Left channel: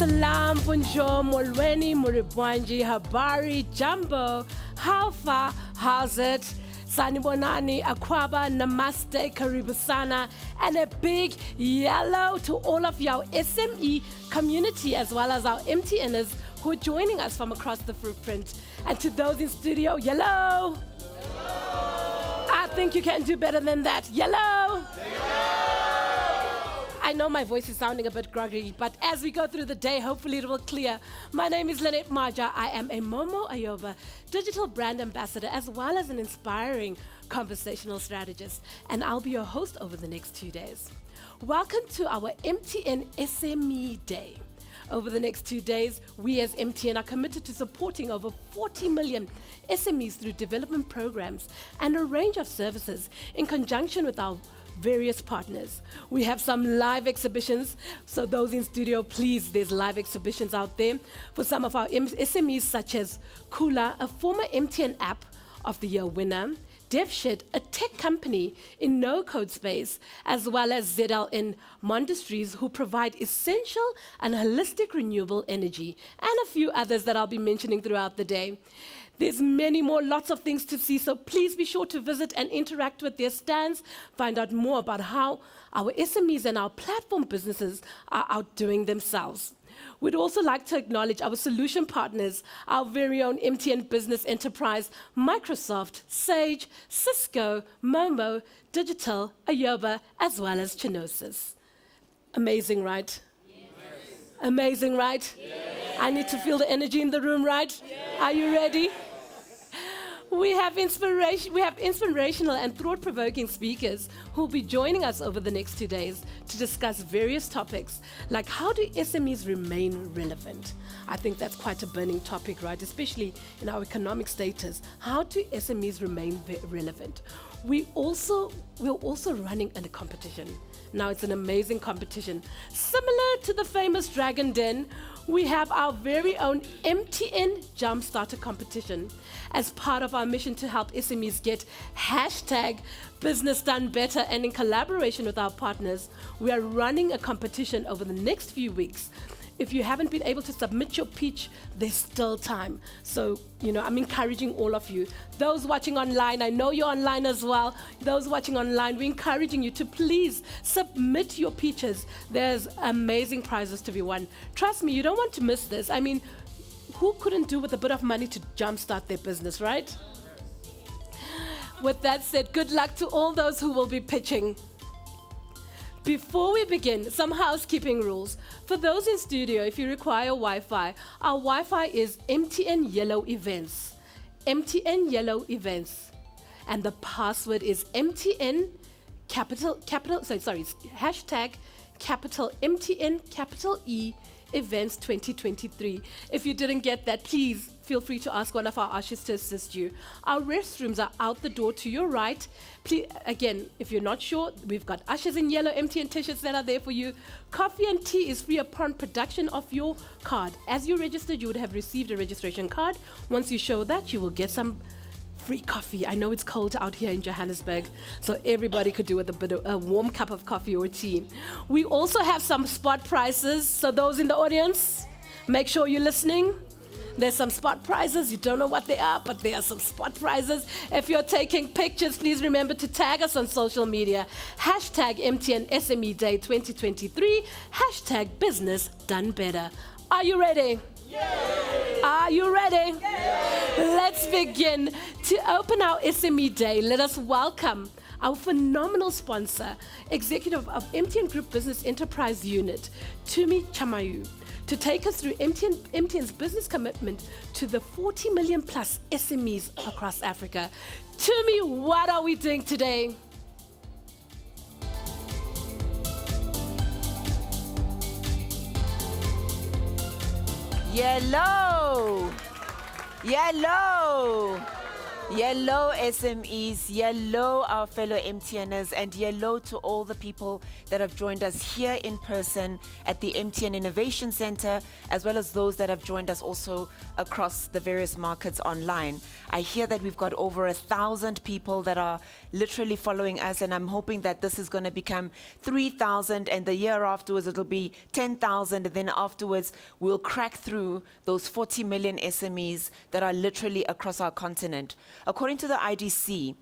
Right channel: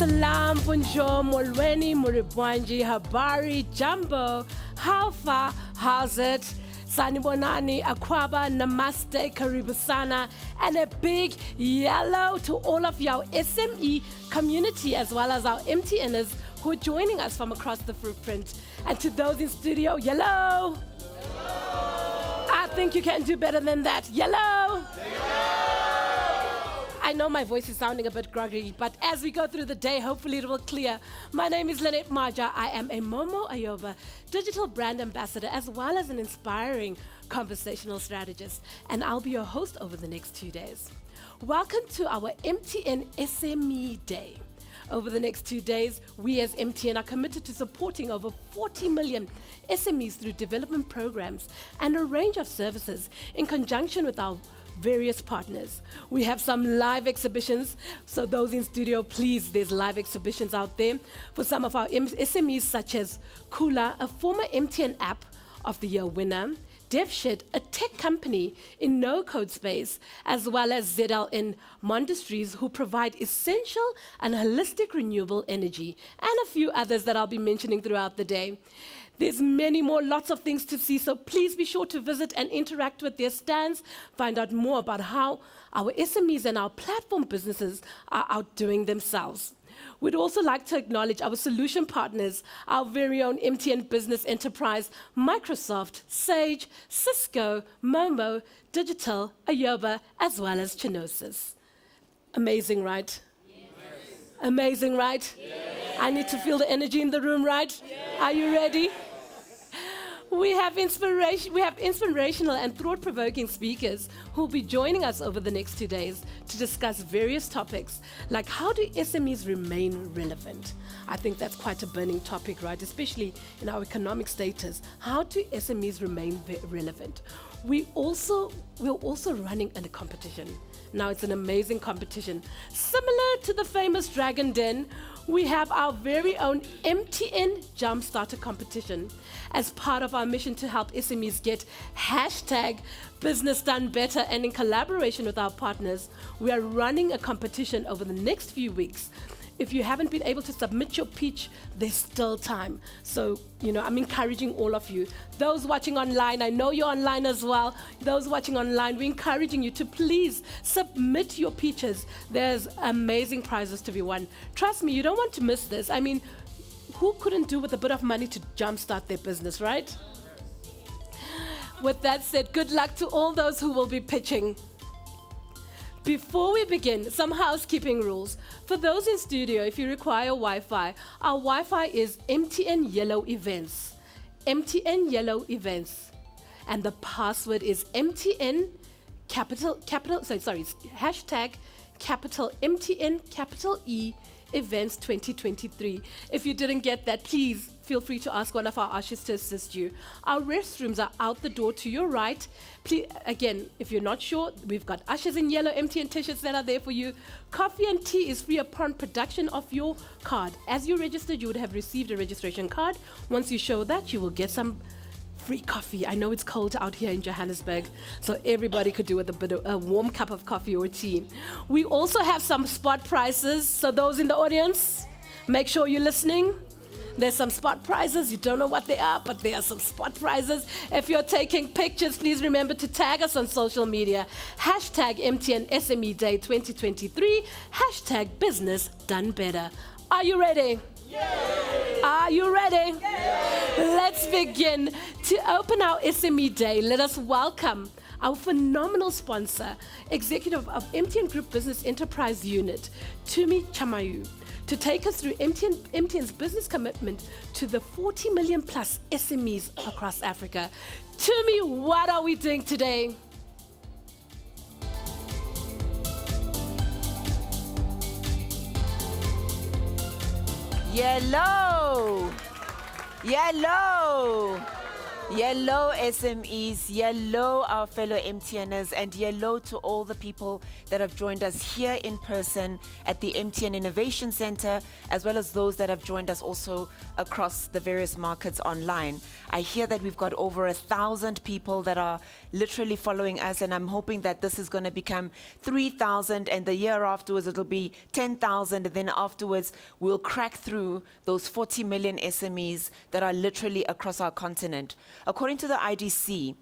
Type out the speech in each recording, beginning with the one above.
Salam, bonjour, molweni, muribwanji, habari, jambo, how far, how's it? Sanibonani, akwaba, namaste, karibu sana, and a big yellow to all of your SME community as well as our MTNers who are joining us from across the footprint. And to those in studio, yellow. I think you can do better than that. Yellow. I know my voice is sounding a bit groggy, but as we go through the day, hopefully it will clear. My name is Lynette Maja. I am a Momo Ayoba digital brand ambassador as well as an inspiring conversational strategist, and I'll be your host over the next 2 days. Welcome to our MTN SME Day. Over the next 2 days, we as MTN are committed to supporting over 40 million SMEs through development programs and a range of services in conjunction with our various partners. We have some live exhibitions, so those in studio, please, there's live exhibitions out there for some of our SMEs such as Kula, a former MTN App of the Year winner, DevShed, a tech company in no-code space, as well as ZLN Monasteries, who provide essential and holistic renewable energy, and a few others that I'll be mentioning throughout the day. There's many more, lots of things to see, so please be sure to visit and interact with their stands, find out more about how our SMEs and our platform businesses are outdoing themselves. We'd also like to acknowledge our solution partners, our very own MTN Business Enterprise, Microsoft, Sage, Cisco, Momo, Digital, Ayoba, as well as Chinosis. Amazing, right? Yes. Amazing, right? Yes. I need to feel the energy in the room, right? Yes. Are you ready? We have inspirational and thought-provoking speakers who will be joining us over the next 2 days to discuss various topics like how do SMEs remain relevant? I think that's quite a burning topic, right? Especially in our economic status. How do SMEs remain relevant? We're also running in a competition. Now it's an amazing competition. Similar to the famous Dragon Den, we have our very own MTN Jumpstarter competition as part of our mission to help SMEs get #Business Done Better, and in collaboration with our partners, we are running a competition over the next few weeks. If you haven't been able to submit your pitch, there's still time. So, I'm encouraging all of you. Those watching online, I know you're online as well. Those watching online, we're encouraging you to please submit your pitches. There's amazing prizes to be won. Trust me, you don't want to miss this. I mean, who couldn't do with a bit of money to jumpstart their business, right? With that said, good luck to all those who will be pitching. Before we begin, some housekeeping rules. For those in studio, if you require Wi-Fi, our Wi-Fi is MTN Yellow Events. MTN Yellow Events. And the password is MTN capital #MTN Events 2023. If you didn't get that, please feel free to ask one of our ushers to assist you. Our restrooms are out the door to your right. Please, again, if you're not sure, we've got ushers in yellow MTN t-shirts that are there for you. Coffee and tea is free upon production of your card. As you registered, you would have received a registration card. Once you show that, you will get some free coffee. I know it's cold out here in Johannesburg, so everybody could do with a warm cup of coffee or tea. We also have some spot prices, so those in the audience, make sure you're listening. There's some spot prizes. You don't know what they are, but there are some spot prizes. If you're taking pictures, please remember to tag us on social media. #MTN SME Day 2023. #Business Done Better. Are you ready? Yay! Are you ready? Yay! Let's begin. To open our SME Day, let us welcome our phenomenal sponsor, executive of MTN Group Business Enterprise Unit, Tumi Chamayu, to take us through MTN's business commitment to the 40 million plus SMEs across Africa. Tumi, what are we doing today? Yellow. Yellow SMEs, yellow our fellow MTNers, and yellow to all the people that have joined us here in person at the MTN Innovation Center, as well as those that have joined us also across the various markets online. I hear that we've got over 1,000 people that are literally following us, and I'm hoping that this is going to become 3,000, and the year afterwards it'll be 10,000, and then afterwards we'll crack through those 40 million SMEs that are literally across our continent. According to the IDC,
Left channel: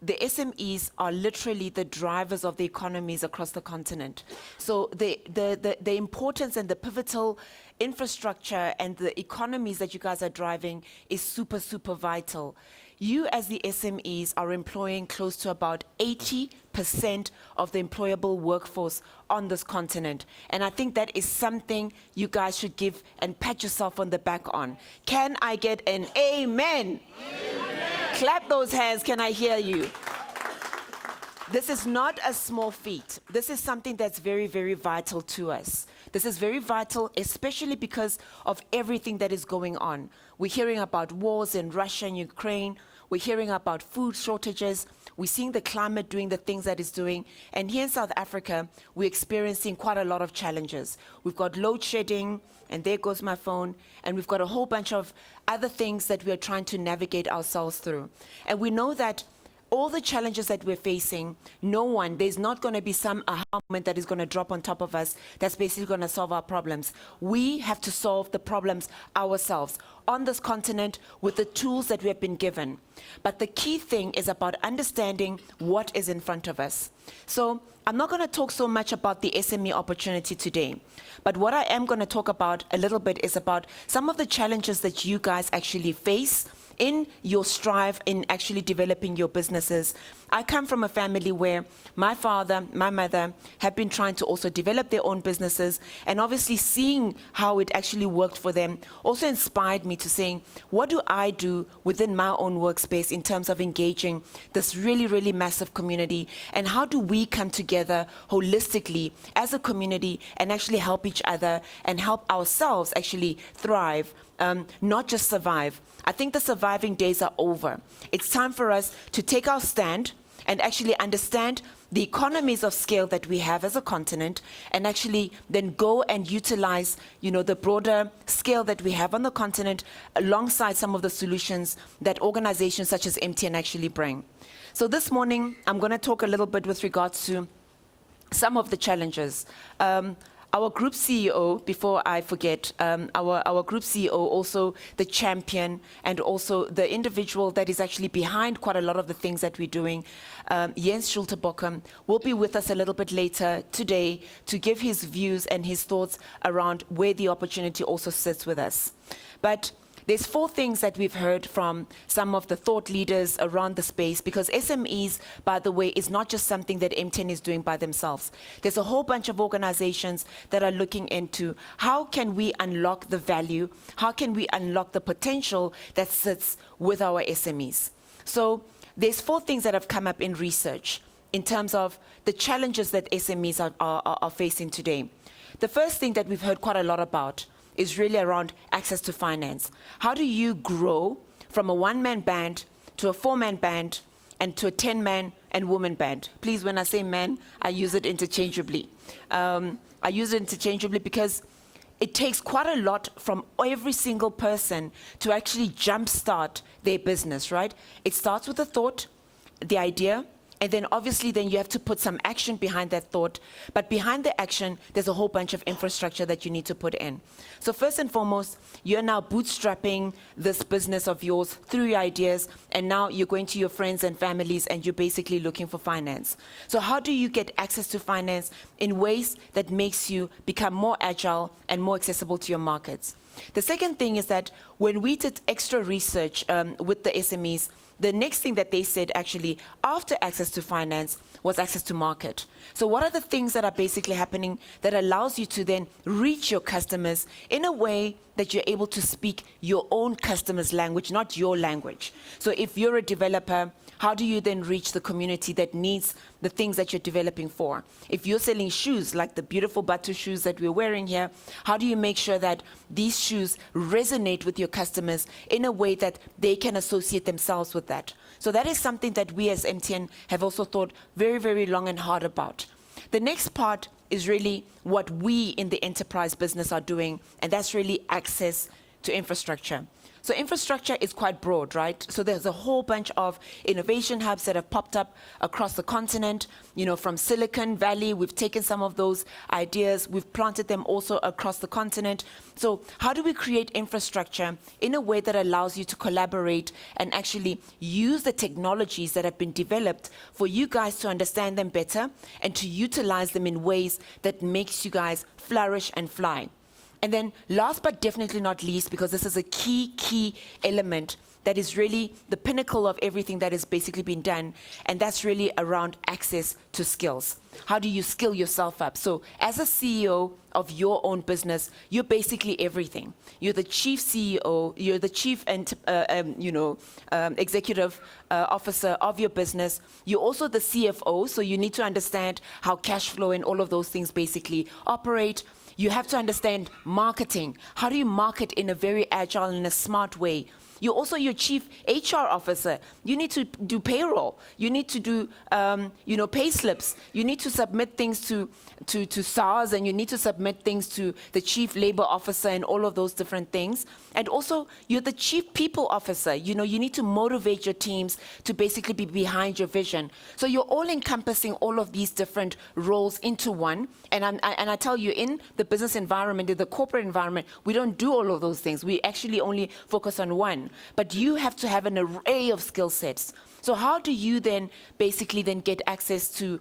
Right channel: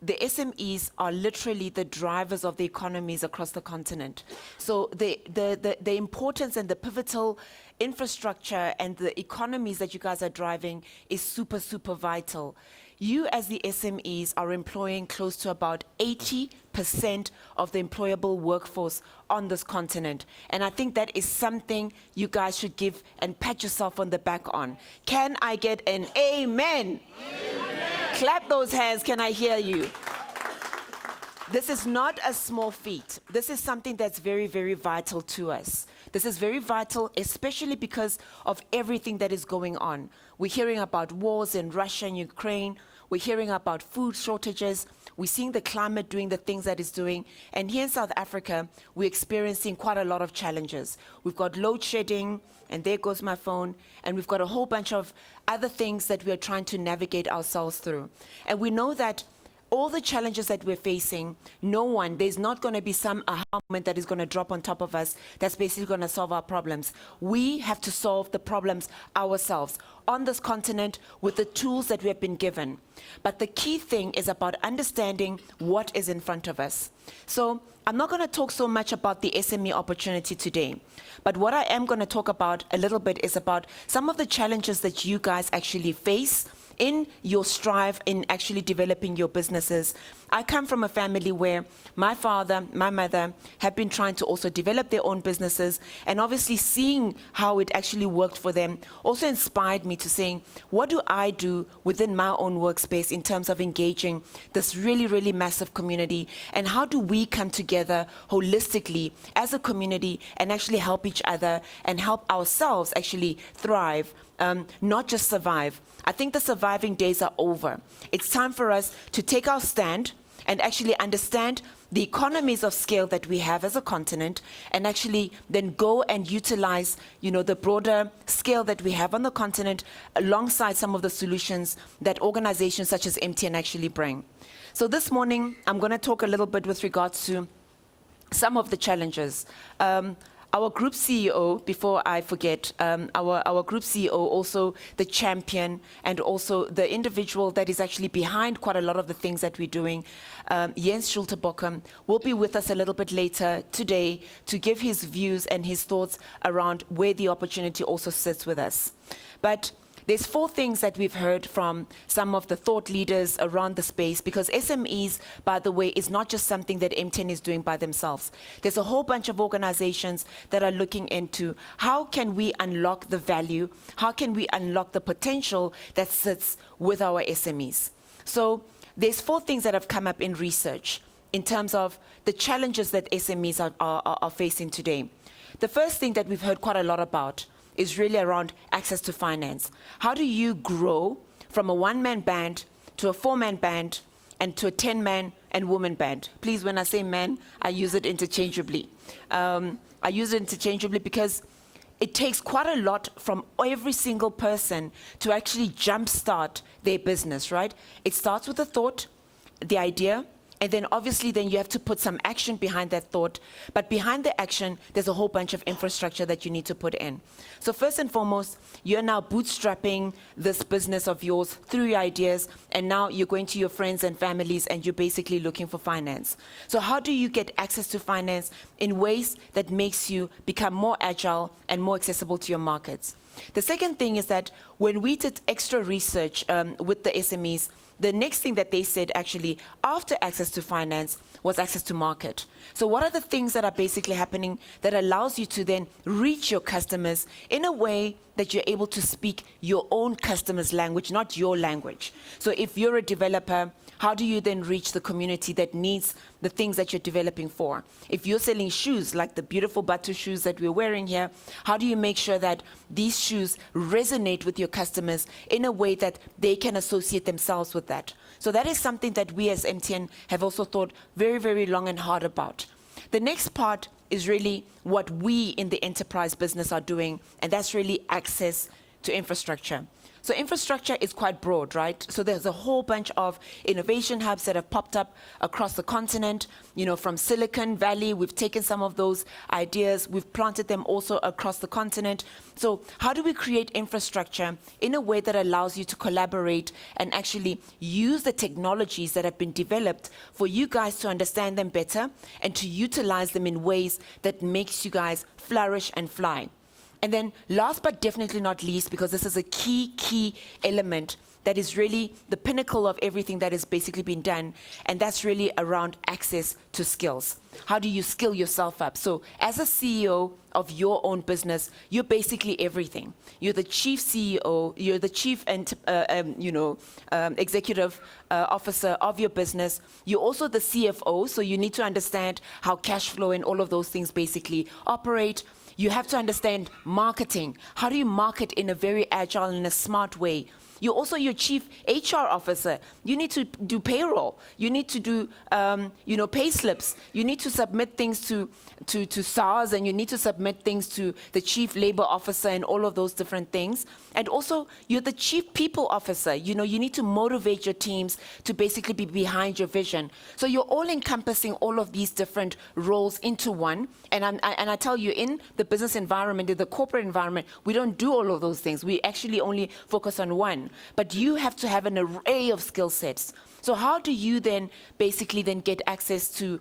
the SMEs are literally the drivers of the economies across the continent. So the importance and the pivotal infrastructure and the economies that you guys are driving is super, super vital. You as the SMEs are employing close to about 80% of the employable workforce on this continent. And I think that is something you guys should give and pat yourself on the back on. Can I get an amen? Clap those hands, can I hear you? This is not a small feat. This is something that's very, very vital to us. This is very vital, especially because of everything that is going on. We're hearing about wars in Russia and Ukraine. We're hearing about food shortages. We're seeing the climate doing the things that it's doing. And here in South Africa, we're experiencing quite a lot of challenges. We've got load shedding, and there goes my phone, and we've got a whole bunch of other things that we are trying to navigate ourselves through. And we know that all the challenges that we're facing, there's not going to be some aha moment that is going to drop on top of us that's basically going to solve our problems. We have to solve the problems ourselves on this continent with the tools that we have been given. But the key thing is about understanding what is in front of us. So I'm not going to talk so much about the SME opportunity today, but what I am going to talk about a little bit is about some of the challenges that you guys actually face in your strive in actually developing your businesses. I come from a family where my father, my mother have been trying to also develop their own businesses, and obviously seeing how it actually worked for them also inspired me to saying, what do I do within my own workspace in terms of engaging this really, really massive community, and how do we come together holistically as a community and actually help each other and help ourselves actually thrive, not just survive. I think the surviving days are over. It's time for us to take our stand and actually understand the economies of scale that we have as a continent, and actually then go and utilize, the broader scale that we have on the continent alongside some of the solutions that organizations such as MTN actually bring. So this morning, I'm going to talk a little bit with regards to some of the challenges. Our group CEO, before I forget, our group CEO, also the champion and also the individual that is actually behind quite a lot of the things that we're doing, Jens Schulte-Bockum, will be with us a little bit later today to give his views and his thoughts around where the opportunity also sits with us. But there's 4 things that we've heard from some of the thought leaders around the space, because SMEs, by the way, is not just something that MTN is doing by themselves. There's a whole bunch of organizations that are looking into how can we unlock the value, how can we unlock the potential that sits with our SMEs. So there's 4 things that have come up in research in terms of the challenges that SMEs are facing today. The first thing that we've heard quite a lot about is really around access to finance. How do you grow from a 1-man band to a 4-man band and to a 10-man and woman band? Please, when I say man, I use it interchangeably. I use it interchangeably because it takes quite a lot from every single person to actually jumpstart their business, right? It starts with a thought, the idea, and then obviously then you have to put some action behind that thought. But behind the action, there's a whole bunch of infrastructure that you need to put in. So first and foremost, you're now bootstrapping this business of yours through your ideas, and now you're going to your friends and families and you're basically looking for finance. So how do you get access to finance in ways that makes you become more agile and more accessible to your markets? The second thing is that when we did extra research with the SMEs, the next thing that they said actually after access to finance was access to market. So what are the things that are basically happening that allows you to then reach your customers in a way that you're able to speak your own customer's language, not your language? So if you're a developer, how do you then reach the community that needs the things that you're developing for? If you're selling shoes, like the beautiful Batu shoes that we're wearing here, how do you make sure that these shoes resonate with your customers in a way that they can associate themselves with that? So that is something that we as MTN have also thought very, very long and hard about. The next part is really what we in the enterprise business are doing, and that's really access to infrastructure. So infrastructure is quite broad, right? So there's a whole bunch of innovation hubs that have popped up across the continent. You know, from Silicon Valley, we've taken some of those ideas, we've planted them also across the continent. So how do we create infrastructure in a way that allows you to collaborate and actually use the technologies that have been developed for you guys to understand them better and to utilize them in ways that makes you guys flourish and fly? And then last but definitely not least, because this is a key element that is really the pinnacle of everything that has basically been done, and that's really around access to skills. How do you skill yourself up? So as a CEO of your own business, you're basically everything. You're the chief CEO, you're the chief executive officer of your business. You're also the CFO, so you need to understand how cash flow and all of those things basically operate. You have to understand marketing. How do you market in a very agile and a smart way? You're also your chief HR officer. You need to do payroll. You need to do, pay slips. You need to submit things to SARS, and you need to submit things to the chief labor officer and all of those different things. And also, you're the chief people officer. You know, you need to motivate your teams to basically be behind your vision. So you're all encompassing all of these different roles into one. And I tell you, in the business environment, in the corporate environment, we don't do all of those things. We actually only focus on one. But you have to have an array of skill sets. So how do you then basically then get access to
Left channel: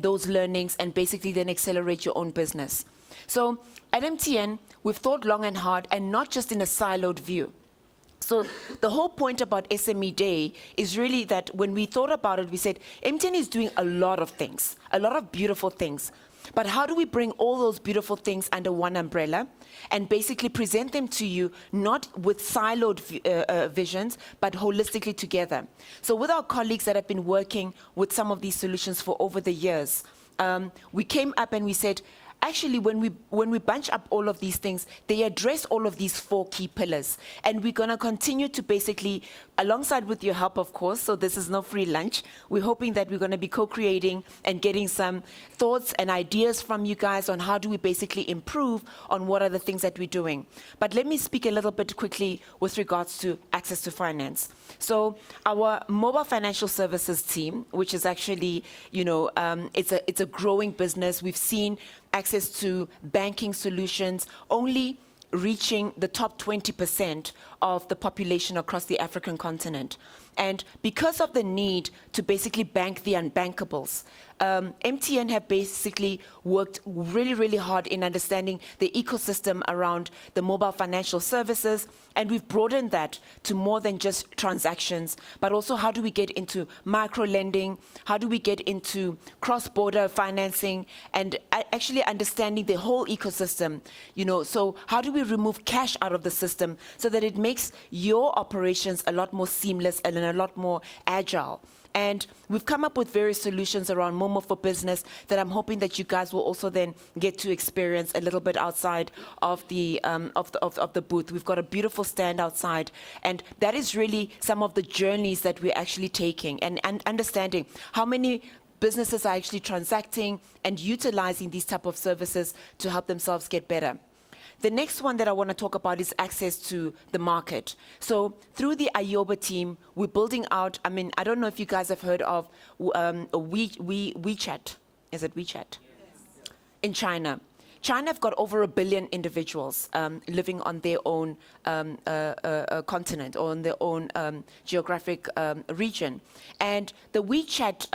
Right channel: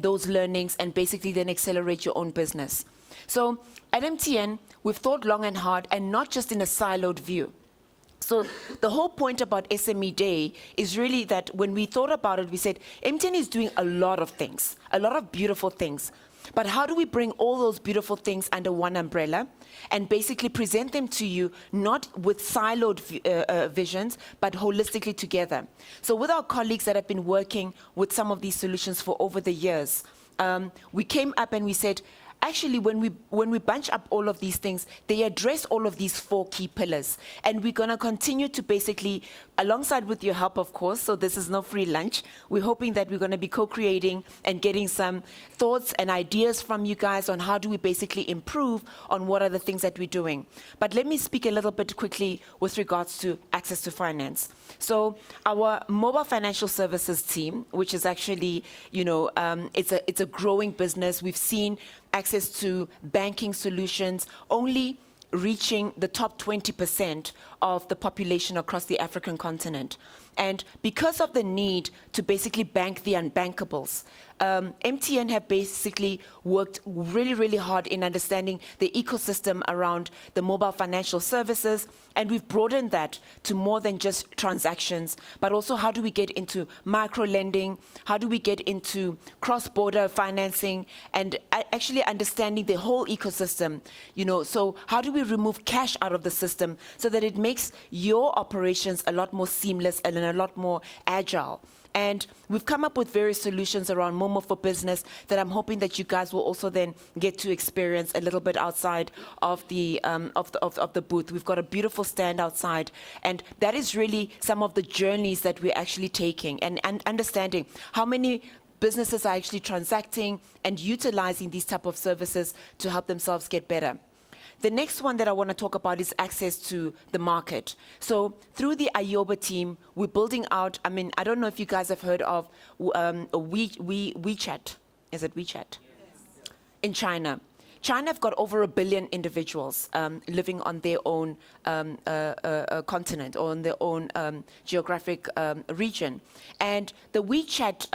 those learnings and basically then accelerate your own business? So at MTN, we've thought long and hard, and not just in a siloed view. So the whole point about SME Day is really that when we thought about it, we said, MTN is doing a lot of things, a lot of beautiful things. But how do we bring all those beautiful things under one umbrella and basically present them to you, not with siloed visions, but holistically together? So with our colleagues that have been working with some of these solutions for over the years, we came up and we said, actually, when we bunch up all of these things, they address all of these 4 key pillars. And we're going to continue to basically, alongside with your help, of course, so this is no free lunch, we're hoping that we're going to be co-creating and getting some thoughts and ideas from you guys on how do we basically improve on what are the things that we're doing. But let me speak a little bit quickly with regards to access to finance. So our mobile financial services team, which is actually, it's a growing business. We've seen access to banking solutions only reaching the top 20% of the population across the African continent. And because of the need to basically bank the unbankables, MTN have basically worked really, really hard in understanding the ecosystem around the mobile financial services, and we've broadened that to more than just transactions, but also how do we get into micro lending, how do we get into cross-border financing, and actually understanding the whole ecosystem. So how do we remove cash out of the system so that it makes your operations a lot more seamless and a lot more agile? And we've come up with various solutions around Momo for Business that I'm hoping that you guys will also then get to experience a little bit outside of the booth. We've got a beautiful stand outside, and that is really some of the journeys that we're actually taking and understanding how many businesses are actually transacting and utilizing these type of services to help themselves get better. The next one that I want to talk about is access to the market. So through the Ayoba team, we're building out, I don't know if you guys have heard of WeChat. Is it WeChat? Yes. In China. China have got over 1 billion individuals living on their own continent or on their own geographic region. And the WeChat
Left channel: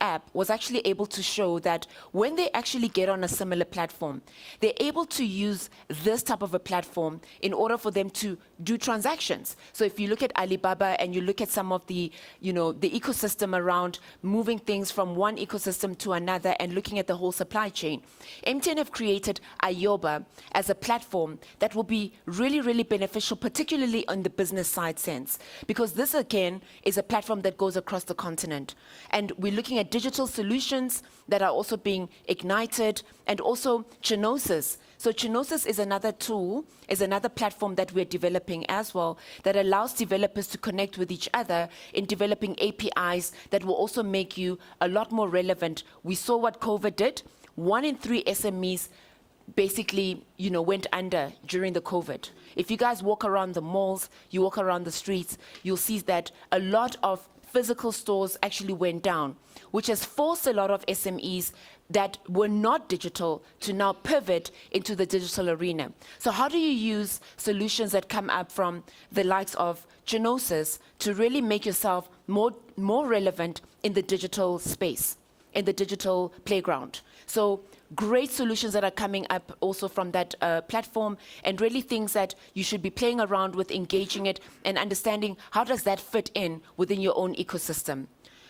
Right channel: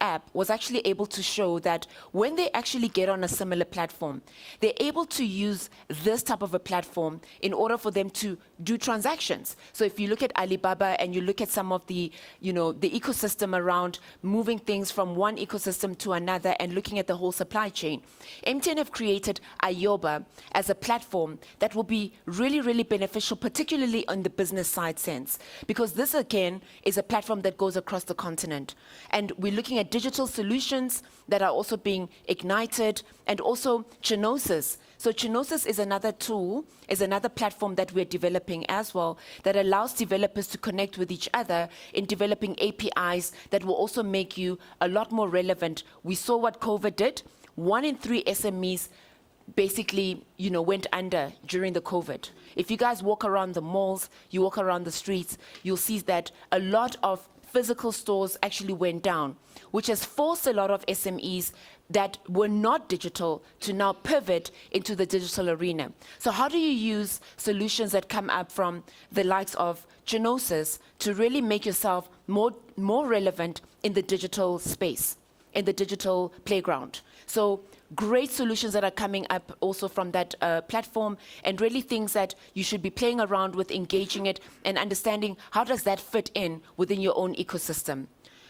app was actually able to show that when they actually get on a similar platform, they're able to use this type of a platform in order for them to do transactions. So if you look at Alibaba and you look at some of the ecosystem around moving things from one ecosystem to another and looking at the whole supply chain, MTN have created created Ayoba as a platform that will be really, really beneficial, particularly on the business side sense, because this, again, is a platform that goes across the continent. And we're looking at digital solutions that are also being ignited, and also Genosis. So Genosis is another tool, is another platform that we're developing as well, that allows developers to connect with each other in developing APIs that will also make you a lot more relevant. We saw what COVID did. 1 in 3 SMEs basically, went under during the COVID. If you guys walk around the malls, you walk around the streets, you'll see that a lot of physical stores actually went down, which has forced a lot of SMEs that were not digital to now pivot into the digital arena. So how do you use solutions that come up from the likes of Genosis to really make yourself more relevant in the digital space, in the digital playground? So great solutions that are coming up also from that platform, and really things that you should be playing around with, engaging it, and understanding how does that fit in within your own ecosystem.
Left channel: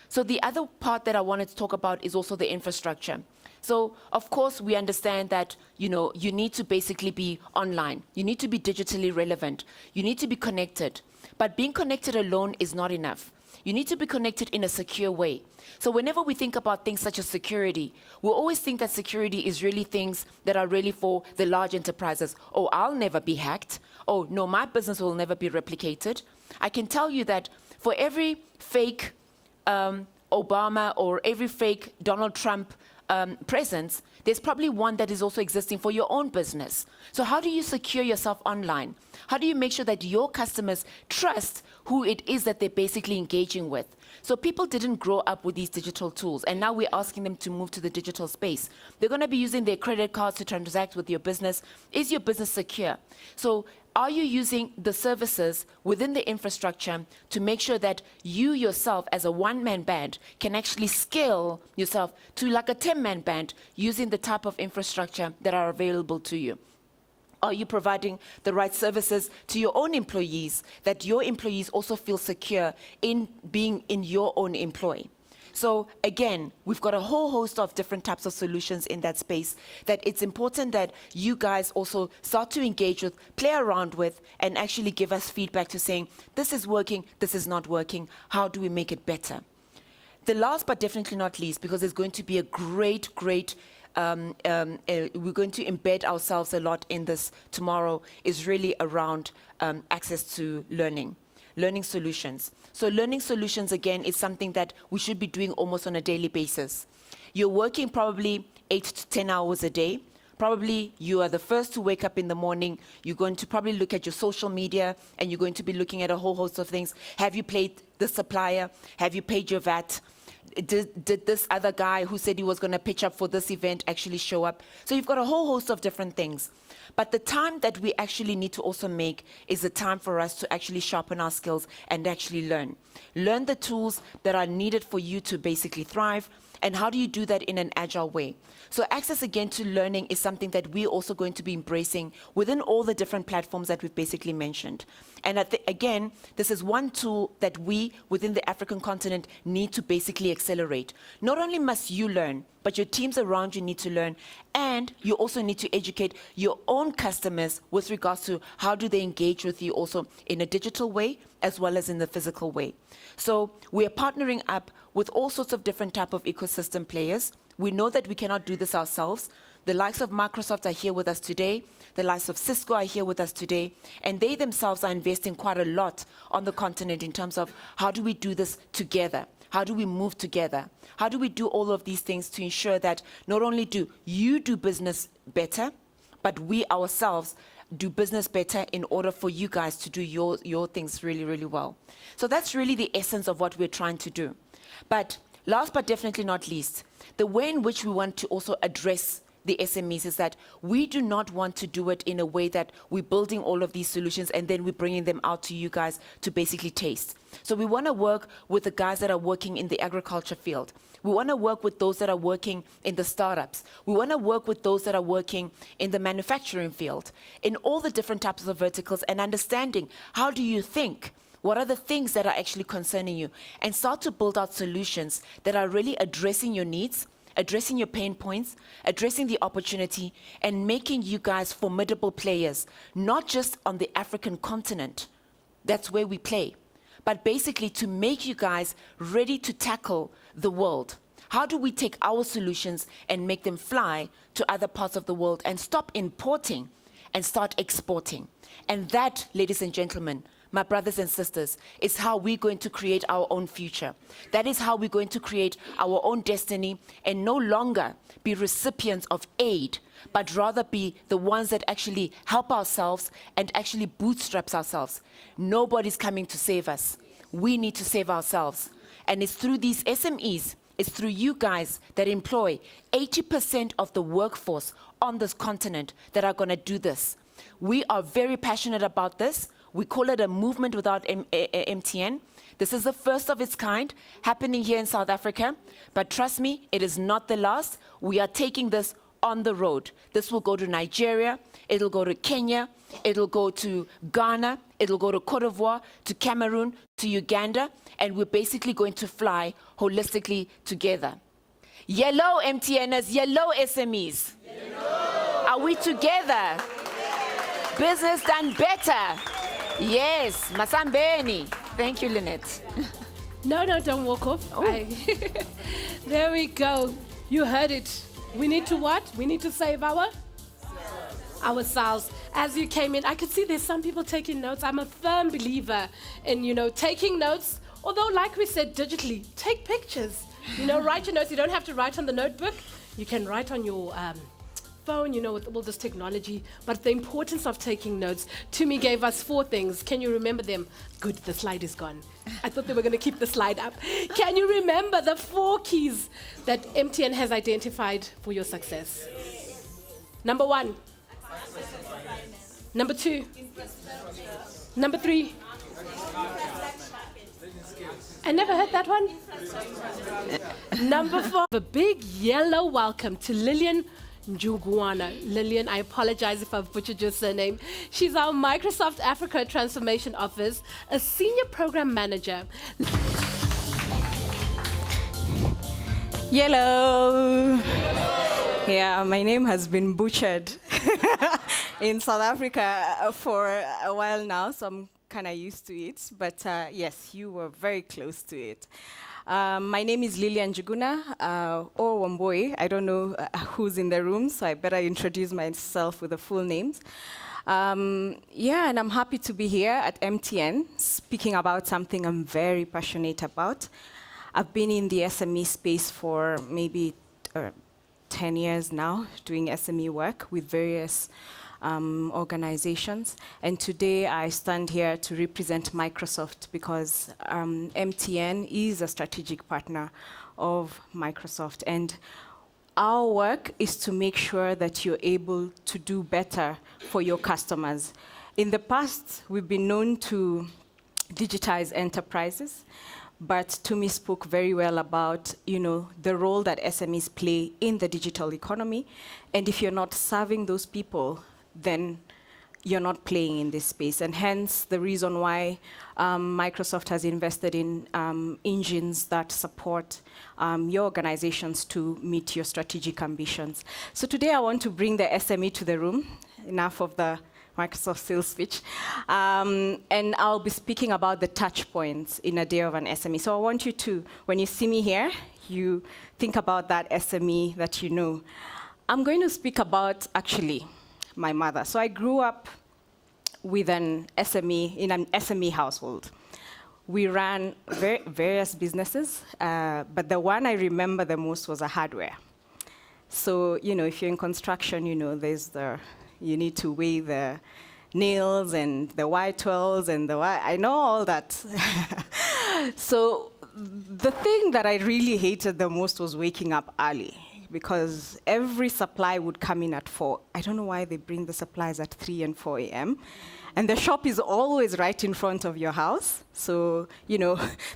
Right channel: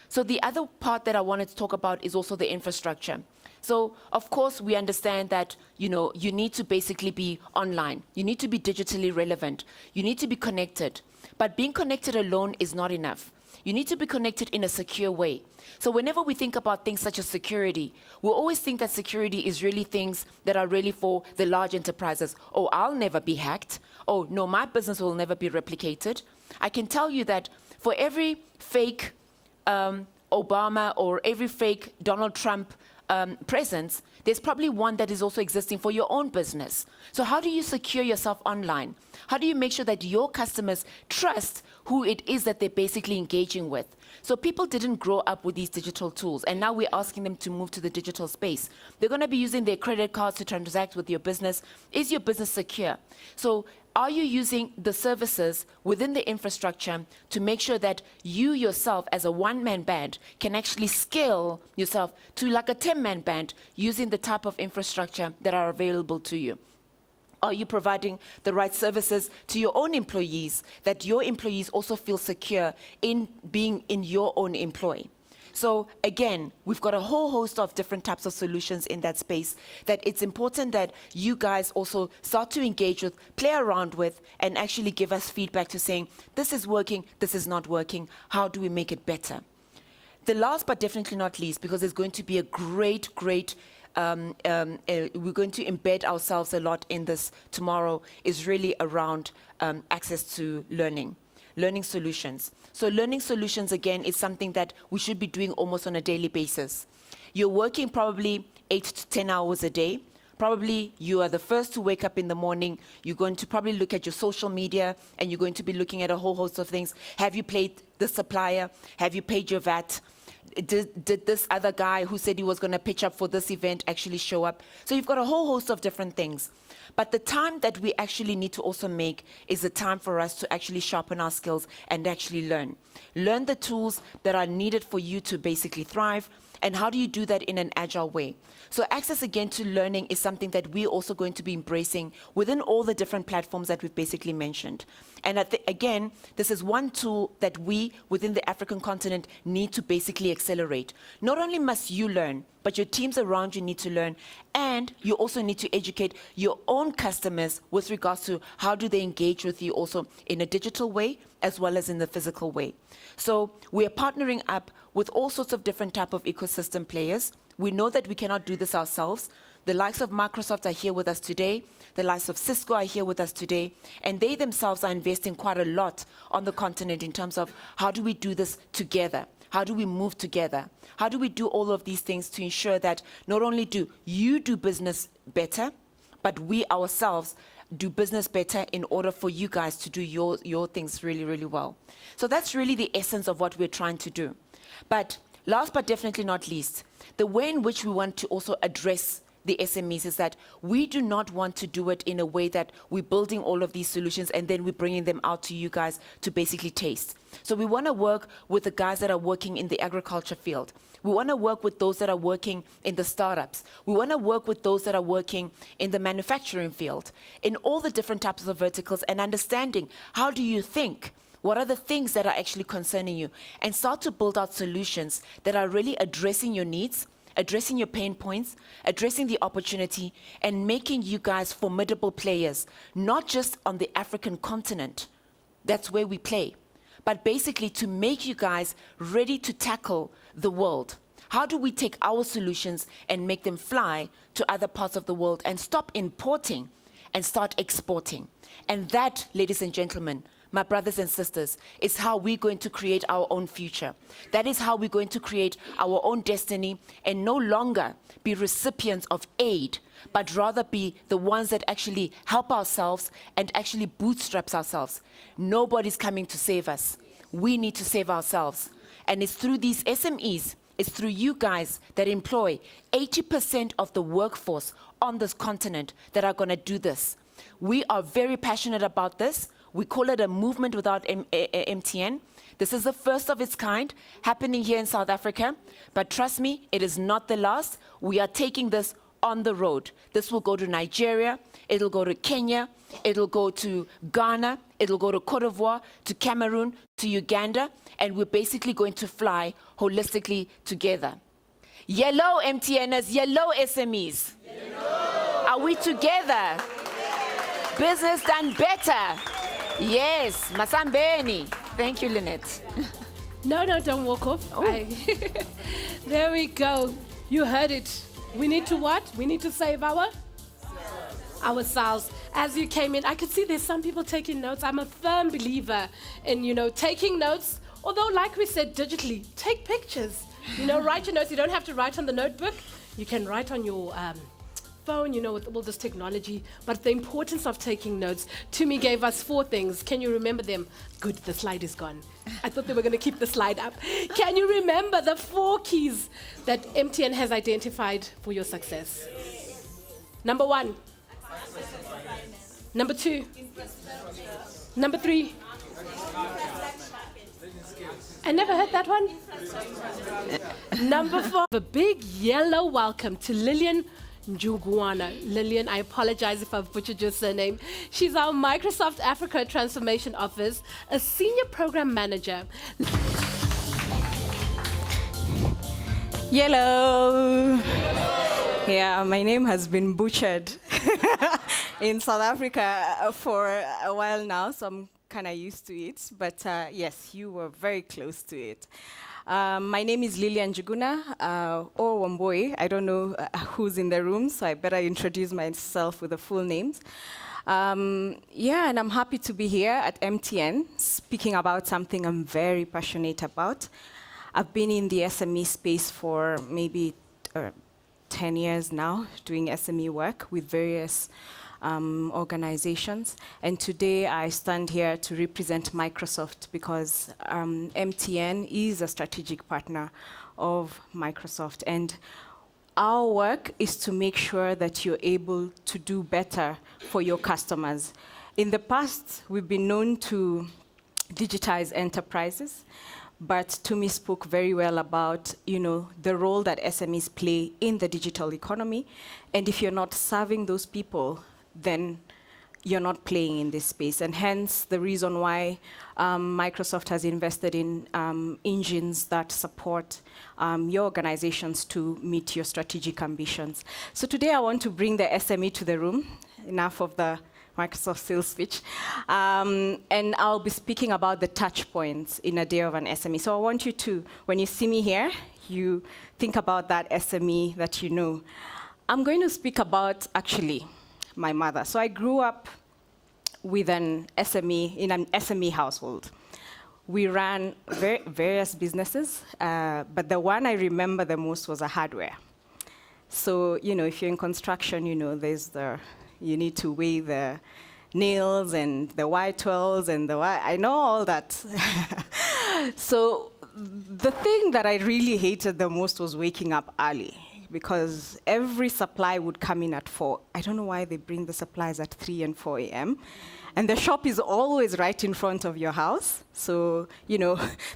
So the other part that I wanted to talk about is also the infrastructure. So, of course, we understand that, you need to basically be online. You need to be digitally relevant. You need to be connected. But being connected alone is not enough. You need to be connected in a secure way. So whenever we think about things such as security, we always think that security is really things that are really for the large enterprises. Oh, I'll never be hacked. Oh, no, my business will never be replicated. I can tell you that for every fake Obama or every fake Donald Trump presence, there's probably one that is also existing for your own business. So how do you secure yourself online? How do you make sure that your customers trust who it is that they're basically engaging with? So people didn't grow up with these digital tools, and now we're asking them to move to the digital space. They're going to be using their credit cards to transact with your business. Is your business secure? So are you using the services within the infrastructure to make sure that you yourself as a one-man band can actually scale yourself to like a 10-man band using the type of infrastructure that are available to you? Are you providing the right services to your own employees, that your employees also feel secure in being in your own employ? So again, we've got a whole host of different types of solutions in that space that it's important that you guys also start to engage with, play around with, and actually give us feedback to saying, this is working, this is not working, how do we make it better? The last but definitely not least, because there's going to be a great we're going to embed ourselves a lot in this tomorrow, is really around access to learning solutions. So learning solutions, again, is something that we should be doing almost on a daily basis. You're working probably 8 to 10 hours a day. Probably you are the first to wake up in the morning. You're going to probably look at your social media, and you're going to be looking at a whole host of things. Have you paid the supplier? Have you paid your VAT? Did this other guy who said he was going to pitch up for this event actually show up? So you've got a whole host of different things. But the time that we actually need to also make is the time for us to actually sharpen our skills and actually learn. Learn the tools that are needed for you to basically thrive. And how do you do that in an agile way? So access, again, to learning is something that we're also going to be embracing within all the different platforms that we've basically mentioned. And again, this is one tool that we, within the African continent, need to basically accelerate. Not only must you learn, but your teams around you need to learn, and you also need to educate your own customers with regards to how do they engage with you also in a digital way as well as in the physical way. So we are partnering up with all sorts of different type of ecosystem players. We know that we cannot do this ourselves. The likes of Microsoft are here with us today. The likes of Cisco are here with us today. And they themselves are investing quite a lot on the continent in terms of how do we do this together? How do we move together? How do we do all of these things to ensure that not only do you do business better, but we ourselves do business better in order for you guys to do your things really, really well. So that's really the essence of what we're trying to do. But last but definitely not least, the way in which we want to also address the SMEs is that we do not want to do it in a way that we're building all of these solutions and then we're bringing them out to you guys to basically taste. So we want to work with the guys that are working in the agriculture field. We want to work with those that are working in the startups. We want to work with those that are working in the manufacturing field, in all the different types of verticals, and understanding how do you think? What are the things that are actually concerning you? And start to build out solutions that are really addressing your needs addressing your pain points, addressing the opportunity, and making you guys formidable players, not just on the African continent. That's where we play. But basically to make you guys ready to tackle the world. How do we take our solutions and make them fly to other parts of the world and stop importing and start exporting? And that, ladies and gentlemen, my brothers and sisters, is how we're going to create our own future. That is how we're going to create our own destiny and no longer be recipients of aid, but rather be the ones that actually help ourselves and actually bootstraps ourselves. Nobody's coming to save us. We need to save ourselves. And it's through these SMEs, it's through you guys that employ 80% of the workforce on this continent that are going to do this. We are very passionate about this. We call it a movement without MTN. This is the first of its kind happening here in South Africa. But trust me, it is not the last. We are taking this on the road. This will go to Nigeria. It'll go to Kenya. It'll go to Ghana. It'll go to Cote d'Ivoire, to Cameroon, to Uganda. And we're basically going to fly holistically together. Yellow MTNers, yellow SMEs. Yellow. Are we together? Business done better. Yes, Masambeni. Thank you, Lynette. No, don't walk off. Oh. There we go. You heard it. We need to what? We need to save ourselves. As you came in, I could see there's some people taking notes. I'm a firm believer in, taking notes. Although, like we said, digitally, take pictures. Write your notes. You don't have to write on the notebook. You can write on your phone, with all this technology. But the importance of taking notes, Tumi gave us 4 things. Can you remember them? Good, the slide is gone. I thought they were going to keep the slide up. Can you remember the 4 keys that MTN has identified for your success? Number 1. Number 2. Number 3. I never heard that one. Number 4. A big yellow welcome to Lillian Njugwana. Lillian, I apologize if I've butchered your surname. She's our Microsoft Africa Transformation Office, a senior program manager. Hello. Yeah, my name has been butchered in South Africa for a while now, so I'm kind of used to it. But yes, you were very close to it. My name is Lilian Njuguna, or Wamboi. I don't know who's in the room, so I better introduce myself with the full names. Yeah, and I'm happy to be here at MTN, speaking about something I'm very passionate about. I've been in the SME space for maybe 10 years now, doing SME work with various organizations. And today I stand here to represent Microsoft because MTN is a strategic partner of Microsoft. And our work is to make sure that you're able to do better for your customers. In the past, we've been known to digitize enterprises, but Tumi spoke very well about, the role that SMEs play in the digital economy. And if you're not serving those people, then you're not playing in this space. And hence the reason why Microsoft has invested in engines that support your organizations to meet your strategic ambitions. So today I want to bring the SME to the room. Enough of the Microsoft sales pitch. And I'll be speaking about the touch points in a day of an SME. So I want you to, when you see me here, you think about that SME that you know. I'm going to speak about, actually, my mother. So I grew up with an SME, in an SME household. We ran various businesses, but the one I remember the most was a hardware. So, if you're in construction, there's you need to weigh the nails and the Y12s and I know all that. So the thing that I really hated the most was waking up early, because every supply would come in at 4. I don't know why they bring the supplies at 3 and 4 a.m. And the shop is always right in front of your house. So,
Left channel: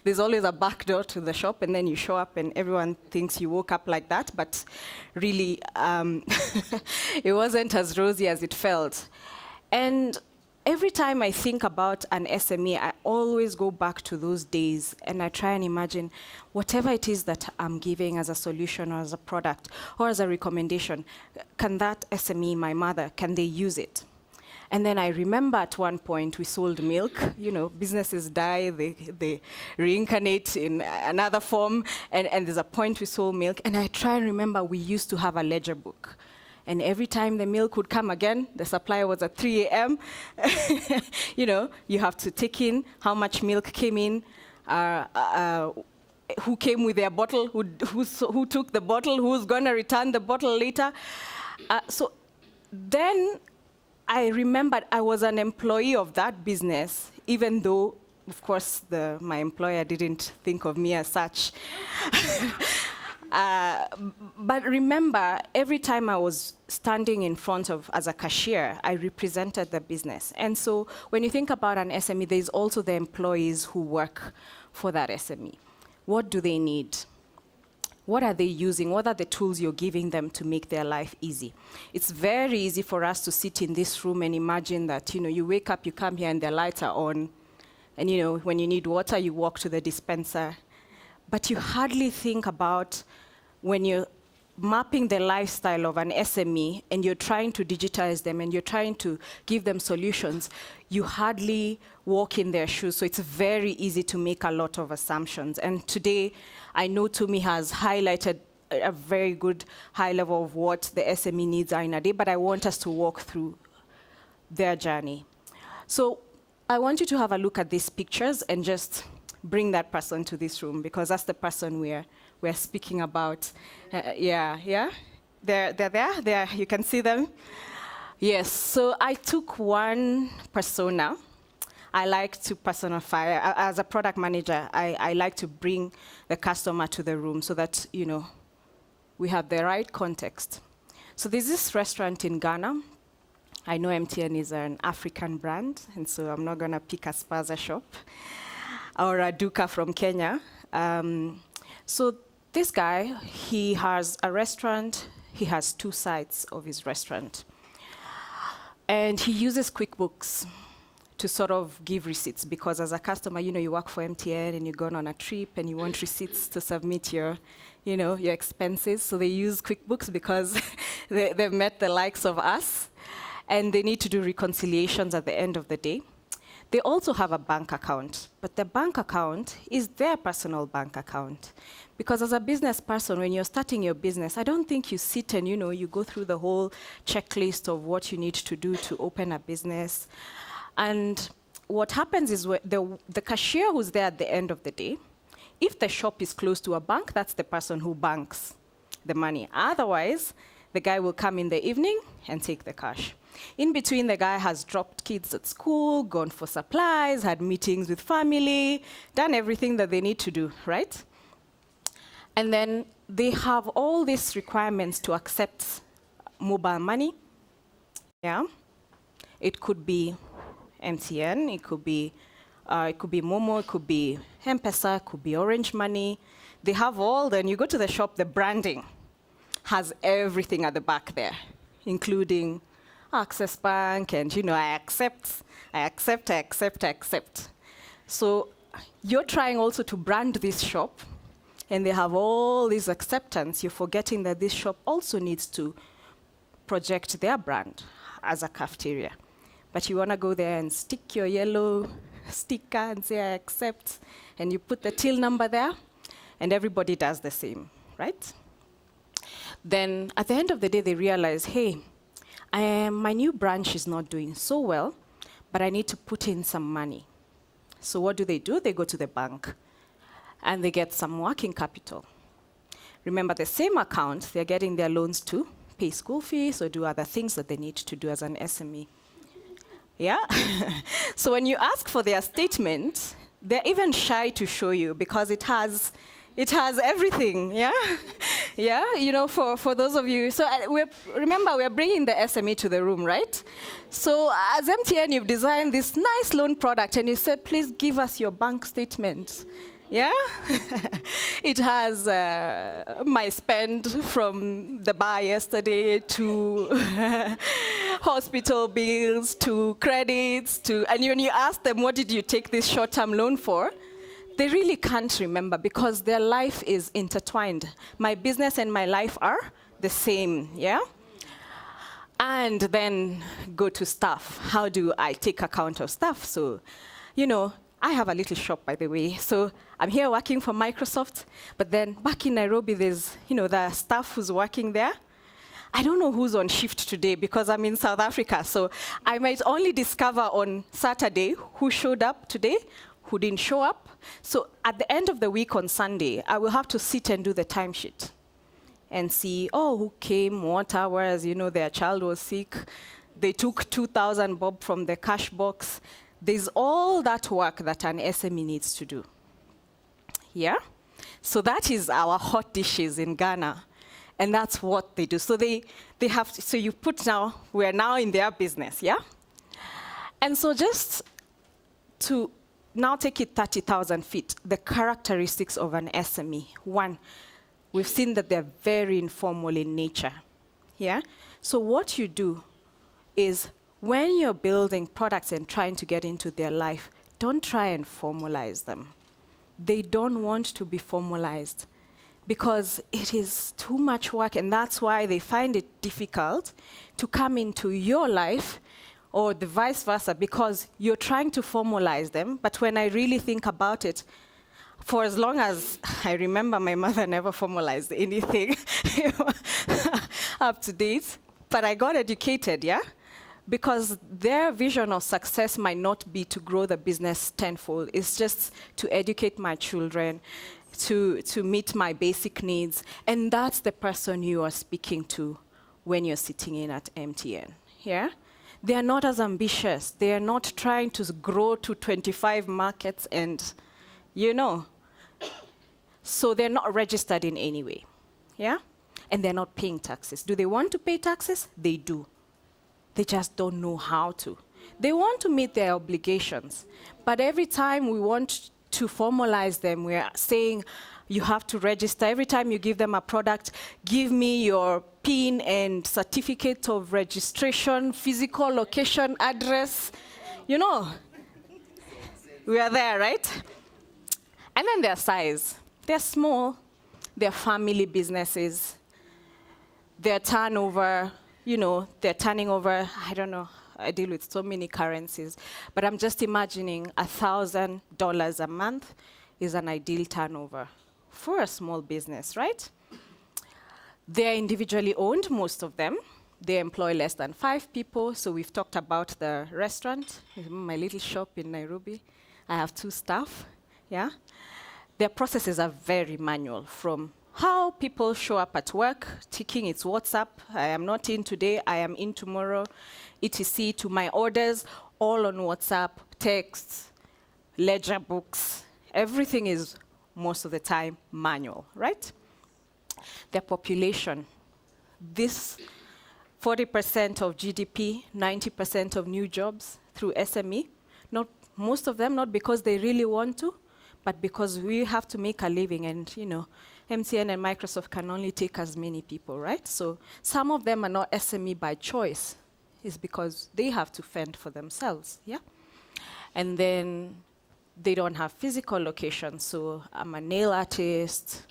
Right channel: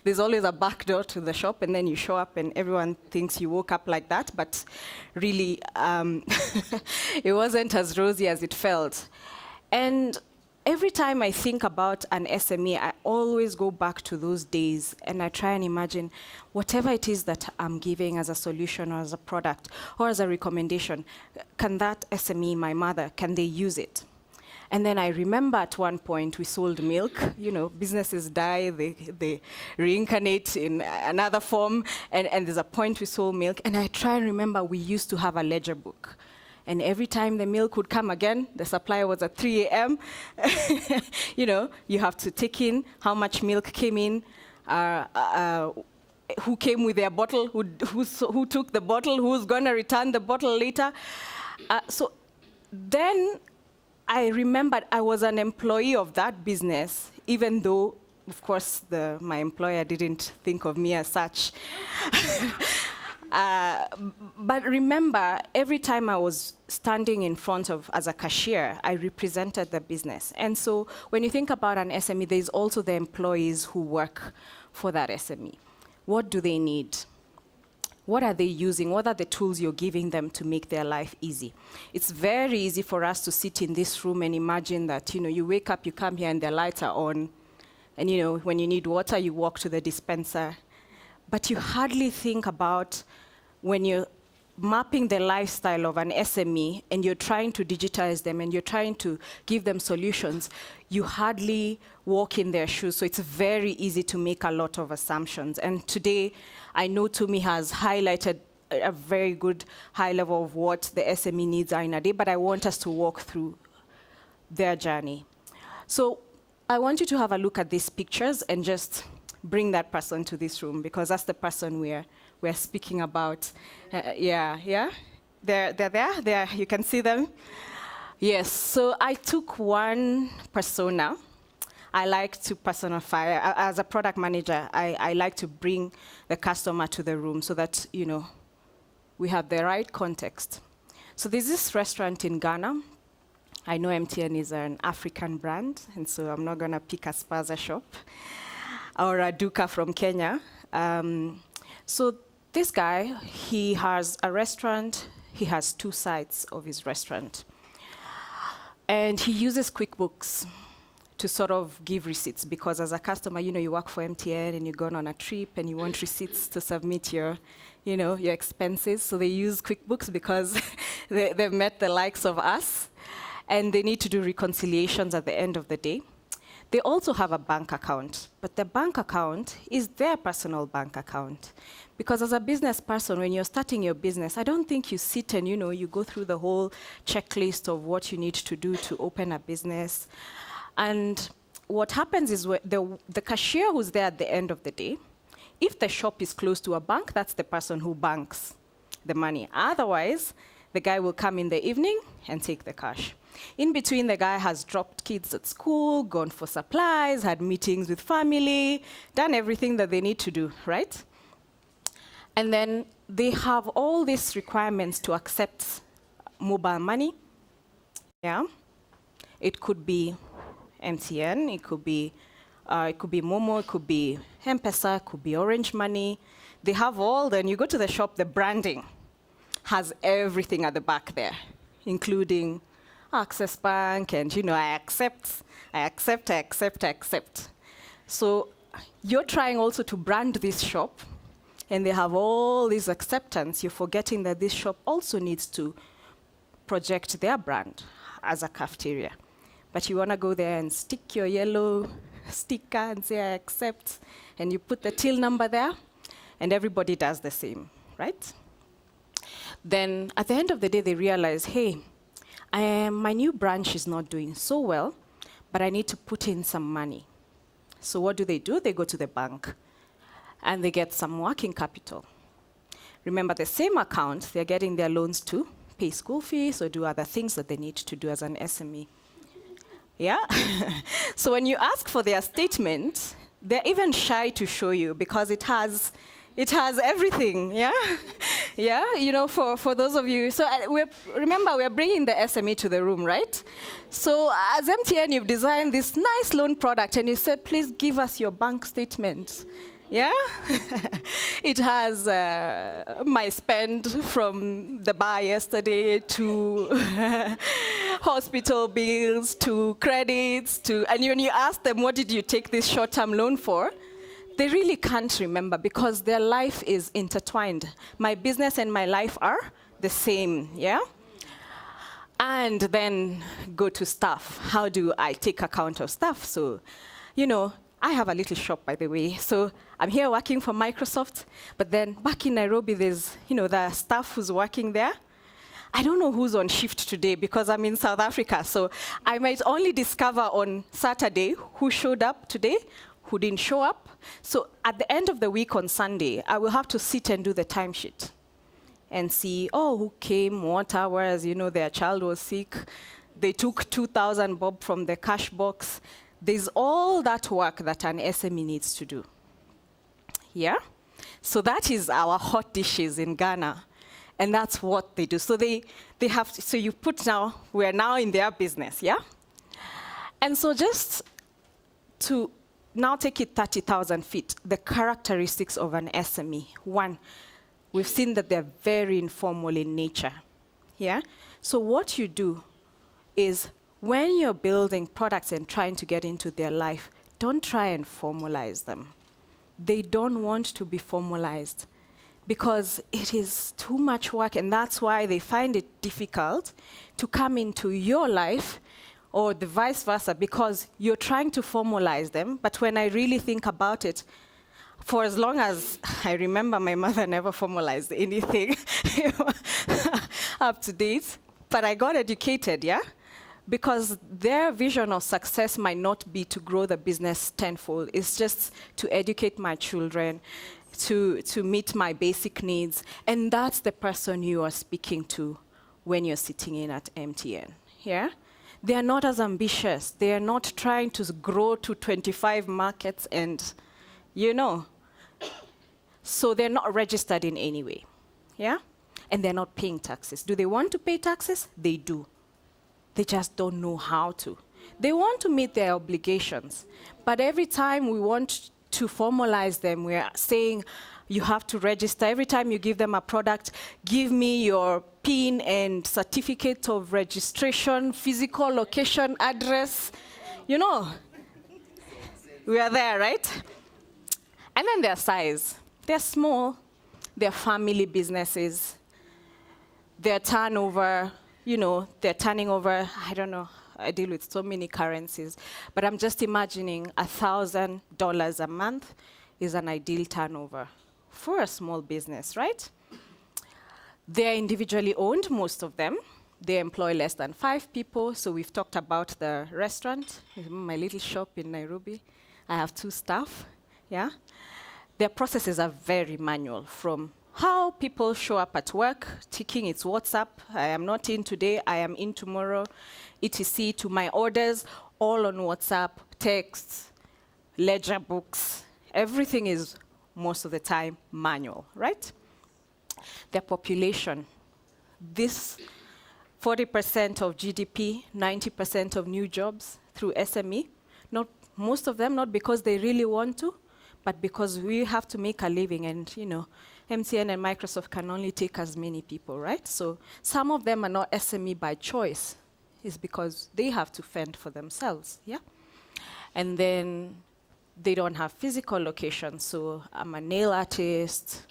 there's always a back door to the shop, and then you show up and everyone thinks you woke up like that. But really, it wasn't as rosy as it felt. And every time I think about an SME, I always go back to those days and I try and imagine whatever it is that I'm giving as a solution or as a product or as a recommendation, can that SME, my mother, can they use it? And then I remember at one point we sold milk. You know, businesses die, they reincarnate in another form, and there's a point we sold milk. And I try and remember we used to have a ledger book. And every time the milk would come again, the supply was at 3 a.m. You know, you have to take in how much milk came in, who came with their bottle, who took the bottle, who's going to return the bottle later. So then I remembered I was an employee of that business, even though, of course, my employer didn't think of me as such. But remember, every time I was standing in front of, as a cashier, I represented the business. And so when you think about an SME, there's also the employees who work for that SME. What do they need? What are they using? What are the tools you're giving them to make their life easy? It's very easy for us to sit in this room and imagine that, you know, you wake up, you come here and the lights are on. And, you know, when you need water, you walk to the dispenser. But you hardly think about when you're mapping the lifestyle of an SME and you're trying to digitize them and you're trying to give them solutions, you hardly walk in their shoes. So it's very easy to make a lot of assumptions. And today, I know Tumi has highlighted a very good high level of what the SME needs are in a day, but I want us to walk through their journey. So I want you to have a look at these pictures and just bring that person to this room, because that's the person we're speaking about. Yeah? They're there, you can see them. Yes, so I took one persona. I like to personify. As a product manager, I like to bring the customer to the room so that, you know, we have the right context. So there's this restaurant in Ghana. I know MTN is an African brand, and so I'm not going to pick a Spaza shop or a Duka from Kenya. So this guy, he has a restaurant. He has 2 sides of his restaurant. And he uses QuickBooks to sort of give receipts, because as a customer, you know, you work for MTN and you're going on a trip and you want receipts to submit your expenses. So they use QuickBooks because they've met the likes of us, and they need to do reconciliations at the end of the day. They also have a bank account, but the bank account is their personal bank account. Because as a business person, when you're starting your business, I don't think you sit and, you know, you go through the whole checklist of what you need to do to open a business. And what happens is the cashier who's there at the end of the day, if the shop is close to a bank, that's the person who banks the money. Otherwise, the guy will come in the evening and take the cash. In between, the guy has dropped kids at school, gone for supplies, had meetings with family, done everything that they need to do, right? And then they have all these requirements to accept mobile money. Yeah, it could be MTN, it could be Momo, it could be M-Pesa, it could be Orange Money. They have all. Then you go to the shop, the branding has everything at the back there, including Access Bank, and, you know, I accept. So you're trying also to brand this shop, and they have all this acceptance. You're forgetting that this shop also needs to project their brand as a cafeteria. But you want to go there and stick your yellow sticker and say, I accept, and you put the till number there, and everybody does the same, right? Then at the end of the day, they realize, hey, my new branch is not doing so well, but I need to put in some money. So what do? They go to the bank, and they get some working capital. Remember, the same account, they're getting their loans to pay school fees or do other things that they need to do as an SME. Yeah? So when you ask for their statement, they're even shy to show you because it has everything, yeah? Yeah, you know, for those of you. So remember, we're bringing the SME to the room, right? So as MTN, you've designed this nice loan product, and you said, please give us your bank statement. Yeah? It has my spend from the bar yesterday to hospital bills to credits to, and when you ask them, what did you take this short-term loan for? They really can't remember because their life is intertwined. My business and my life are the same, yeah? And then go to staff. How do I take account of staff? So, you know, I have a little shop, by the way. So I'm here working for Microsoft, but then back in Nairobi, there's, the staff who's working there. I don't know who's on shift today because I'm in South Africa. So I might only discover on Saturday who showed up today, who didn't show up. So at the end of the week on Sunday, I will have to sit and do the timesheet and see, who came, what hours, their child was sick. They took 2,000 bob from the cash box. There's all that work that an SME needs to do. Yeah? So that is our hot dishes in Ghana. And that's what they do. So they have to, so you put now, we're now in their business, yeah? And so just to now take it 30,000 feet, the characteristics of an SME. One, we've seen that they're very informal in nature, yeah? So what you do is when you're building products and trying to get into their life, don't try and formalize them. They don't want to be formalized because it is too much work, and that's why they find it difficult to come into your life or the vice versa, because you're trying to formalize them. But when I really think about it, for as long as I remember, my mother never formalized anything up to date, but I got educated, yeah? Because their vision of success might not be to grow the business tenfold. It's just to educate my children, to meet my basic needs. And that's the person you are speaking to when you're sitting in at MTN, yeah? They are not as ambitious. They are not trying to grow to 25 markets and, So they're not registered in any way, yeah? And they're not paying taxes. Do they want to pay taxes? They do. They just don't know how to. They want to meet their obligations. But every time we want to formalize them, we're saying, you have to register. Every time you give them a product, give me your PIN and certificate of registration, physical location, address. We are there, right? And then their size. They're small. They're family businesses. Their turnover, they're turning over, I don't know, I deal with so many currencies, but I'm just imagining $1,000 a month is an ideal turnover for a small business, right? They're individually owned, most of them. They employ less than 5 people, so we've talked about the restaurant, my little shop in Nairobi. I have 2 staff, yeah? Their processes are very manual, from how people show up at work, ticking its WhatsApp, I am not in today, I am in tomorrow, etc., to my orders, all on WhatsApp, texts, ledger books. Everything is, most of the time, manual, right? Their population. This 40% of GDP, 90% of new jobs through SME. Not most of them, not because they really want to, but because we have to make a living, and MTN and Microsoft can only take as many people, right? So some of them are not SME by choice. It's because they have to fend for themselves, yeah? And then they don't have physical locations. So I'm a nail artist,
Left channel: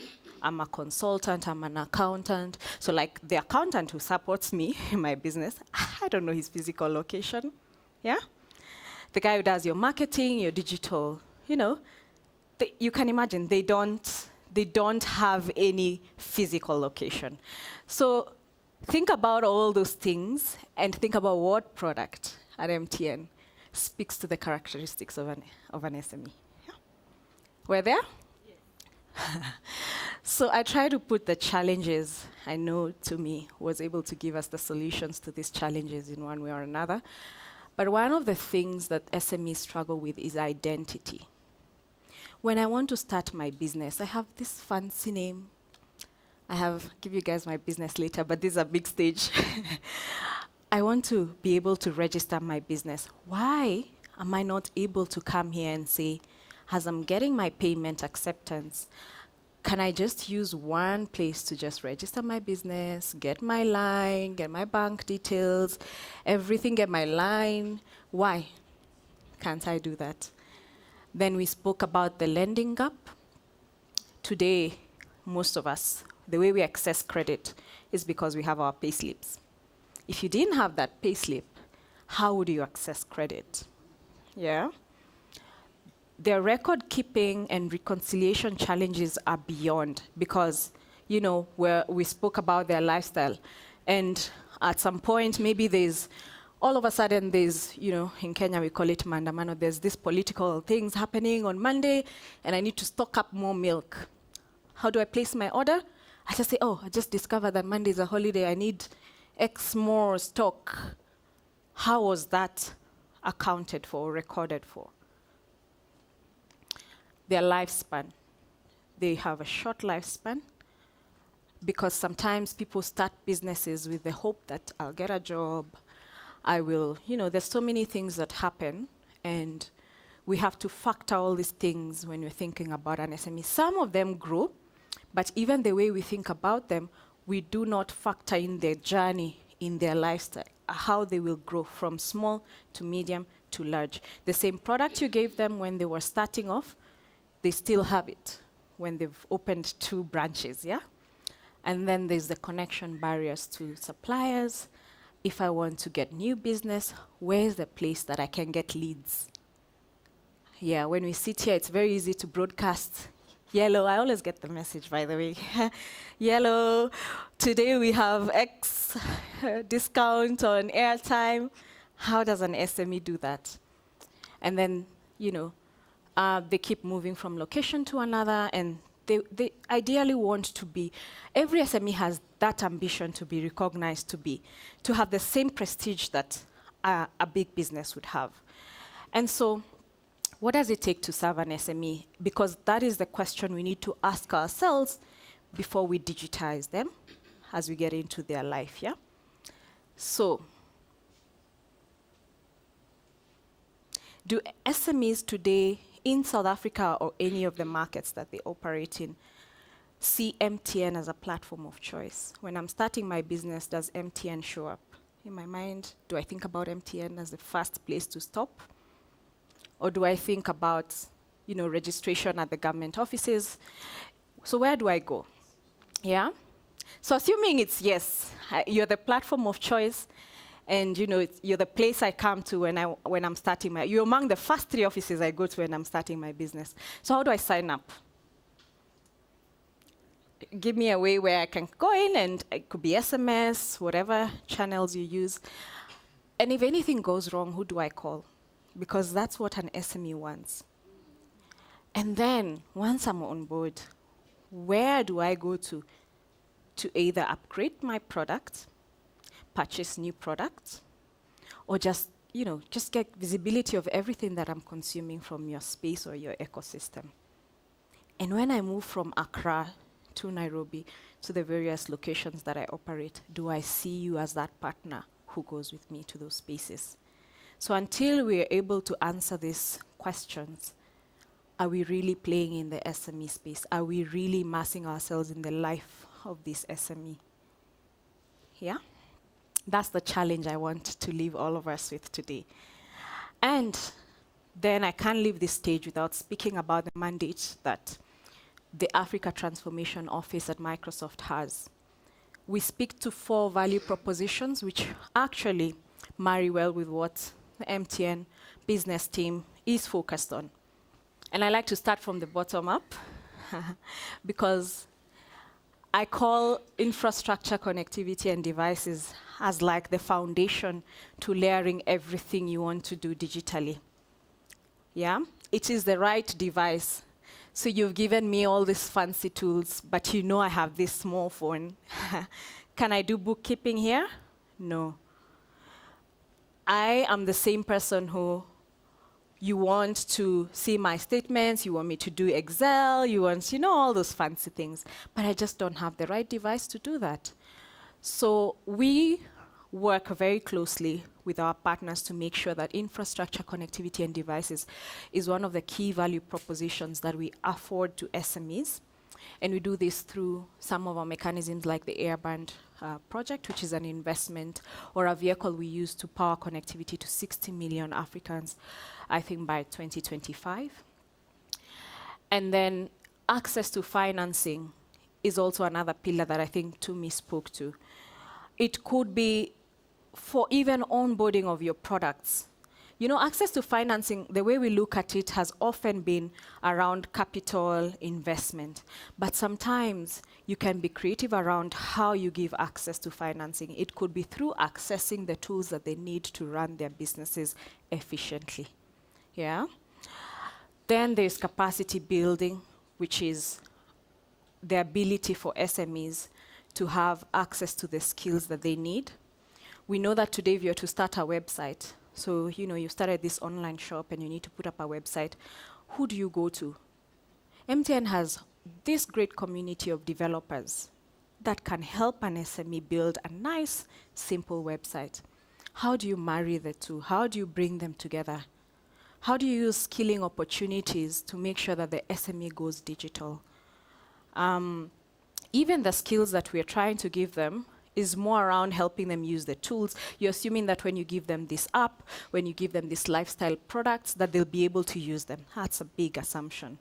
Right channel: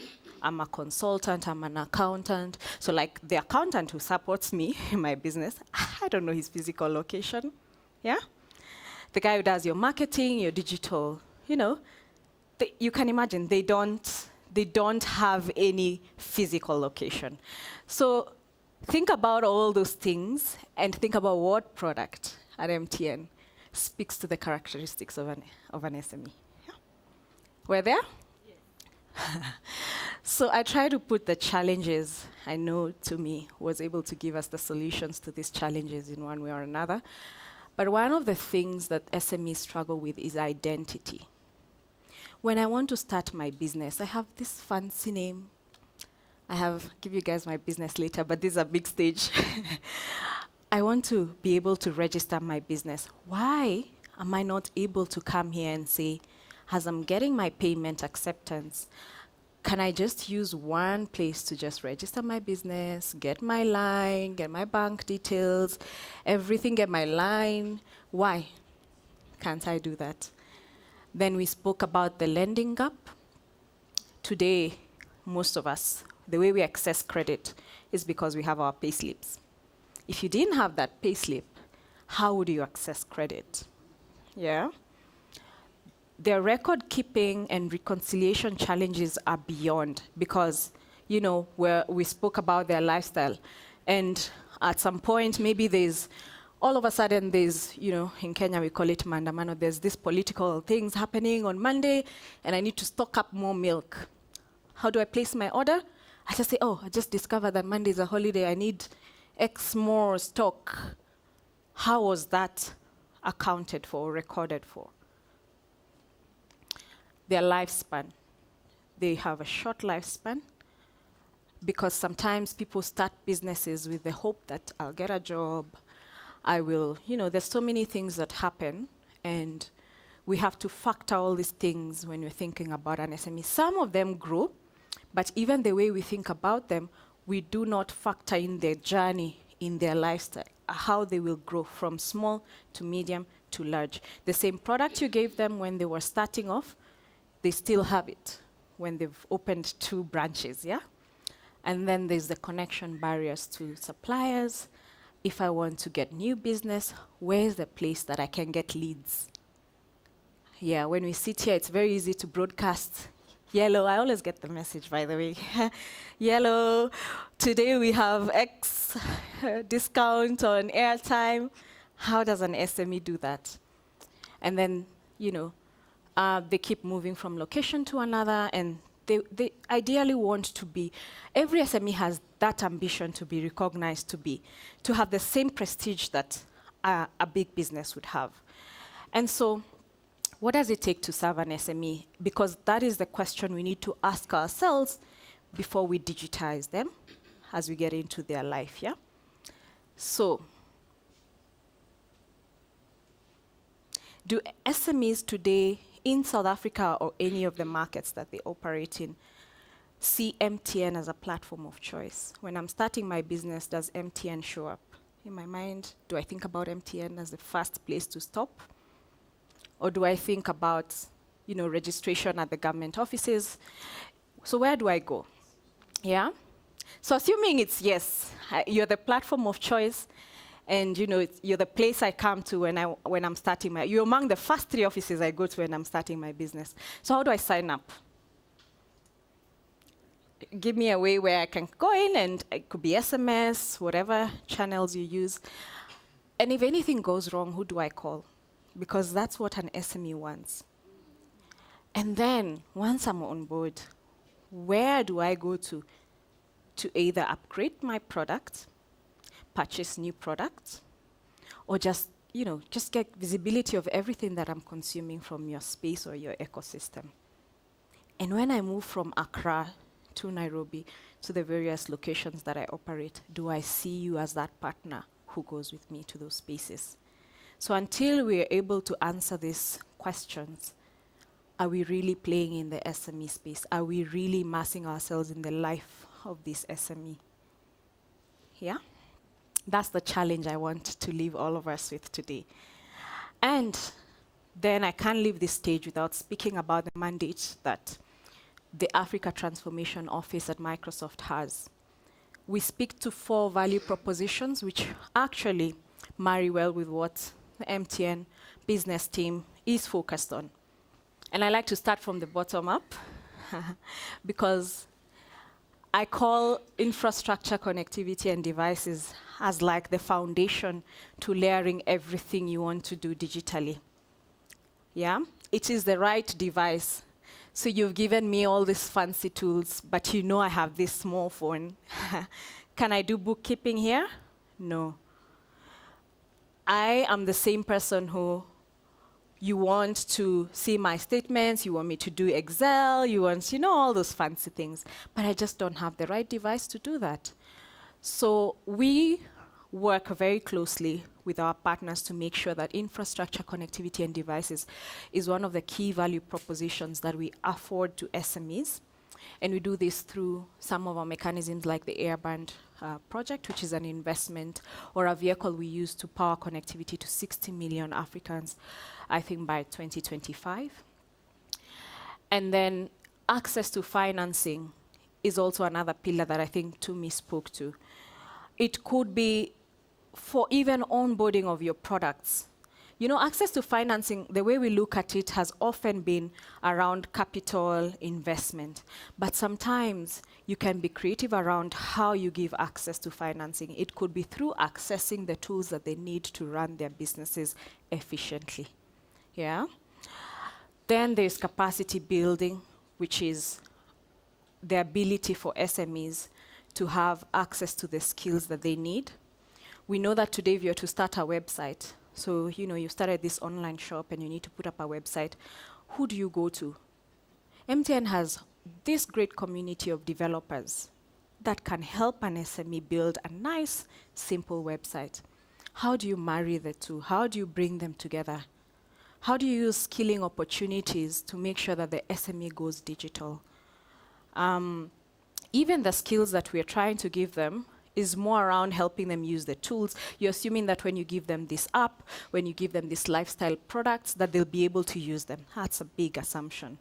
I'm a consultant, I'm an accountant. So like the accountant who supports me in my business, I don't know his physical location, yeah? The guy who does your marketing, your digital, you can imagine they don't have any physical location. So think about all those things and think about what product at MTN speaks to the characteristics of an SME. Yeah? We're there? Yes. So I try to put the challenges I know to me was able to give us the solutions to these challenges in one way or another. But one of the things that SMEs struggle with is identity. When I want to start my business, I have this fancy name. Give you guys my business later, but this is a big stage. I want to be able to register my business. Why am I not able to come here and say, as I'm getting my payment acceptance, can I just use one place to just register my business, get my line, get my bank details, everything, get my line? Why can't I do that? Then we spoke about the lending gap. Today, most of us, the way we access credit is because we have our pay slips. If you didn't have that pay slip, how would you access credit? Yeah? Their record keeping and reconciliation challenges are beyond, because, you know, we spoke about their lifestyle. And at some point, maybe all of a sudden you know, in Kenya we call it maandamano, there's this political things happening on Monday, and I need to stock up more milk. How do I place my order? I just say, oh, I just discovered that Monday is a holiday, I need X more stock. How was that accounted for, recorded for? Their lifespan. They have a short lifespan because sometimes people start businesses with the hope that I'll get a job, I will, you know, there's so many things that happen, and we have to factor all these things when we're thinking about an SME. Some of them grow, but even the way we think about them, we do not factor in their journey in their lifestyle, how they will grow from small to medium to large. The same product you gave them when they were starting off, they still have it when they've opened 2 branches, yeah? And then there's the connection barriers to suppliers. If I want to get new business, where's the place that I can get leads? Yeah, when we sit here, it's very easy to broadcast. Yellow, I always get the message, by the way. Yellow, today we have X discount on airtime. How does an SME do that? And then, you know, they keep moving from location to another, and they ideally want to be, every SME has that ambition to be recognized, to have the same prestige that a big business would have. And so, what does it take to serve an SME? Because that is the question we need to ask ourselves before we digitize them as we get into their life, yeah? So, do SMEs today in South Africa or any of the markets that they operate in see MTN as a platform of choice? When I'm starting my business, does MTN show up in my mind? Do I think about MTN as the first place to stop? Or do I think about, you know, registration at the government offices? So where do I go? Yeah? So assuming it's yes, you're the platform of choice, and you know, you're the place I come to when I'm starting you're among the first 3 offices I go to when I'm starting my business. So how do I sign up? Give me a way where I can go in, and it could be SMS, whatever channels you use. And if anything goes wrong, who do I call? Because that's what an SME wants. And then, once I'm on board, where do I go to either upgrade my product, purchase new products, or just, you know, just get visibility of everything that I'm consuming from your space or your ecosystem? And when I move from Accra to Nairobi to the various locations that I operate, do I see you as that partner who goes with me to those spaces? So until we're able to answer these questions, are we really playing in the SME space? Are we really immersing ourselves in the life of this SME? Yeah? That's the challenge I want to leave all of us with today. And then I can't leave this stage without speaking about the mandate that the Africa Transformation Office at Microsoft has. We speak to 4 value propositions, which actually marry well with what the MTN business team is focused on. And I like to start from the bottom up because I call infrastructure, connectivity, and devices as like the foundation to layering everything you want to do digitally. Yeah? It is the right device. So you've given me all these fancy tools, but you know I have this small phone. Can I do bookkeeping here? No. I am the same person who you want to see my statements, you want me to do Excel, you want, you know, all those fancy things. But I just don't have the right device to do that. So we work very closely with our partners to make sure that infrastructure, connectivity, and devices is one of the key value propositions that we afford to SMEs. And we do this through some of our mechanisms like the Airband project, which is an investment or a vehicle we use to power connectivity to 60 million Africans, I think by 2025. And then access to financing is also another pillar that I think Tumi spoke to. It could be for even onboarding of your products. You know, access to financing, the way we look at it has often been around capital investment. But sometimes you can be creative around how you give access to financing. It could be through accessing the tools that they need to run their businesses efficiently. Yeah? Then there's capacity building, which is the ability for SMEs to have access to the skills that they need. We know that today if you're to start a website, so you know you started this online shop and you need to put up a website, who do you go to? MTN has this great community of developers that can help an SME build a nice, simple website. How do you marry the two? How do you bring them together? How do you use skilling opportunities to make sure that the SME goes digital? Even the skills that we're trying to give them is more around helping them use the tools. You're assuming that when you give them this app, when you give them these lifestyle products, that they'll be able to use them. That's a big assumption.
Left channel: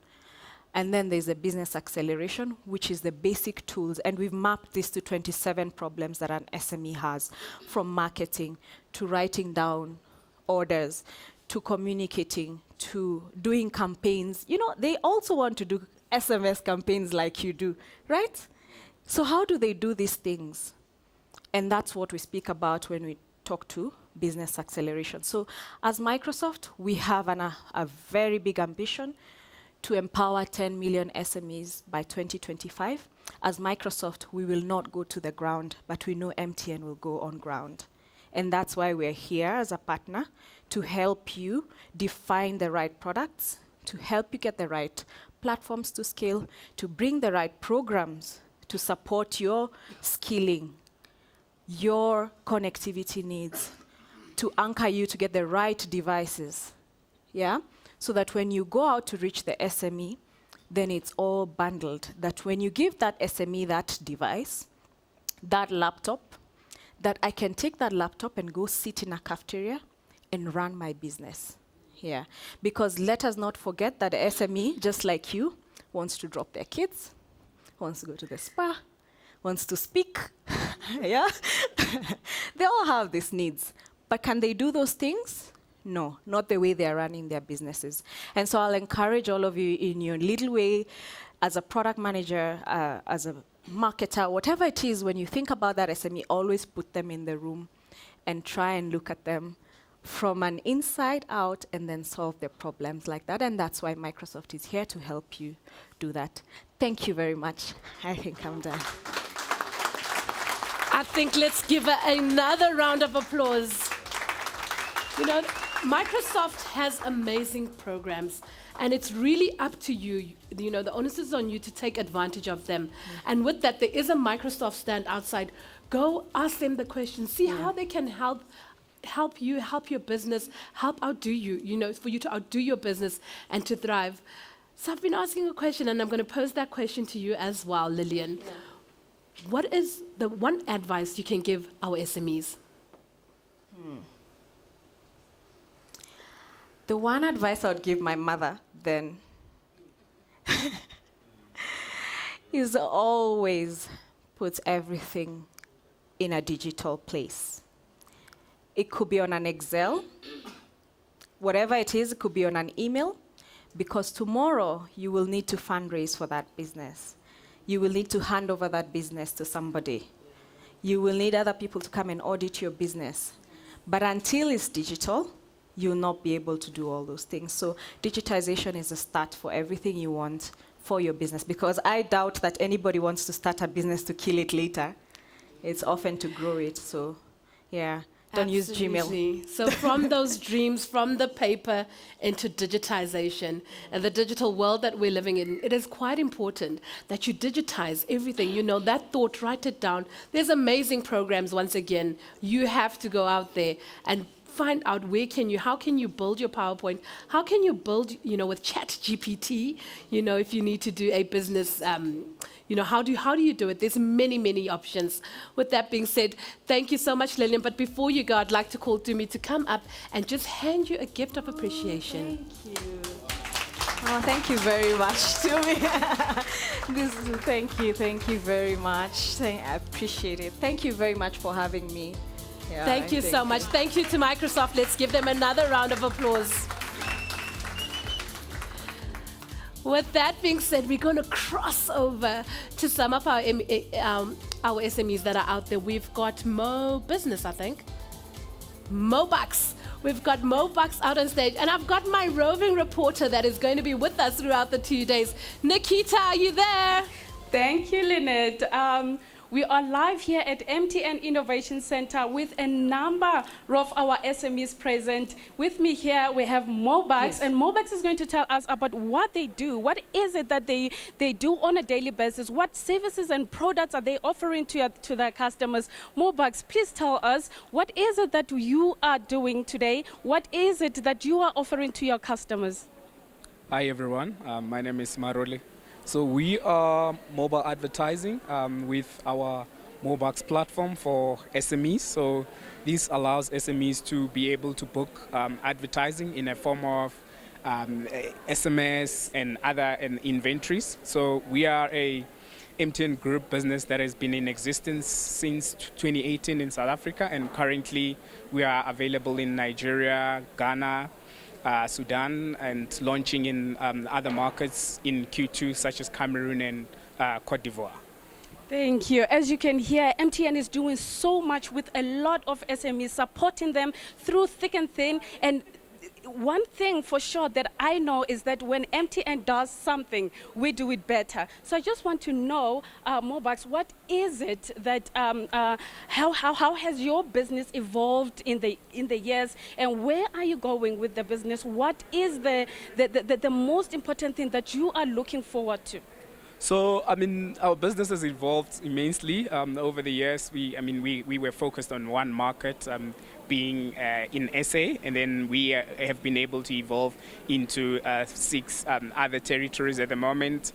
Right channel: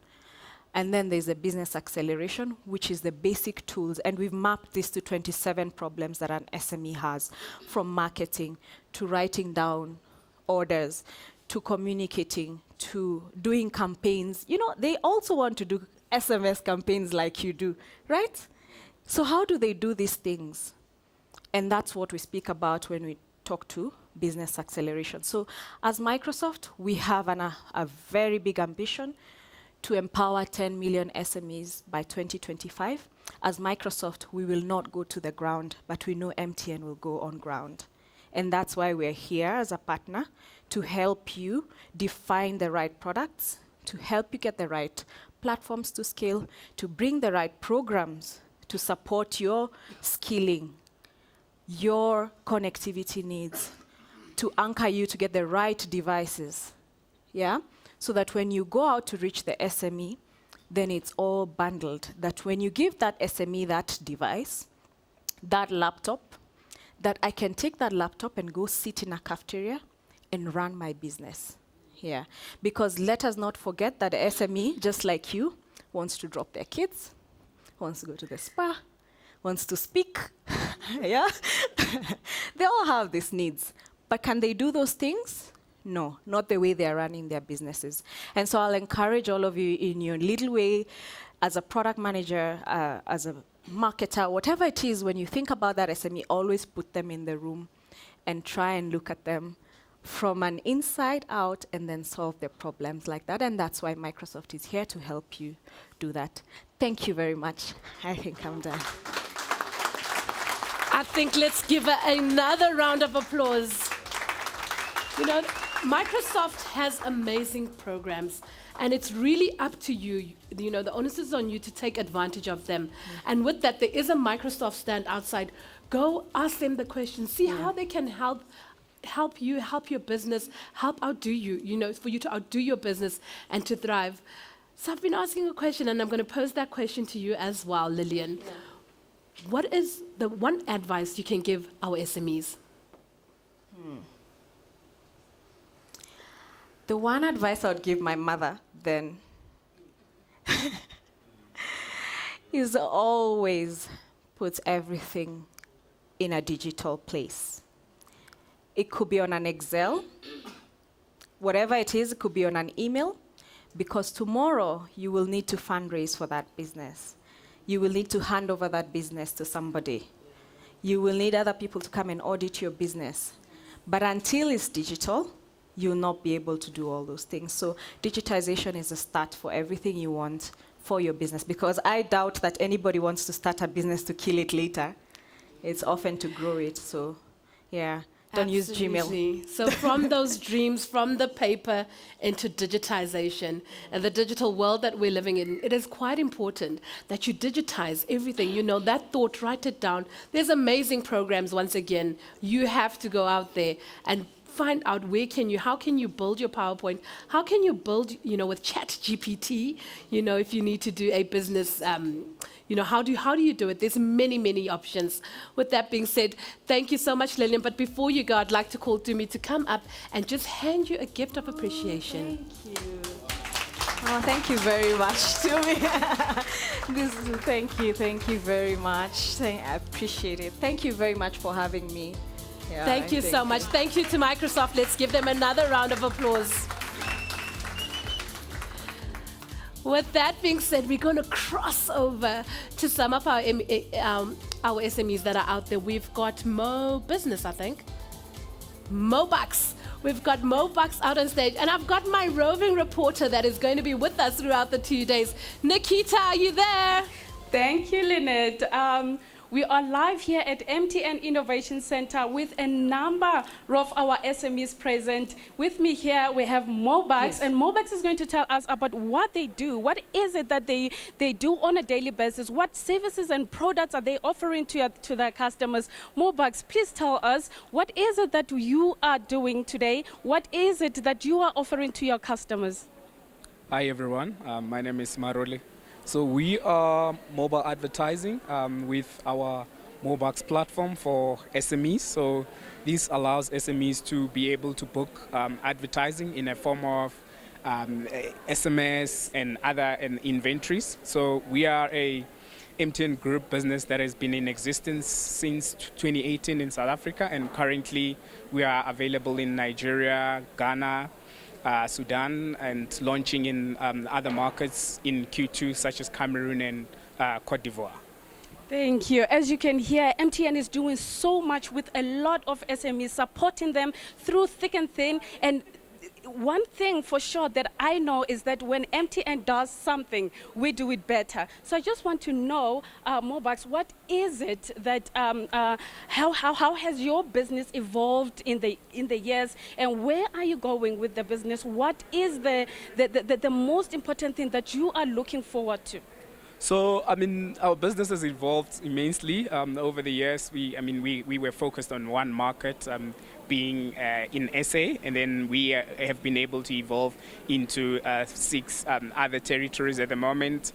And then there's the business acceleration, which is the basic tools. And we've mapped this to 27 problems that an SME has, from marketing to writing down orders, to communicating, to doing campaigns. You know, they also want to do SMS campaigns like you do, right? So how do they do these things? And that's what we speak about when we talk to business acceleration. So as Microsoft, we have a very big ambition to empower 10 million SMEs by 2025. As Microsoft, we will not go to the ground, but we know MTN will go on ground. And that's why we're here as a partner, to help you define the right products, to help you get the right platforms to scale, to bring the right programs to support your skilling, your connectivity needs, to anchor you to get the right devices, yeah? So that when you go out to reach the SME, then it's all bundled. That when you give that SME that device, that laptop, that I can take that laptop and go sit in a cafeteria and run my business here. Because let us not forget that the SME, just like you, wants to drop their kids, wants to go to the spa, wants to speak, yeah? They all have these needs. But can they do those things? No, not the way they're running their businesses. And so I'll encourage all of you in your little way, as a product manager, as a marketer, whatever it is, when you think about that SME, always put them in the room and try and look at them from an inside out and then solve their problems like that. And that's why Microsoft is here to help you do that. Thank you very much. I think I'm done. I think let's give her another round of applause. You know, Microsoft has amazing programs, and it's really up to you. You know, the onus is on you to take advantage of them. And with that, there is a Microsoft stand outside. Go ask them the question. See how they can help you, help your business, help outdo you, you know, for you to outdo your business and to thrive. So I've been asking a question, and I'm going to pose that question to you as well, Lillian. Yeah. What is the one advice you can give our SMEs? The one advice I would give my mother then is always put everything in a digital place. It could be on an Excel, whatever it is, it could be on an email, because tomorrow you will need to fundraise for that business. You will need to hand over that business to somebody. You will need other people to come and audit your business. But until it's digital, you'll not be able to do all those things. So digitization is a start for everything you want for your business, because I doubt that anybody wants to start a business to kill it later. It's often to grow it, so yeah. Don't use Gmail. So from those dreams, from the paper into digitization and the digital world that we're living in, it is quite important that you digitize everything. You know, that thought, write it down. There's amazing programs, once again. You have to go out there and find out how can you build your PowerPoint, how can you build, with Chat GPT, if you need to do a business, how do you do it? There's many options. With that being said, thank you so much, Lillian. But before you go, I'd like to call Tumi to come up and just hand you a gift of appreciation. Thank you. Oh, thank you very much to me. Thank you very much. I appreciate it. Thank you very much for having me. Yeah, thank you so much. Thank you to Microsoft. Let's give them another round of applause. With that being said, we're going to cross over to some of our SMEs that are out there. We've got Mo Business, I think. Mo Bucks. We've got Mo Bucks out on stage. And I've got my roving reporter that is going to be with us throughout the 2 days. Nikita, are you there? Thank you, Lynette. We are live here at MTN Innovation Center with a number of our SMEs present. With me here, we have Mobax, yes. And Mobax is going to tell us about what they do. What is it that they do on a daily basis? What services and products are they offering to their customers? Mobax, please tell us, what is it that you are doing today? What is it that you are offering to your customers? Hi, everyone. My name is Marole. So we are mobile advertising with our Mobax platform for SMEs. So this allows SMEs to be able to book advertising in a form of SMS and other inventories. So we are a MTN Group business that has been in existence since 2018 in South Africa, and currently we are available in Nigeria, Ghana, Sudan, and launching in other markets in Q2, such as Cameroon and Cote d'Ivoire. Thank you. As you can hear, MTN is doing so much with a lot of SMEs, supporting them through thick and thin. And one thing for sure that I know is that when MTN does something, we do it better. So I just want to know, Mobax, what is it that, how has your business evolved in the years, and where are you going with the business? What is the most important thing that you are looking forward to? So, our business has evolved immensely over the years. We were focused on one market, being in SA, and then we have been able to evolve into 6 other territories at the moment.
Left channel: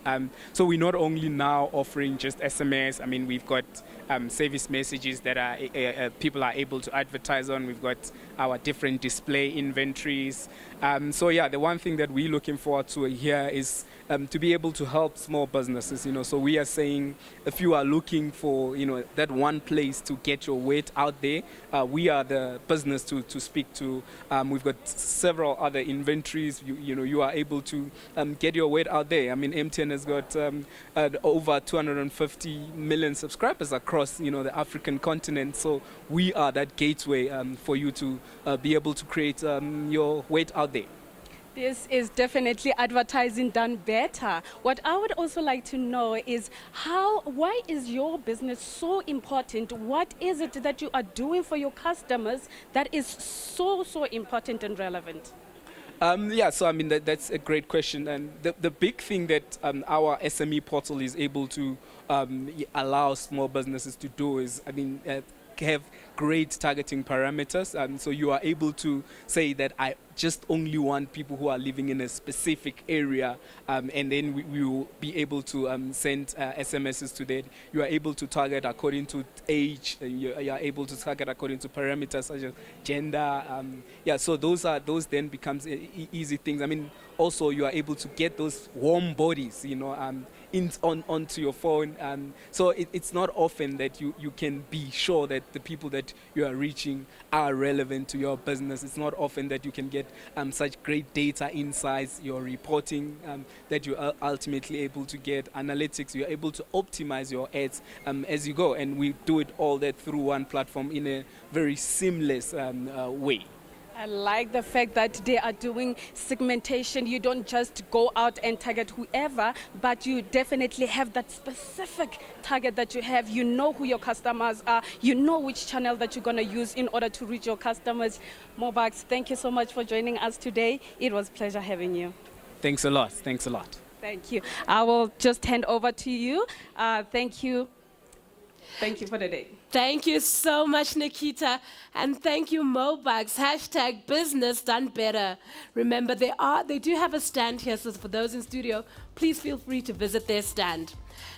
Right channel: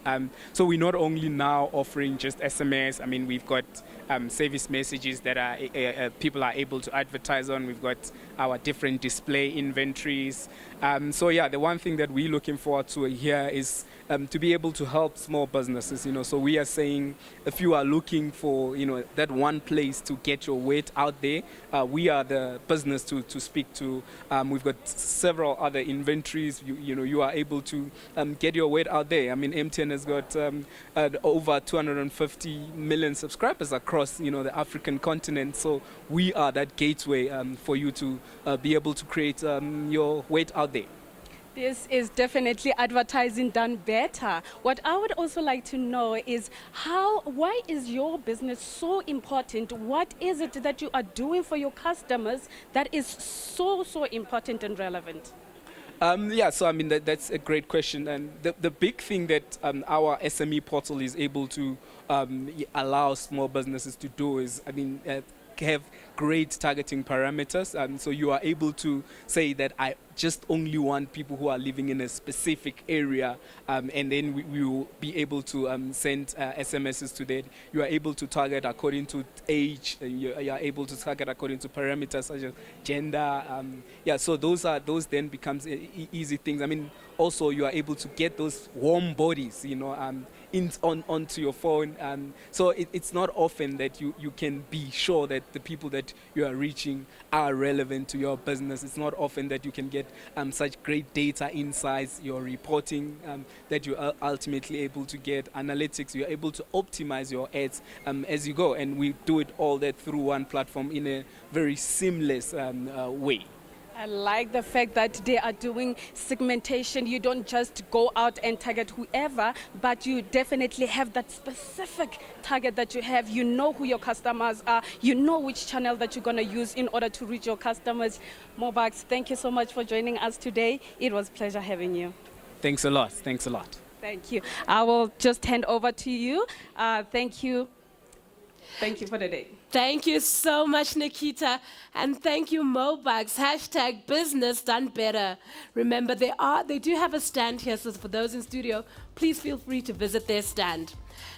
So we're not only now offering just SMS. We've got service messages that are people are able to advertise on. We've got our different display inventories. So yeah, the one thing that we're looking forward to here is to be able to help small businesses. So we are saying, if you are looking for that one place to get your weight out there, we are the business to speak to. We've got several other inventories. You are able to get your weight out there. MTN has got over 250 million subscribers across the African continent. So we are that gateway for you to be able to create your weight out there. This is definitely advertising done better. What I would also like to know is why is your business so important? What is it that you are doing for your customers that is so important and relevant? That's a great question. And the big thing that our SME portal is able to allow small businesses to do is, have great targeting parameters. So you are able to say that I just only want people who are living in a specific area, and then we will be able to send SMSs to that. You are able to target according to age, and you are able to target according to parameters such as gender. So those then becomes easy things. Also you are able to get those warm bodies, onto your phone. So it's not often that you can be sure that the people that you are reaching are relevant to your business. It's not often that you can get such great data insights, your reporting, that you are ultimately able to get analytics. You're able to optimize your ads as you go. And we do it all that through one platform in a very seamless way. I like the fact that they are doing segmentation. You don't just go out and target whoever, but you definitely have that specific target that you have. You know who your customers are. You know which channel that you're going to use in order to reach your customers. Mobax, thank you so much for joining us today. It was a pleasure having you. Thanks a lot. Thanks a lot. Thank you. I will just hand over to you. Thank you. Thank you for the day. Thank you so much, Nikita. And thank you, Mobugs. Hashtag business done better. Remember, they do have a stand here, so for those in studio, please feel free to visit their stand.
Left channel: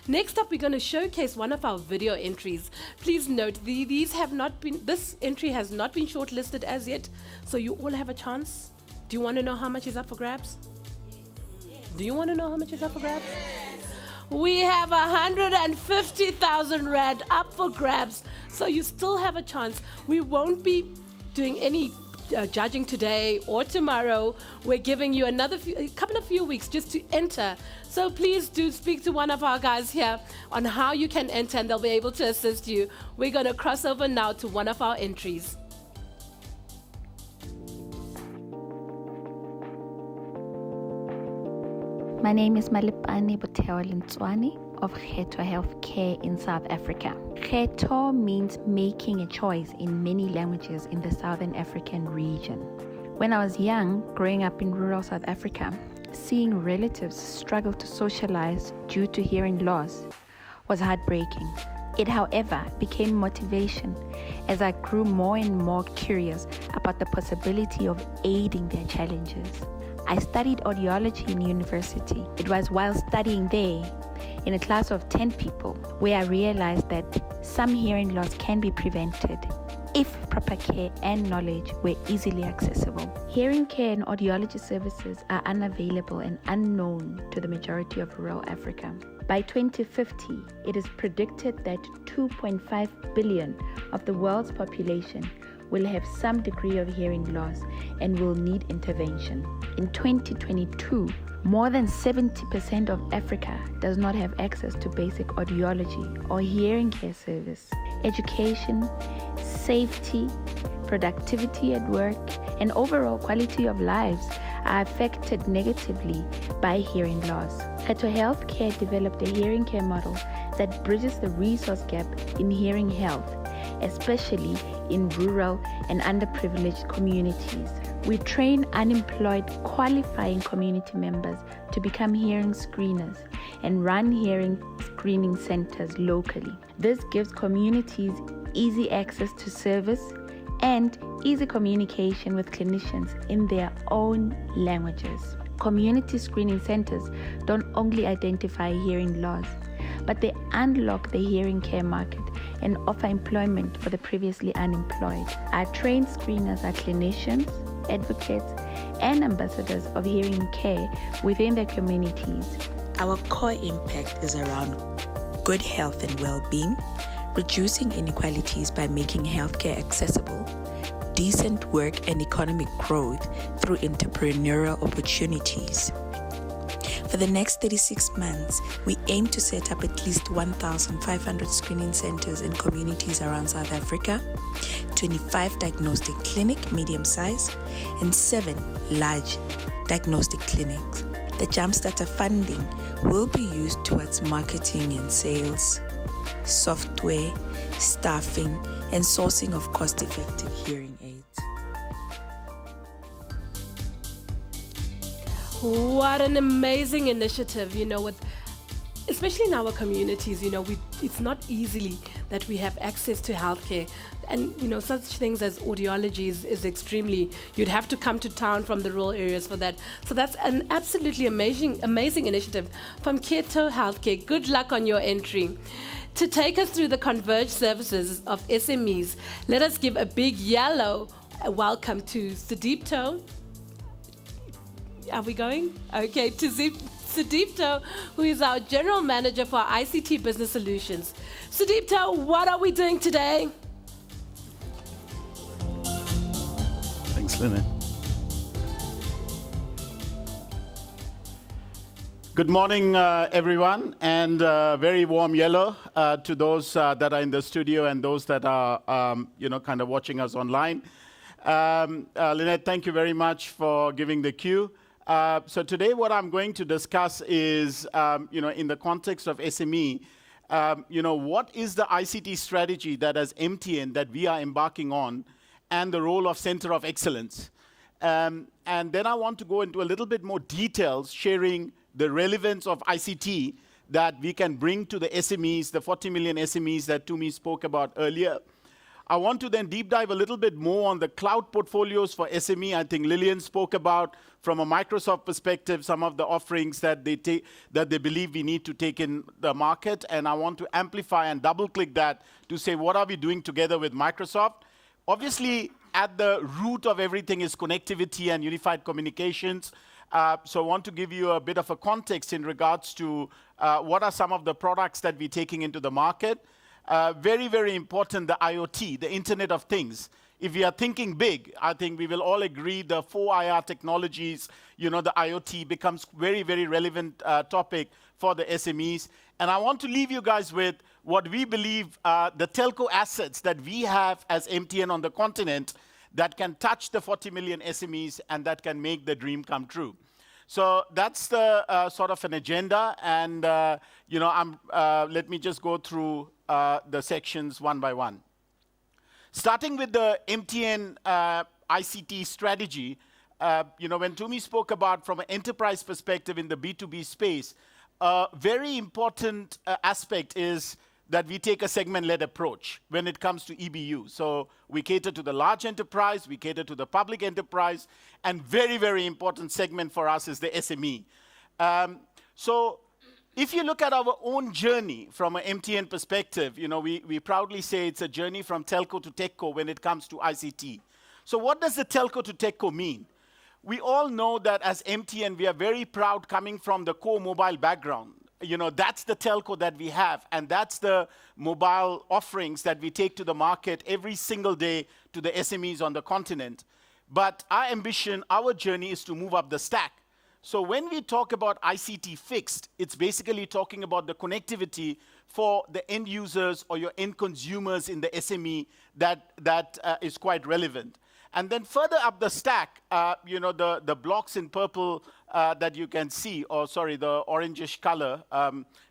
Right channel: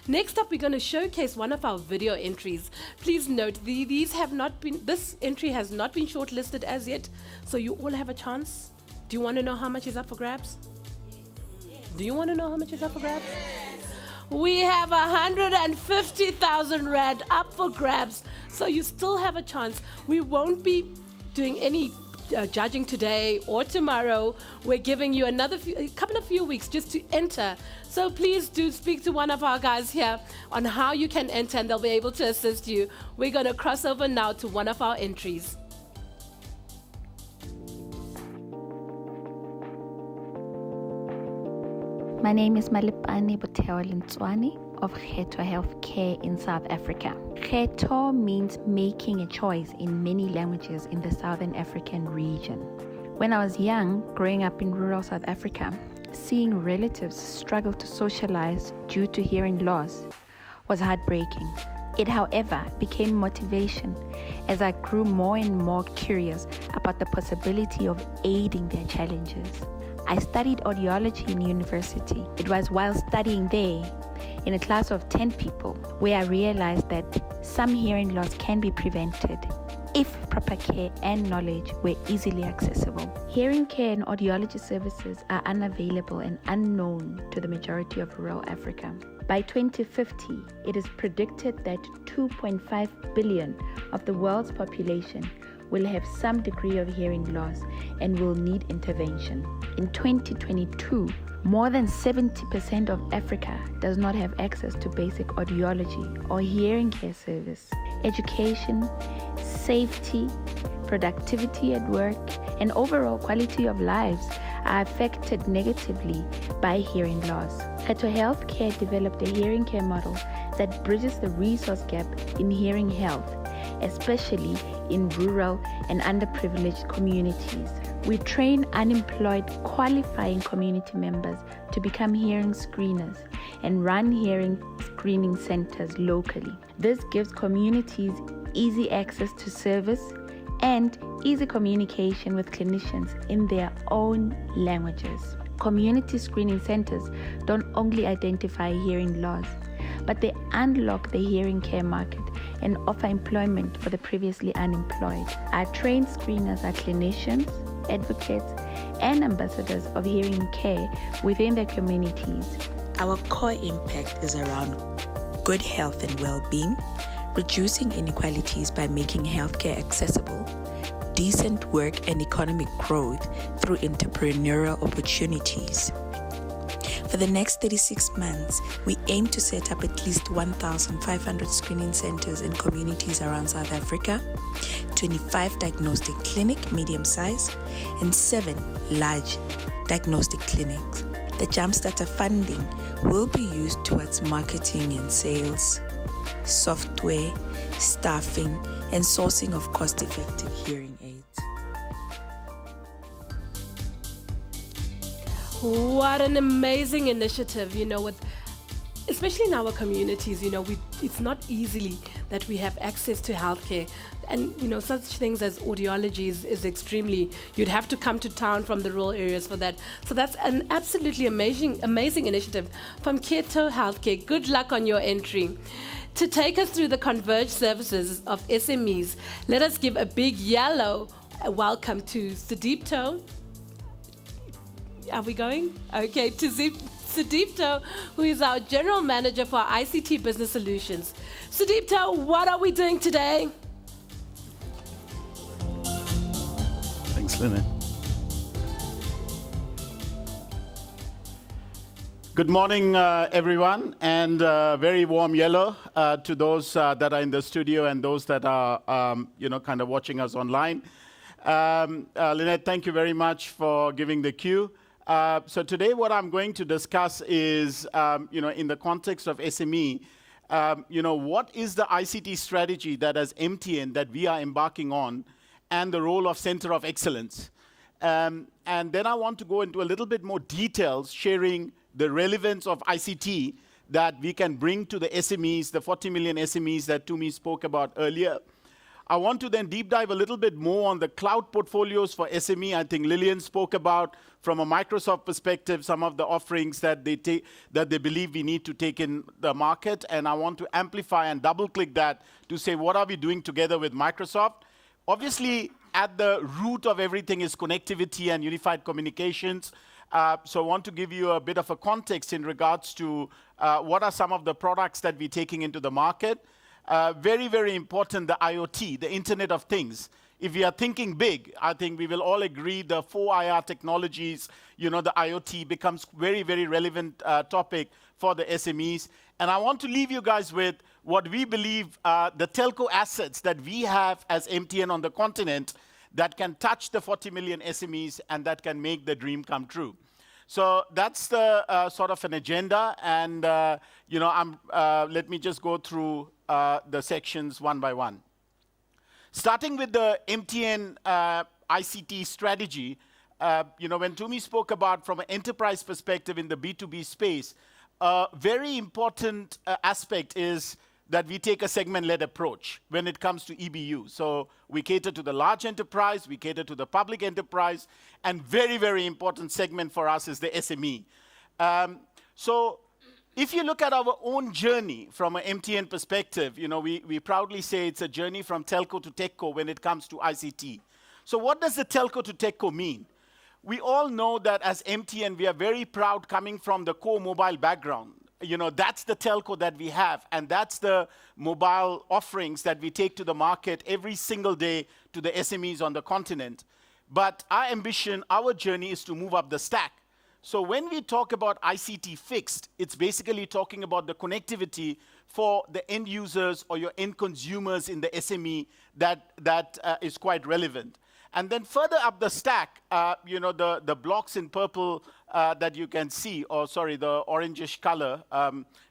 Next up, we're going to showcase one of our video entries. Please note, this entry has not been shortlisted as yet, so you all have a chance. Do you want to know how much is up for grabs? Do you want to know how much is up for grabs? We have 150,000 Rand up for grabs, so you still have a chance. We won't be doing any judging today or tomorrow. We're giving you a few weeks just to enter. So please do speak to one of our guys here on how you can enter, and they'll be able to assist you. We're going to cross over now to one of our entries. My name is Malipane Botewa-Lintswane of Khetho Healthcare in South Africa. Khetho means making a choice in many languages in the Southern African region. When I was young, growing up in rural South Africa, seeing relatives struggle to socialize due to hearing loss was heartbreaking. It, however, became motivation as I grew more and more curious about the possibility of aiding their challenges. I studied audiology in university. It was while studying there, in a class of 10 people, where I realized that some hearing loss can be prevented if proper care and knowledge were easily accessible. Hearing care and audiology services are unavailable and unknown to the majority of rural Africa. By 2050, it is predicted that 2.5 billion of the world's population will have some degree of hearing loss and will need intervention. In 2022, more than 70% of Africa does not have access to basic audiology or hearing care service. Education, safety, productivity at work, and overall quality of lives are affected negatively by hearing loss. Khetho Healthcare developed a hearing care model that bridges the resource gap in hearing health, especially in rural and underprivileged communities. We train unemployed, qualifying community members to become hearing screeners and run hearing screening centers locally. This gives communities easy access to service and easy communication with clinicians in their own languages. Community screening centers don't only identify hearing loss, but they unlock the hearing care market and offer employment for the previously unemployed. Our trained screeners are clinicians, advocates, and ambassadors of hearing care within their communities. Our core impact is around good health and well-being, reducing inequalities by making healthcare accessible, decent work and economic growth through entrepreneurial opportunities. For the next 36 months, we aim to set up at least 1,500 screening centers in communities around South Africa, 25 diagnostic clinics, medium size, and 7 large diagnostic clinics. The Jumpstarter funding will be used towards marketing and sales, software, staffing, and sourcing of cost-effective hearing aids. What an amazing initiative, especially in our communities, it's not easily that we have access to healthcare. And, such things as audiology is extremely, you'd have to come to town from the rural areas for that. So that's an absolutely amazing initiative from Khetho Healthcare. Good luck on your entry. To take us through the converged services of SMEs, let us give a big yellow welcome to Sudeepto. Are we going? Okay, to Sudeepto, who is our General Manager for ICT Business Solutions. Sudeepto, what are we doing today? Thanks, Lynette. Good morning, everyone, and very warm yellow to those that are in the studio and those that are, kind of watching us online. Lynette, thank you very much for giving the cue. So today what I'm going to discuss is, in the context of SME, what is the ICT strategy that as MTN that we are embarking on and the role of Center of Excellence. And then I want to go into a little bit more details, sharing the relevance of ICT that we can bring to the SMEs, the 40 million SMEs that Tumi spoke about earlier. I want to then deep dive a little bit more on the cloud portfolios for SME. I think Lillian spoke about, from a Microsoft perspective, some of the offerings that they believe we need to take in the market. And I want to amplify and double-click that to say, what are we doing together with Microsoft? Obviously, at the root of everything is connectivity and unified communications. So I want to give you a bit of a context in regards to what are some of the products that we're taking into the market. Very, very important, the IoT, the Internet of Things. If we are thinking big, I think we will all agree the 4IR technologies, the IoT becomes very, very relevant topic for the SMEs. And I want to leave you guys with what we believe the telco assets that we have as MTN on the continent that can touch the 40 million SMEs and that can make the dream come true. So that's the sort of an agenda. And, let me just go through the sections one by one. Starting with the MTN ICT strategy, when Tumi spoke about from an enterprise perspective in the B2B space, a very important aspect is that we take a segment-led approach when it comes to EBU. So we cater to the large enterprise, we cater to the public enterprise, and very, very important segment for us is the SME. So if you look at our own journey from an MTN perspective, we proudly say it's a journey from telco to techco when it comes to ICT. So what does the telco to techco mean? We all know that as MTN, we are very proud coming from the core mobile background. That's the telco that we have, and that's the mobile offerings that we take to the market every single day to the SMEs on the continent. But our ambition, our journey is to move up the stack. So when we talk about ICT fixed, it's basically talking about the connectivity for the end users or your end consumers in the SME that is quite relevant. And then further up the stack, the blocks in purple that you can see, or sorry, the orangish color,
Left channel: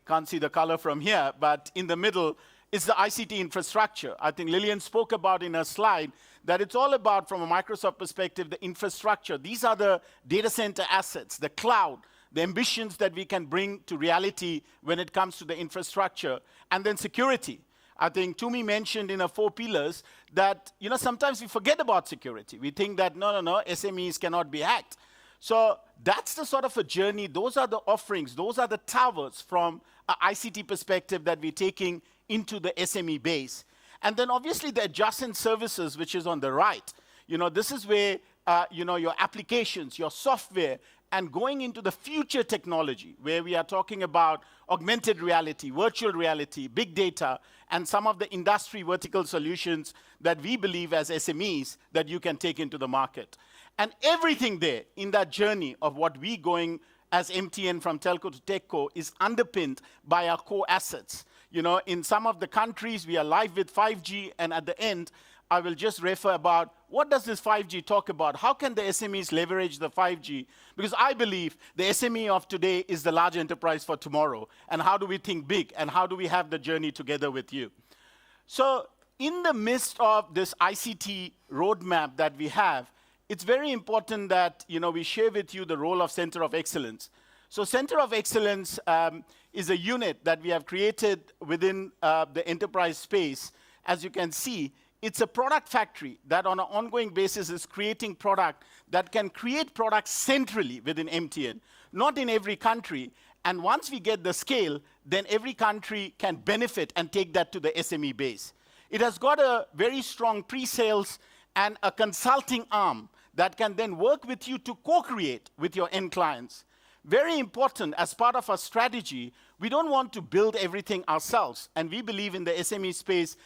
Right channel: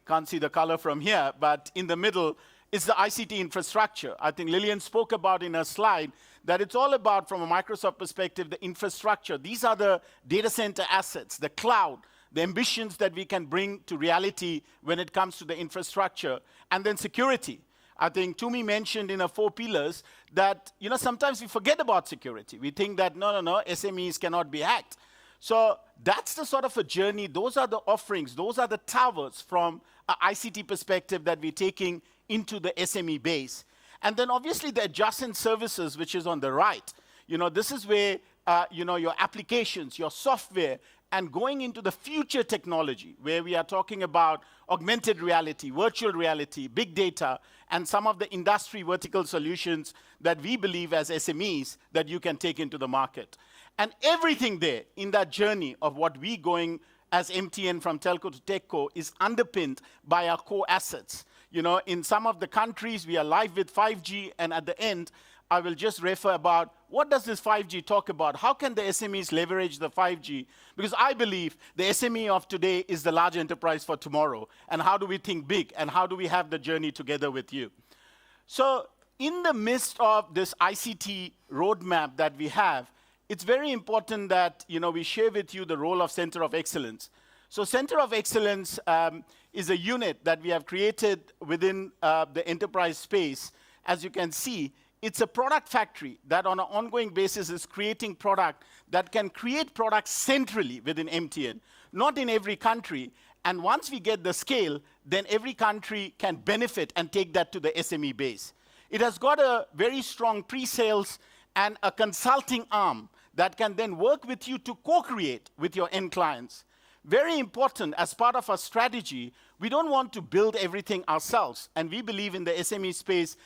can't see the color from here, but in the middle is the ICT infrastructure. I think Lillian spoke about in her slide that it's all about, from a Microsoft perspective, the infrastructure. These are the data center assets, the cloud, the ambitions that we can bring to reality when it comes to the infrastructure, and then security. I think Tumi mentioned in her 4 pillars that, sometimes we forget about security. We think that, no, SMEs cannot be hacked. So that's the sort of a journey. Those are the offerings. Those are the towers from an ICT perspective that we're taking into the SME base. And then obviously the adjacent services, which is on the right. This is where, your applications, your software, and going into the future technology, where we are talking about augmented reality, virtual reality, big data, and some of the industry vertical solutions that we believe as SMEs that you can take into the market. And everything there in that journey of what we going as MTN from telco to techco is underpinned by our core assets. In some of the countries, we are live with 5G, and at the end, I will just refer about what does this 5G talk about? How can the SMEs leverage the 5G? Because I believe the SME of today is the large enterprise for tomorrow. And how do we think big? And how do we have the journey together with you? So in the midst of this ICT roadmap that we have, it's very important that we share with you the role of Center of Excellence. So Center of Excellence is a unit that we have created within the enterprise space. As you can see, it's a product factory that on an ongoing basis is creating product that can create products centrally within MTN, not in every country. And once we get the scale, then every country can benefit and take that to the SME base. It has got a very strong pre-sales and a consulting arm that can then work with you to co-create with your end clients. Very important, as part of our strategy, we don't want to build everything ourselves. And we believe in the SME space,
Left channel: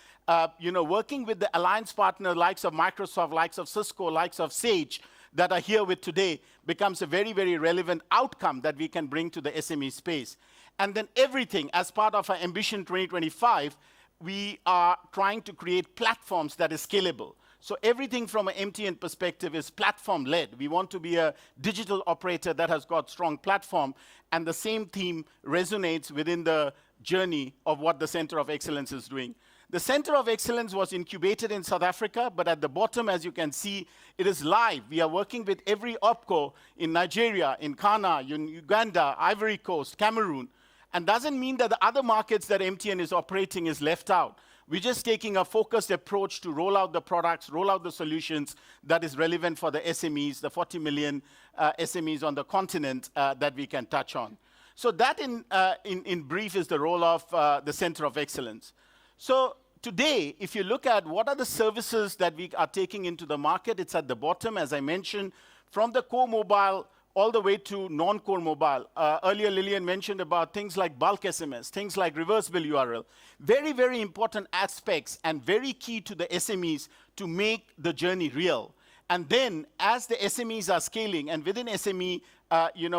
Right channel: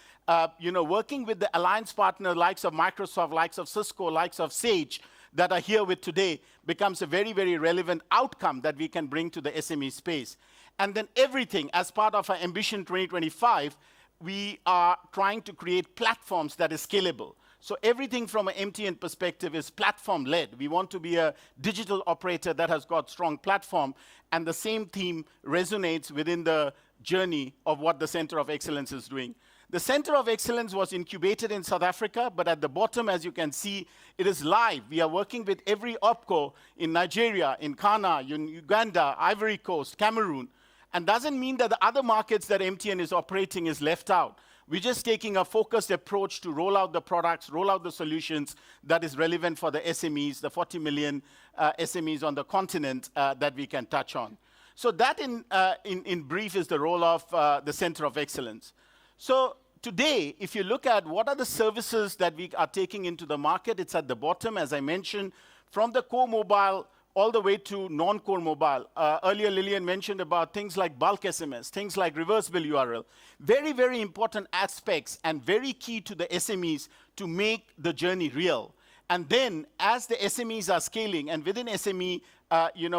working with the alliance partner likes of Microsoft, likes of Cisco, likes of Sage that are here with today becomes a very, very relevant outcome that we can bring to the SME space. And then everything, as part of our Ambition 2025, we are trying to create platforms that is scalable. So everything from an MTN perspective is platform-led. We want to be a digital operator that has got strong platform, and the same theme resonates within the journey of what the Center of Excellence is doing. The Center of Excellence was incubated in South Africa, but at the bottom, as you can see, it is live. We are working with every OPCO in Nigeria, in Ghana, in Uganda, Ivory Coast, Cameroon, And doesn't mean that the other markets that MTN is operating is left out. We're just taking a focused approach to roll out the products, roll out the solutions that is relevant for the SMEs, the 40 million SMEs on the continent that we can touch on. So that in brief is the role of the Center of Excellence. So today, if you look at what are the services that we are taking into the market, it's at the bottom, as I mentioned, from the core mobile all the way to non-core mobile. Earlier, Lillian mentioned about things like bulk SMS, things like reverse bill URL. Very, very important aspects and very key to the SMEs to make the journey real. And then, as the SMEs are scaling, and within SME,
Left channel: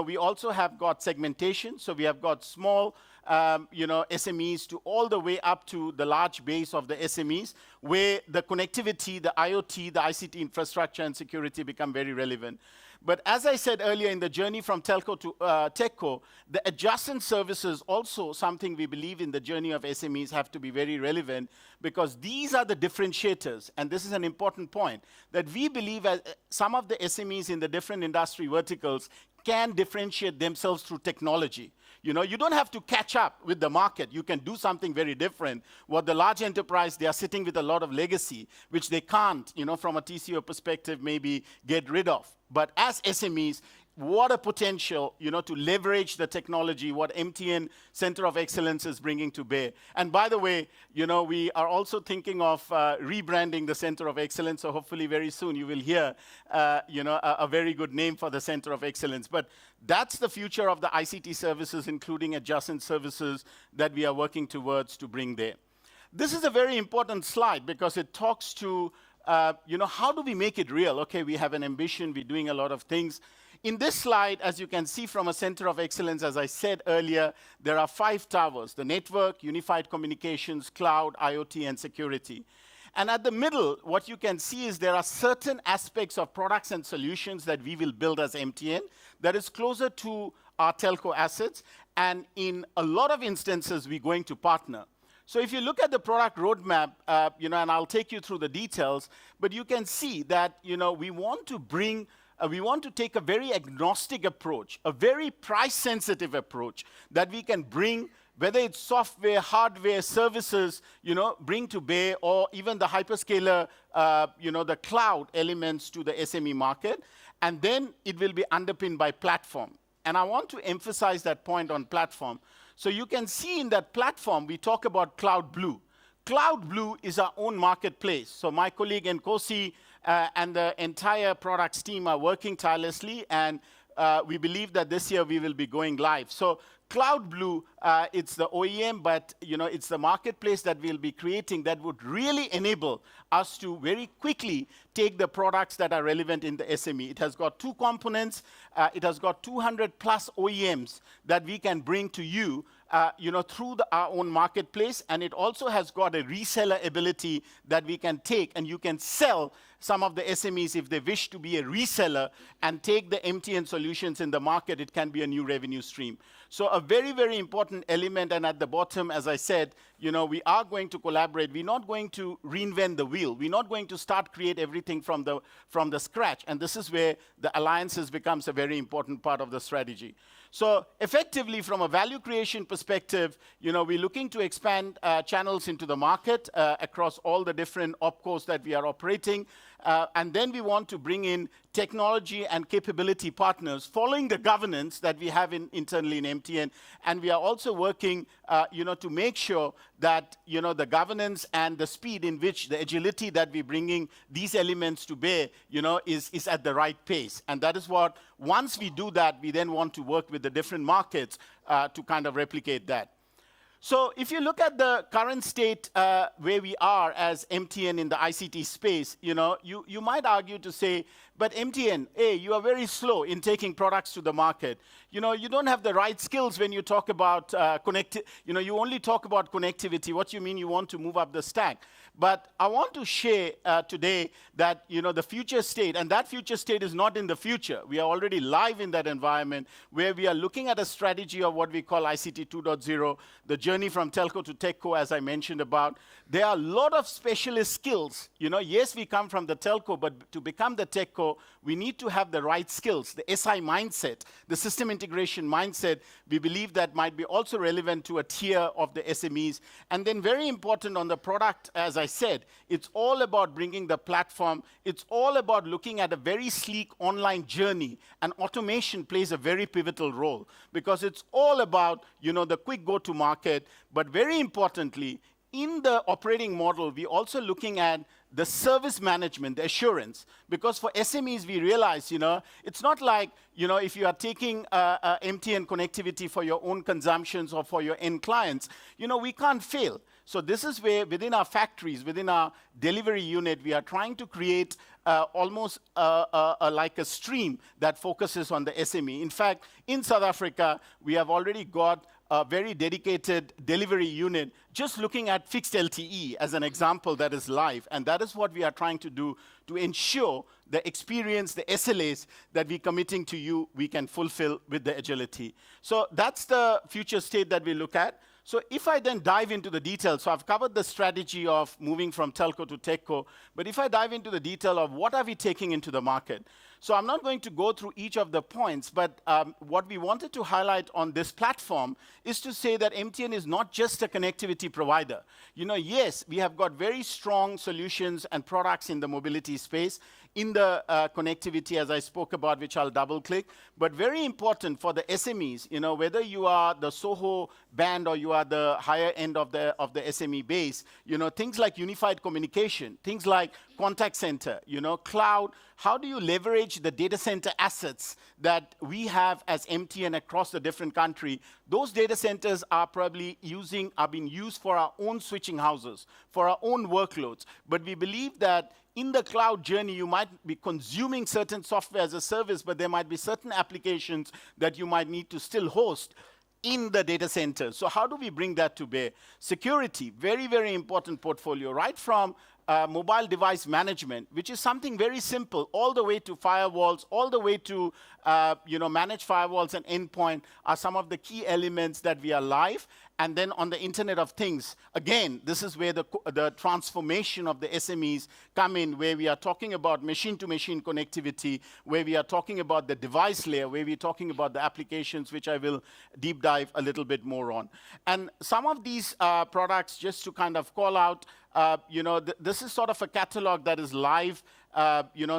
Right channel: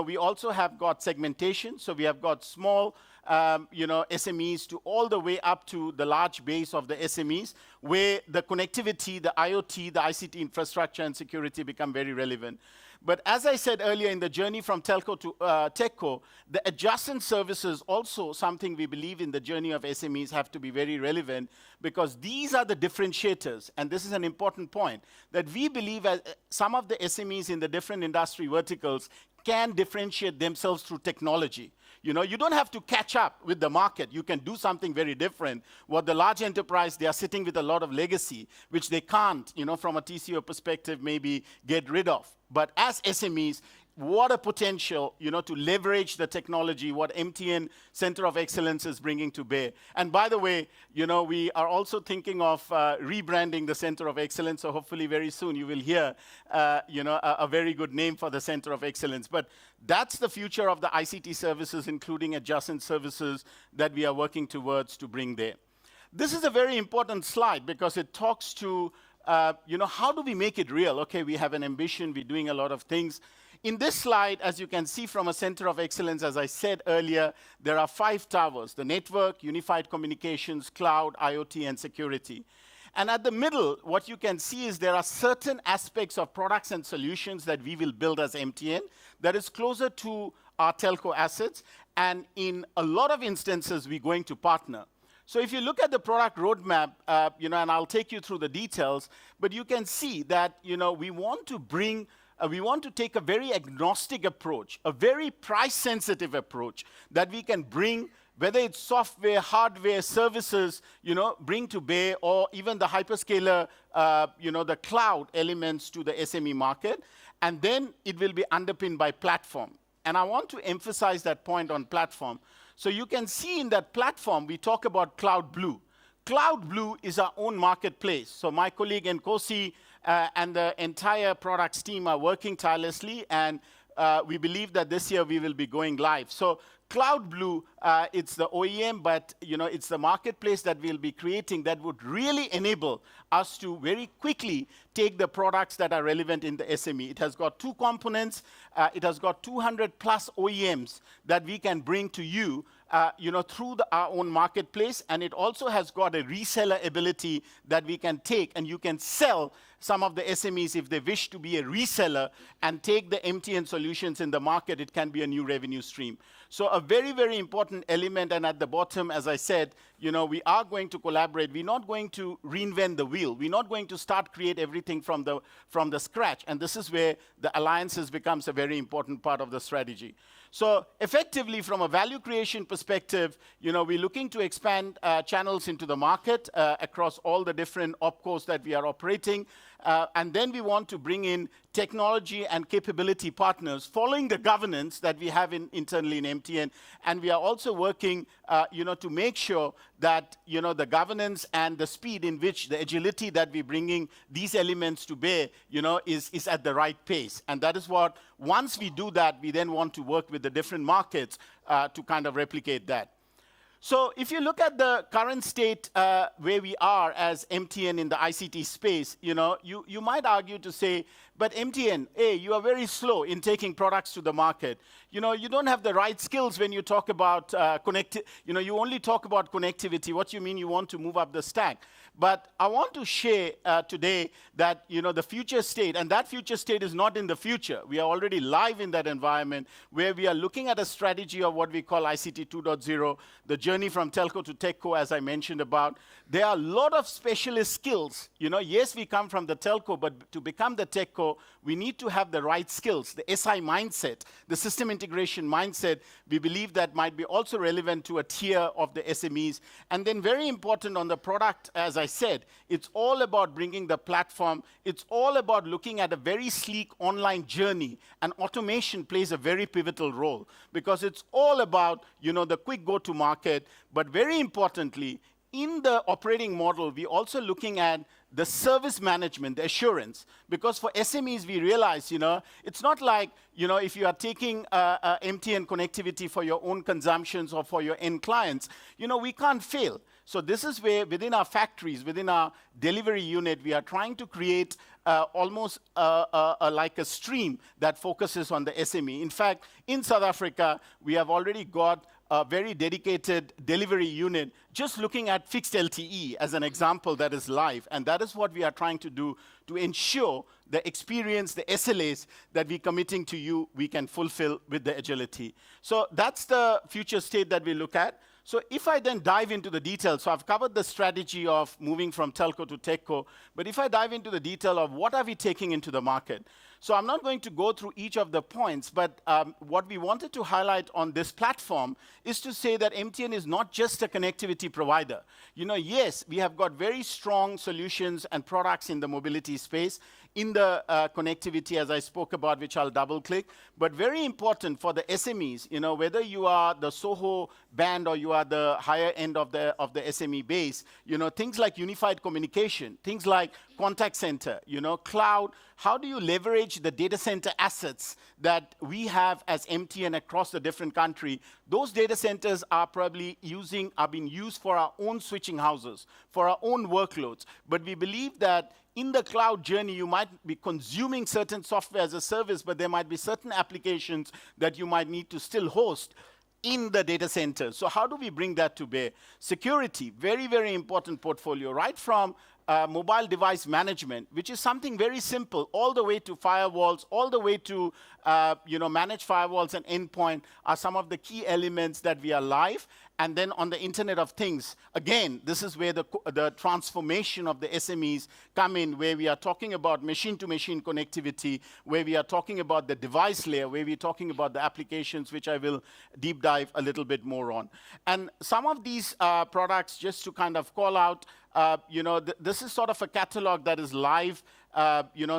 we also have got segmentation. So we have got small, SMEs to all the way up to the large base of the SMEs, where the connectivity, the IoT, the ICT infrastructure and security become very relevant. But as I said earlier, in the journey from telco to techco, the adjacent services also something we believe in the journey of SMEs have to be very relevant, because these are the differentiators. And this is an important point, that we believe some of the SMEs in the different industry verticals can differentiate themselves through technology. You don't have to catch up with the market. You can do something very different. What the large enterprise, they are sitting with a lot of legacy, which they can't, from a TCO perspective, maybe get rid of. But as SMEs, what a potential, to leverage the technology, what MTN Center of Excellence is bringing to bear. And by the way, we are also thinking of rebranding the Center of Excellence, so hopefully very soon you will hear, a very good name for the Center of Excellence. But that's the future of the ICT services, including adjacent services that we are working towards to bring there. This is a very important slide because it talks to, how do we make it real? Okay, we have an ambition, we're doing a lot of things. In this slide, as you can see from a Center of Excellence, as I said earlier, there are 5 towers: the network, unified communications, cloud, IoT, and security. And at the middle, what you can see is there are certain aspects of products and solutions that we will build as MTN that is closer to our telco assets. And in a lot of instances, we're going to partner. So if you look at the product roadmap, and I'll take you through the details, but you can see that, we want to take a very agnostic approach, a very price-sensitive approach that we can bring, whether it's software, hardware, services, bring to bear, or even the hyperscaler, the cloud elements to the SME market. And then it will be underpinned by platform. And I want to emphasize that point on platform. So you can see in that platform, we talk about Cloud Blue. Cloud Blue is our own marketplace. So my colleague Nkosi and the entire products team are working tirelessly, and we believe that this year we will be going live. So Cloud Blue, it's the OEM, but it's the marketplace that we'll be creating that would really enable us to very quickly take the products that are relevant in the SME. It has got 2 components. It has got 200 plus OEMs that we can bring to you, through our own marketplace. And it also has got a reseller ability that we can take, and you can sell some of the SMEs if they wish to be a reseller and take the MTN solutions in the market. It can be a new revenue stream. So a very, very important element. And at the bottom, as I said, we are going to collaborate. We're not going to reinvent the wheel. We're not going to create everything from the scratch. And this is where the alliances becomes a very important part of the strategy. So effectively, from a value creation perspective, we're looking to expand channels into the market across all the different opcos that we are operating. And then we want to bring in technology and capability partners following the governance that we have internally in MTN. And we are also working, to make sure that, the governance and the speed in which the agility that we're bringing these elements to bear, is at the right pace. And that is what, once we do that, we then want to work with the different markets to kind of replicate that. So if you look at the current state where we are as MTN in the ICT space, you might argue to say, but MTN, you are very slow in taking products to the market. You don't have the right skills when you talk about you only talk about connectivity. What you mean you want to move up the stack? But I want to share today that, the future state, and that future state is not in the future. We are already live in that environment where we are looking at a strategy of what we call ICT 2.0, the journey from telco to techco, as I mentioned about. There are a lot of specialist skills. Yes, we come from the telco, but to become the techco, we need to have the right skills, the SI mindset, the system integration mindset. We believe that might be also relevant to a tier of the SMEs. And then very important on the product, as I said, it's all about bringing the platform. It's all about looking at a very sleek online journey, and automation plays a very pivotal role because it's all about, the quick go-to-market, but very importantly, in the operating model, we're also looking at the service management, the assurance. Because for SMEs, we realize, it's not like, if you are taking MTN connectivity for your own consumptions or for your end clients, we can't fail. So this is where, within our factories, within our delivery unit, we are trying to create almost like a stream that focuses on the SME. In fact, in South Africa, we have already got a very dedicated delivery unit just looking at fixed LTE as an example that is live. And that is what we are trying to do to ensure the experience, the SLAs that we're committing to you, we can fulfill with the agility. So that's the future state that we look at. So if I then dive into the details, so I've covered the strategy of moving from telco to techco, but if I dive into the detail of what are we taking into the market, so I'm not going to go through each of the points, but what we wanted to highlight on this platform is to say that MTN is not just a connectivity provider. Yes, we have got very strong solutions and products in the mobility space, in the connectivity, as I spoke about, which I'll double click, but very important for the SMEs, whether you are the SOHO band or you are the higher end of the SME base, things like unified communication, things like contact center, cloud. How do you leverage the data center assets that we have as MTN across the different country? Those data centers are probably being used for our own switching houses, for our own workloads. But we believe that in the cloud journey, you might be consuming certain software as a service, but there might be certain applications that you might need to still host in the data center. So how do we bring that to bear? Security, very, very important portfolio, right from mobile device management, which is something very simple, all the way to firewalls, all the way to manage firewalls and endpoint are some of the key elements that we are live. And then on the Internet of Things, again, this is where the transformation of the SMEs come in, where we are talking about machine-to-machine connectivity, where we are talking about the device layer, where we're talking about the applications, which I will deep dive a little bit more on. And some of these products, just to kind of call out, this is sort of a catalog that is live.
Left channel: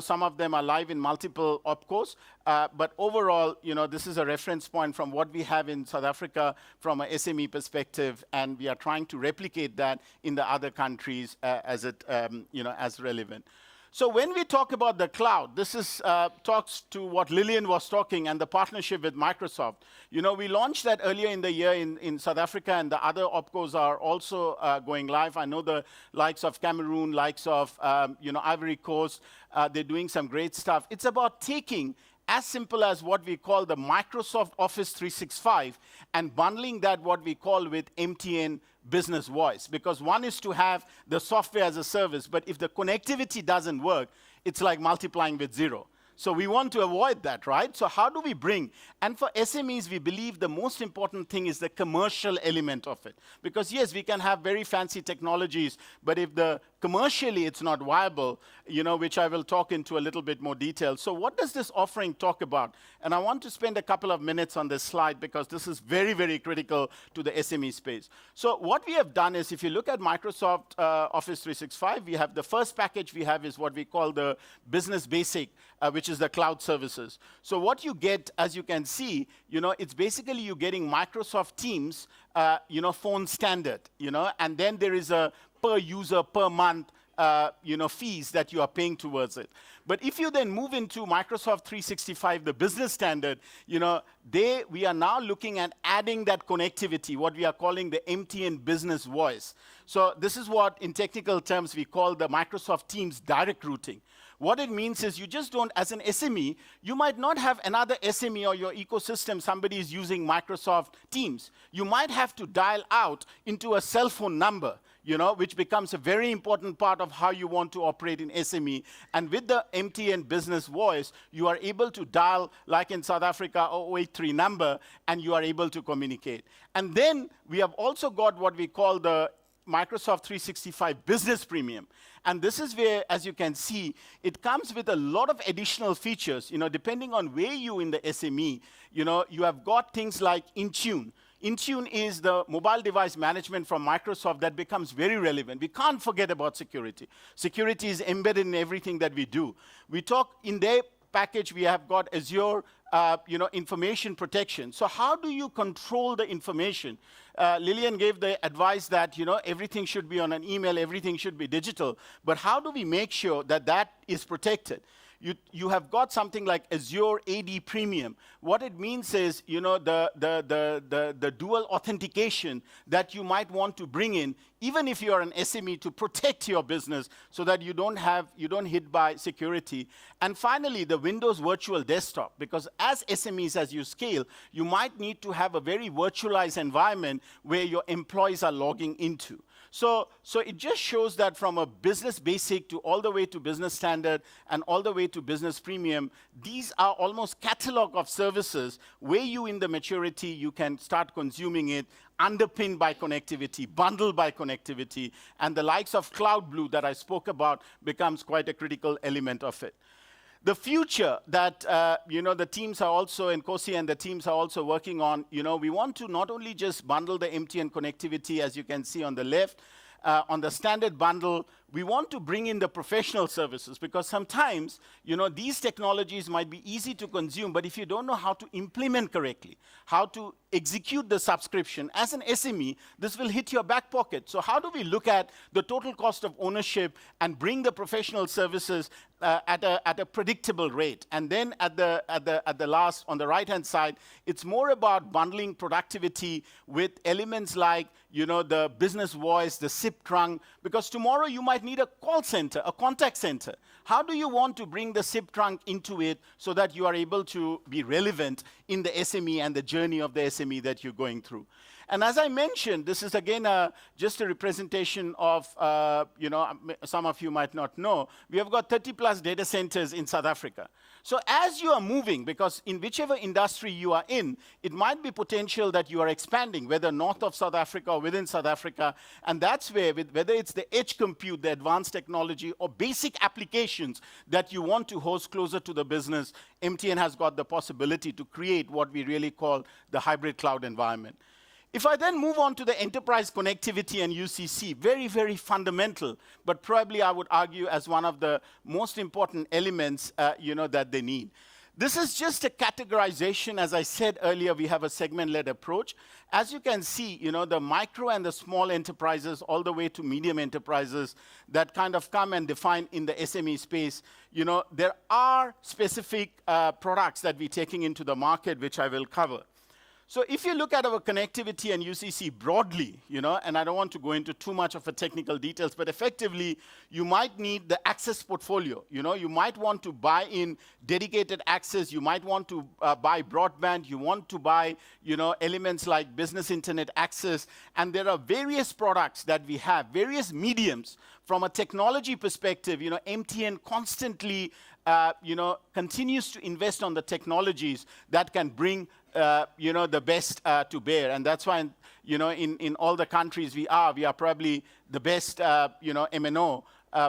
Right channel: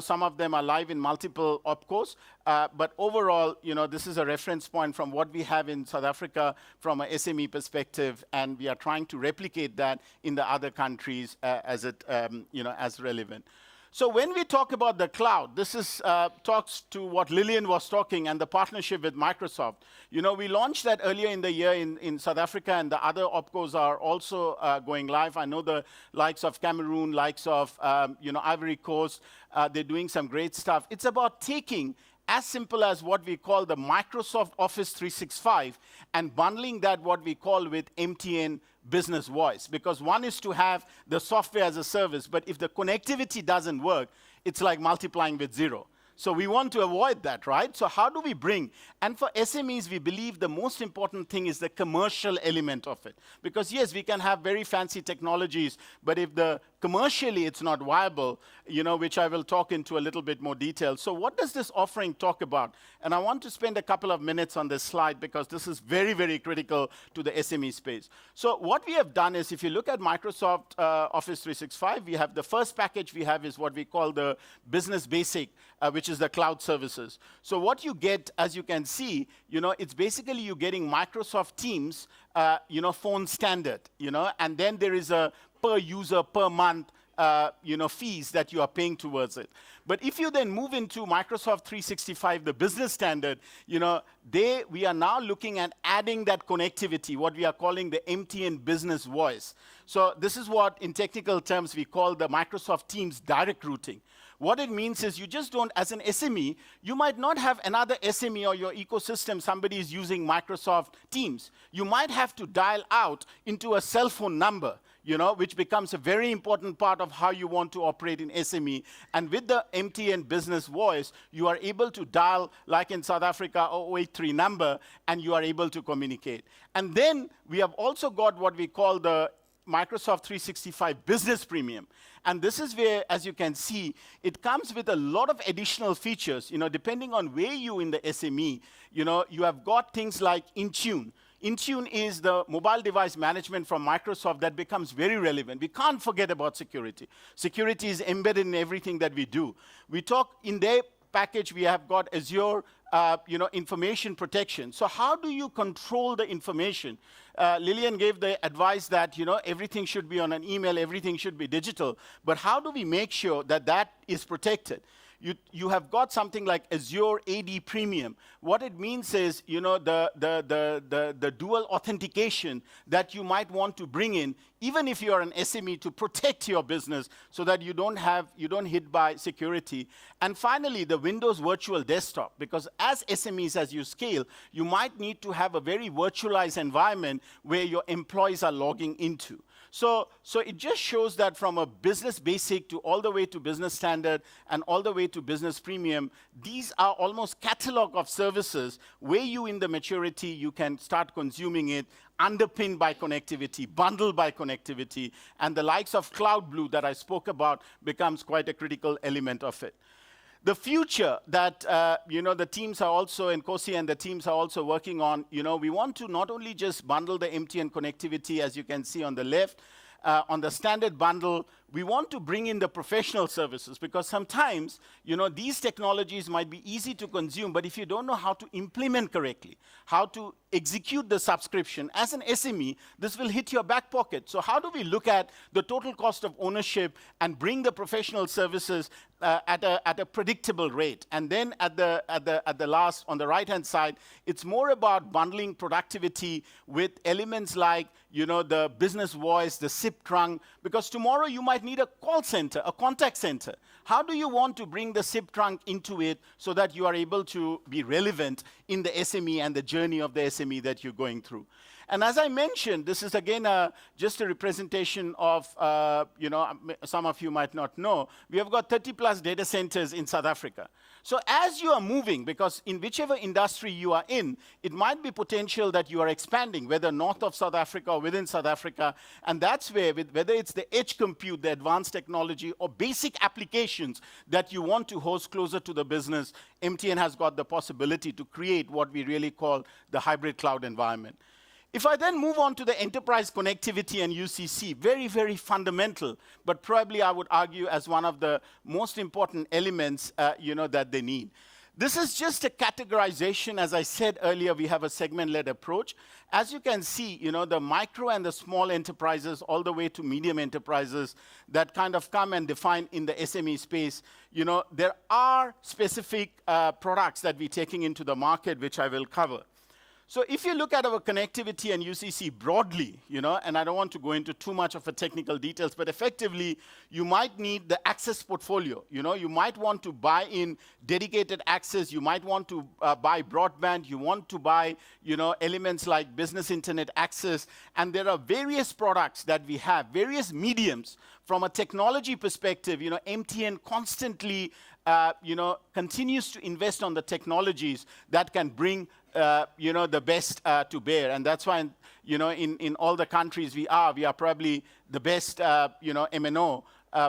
Some of them are live in multiple opcos, but overall, this is a reference point from what we have in South Africa from a SME perspective, and we are trying to replicate that in the other countries as relevant. So when we talk about the cloud, this is talks to what Lillian was talking and the partnership with Microsoft. We launched that earlier in the year in South Africa, and the other opcos are also going live. I know the likes of Cameroon, likes of Ivory Coast, they're doing some great stuff. It's about taking as simple as what we call the Microsoft Office 365 and bundling that what we call with MTN Business Voice. Because one is to have the software as a service, but if the connectivity doesn't work, it's like multiplying with zero. So we want to avoid that, right? So how do we bring? And for SMEs, we believe the most important thing is the commercial element of it. Because yes, we can have very fancy technologies, but if commercially it's not viable, which I will talk into a little bit more detail. So what does this offering talk about? And I want to spend a couple of minutes on this slide because this is very, very critical to the SME space. So what we have done is, if you look at Microsoft Office 365, we have the first package we have is what we call the Business Basic, which is the cloud services. So what you get, as you can see, it's basically you getting Microsoft Teams, phone standard, and then there is a per user, per month, fees that you are paying towards it. But if you then move into Microsoft 365, the business standard, we are now looking at adding that connectivity, what we are calling the MTN Business Voice. So this is what, in technical terms, we call the Microsoft Teams direct routing. What it means is you just don't, as an SME, you might not have another SME or your ecosystem, somebody is using Microsoft Teams. You might have to dial out into a cell phone number. which becomes a very important part of how you want to operate in SME. And with the MTN Business Voice, you are able to dial, like in South Africa, 083 number, and you are able to communicate. And then we have also got what we call the Microsoft 365 Business Premium. And this is where, as you can see, it comes with a lot of additional features. Depending on where you in the SME, you have got things like Intune. Intune is the mobile device management from Microsoft that becomes very relevant. We can't forget about security. Security is embedded in everything that we do. We talk in their package, we have got Azure, information protection. So how do you control the information? Lillian gave the advice that, everything should be on an email, everything should be digital. But how do we make sure that that is protected? You have got something like Azure AD Premium. What it means is, the dual authentication that you might want to bring in, even if you are an SME, to protect your business so that you don't hit by security. And finally, the Windows Virtual Desktop, because as SMEs, as you scale, you might need to have a very virtualized environment where your employees are logging into. So it just shows that from a business basic to all the way to business standard and all the way to business premium, these are almost catalog of services where you in the maturity, you can start consuming it, underpinned by connectivity, bundled by connectivity, and the likes of Cloud Blue that I spoke about becomes quite a critical element of it. The future that the teams are also, and Kosi and the teams are also working on, we want to not only just bundle the MTN connectivity, as you can see on the left, on the standard bundle, we want to bring in the professional services, because sometimes, these technologies might be easy to consume, but if you don't know how to implement correctly, how to execute the subscription, as an SME, this will hit your back pocket. So how do we look at the total cost of ownership and bring the professional services at a predictable rate? And then at the last, on the right-hand side, it's more about bundling productivity with elements like, the business voice, the SIP trunk, because tomorrow you might need a call center, a contact center. How do you want to bring the SIP trunk into it so that you are able to be relevant in the SME and the journey of the SME that you're going through? And as I mentioned, this is again just a representation of, some of you might not know, we have got 30 plus data centers in South Africa. So as you are moving, because in whichever industry you are in, it might be potential that you are expanding, whether north of South Africa or within South Africa. And that's where, whether it's the edge compute, the advanced technology, or basic applications that you want to host closer to the business, MTN has got the possibility to create what we really call the hybrid cloud environment. If I then move on to the enterprise connectivity and UCC, very, very fundamental, but probably I would argue as one of the most important elements, that they need. This is just a categorization. As I said earlier, we have a segment-led approach. As you can see, the micro and the small enterprises, all the way to medium enterprises that kind of come and define in the SME space, there are specific products that we're taking into the market, which I will cover. So if you look at our connectivity and UCC broadly, and I don't want to go into too much of the technical details, but effectively, you might need the access portfolio. You might want to buy in dedicated access. You might want to buy broadband. You want to buy, elements like business internet access. And there are various products that we have, various mediums. From a technology perspective, MTN constantly, continues to invest on the technologies that can bring the best to bear. And that's why, in all the countries we are probably the best, MNO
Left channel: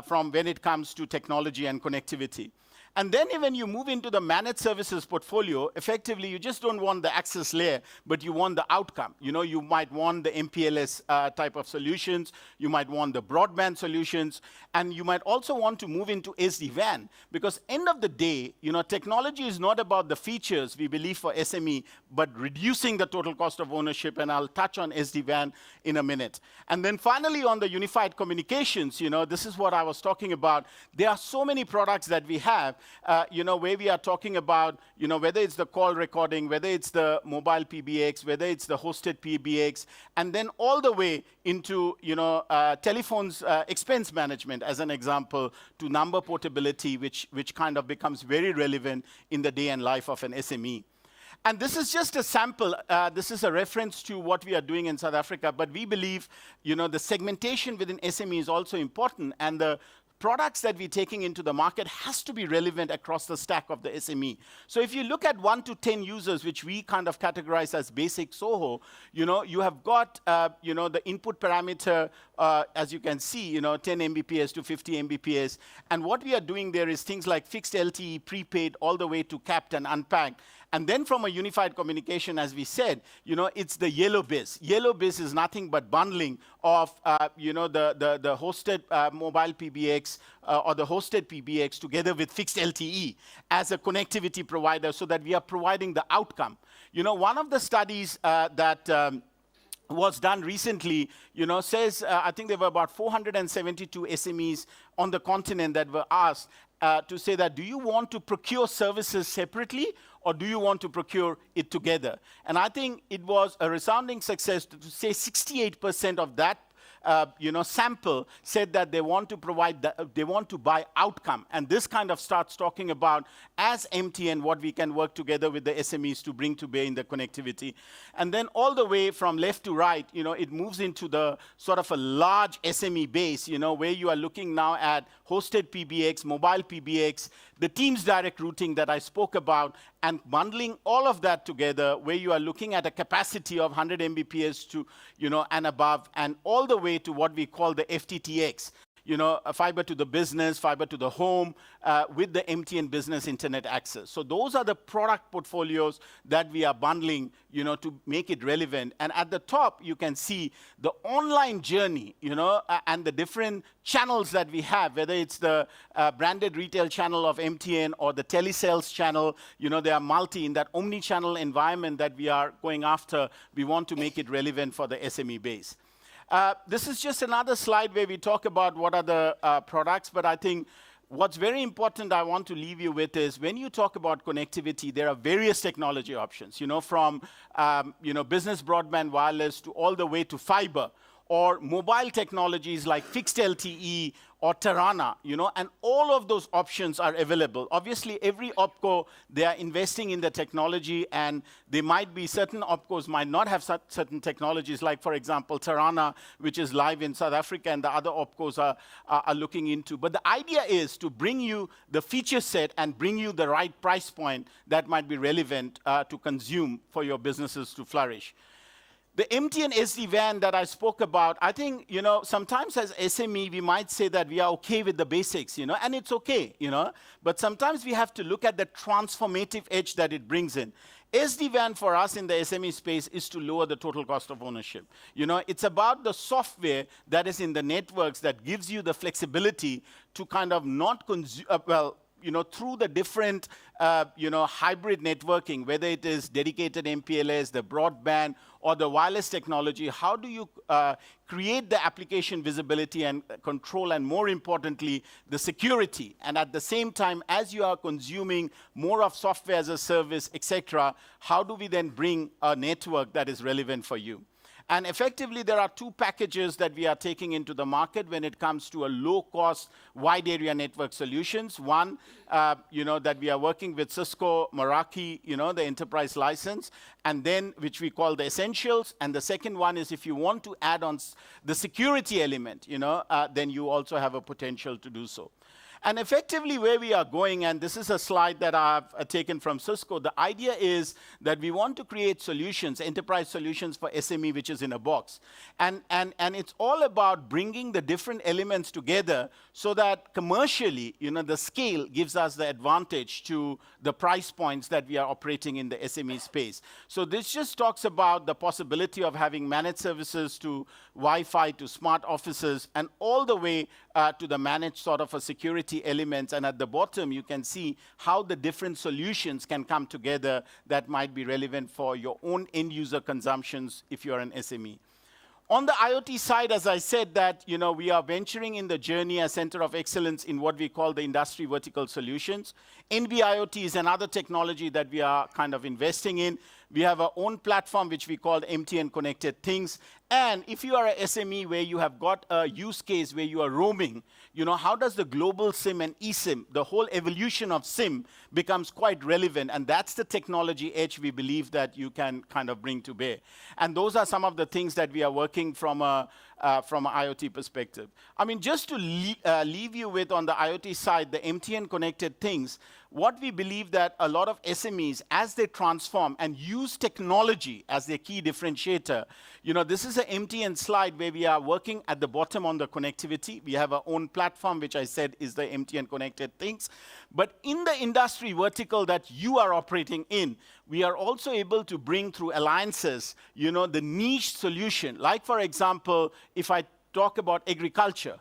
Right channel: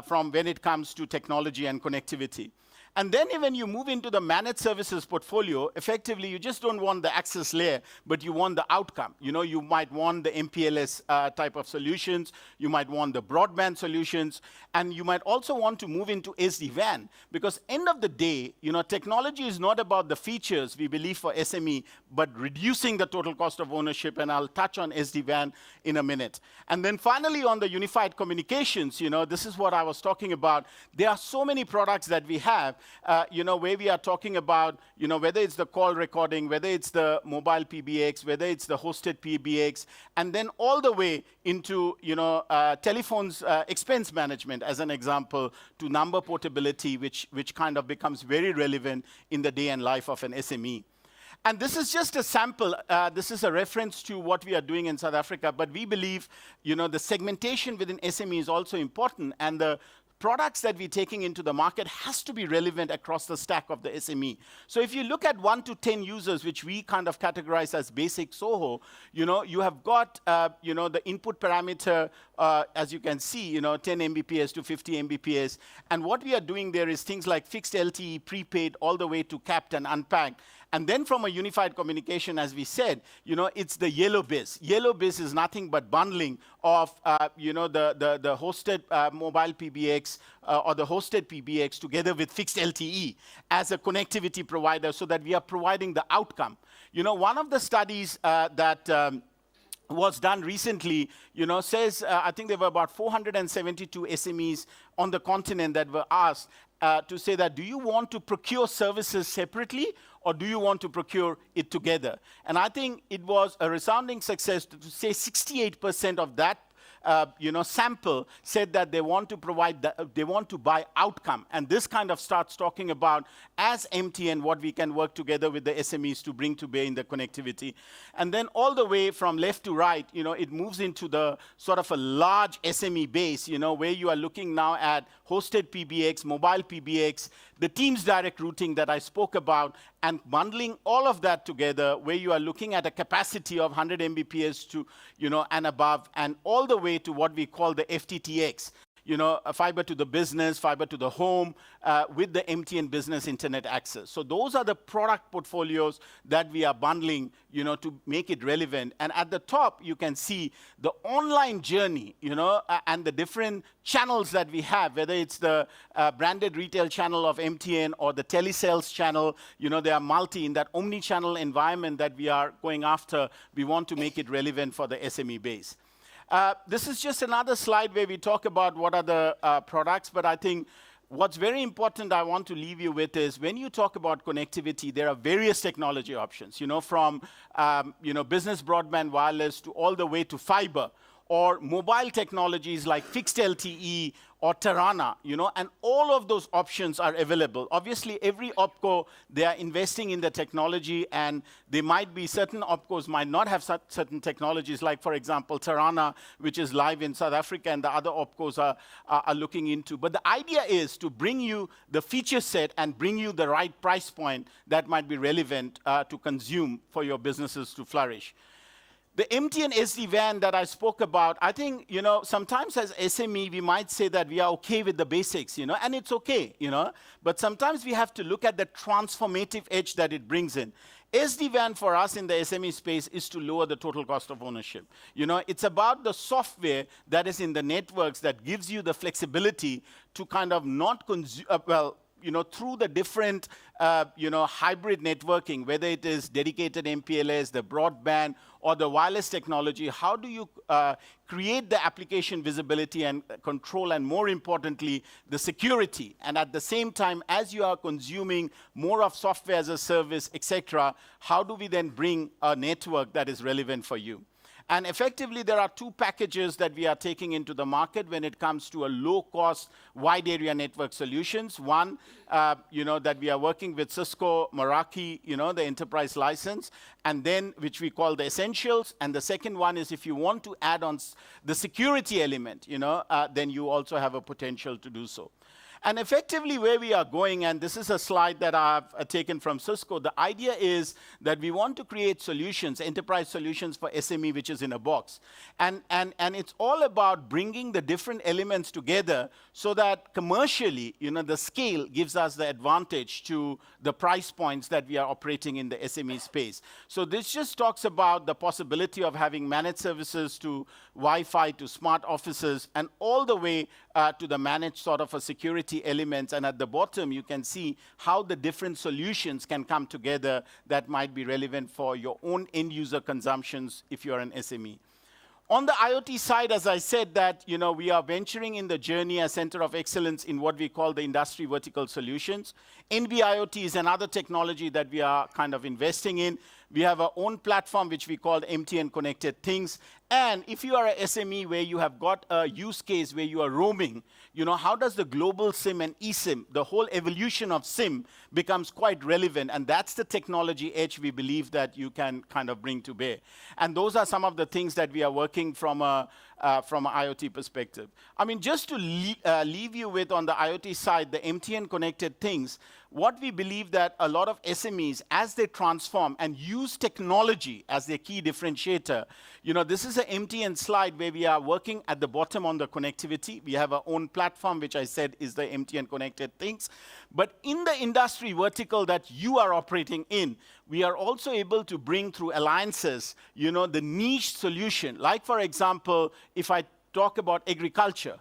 from when it comes to technology and connectivity. And then when you move into the managed services portfolio, effectively, you just don't want the access layer, but you want the outcome. You might want the MPLS type of solutions. You might want the broadband solutions. And you might also want to move into SD-WAN, because end of the day, technology is not about the features, we believe, for SME, but reducing the total cost of ownership. And I'll touch on SD-WAN in a minute. And then finally, on the unified communications, this is what I was talking about. There are so many products that we have, where we are talking about, whether it's the call recording, whether it's the mobile PBX, whether it's the hosted PBX, and then all the way into, telephones expense management, as an example, to number portability, which kind of becomes very relevant in the day and life of an SME. And this is just a sample. This is a reference to what we are doing in South Africa. But we believe, the segmentation within SME is also important. And the products that we're taking into the market has to be relevant across the stack of the SME. So if you look at 1 to 10 users, which we kind of categorize as basic SOHO, you have got, the input parameter, as you can see, 10 Mbps to 50 Mbps. And what we are doing there is things like fixed LTE, prepaid, all the way to capped and unpacked. And then from a unified communication, as we said, it's the yellow biz. Yellow biz is nothing but bundling of, the hosted mobile PBX or the hosted PBX together with fixed LTE as a connectivity provider so that we are providing the outcome. One of the studies that was done recently, says, I think there were about 472 SMEs on the continent that were asked to say that, do you want to procure services separately or do you want to procure it together? And I think it was a resounding success to say 68% of that sample said that they want to provide, they want to buy outcome. And this kind of starts talking about, as MTN, what we can work together with the SMEs to bring to bear in the connectivity. And then all the way from left to right, it moves into the sort of a large SME base, where you are looking now at hosted PBX, mobile PBX, the Teams direct routing that I spoke about, and bundling all of that together, where you are looking at a capacity of 100 Mbps to, and above, and all the way to what we call the FTTX, a fiber to the business, fiber to the home, with the MTN Business Internet Access. So those are the product portfolios that we are bundling, to make it relevant. And at the top, you can see the online journey, and the different channels that we have, whether it's the branded retail channel of MTN or the telesales channel, they are multi in that omni-channel environment that we are going after. We want to make it relevant for the SME base. This is just another slide where we talk about what are the products, but I think what's very important I want to leave you with is when you talk about connectivity, there are various technology options, from business broadband wireless to all the way to fiber, or mobile technologies like fixed LTE or Tarana, and all of those options are available. Obviously, every OpCo, they are investing in the technology, and there might be certain OpCos might not have certain technologies, like, for example, Tarana, which is live in South Africa, and the other OpCos are looking into. But the idea is to bring you the feature set and bring you the right price point that might be relevant to consume for your businesses to flourish. The MTN SD-WAN that I spoke about, I think, sometimes as SME, we might say that we are okay with the basics, and it's okay, but sometimes we have to look at the transformative edge that it brings in. SD-WAN for us in the SME space is to lower the total cost of ownership. It's about the software that is in the networks that gives you the flexibility to kind of not consume, through the different, hybrid networking, whether it is dedicated MPLS, the broadband, or the wireless technology, how do you create the application visibility and control, and more importantly, the security? And at the same time, as you are consuming more of software as a service, etc., how do we then bring a network that is relevant for you? And effectively, there are two packages that we are taking into the market when it comes to a low-cost, wide-area network solutions. One, that we are working with Cisco Meraki, the enterprise license, and then which we call the Essentials. And the second one is if you want to add on the security element, then you also have a potential to do so. And effectively where we are going, and this is a slide that I've taken from Cisco, the idea is that we want to create solutions, enterprise solutions for SME, which is in a box. And it's all about bringing the different elements together so that commercially, the scale gives us the advantage to the price points that we are operating in the SME space. So this just talks about the possibility of having managed services to Wi-Fi, to smart offices, and all the way to the managed sort of a security elements. And at the bottom, you can see how the different solutions can come together that might be relevant for your own end user consumptions if you're an SME. On the IoT side, as I said, that we are venturing in the journey as Center of Excellence in what we call the industry vertical solutions. NB-IoT is another technology that we are kind of investing in. We have our own platform, which we call MTN Connected Things. And if you are a SME where you have got a use case where you are roaming, how does the global SIM and eSIM, the whole evolution of SIM becomes quite relevant. And that's the technology edge we believe that you can kind of bring to bear. And those are some of the things that we are working from an IoT perspective. I mean, just to leave you with on the IoT side, the MTN Connected Things, what we believe that a lot of SMEs, as they transform and use technology as their key differentiator, this is an MTN slide where we are working at the bottom on the connectivity. We have our own platform, which I said is the MTN Connected Things. But in the industry vertical that you are operating in, we are also able to bring through alliances, the niche solution. Like, for example, if I talk about agriculture,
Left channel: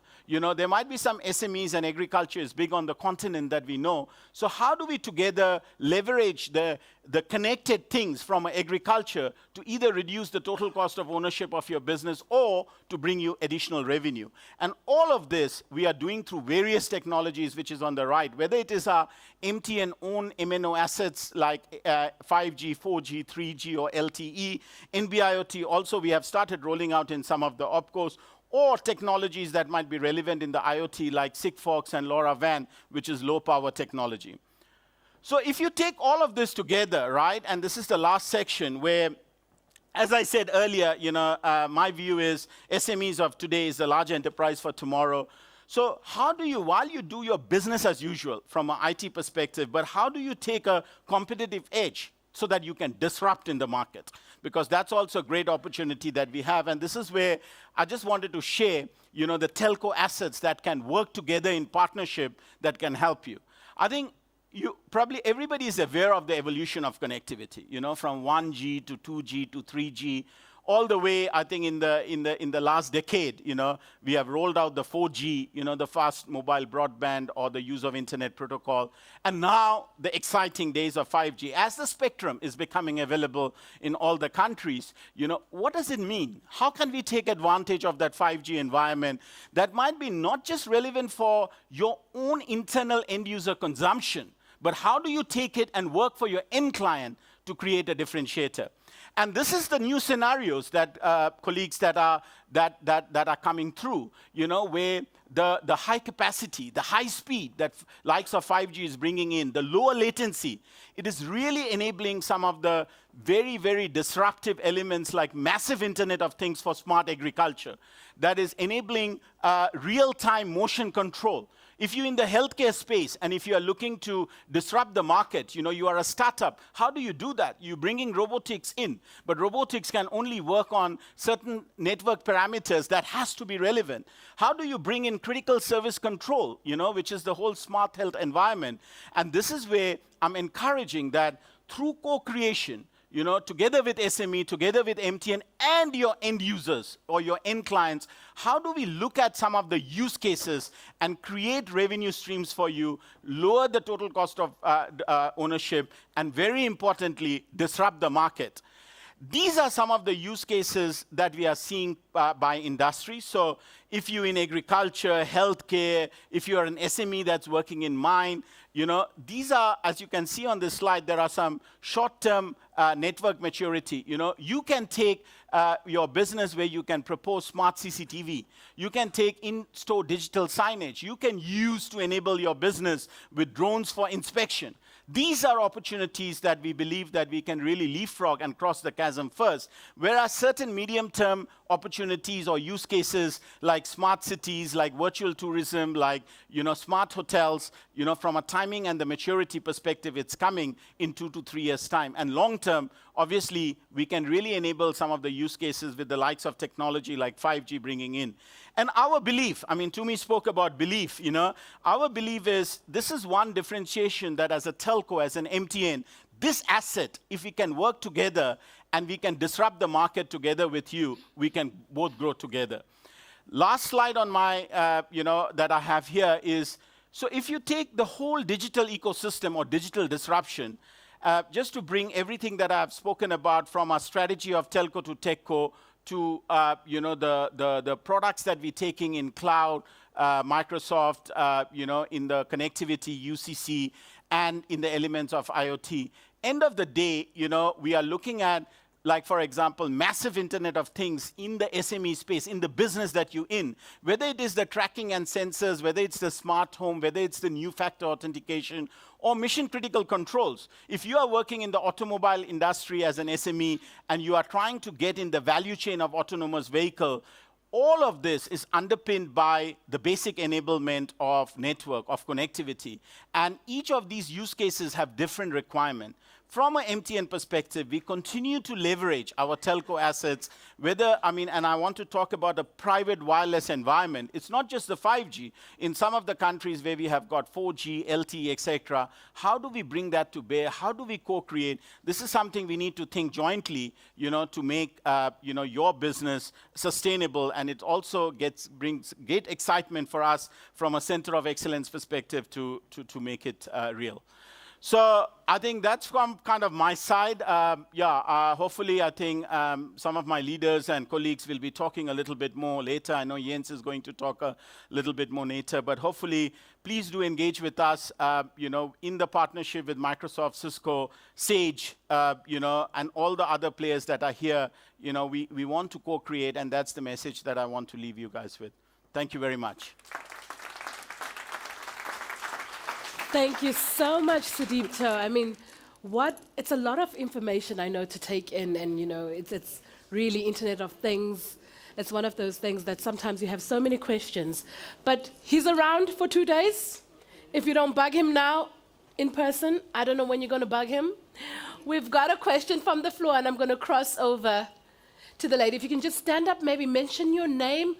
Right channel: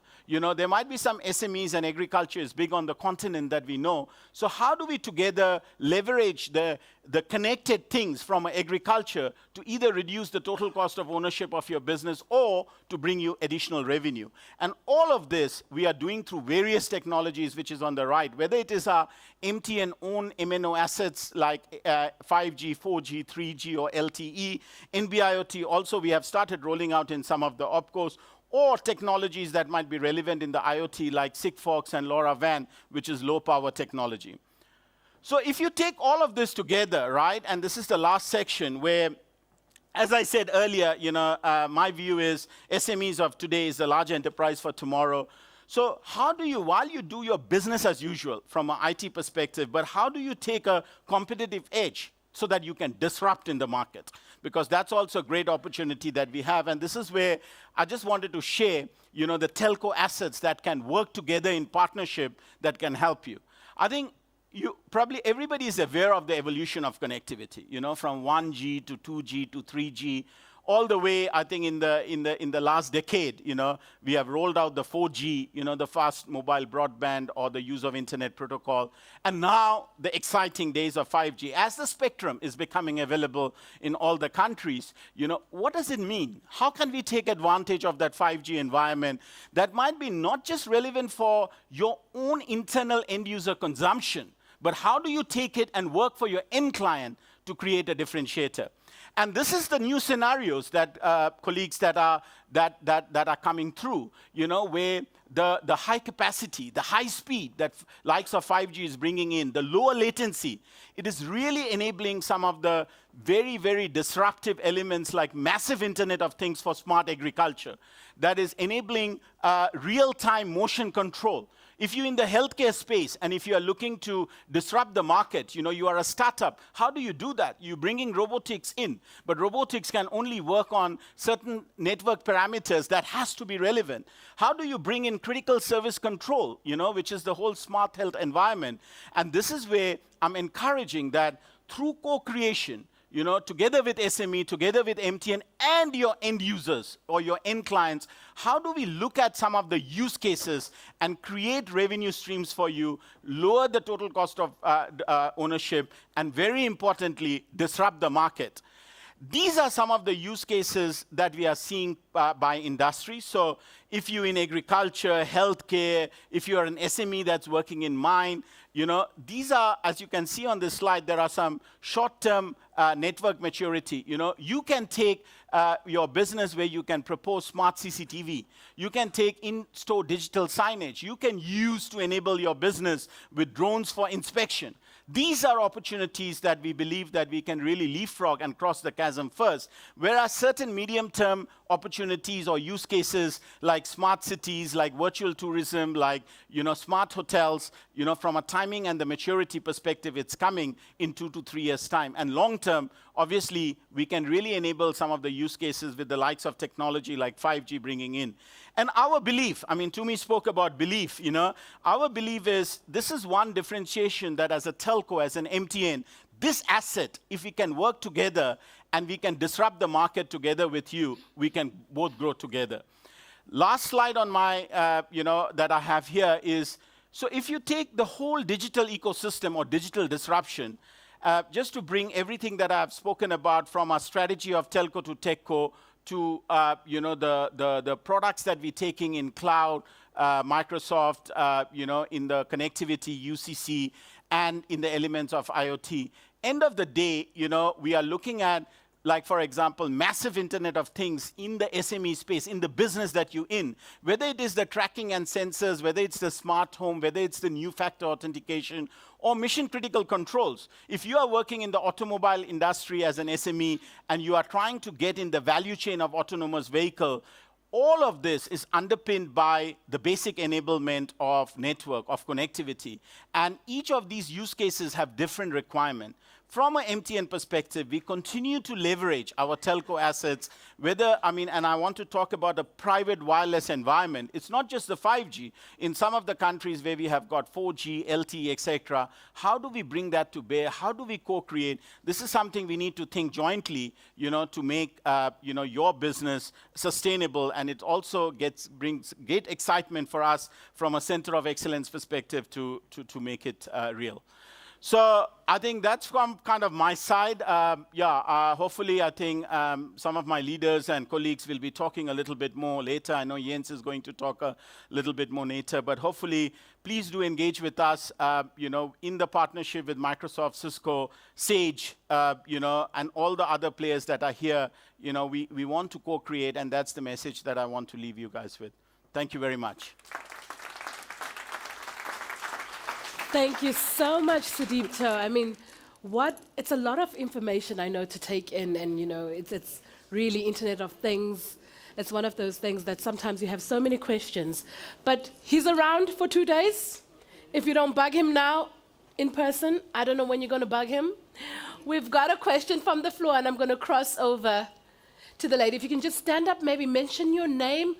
there might be some SMEs, and agriculture is big on the continent that we know. So how do we together leverage the connected things from agriculture to either reduce the total cost of ownership of your business or to bring you additional revenue? And all of this we are doing through various technologies, which is on the right, whether it is our MTN own MNO assets like 5G, 4G, 3G, or LTE. NB-IoT also we have started rolling out in some of the OpCos, or technologies that might be relevant in the IoT like Sigfox and LoRaWAN, which is low-power technology. So if you take all of this together, right, and this is the last section where, as I said earlier, my view is SMEs of today is the large enterprise for tomorrow. So how do you, while you do your business as usual from an IT perspective, but how do you take a competitive edge so that you can disrupt in the market? Because that's also a great opportunity that we have. And this is where I just wanted to share, the telco assets that can work together in partnership that can help you. I think probably everybody is aware of the evolution of connectivity, from 1G to 2G to 3G, all the way, I think, in the last decade, we have rolled out the 4G, the fast mobile broadband or the use of internet protocol. And now the exciting days of 5G. As the spectrum is becoming available in all the countries, what does it mean? How can we take advantage of that 5G environment that might be not just relevant for your own internal end user consumption, but how do you take it and work for your end client to create a differentiator? And this is the new scenarios that colleagues that are coming through, where the high capacity, the high speed that likes of 5G is bringing in, the lower latency, it is really enabling some of the very, very disruptive elements like massive Internet of Things for smart agriculture that is enabling real-time motion control. If you're in the healthcare space and if you are looking to disrupt the market, you are a startup, how do you do that? You're bringing robotics in, but robotics can only work on certain network parameters that has to be relevant. How do you bring in critical service control, which is the whole smart health environment? And this is where I'm encouraging that through co-creation, together with SME, together with MTN and your end users or your end clients, how do we look at some of the use cases and create revenue streams for you, lower the total cost of ownership, and very importantly, disrupt the market? These are some of the use cases that we are seeing by industry. So if you're in agriculture, healthcare, if you're an SME that's working in mine, these are, as you can see on this slide, there are some short-term network maturity. You can take your business where you can propose smart CCTV. You can take in-store digital signage. You can use to enable your business with drones for inspection. These are opportunities that we believe that we can really leapfrog and cross the chasm first. Whereas certain medium-term opportunities or use cases like smart cities, like virtual tourism, like smart hotels, from a timing and the maturity perspective, it's coming in 2 to 3 years' time. And long-term, obviously, we can really enable some of the use cases with the likes of technology like 5G bringing in. And our belief, Tumi spoke about belief, our belief is this is one differentiation that as a telco, as an MTN, this asset, if we can work together and we can disrupt the market together with you, we can both grow together. Last slide on my, that I have here is, so if you take the whole digital ecosystem or digital disruption, just to bring everything that I've spoken about from our strategy of telco to techco to the products that we're taking in cloud, Microsoft, in the connectivity, UCC, and in the elements of IoT. end of the day, we are looking at, like, for example, massive Internet of Things in the SME space, in the business that you're in, whether it is the tracking and sensors, whether it's the smart home, whether it's the new factor authentication, or mission critical controls. If you are working in the automobile industry as an SME and you are trying to get in the value chain of autonomous vehicle, all of this is underpinned by the basic enablement of network, of connectivity. And each of these use cases have different requirements. From an MTN perspective, we continue to leverage our telco assets, and I want to talk about a private wireless environment. It's not just the 5G. In some of the countries where we have got 4G, LTE, etc., how do we bring that to bear? How do we co-create? This is something we need to think jointly, to make, your business sustainable, and it also brings great excitement for us from a center of excellence perspective to make it real. So I think that's from kind of my side. Hopefully I think some of my leaders and colleagues will be talking a little bit more later. I know Jens is going to talk a little bit more later, but hopefully please do engage with us, in the partnership with Microsoft, Cisco, Sage, and all the other players that are here. We want to co-create, and that's the message that I want to leave you guys with. Thank you very much. Thank you so much, Sudipto. I mean, it's a lot of information, I know, to take in, and it's really Internet of Things. It's one of those things that sometimes you have so many questions. But he's around for 2 days. If you don't bug him now in person, I don't know when you're going to bug him. We've got a question from the floor, and I'm going to cross over to the lady. If you can just stand up, maybe mention your name,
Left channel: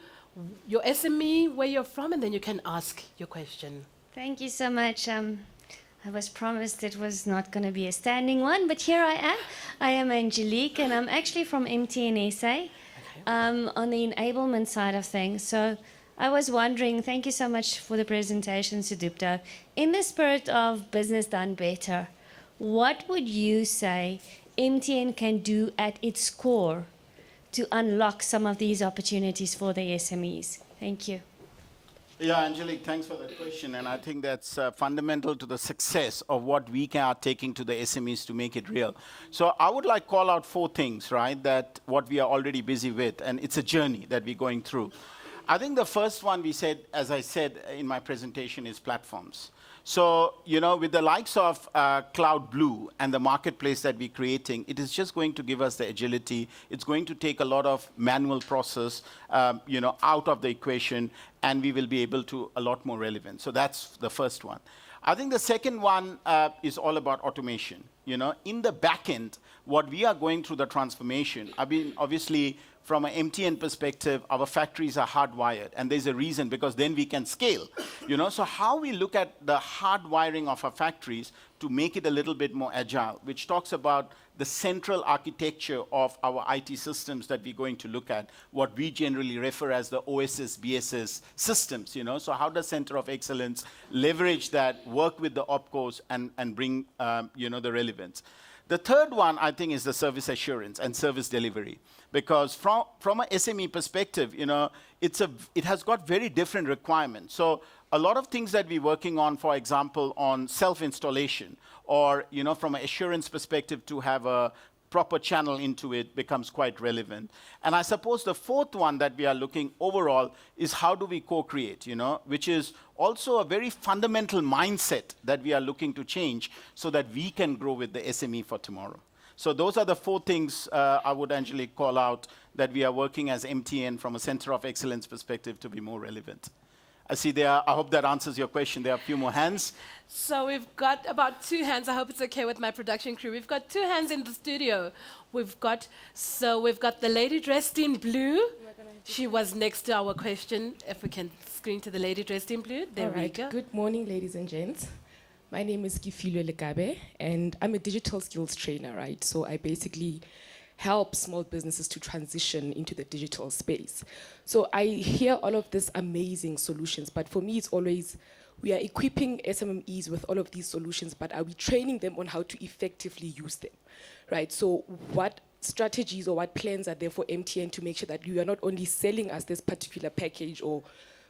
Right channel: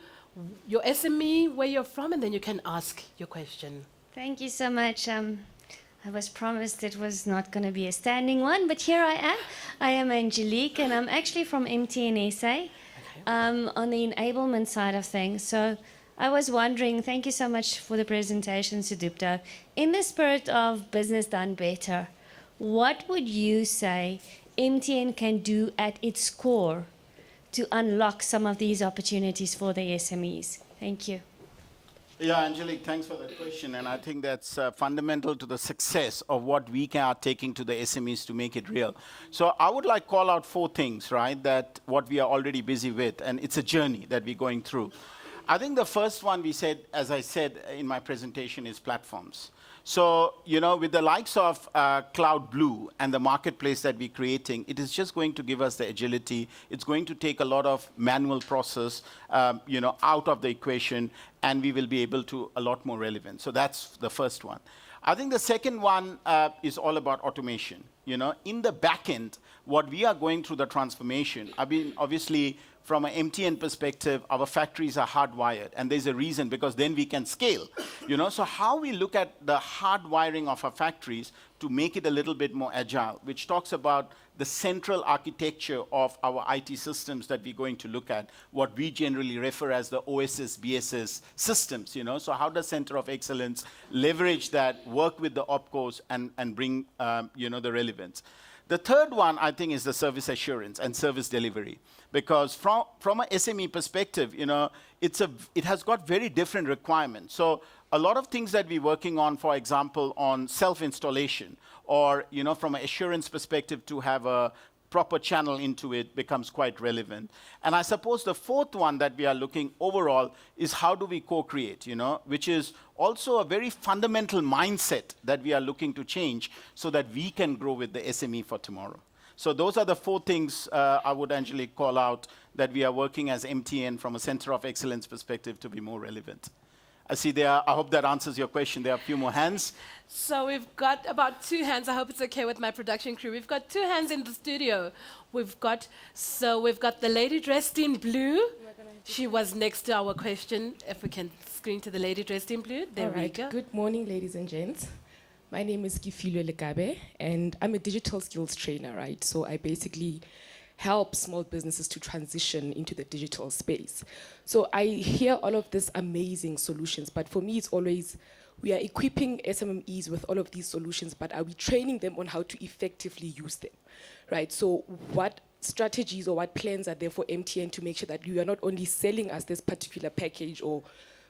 your SME, where you're from, and then you can ask your question. Thank you so much. I was promised it was not going to be a standing one, but here I am. I am Angelique, and I'm actually from MTN SA on the enablement side of things. So I was wondering, thank you so much for the presentation, Sudipto. In the spirit of business done better, what would you say MTN can do at its core to unlock some of these opportunities for the SMEs? Thank you. Yeah, Angelique, thanks for that question. And I think that's fundamental to the success of what we are taking to the SMEs to make it real. So I would like to call out 4 things, right, that what we are already busy with. And it's a journey that we're going through. I think the first one we said, as I said in my presentation, is platforms. So, with the likes of Cloud Blue and the marketplace that we're creating, it is just going to give us the agility. It's going to take a lot of manual process, out of the equation, and we will be able to a lot more relevant. So that's the first one. I think the second one is all about automation. In the back end, what we are going through the transformation, obviously, from an MTN perspective, our factories are hardwired, and there's a reason, because then we can scale. So how we look at the hardwiring of our factories to make it a little bit more agile, which talks about the central architecture of our IT systems that we're going to look at, what we generally refer as the OSS, BSS systems. So how does Center of Excellence leverage that, work with the OpCos, and bring the relevance. The third one, I think, is the service assurance and service delivery. Because from an SME perspective, it has got very different requirements. So a lot of things that we're working on, for example, on self-installation, or from an assurance perspective, to have a proper channel into it becomes quite relevant. And I suppose the fourth one that we are looking overall is how do we co-create, which is also a very fundamental mindset that we are looking to change so that we can grow with the SME for tomorrow. So those are the 4 things I would, Angelique, call out that we are working as MTN from a Center of Excellence perspective to be more relevant. I see I hope that answers your question. There are a few more hands. So we've got about 2 hands. I hope it's okay with my production crew. We've got 2 hands in the studio. We've got the lady dressed in blue. She was next to our question. If we can screen to the lady dressed in blue. There we go. Good morning, ladies and gents. My name is Kifilo Lekabe, and I'm a digital skills trainer, right? So I basically help small businesses to transition into the digital space. So I hear all of these amazing solutions, but for me, it's always, we are equipping SMEs with all of these solutions, but are we training them on how to effectively use them, right? So what strategies or what plans are there for MTN to make sure that you are not only selling us this particular package or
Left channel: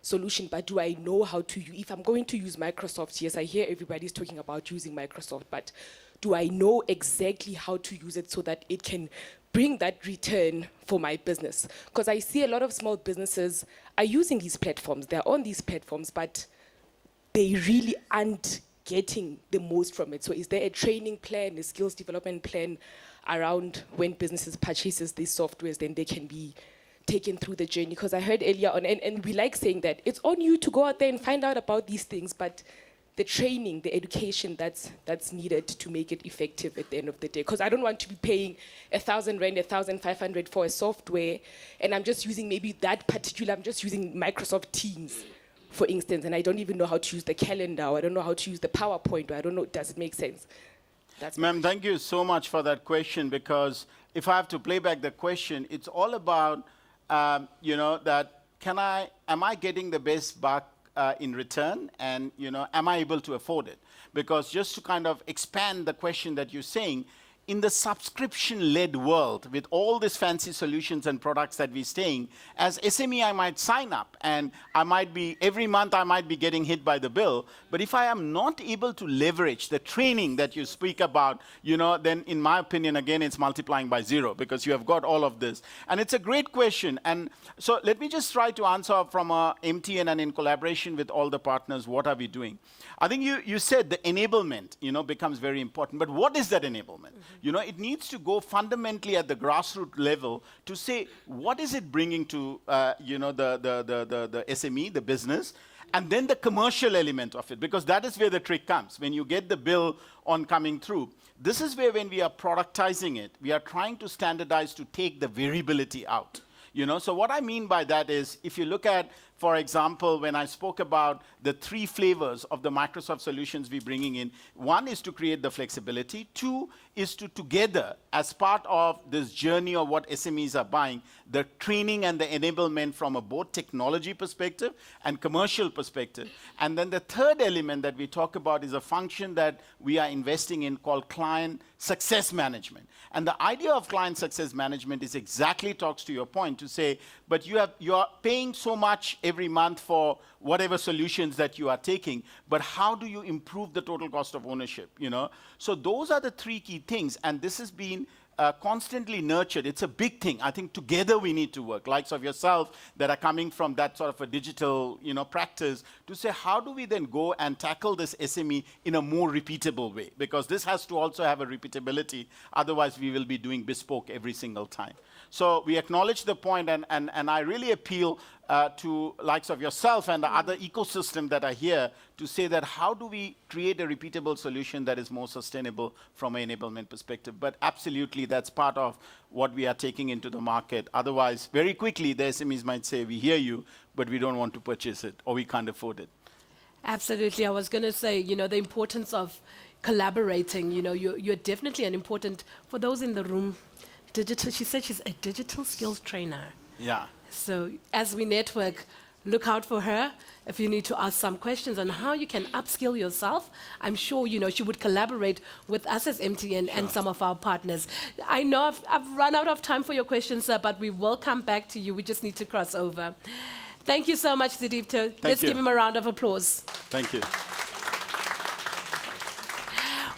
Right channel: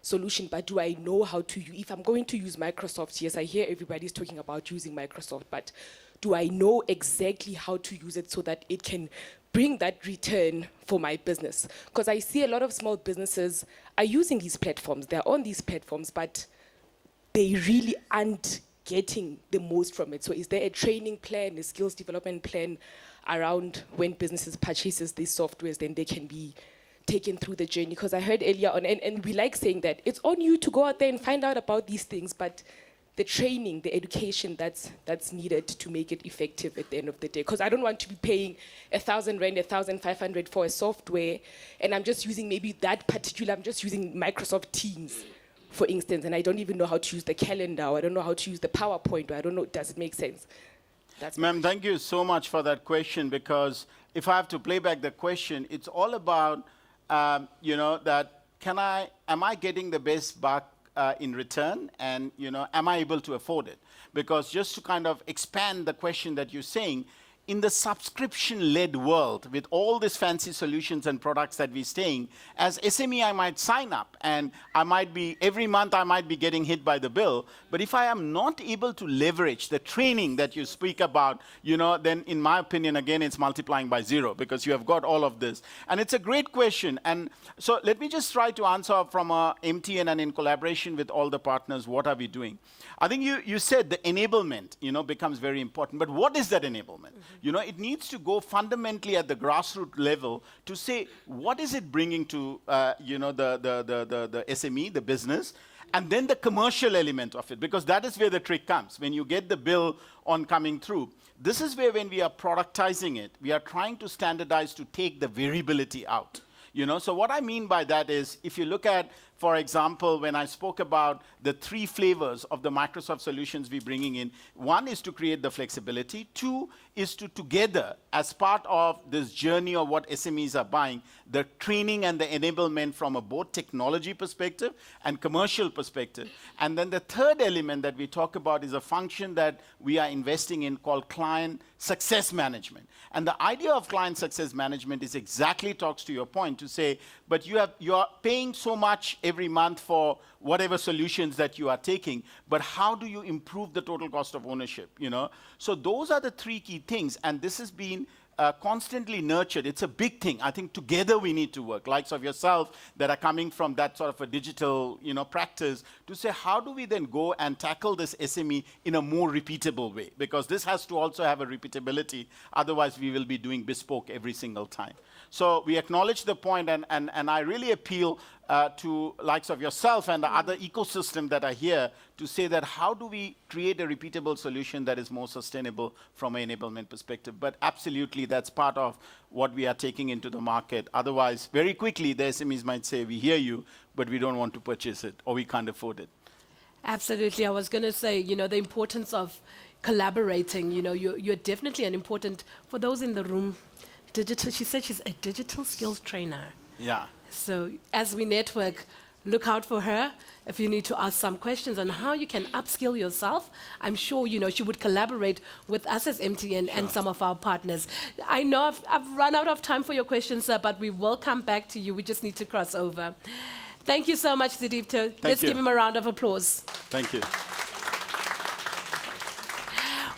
solution, but do I know how to, if I'm going to use Microsoft, yes, I hear everybody's talking about using Microsoft, but do I know exactly how to use it so that it can bring that return for my business? Because I see a lot of small businesses are using these platforms, they're on these platforms, but they really aren't getting the most from it. So is there a training plan, a skills development plan around when businesses purchases these softwares, then they can be taken through the journey? Because I heard earlier on, and we like saying that it's on you to go out there and find out about these things, but the training, the education that's needed to make it effective at the end of the day. Because I don't want to be paying 1,000 rand, 1,500 for a software, and I'm just using maybe that particular, I'm just using Microsoft Teams, for instance, and I don't even know how to use the calendar, or I don't know how to use the PowerPoint, or I don't know, does it make sense? Ma'am, thank you so much for that question, because if I have to play back the question, it's all about, that am I getting the best buck in return, and am I able to afford it? Because just to kind of expand the question that you're saying, in the subscription-led world, with all these fancy solutions and products that we're saying, as SME, I might sign up, and every month I might be getting hit by the bill. But if I am not able to leverage the training that you speak about, then in my opinion, again, it's multiplying by 0, because you have got all of this. And it's a great question. And so let me just try to answer from MTN and in collaboration with all the partners, what are we doing? I think you said the enablement, becomes very important. But what is that enablement? It needs to go fundamentally at the grassroots level to say, what is it bringing to, the SME, the business, and then the commercial element of it, because that is where the trick comes. When you get the bill on coming through, this is where when we are productizing it, we are trying to standardize to take the variability out. So what I mean by that is, if you look at, for example, when I spoke about the 3 flavors of the Microsoft solutions we're bringing in, 1 is to create the flexibility, 2 is to together, as part of this journey of what SMEs are buying, the training and the enablement from a both technology perspective and commercial perspective. And then the third element that we talk about is a function that we are investing in called client success management. And the idea of client success management is exactly talks to your point to say, but you are paying so much every month for whatever solutions that you are taking, but how do you improve the total cost of ownership? So those are the 3 key things, and this has been constantly nurtured. It's a big thing. I think together we need to work, likes of yourself that are coming from that sort of a digital practice, to say how do we then go and tackle this SME in a more repeatable way, because this has to also have a repeatability, otherwise we will be doing bespoke every single time. So we acknowledge the point, and I really appeal to likes of yourself and the other ecosystem that are here to say that how do we create a repeatable solution that is more sustainable from an enablement perspective. But absolutely, that's part of what we are taking into the market. Otherwise, very quickly, the SMEs might say, we hear you, but we don't want to purchase it, or we can't afford it. Absolutely. I was going to say, the importance of collaborating. You're definitely an important, for those in the room, she said she's a digital skills trainer. Yeah. So as we network, look out for her. If you need to ask some questions on how you can upskill yourself, I'm sure, she would collaborate with us as MTN and some of our partners. I know I've run out of time for your questions, sir, but we will come back to you. We just need to cross over. Thank you so much, Sidipto. Let's give him a round of applause. Thank you.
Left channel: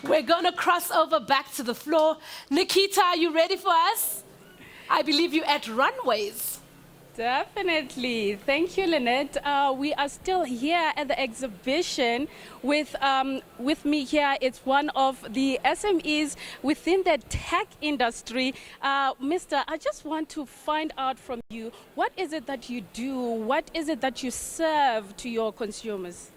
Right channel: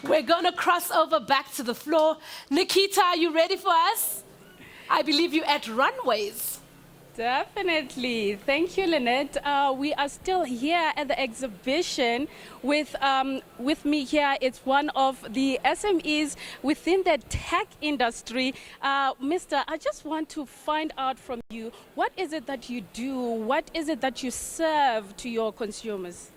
We're going to cross over back to the floor. Nikita, are you ready for us? I believe you're at Runways. Definitely. Thank you, Lynette. We are still here at the exhibition with me here. It's one of the SMEs within the tech industry. Mister, I just want to find out from you, what is it that you do? What is it that you serve to your consumers?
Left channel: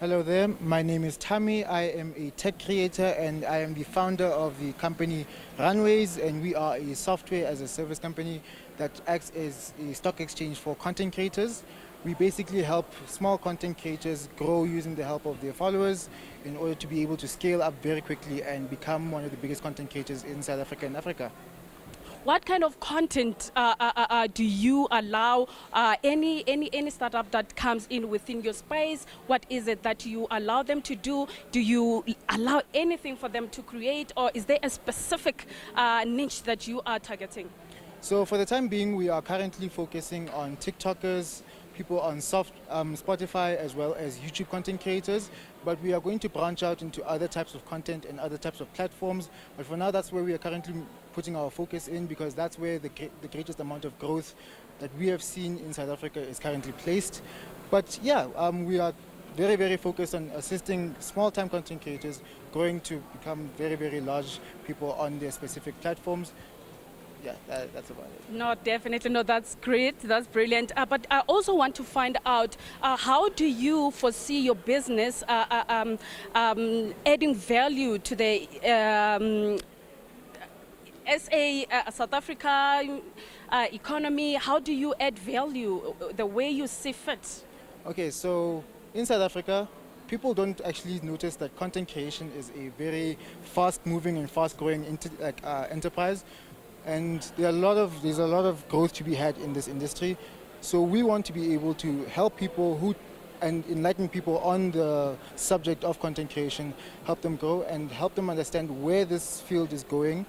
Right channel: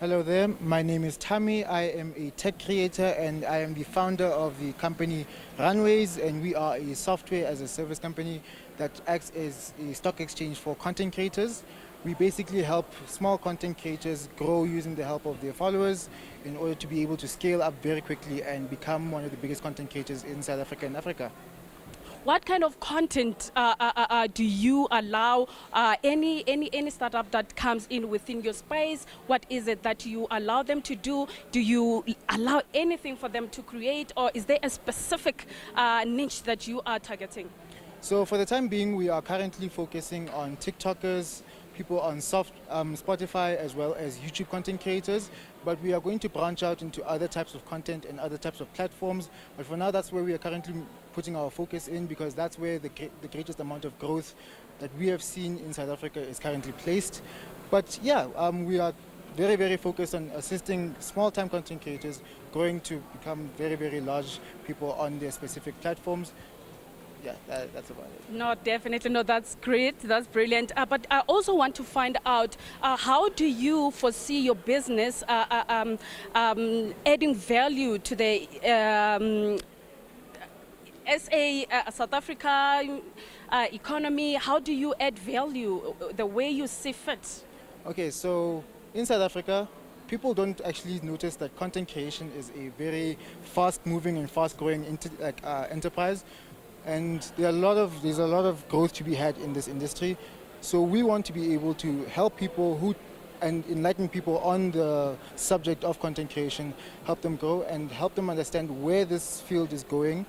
Hello there, my name is Tammy. I am a tech creator and I am the founder of the company Runways, and we are a software as a service company that acts as a stock exchange for content creators. We basically help small content creators grow using the help of their followers in order to be able to scale up very quickly and become one of the biggest content creators in South Africa and Africa. What kind of content do you allow any startup that comes in within your space? What is it that you allow them to do? Do you allow anything for them to create, or is there a specific niche that you are targeting? So for the time being, we are currently focusing on TikTokers, people on Spotify as well as YouTube content creators, but we are going to branch out into other types of content and other types of platforms. But for now, that's where we are currently putting our focus in, because that's where the greatest amount of growth that we have seen in South Africa is currently placed. But yeah, we are very, very focused on assisting small-time content creators growing to become very, very large people on their specific platforms. Yeah, that's about it. No, definitely. No, that's great. That's brilliant. But I also want to find out how do you foresee your business adding value to the South Africa economy? How do you add value the way you see fit? Okay, so in South Africa, people don't actually notice that content creation is a very fast-moving and fast-growing enterprise. And there's a lot of growth to be had in this industry. So we want to be able to help people and enlighten people on the subject of content creation, help them grow and help them understand where this field is going.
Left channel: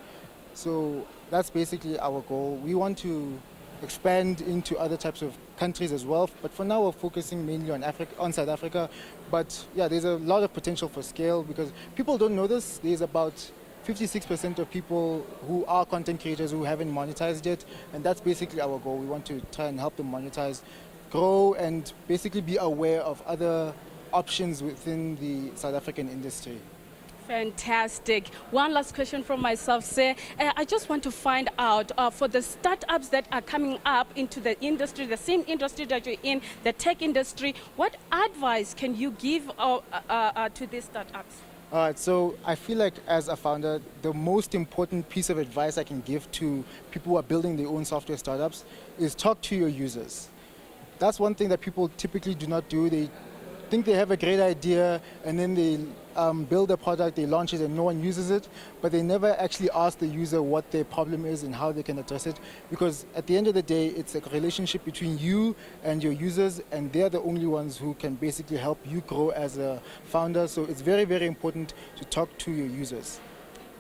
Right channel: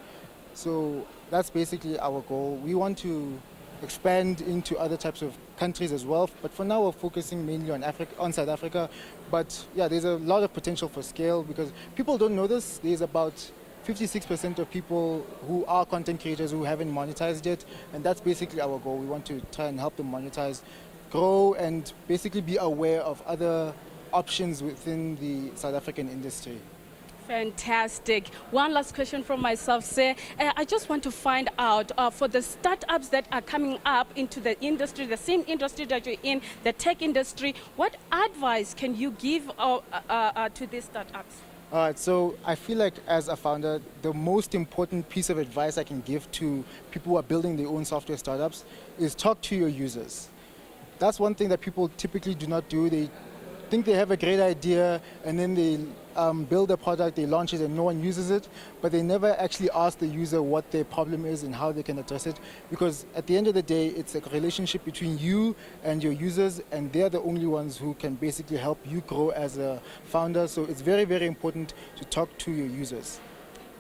So that's basically our goal. We want to expand into other types of countries as well, but for now we're focusing mainly on South Africa. But yeah, there's a lot of potential for scale, because people don't know this. There's about 56% of people who are content creators who haven't monetized yet, and that's basically our goal. We want to try and help them monetize, grow, and basically be aware of other options within the South African industry. Fantastic. One last question from myself, sir. I just want to find out for the startups that are coming up into the industry, the same industry that you're in, the tech industry, what advice can you give to these startups? All right, so I feel like as a founder, the most important piece of advice I can give to people who are building their own software startups is talk to your users. That's one thing that people typically do not do. They think they have a great idea, and then they build a product, they launch it, and no one uses it, but they never actually ask the user what their problem is and how they can address it, because at the end of the day, it's a relationship between you and your users, and they're the only ones who can basically help you grow as a founder. So it's very, very important to talk to your users.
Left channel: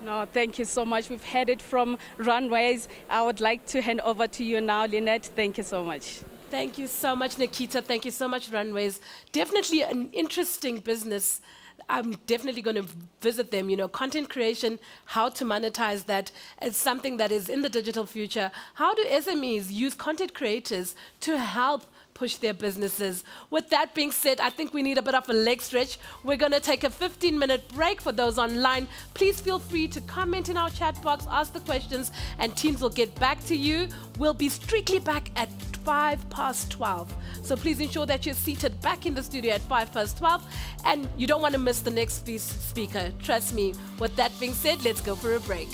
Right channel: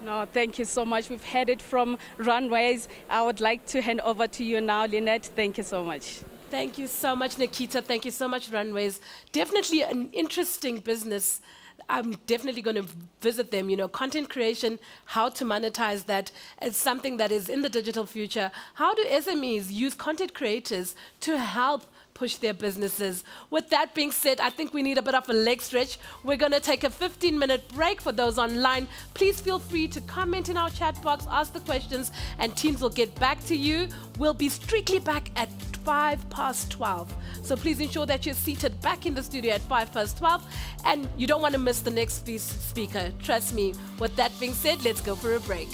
No, thank you so much. We've heard it from Runways. I would like to hand over to you now, Lynette. Thank you so much. Thank you so much, Nikita. Thank you so much, Runways. Definitely an interesting business. I'm definitely going to visit them. You know, content creation, how to monetize that is something that is in the digital future. How do SMEs use content creators to help push their businesses? With that being said, I think we need a bit of a leg stretch. We're going to take a 15-minute break. For those online, please feel free to comment in our chat box, ask the questions, and teams will get back to you. We'll be strictly back at 12:05. So please ensure that you're seated back in the studio at 12:05, and you don't want to miss the next speaker. Trust me. With that being said, let's go for a break.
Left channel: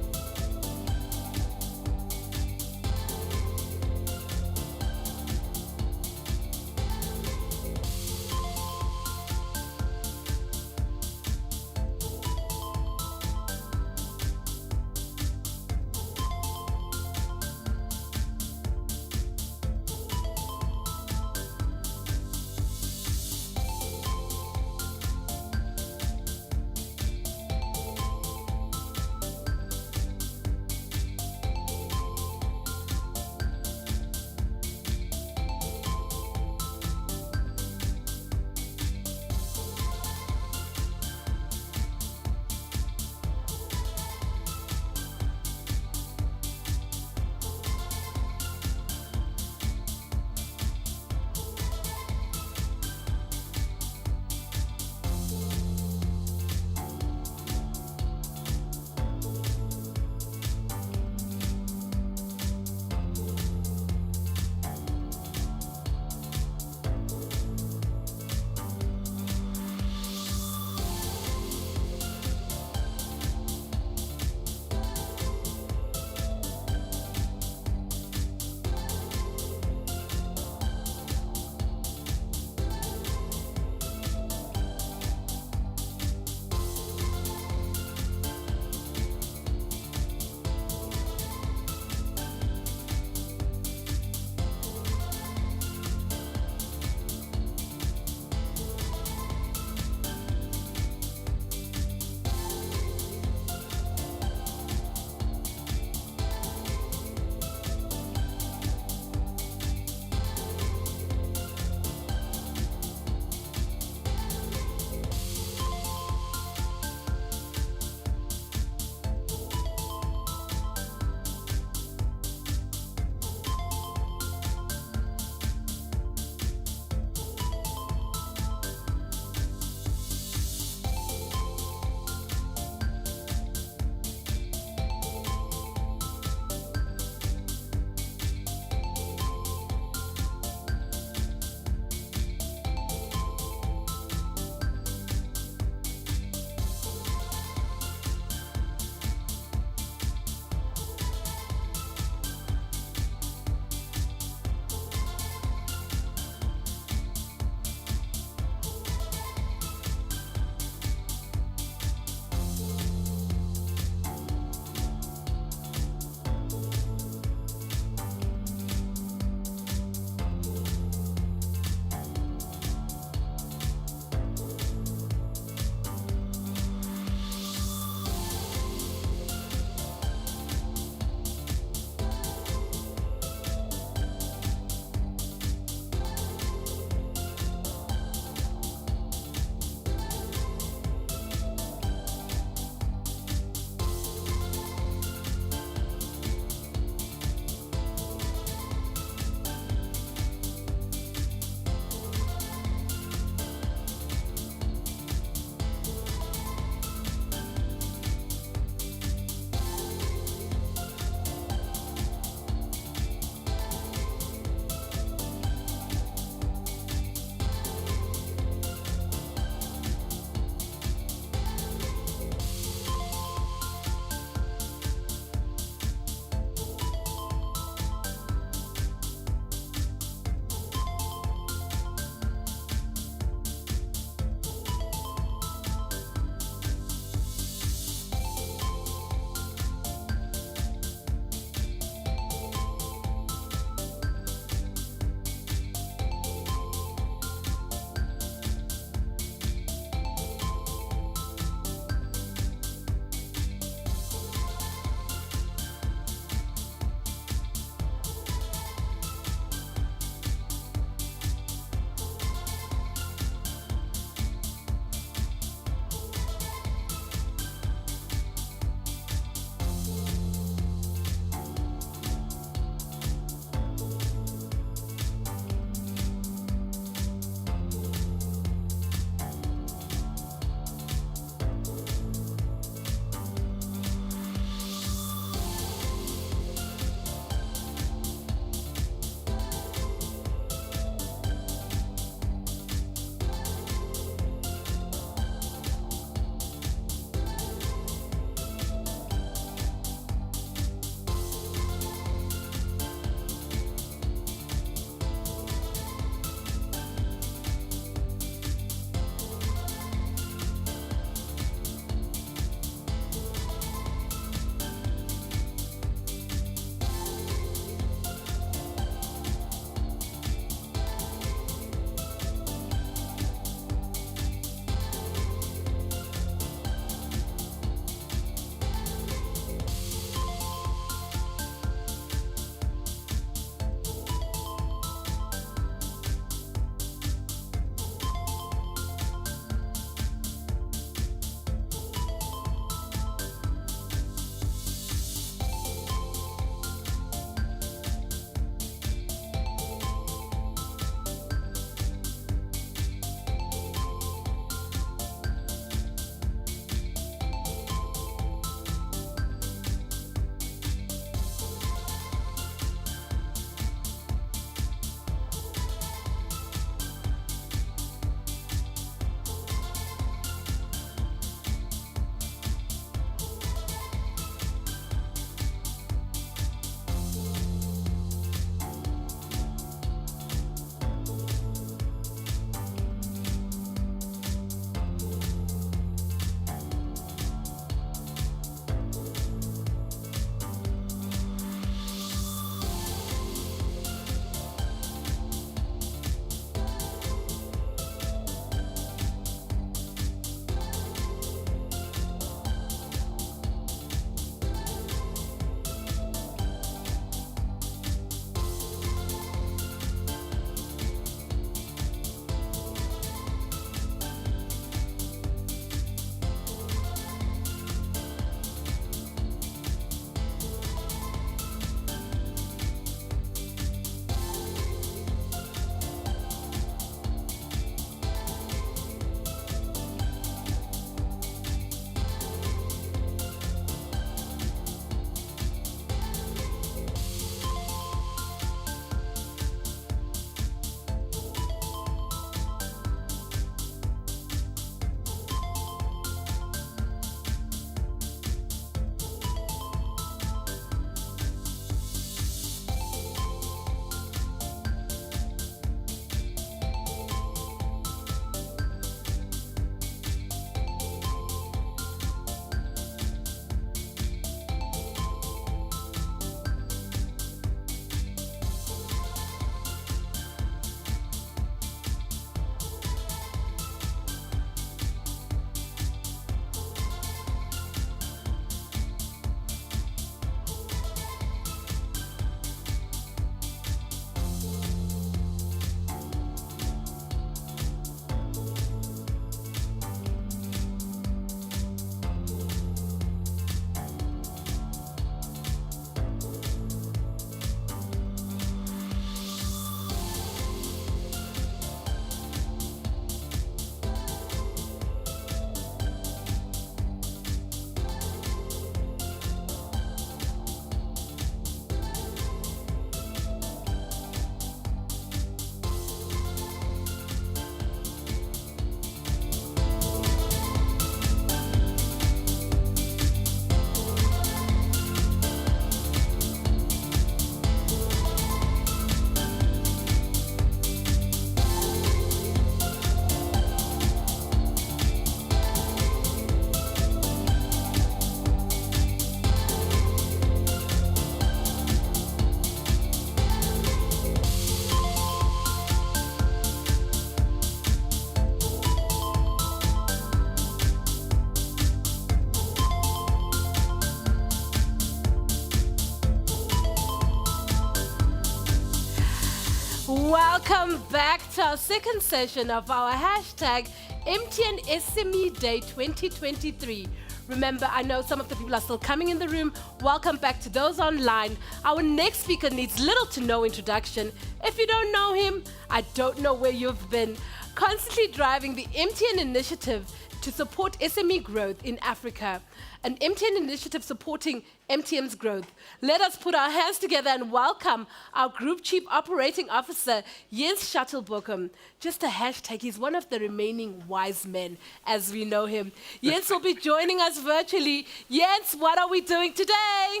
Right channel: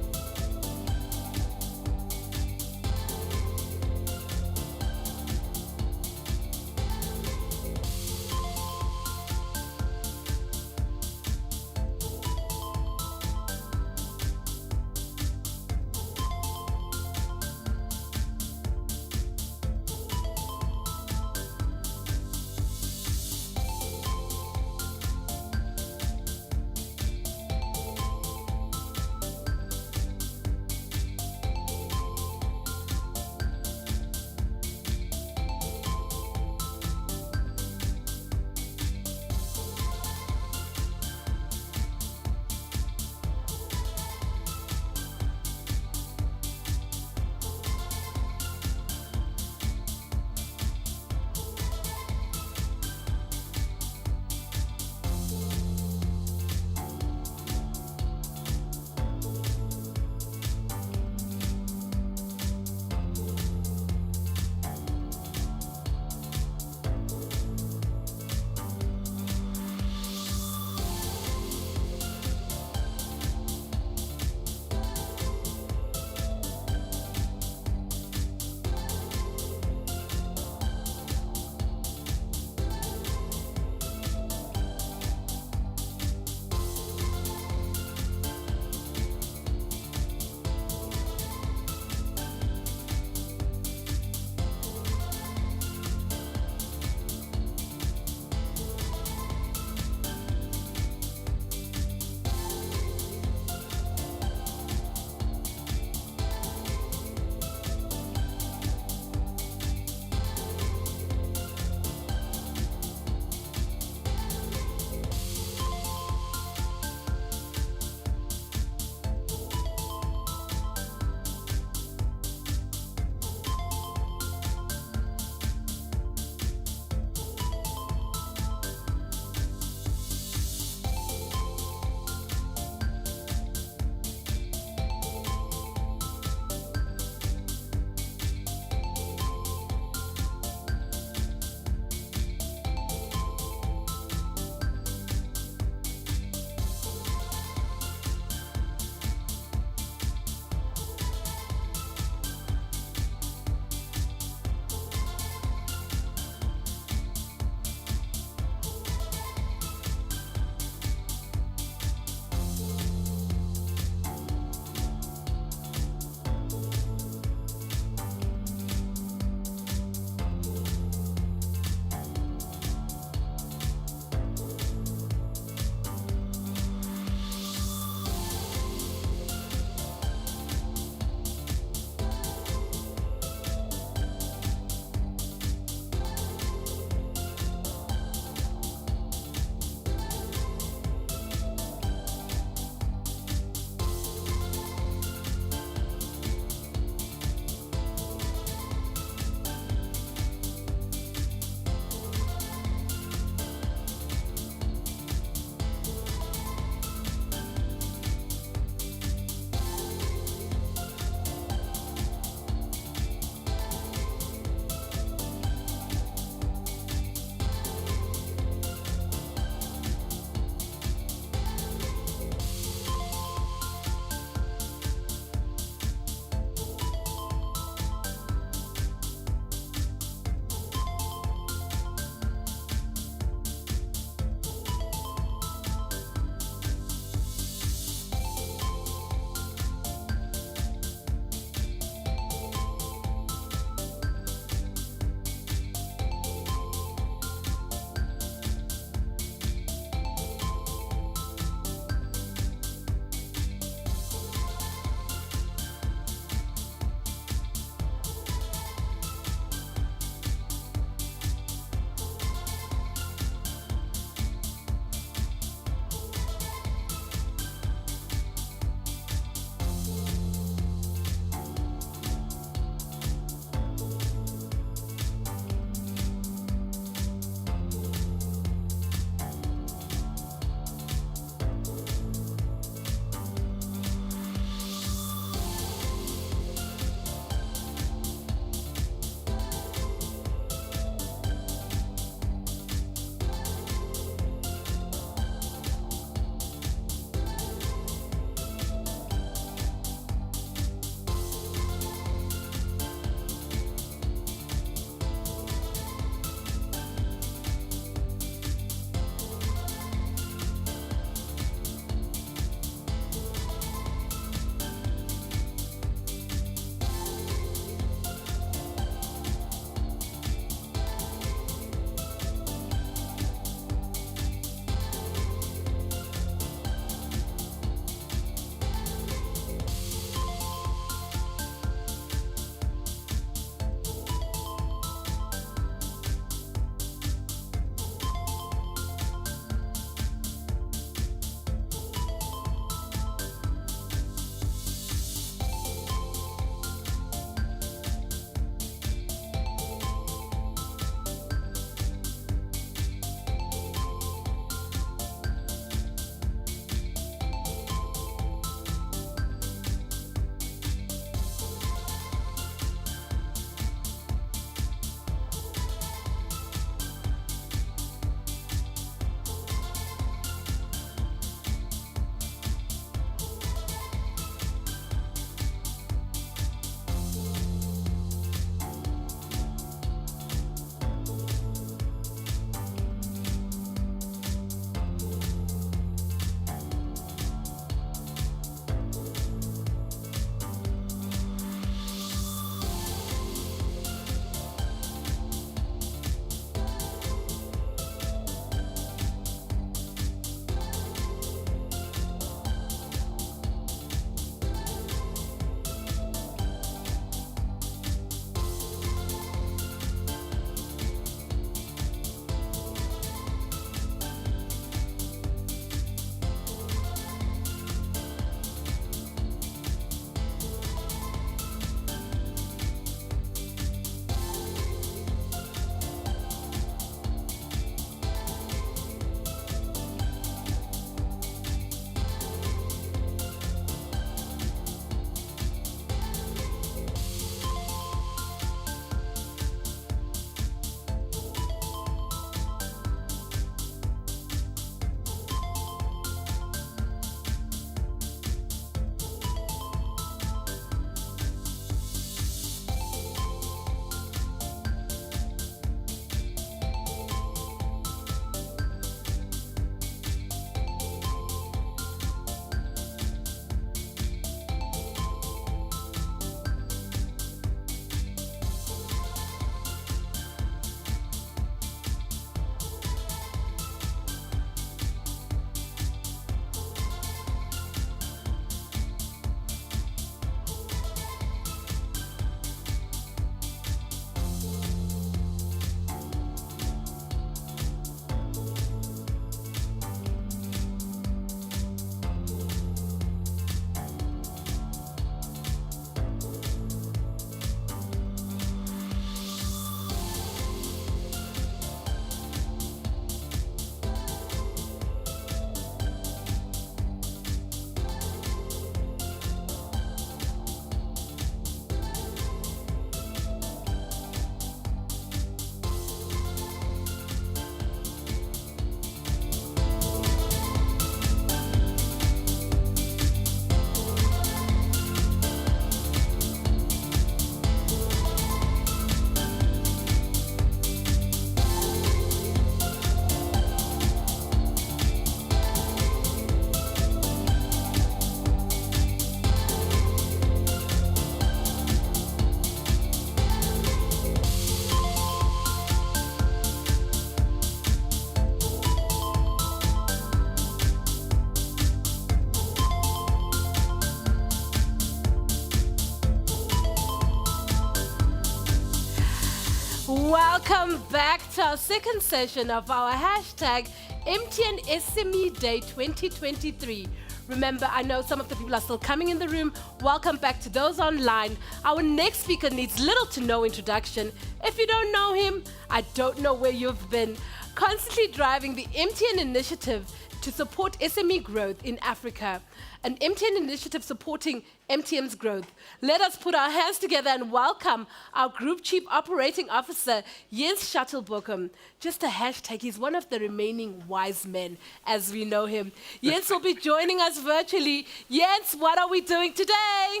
Welcome back to our second session of our hashtag MTN SME Day 2023. Remember, I know some of the people are still coming in the room. Welcome back to those online. Our next speaker needs little to no introduction. If you don't know him, I don't know where you've been. Constantly driving the MTN initiative to support SME growth in Africa. An MTN initiative supporting MTN's growth. Let us put our hands together and welcome our Group Chief Operating Officer, Jens Shuttlebuchem. Just a hashtag, he's one of the remaining wise men, as we know him. Jens will be joining us virtually. Jens, what are we doing today?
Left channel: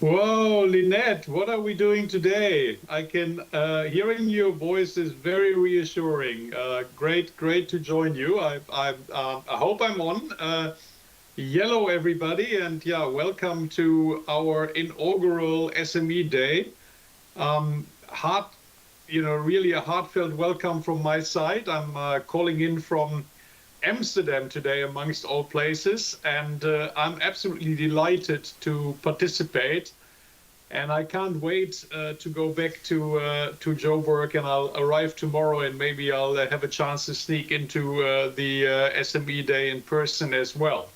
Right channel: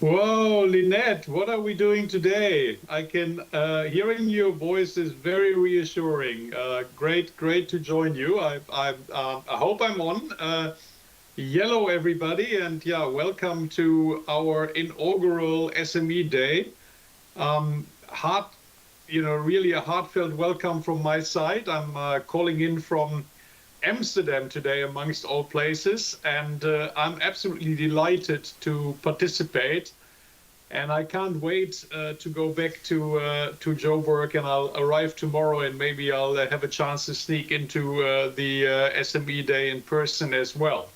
Whoa, Lynette, what are we doing today? I can, hearing your voice is very reassuring. Great to join you. I hope I'm on. Yellow, everybody, and yeah, welcome to our inaugural SME Day. Really a heartfelt welcome from my side. I'm calling in from Amsterdam today, amongst all places, and I'm absolutely delighted to participate. And I can't wait to go back to Joburg, and I'll arrive tomorrow, and maybe I'll have a chance to sneak into the SME Day in person as well.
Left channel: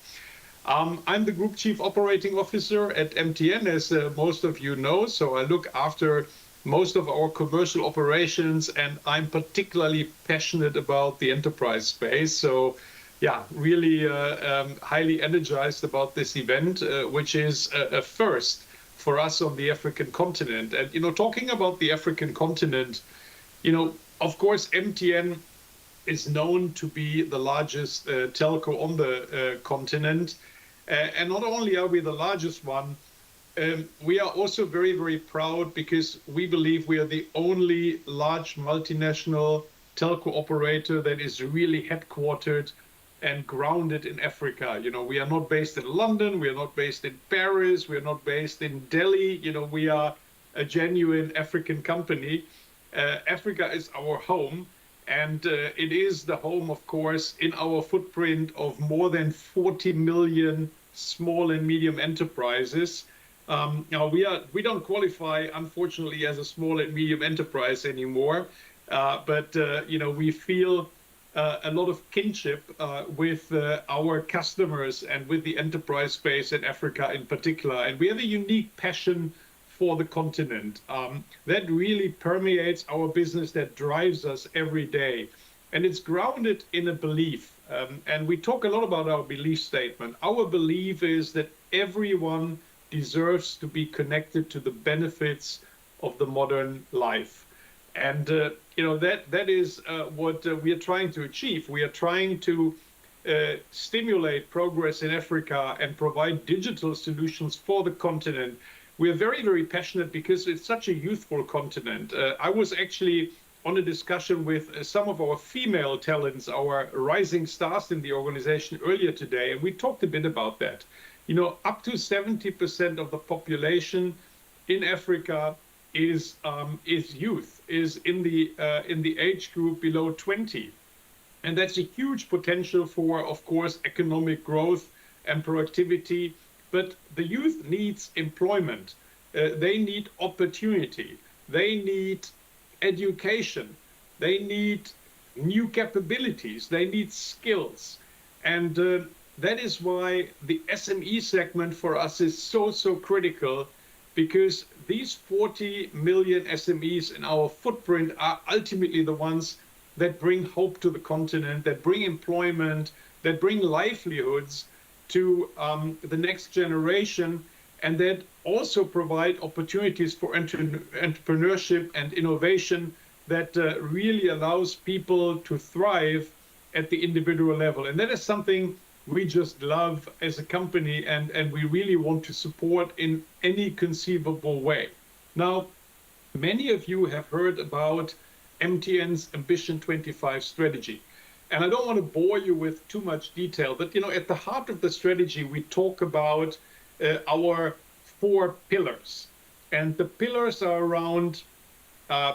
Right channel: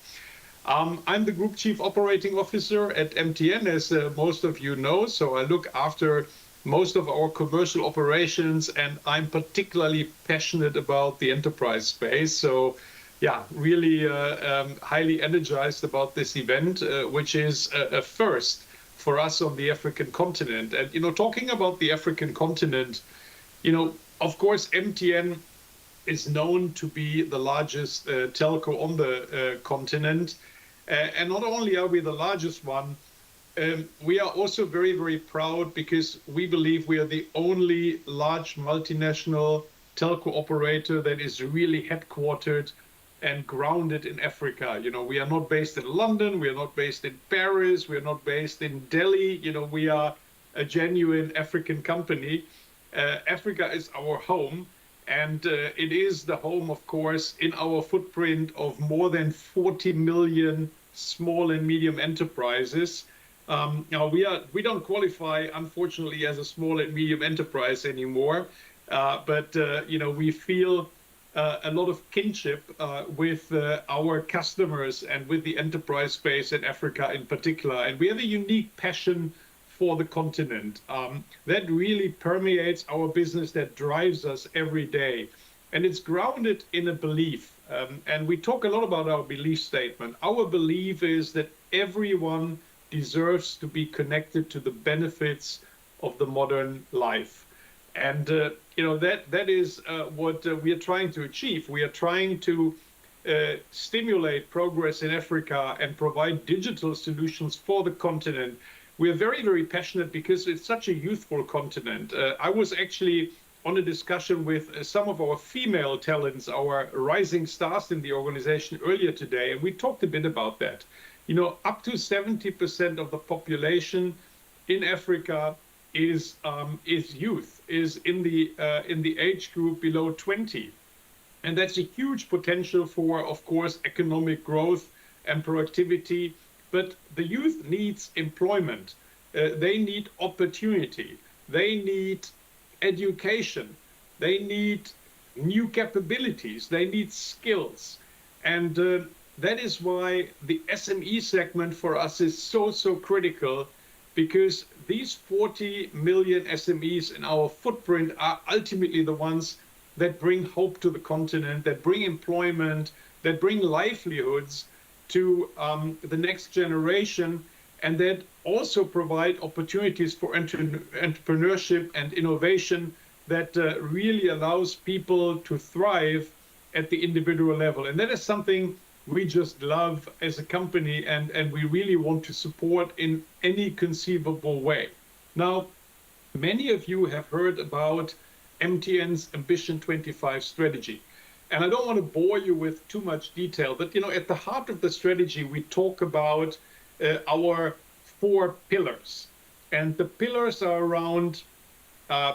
I'm the Group Chief Operating Officer at MTN, as most of you know, so I look after most of our commercial operations, and I'm particularly passionate about the enterprise space. So yeah, really highly energized about this event, which is a first for us on the African continent. And, talking about the African continent, of course, MTN is known to be the largest telco on the continent. And not only are we the largest one, we are also very, very proud because we believe we are the only large multinational telco operator that is really headquartered and grounded in Africa. We are not based in London, we are not based in Paris, we are not based in Delhi. We are a genuine African company. Africa is our home, and it is the home, of course, in our footprint of more than 40 million small and medium enterprises. Now, we don't qualify, unfortunately, as a small and medium enterprise anymore, but we feel a lot of kinship with our customers and with the enterprise space in Africa in particular. And we have a unique passion for the continent that really permeates our business, that drives us every day. And it's grounded in a belief. And we talk a lot about our belief statement. Our belief is that everyone deserves to be connected to the benefits of the modern life. And that is what we are trying to achieve. We are trying to stimulate progress in Africa and provide digital solutions for the continent. We are very, very passionate because it's such a youthful continent. I was actually on a discussion with some of our female talents, our rising stars in the organization earlier today, and we talked a bit about that. Up to 70% of the population in Africa is youth, is in the age group below 20. And that's a huge potential for, of course, economic growth and productivity. But the youth needs employment. They need opportunity. They need education. They need new capabilities. They need skills. And that is why the SME segment for us is so critical, because these 40 million SMEs in our footprint are ultimately the ones that bring hope to the continent, that bring employment, that bring livelihoods to the next generation, and that also provide opportunities for entrepreneurship and innovation that really allows people to thrive at the individual level. And that is something we just love as a company, and we really want to support in any conceivable way. Now, many of you have heard about MTN's Ambition 25 strategy. And I don't want to bore you with too much detail, but at the heart of the strategy, we talk about our 4 pillars. And the pillars are around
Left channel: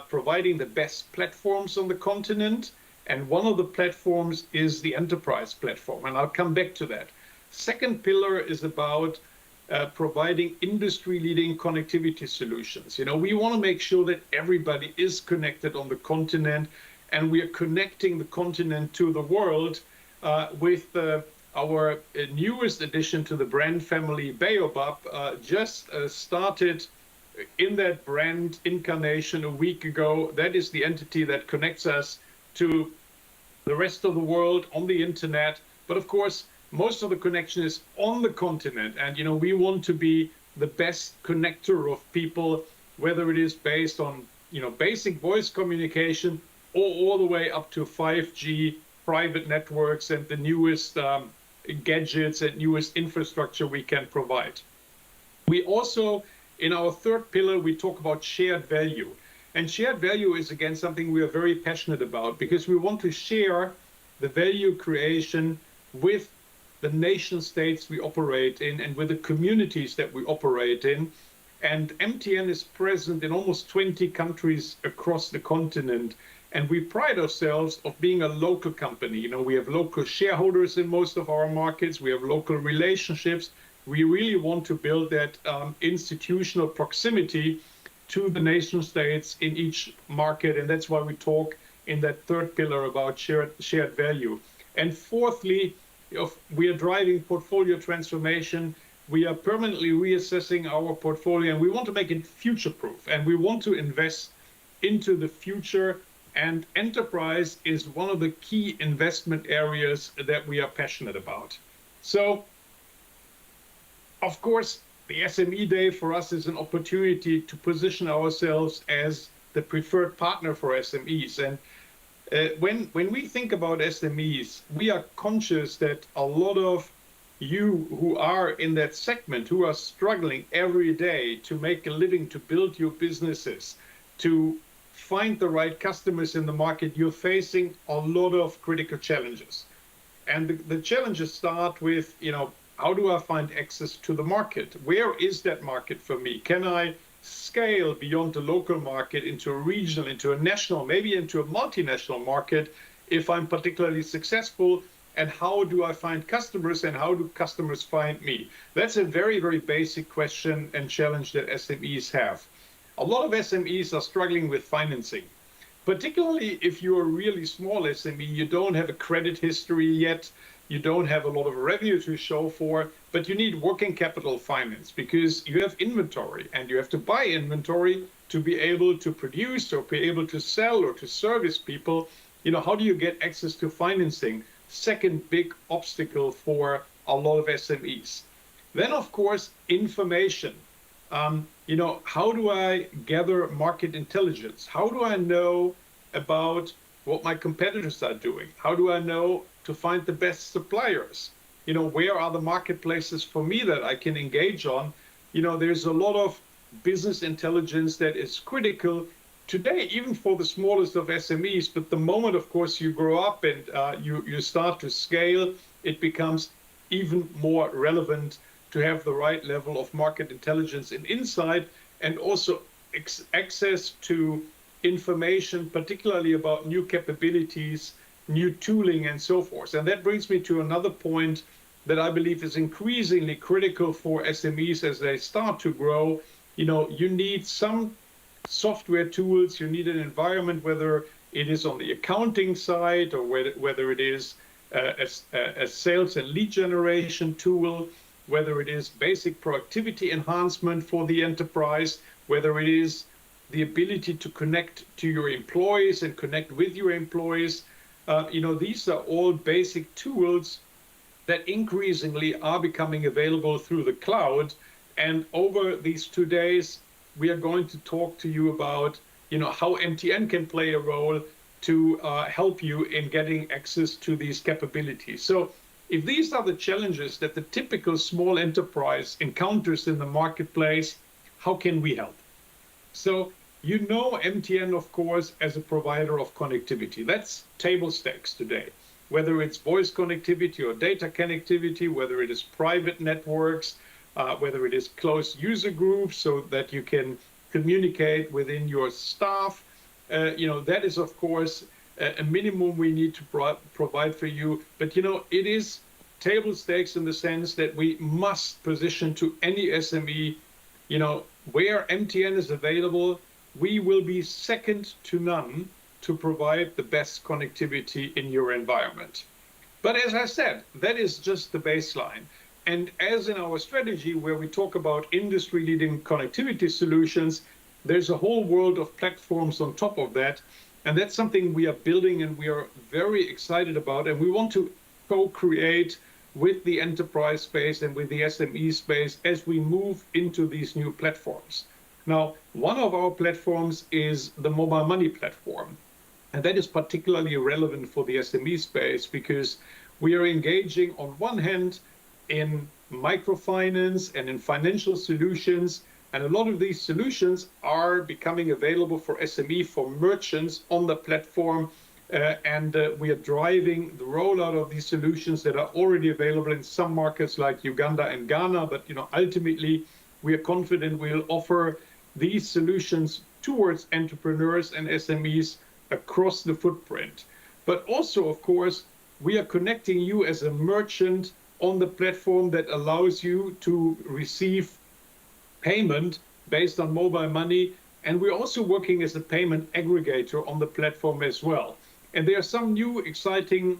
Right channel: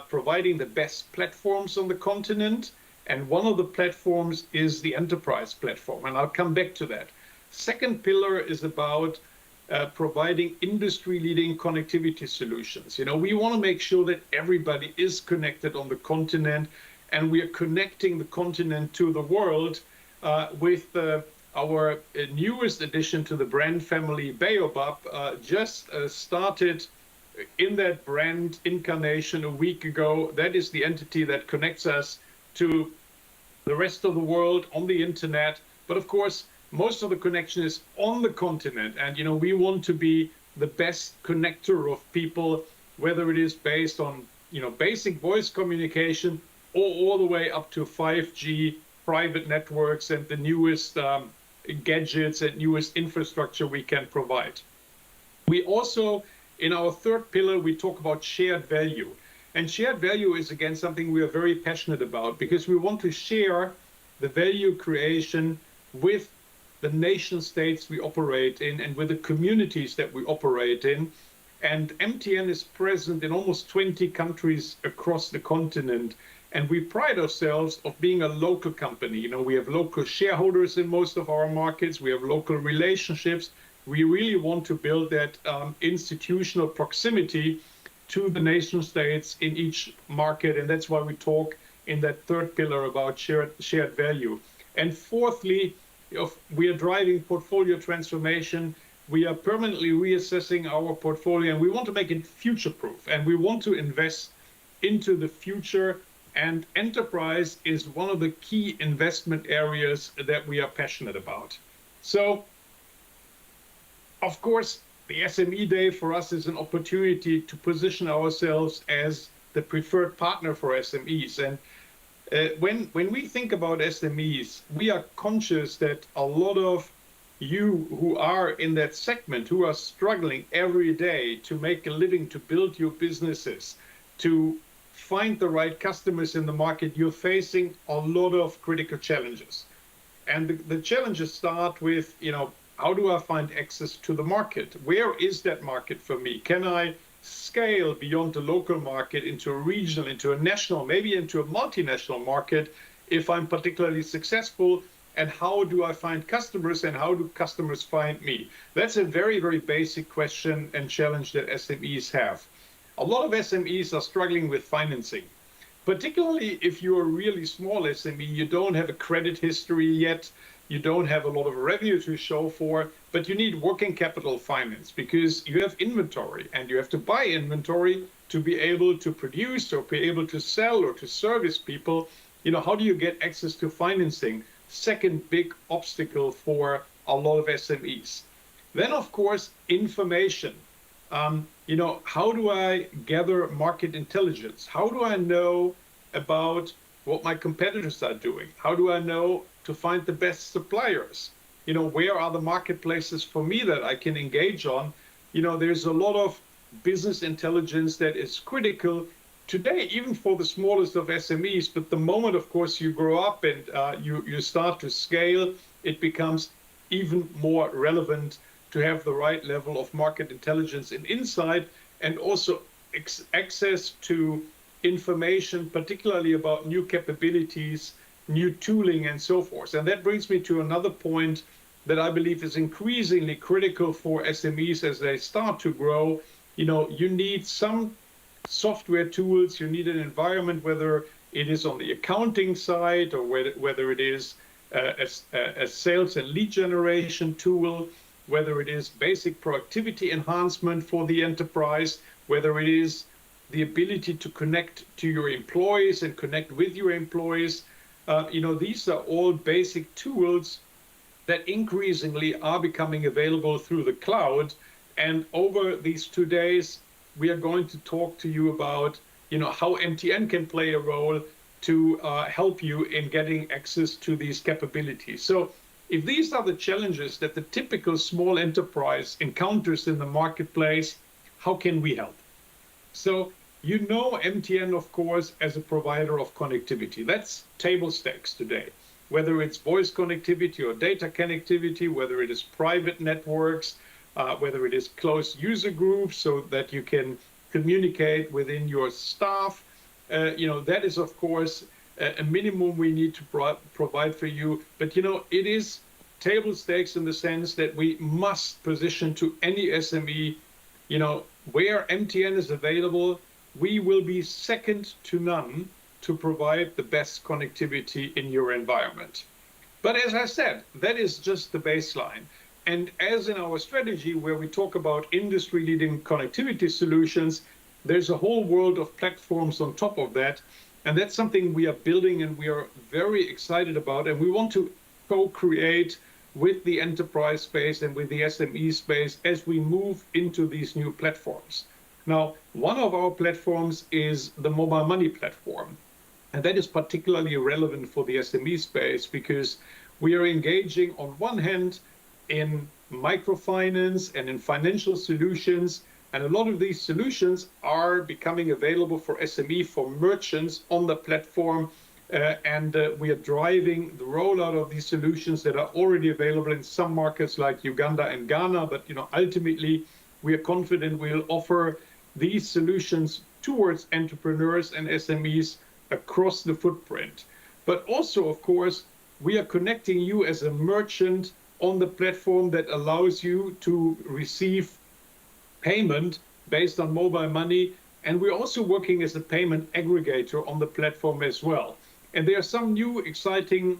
providing the best platforms on the continent. And one of the platforms is the enterprise platform, and I'll come back to that. Second pillar is about providing industry-leading connectivity solutions. You know, we want to make sure that everybody is connected on the continent, and we are connecting the continent to the world with our newest addition to the brand family, Baobab, just started in that brand incarnation a week ago. That is the entity that connects us to the rest of the world on the internet. But of course, most of the connection is on the continent. And, you know, we want to be the best connector of people, whether it is based on, you know, basic voice communication or all the way up to 5G private networks and the newest gadgets and newest infrastructure we can provide. We also, in our third pillar, we talk about shared value. And shared value is, again, something we are very passionate about, because we want to share the value creation with the nation states we operate in and with the communities that we operate in. And MTN is present in almost 20 countries across the continent. And we pride ourselves of being a local company. You know, we have local shareholders in most of our markets. We have local relationships. We really want to build that institutional proximity to the nation states in each market. And that's why we talk in that third pillar about shared value. And fourthly, we are driving portfolio transformation. We are permanently reassessing our portfolio, and we want to make it future-proof, and we want to invest into the future. And enterprise is one of the key investment areas that we are passionate about. So, of course, the SME Day for us is an opportunity to position ourselves as the preferred partner for SMEs. And when we think about SMEs, we are conscious that a lot of you who are in that segment, who are struggling every day to make a living, to build your businesses, to find the right customers in the market, you're facing a lot of critical challenges. And the challenges start with, you know, how do I find access to the market? Where is that market for me? Can I scale beyond the local market into a regional, into a national, maybe into a multinational market if I'm particularly successful? And how do I find customers, and how do customers find me? That's a very, very basic question and challenge that SMEs have. A lot of SMEs are struggling with financing, particularly if you're a really small SME, you don't have a credit history yet, you don't have a lot of revenue to show for, but you need working capital finance because you have inventory and you have to buy inventory to be able to produce or be able to sell or to service people. You know, how do you get access to financing? Second big obstacle for a lot of SMEs. Then, of course, information. You know, how do I gather market intelligence? How do I know about what my competitors are doing? How do I know to find the best suppliers? You know, where are the marketplaces for me that I can engage on? You know, there's a lot of business intelligence that is critical today, even for the smallest of SMEs. But the moment, of course, you grow up and you start to scale, it becomes even more relevant to have the right level of market intelligence and insight, and also access to information, particularly about new capabilities, new tooling, and so forth. And that brings me to another point that I believe is increasingly critical for SMEs as they start to grow. You know, you need some software tools, you need an environment, whether it is on the accounting side or whether it is a sales and lead generation tool, whether it is basic productivity enhancement for the enterprise, whether it is the ability to connect to your employees and connect with your employees. You know, these are all basic tools that increasingly are becoming available through the cloud. And over these 2 days, we are going to talk to you about, you know, how MTN can play a role to help you in getting access to these capabilities. So if these are the challenges that the typical small enterprise encounters in the marketplace, how can we help? So, you know MTN, of course, as a provider of connectivity. That's table stakes today. Whether it's voice connectivity or data connectivity, whether it is private networks, whether it is closed user groups so that you can communicate within your staff, you know, that is, of course, a minimum we need to provide for you. But, you know, it is table stakes in the sense that we must position to any SME, where MTN is available, we will be second to none to provide the best connectivity in your environment. But as I said, that is just the baseline. And as in our strategy, where we talk about industry-leading connectivity solutions, there's a whole world of platforms on top of that. And that's something we are building and we are very excited about. And we want to co-create with the enterprise space and with the SME space as we move into these new platforms. Now, one of our platforms is the mobile money platform. And that is particularly relevant for the SME space because we are engaging on one hand in microfinance and in financial solutions. And a lot of these solutions are becoming available for SME, for merchants on the platform. We are driving the rollout of these solutions that are already available in some markets like Uganda and Ghana. But ultimately, we are confident we'll offer these solutions towards entrepreneurs and SMEs across the footprint. But also, of course, we are connecting you as a merchant on the platform that allows you to receive payment based on mobile money. And we're also working as a payment aggregator on the platform as well. And there are some new exciting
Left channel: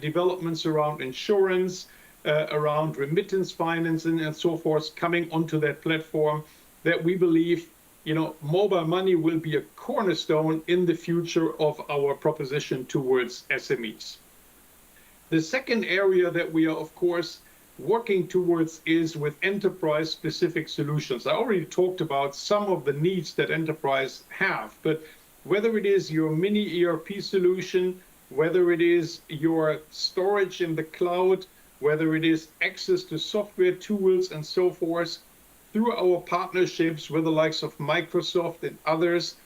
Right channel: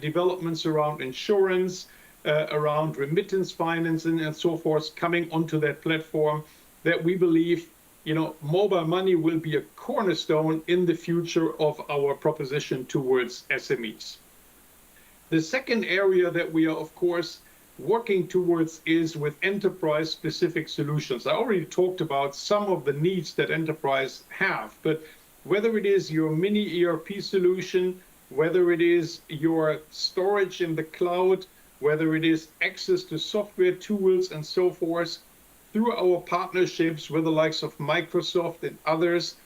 developments around insurance, around remittance financing and so forth coming onto that platform that we believe mobile money will be a cornerstone in the future of our proposition towards SMEs. The second area that we are, of course, working towards is with enterprise-specific solutions. I already talked about some of the needs that enterprise have, but whether it is your mini ERP solution, whether it is your storage in the cloud, whether it is access to software tools and so forth, through our partnerships with the likes of Microsoft and others,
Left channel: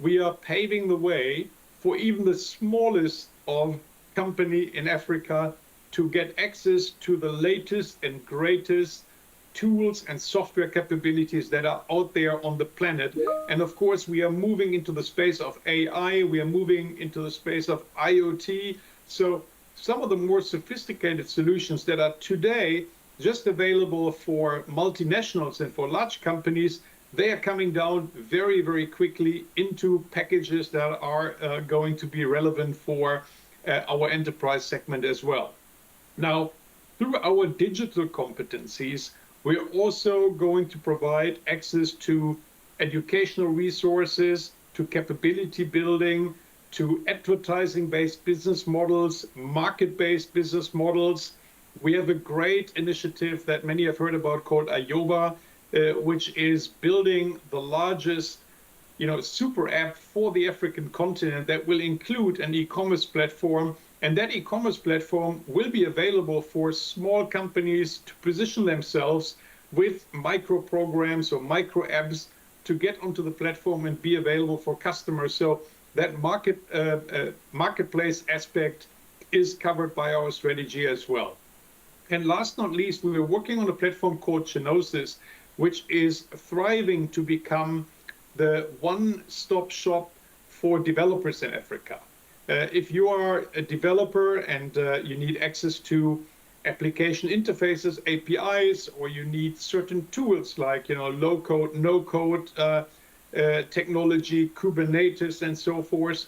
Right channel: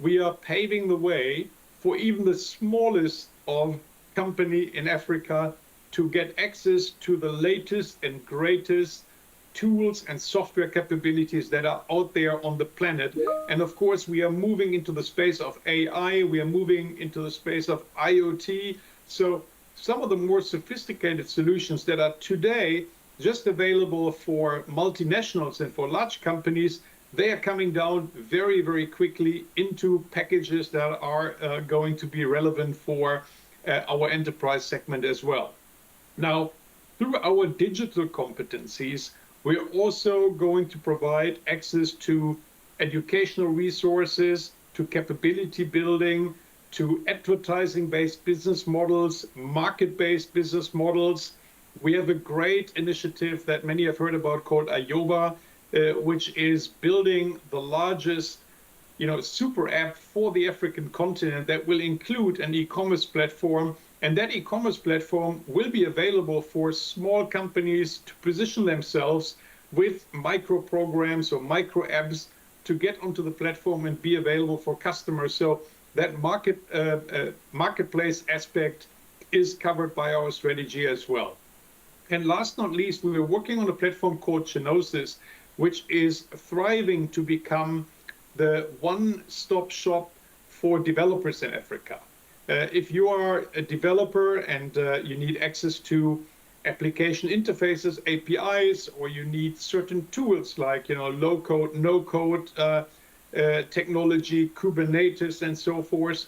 we are paving the way for even the smallest of company in Africa to get access to the latest and greatest tools and software capabilities that are out there on the planet. And of course, we are moving into the space of AI, we are moving into the space of IoT. So some of the more sophisticated solutions that are today just available for multinationals and for large companies, they are coming down very, very quickly into packages that are going to be relevant for our enterprise segment as well. Now, through our digital competencies, we're also going to provide access to educational resources, to capability building, to advertising-based business models, market-based business models. We have a great initiative that many have heard about called Ayoba, which is building the largest super app for the African continent that will include an e-commerce platform. And that e-commerce platform will be available for small companies to position themselves with micro programs or micro apps to get onto the platform and be available for customers. So that marketplace aspect is covered by our strategy as well. And last not least, we were working on a platform called Genosis, which is thriving to become the one-stop shop for developers in Africa. If you are a developer and you need access to application interfaces, APIs, or you need certain tools like low-code, no-code technology, Kubernetes, and so forth,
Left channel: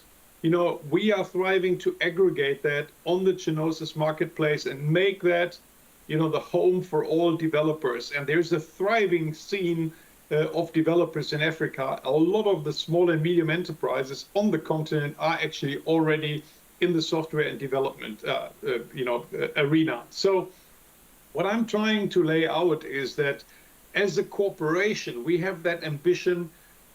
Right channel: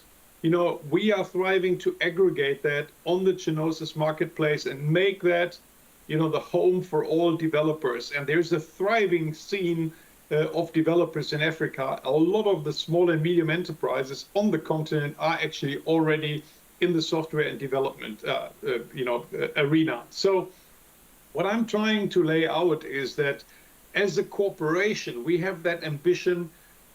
we are thriving to aggregate that on the Genosis marketplace and make that the home for all developers. And there's a thriving scene of developers in Africa. A lot of the small and medium enterprises on the continent are actually already in the software and development arena. So what I'm trying to lay out is that as a corporation, we have that ambition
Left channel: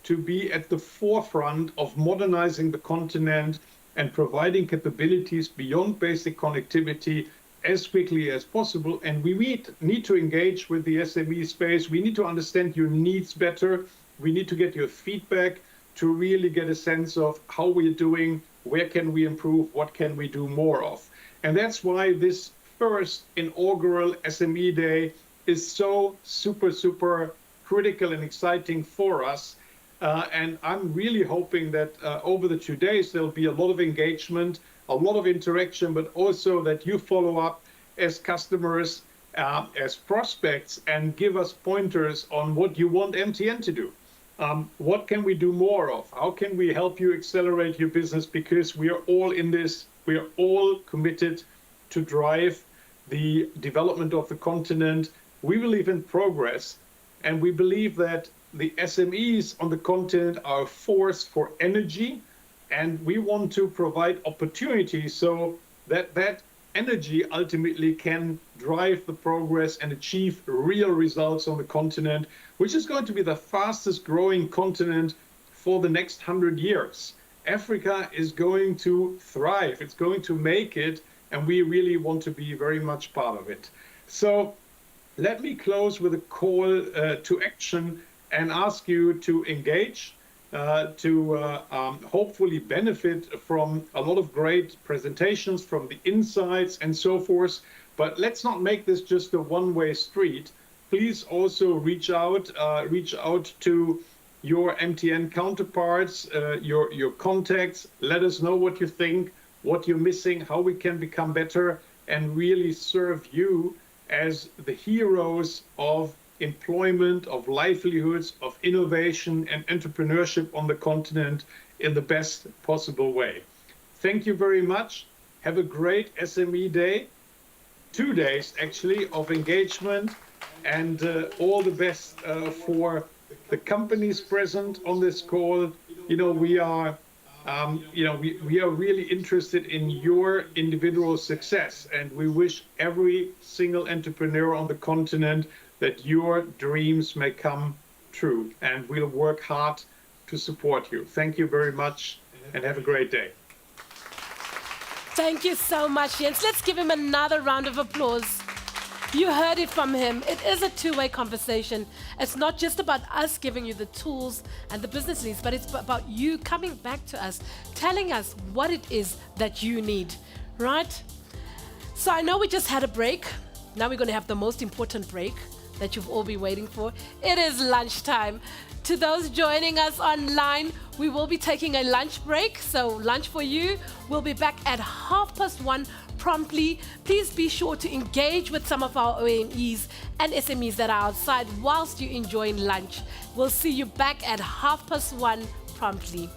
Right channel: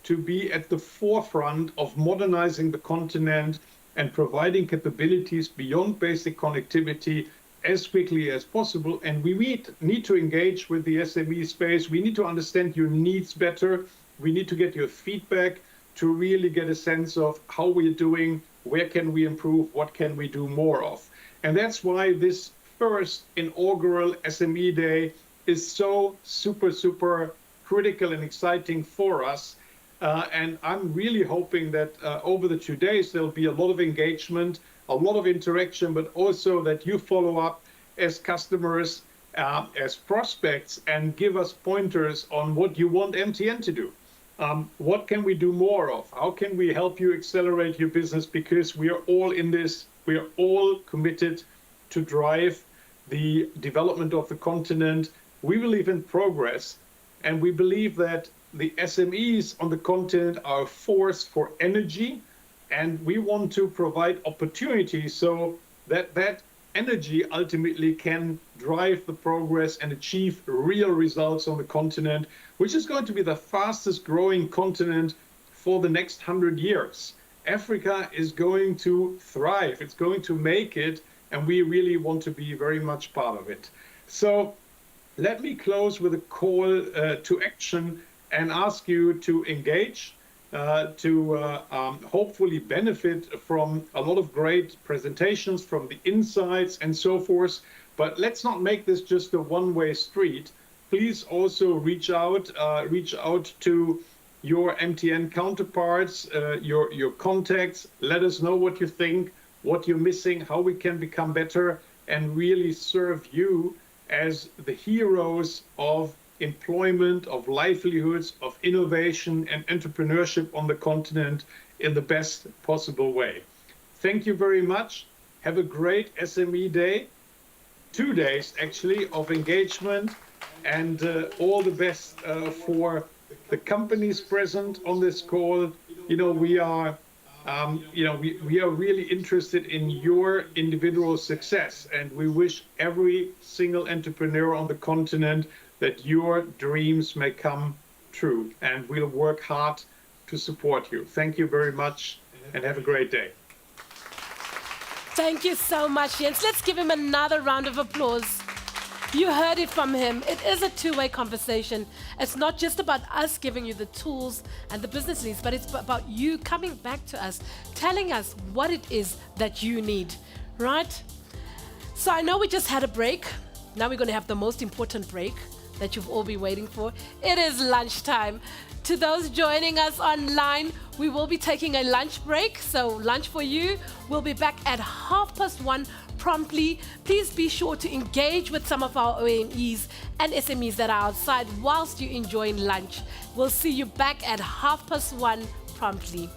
to be at the forefront of modernizing the continent and providing capabilities beyond basic connectivity as quickly as possible. And we need to engage with the SME space. We need to understand your needs better. We need to get your feedback to really get a sense of how we're doing, where can we improve, what can we do more of. And that's why this first inaugural SME Day is so super critical and exciting for us. And I'm really hoping that over the 2 days, there'll be a lot of engagement, a lot of interaction, but also that you follow up as customers, as prospects, and give us pointers on what you want MTN to do. What can we do more of? How can we help you accelerate your business? Because we are all in this, we are all committed to drive the development of the continent. We believe in progress, and we believe that the SMEs on the continent are a force for energy, and we want to provide opportunities so that that energy ultimately can drive the progress and achieve real results on the continent, which is going to be the fastest growing continent for the next 100 years. Africa is going to thrive, it's going to make it, and we really want to be very much part of it. So let me close with a call to action and ask you to engage, to hopefully benefit from a lot of great presentations, from the insights and so forth. But let's not make this just a one-way street. Please also reach out to your MTN counterparts, your contacts. Let us know what you think, what you're missing, how we can become better, and really serve you as the heroes of employment, of livelihoods, of innovation and entrepreneurship on the continent in the best possible way. Thank you very much. Have a great SME day, 2 days actually of engagement, and all the best for the companies present on this call. You know, we are really interested in your individual success, and we wish every single entrepreneur on the continent that your dreams may come true, and we'll work hard to support you. Thank you very much, and have a great day. Thank you so much, Jens. Let's give him another round of applause. You heard it from him. It is a two-way conversation. It's not just about us giving you the tools and the business leads, but it's about you coming back to us, telling us what it is that you need, right? So I know we just had a break. Now we're going to have the most important break that you've all been waiting for. It is lunchtime. To those joining us online, we will be taking a lunch break. So lunch for you. We'll be back at 1:30 promptly. Please be sure to engage with some of our OMEs and SMEs that are outside whilst you're enjoying lunch. We'll see you back at 1:30 promptly.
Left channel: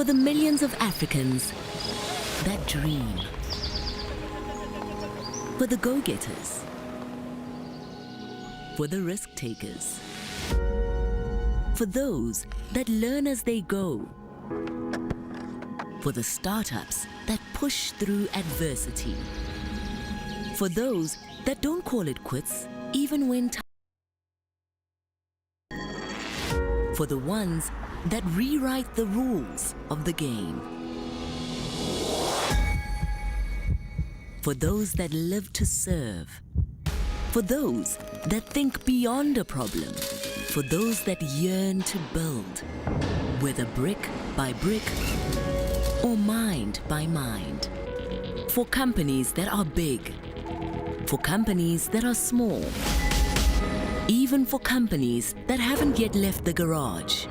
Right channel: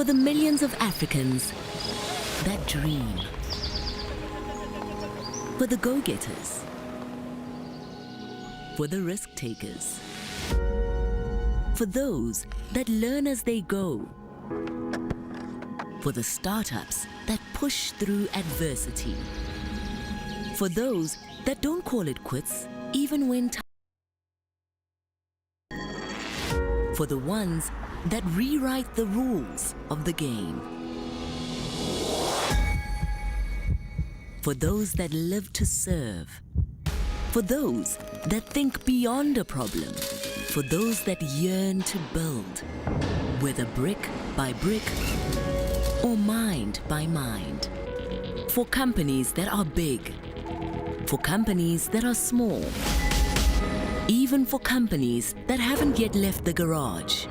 For the millions of Africans that dream. For the go-getters. For the risk-takers. For those that learn as they go. For the startups that push through adversity. For those that don't call it quits even when for the ones that rewrite the rules of the game. For those that live to serve. For those that think beyond a problem. For those that yearn to build, whether brick by brick or mind by mind. For companies that are big. For companies that are small. Even for companies that haven't yet left the garage.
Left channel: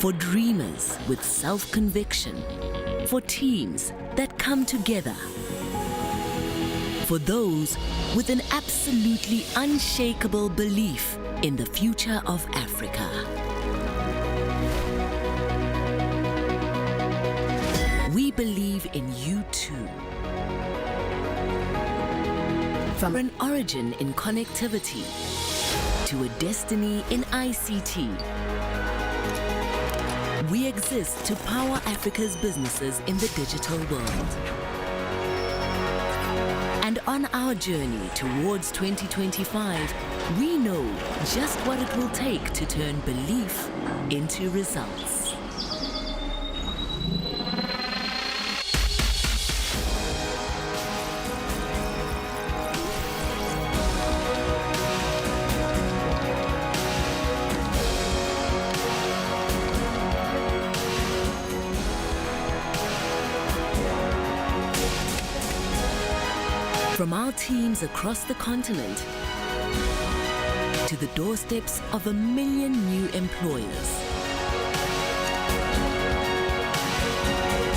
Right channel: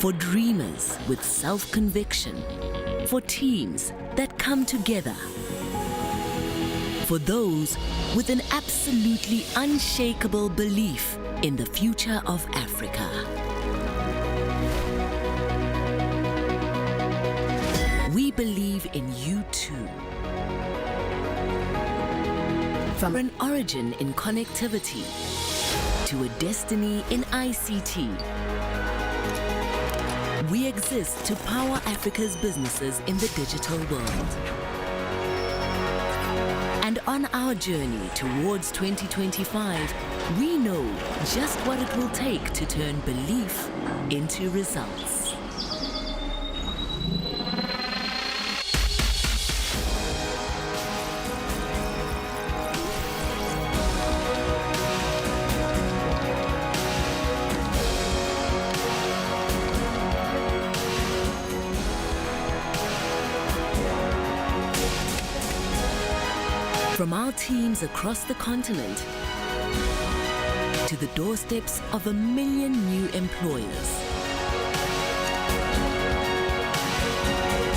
For dreamers with self-conviction. For teams that come together. For those with an absolutely unshakable belief in the future of Africa. We believe in you too. From an origin in connectivity to a destiny in ICT, we exist to power Africa's businesses in the digital world. And on our journey towards 2025, we know just what it will take to turn belief into results. From our teams across the continent to the doorsteps of 1 million new employers.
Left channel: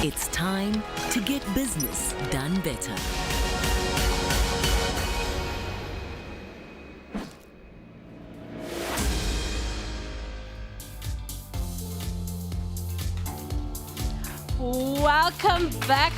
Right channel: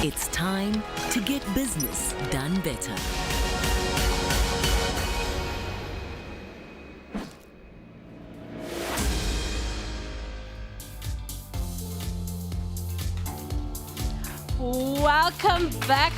It's time to get business done better. Welcome back.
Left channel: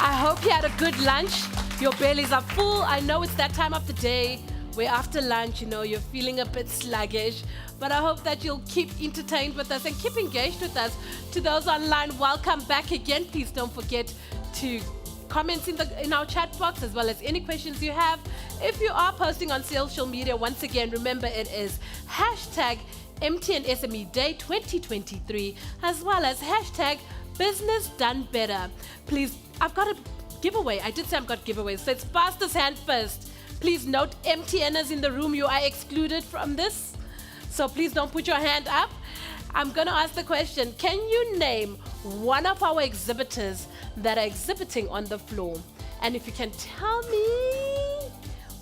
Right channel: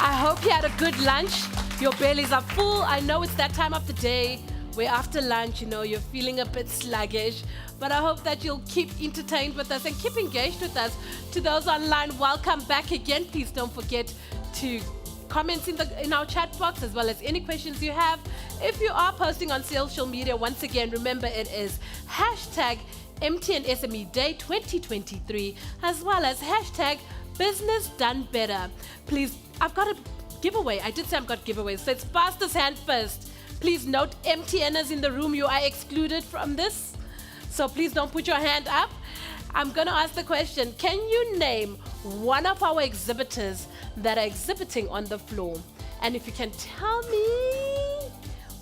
I hope you had a good lunch. Your bellies are full. I know it's that time of the day where after lunch, you're feeling a bit sluggish. But I hope that you'll keep entertained with us and keep engaged with us. To those online, welcome back again. Please don't forget to comment in our chat box as well as any questions you have. If you are posting on social media, once again, remember it is hashtag MTN SME Day 2023 as well as hashtag Business Done Better. Please, I've got a giveaway. I did say I've got giveaways, so it's fastest hand first. Please note, MTNers in the room, you are excluded from this. So please don't put your hand up. I'm going to ask the question, can you name one of our exhibitors that are exhibiting on the floor? And if you can tell me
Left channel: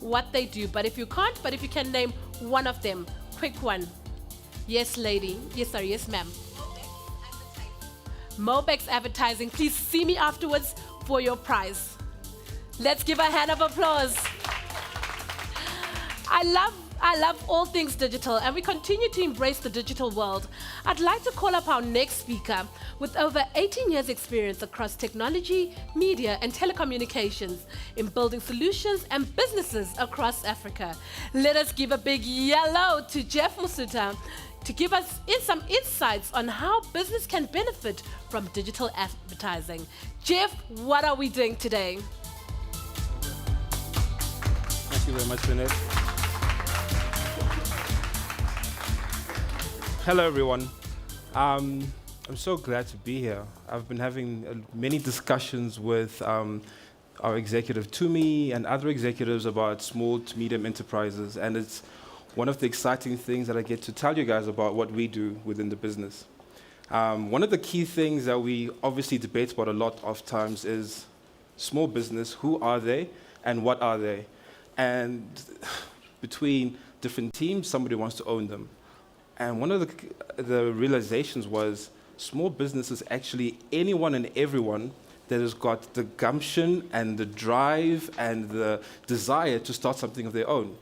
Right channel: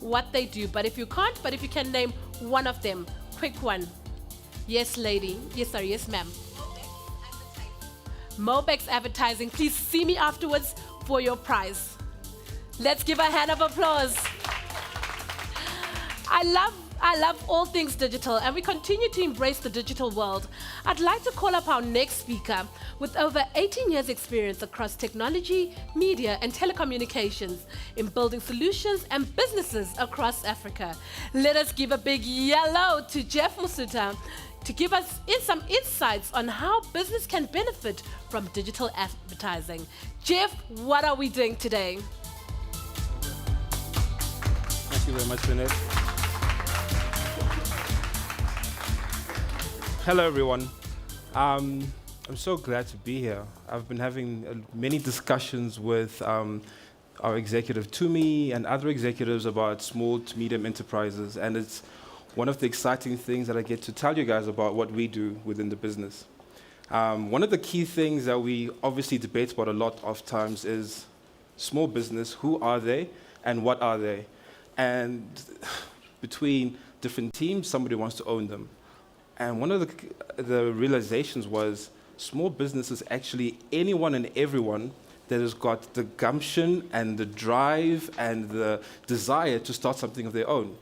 what they do, but if you can't, but if you can name one of them, quick one. Yes, lady. Yes, ma'am. Mobex Advertising. Please see me afterwards for your prize. Let's give a hand of applause. I love all things digital, and we continue to embrace the digital world. I'd like to call up our next speaker with over 18 years experience across technology, media, and telecommunications in building solutions and businesses across Africa. Let us give a big yellow to Jeff Musuta to give us some insights on how business can benefit from digital advertising. Jeff, what are we doing today? Thank you very much, Lynette. Hello, everyone. I'm so glad to be here. I've been having many discussions with our executive Tumi and other executives about small to medium enterprises, and it's one of the exciting things that I get to tell you guys about what we do within the business. One of the key things that we obviously debate about a lot of times is small business. Who are they and what are they? And between different teams, somebody wants to own them. And one of the realizations was small business is actually anyone and everyone that has got the gumption and the drive and the desire to start something of their own.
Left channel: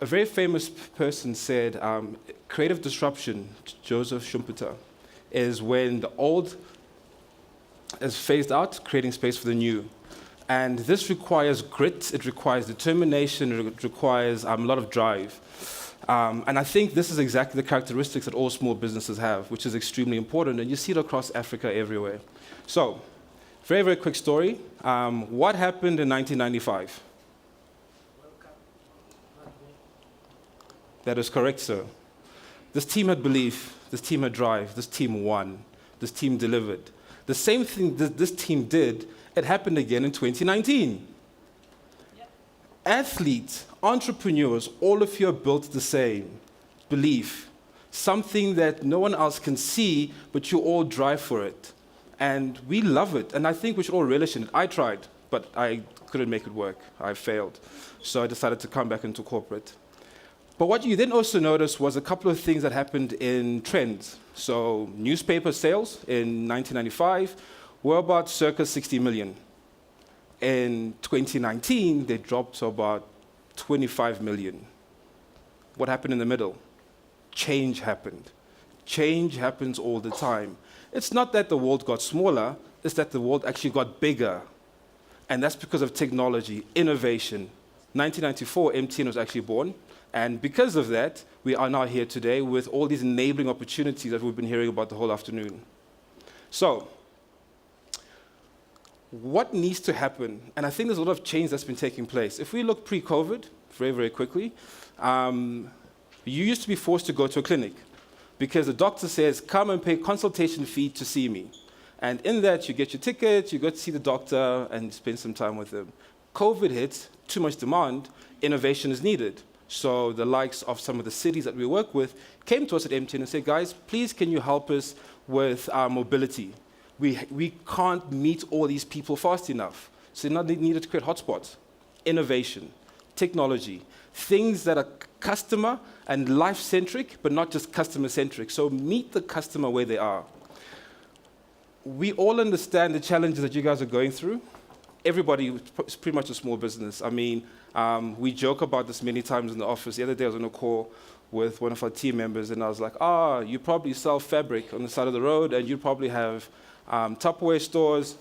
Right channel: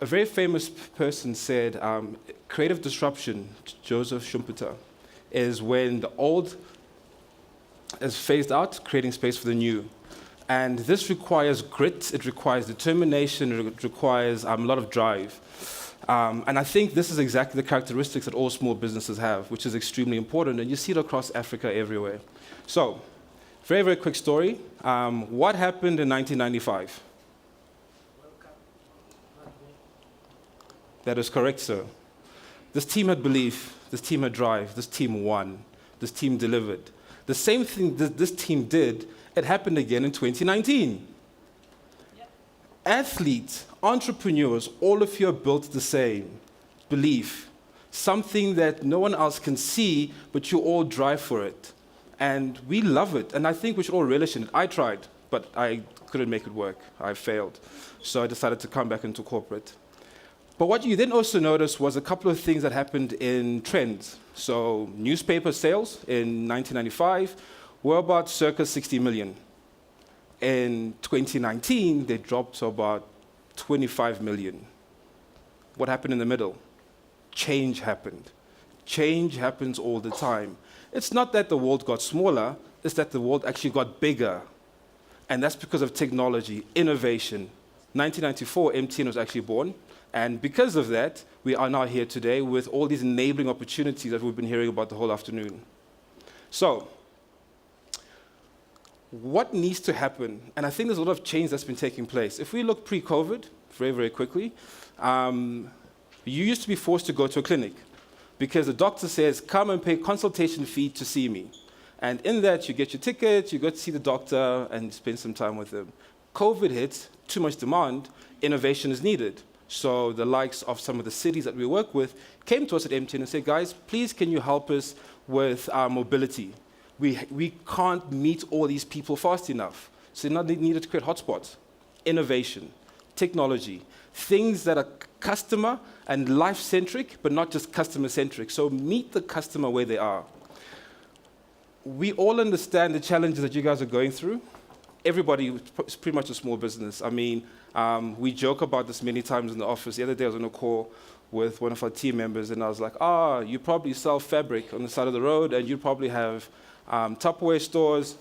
A very famous person said, creative disruption, Joseph Schumpeter. is when the old is phased out, creating space for the new. And this requires grit, it requires determination, it requires a lot of drive. And I think this is exactly the characteristics that all small businesses have, which is extremely important, and you see it across Africa everywhere. So, very, very quick story. What happened in 1995? That is correct, sir. This team had belief, this team had drive, this team won, this team delivered. The same thing that this team did, it happened again in 2019. Yep. Athletes, entrepreneurs, all of you are built the same. Belief, something that no one else can see, but you all drive for it. And we love it, and I think we should all relish in it. I tried, but I couldn't make it work. I failed. So I decided to come back into corporate. But what you then also noticed was a couple of things that happened in trends. So newspaper sales in 1995 were about circa 60 million. In 2019, they dropped to about 25 million. What happened in the middle? Change happened. Change happens all the time. It's not that the world got smaller, it's that the world actually got bigger. And that's because of technology, innovation. 1994, MTN was actually born. And because of that, we are now here today with all these enabling opportunities that we've been hearing about the whole afternoon. So, what needs to happen? And I think there's a lot of change that's been taking place. If we look pre-COVID, very, very quickly, you used to be forced to go to a clinic because the doctor says, come and pay consultation fee to see me. And in that, you get your ticket, you go to see the doctor, and spend some time with them. COVID hits, too much demand, innovation is needed. So the likes of some of the cities that we work with came to us at MTN and said, guys, please can you help us with our mobility? We can't meet all these people fast enough. So now they needed to create hotspots. Innovation, technology, things that are customer and life-centric, but not just customer-centric. So meet the customer where they are. We all understand the challenges that you guys are going through. Everybody is pretty much a small business. I mean, we joke about this many times in the office. The other day I was on a call with one of our team members, and I was like, you probably sell fabric on the side of the road, and you probably have Tupperware stores.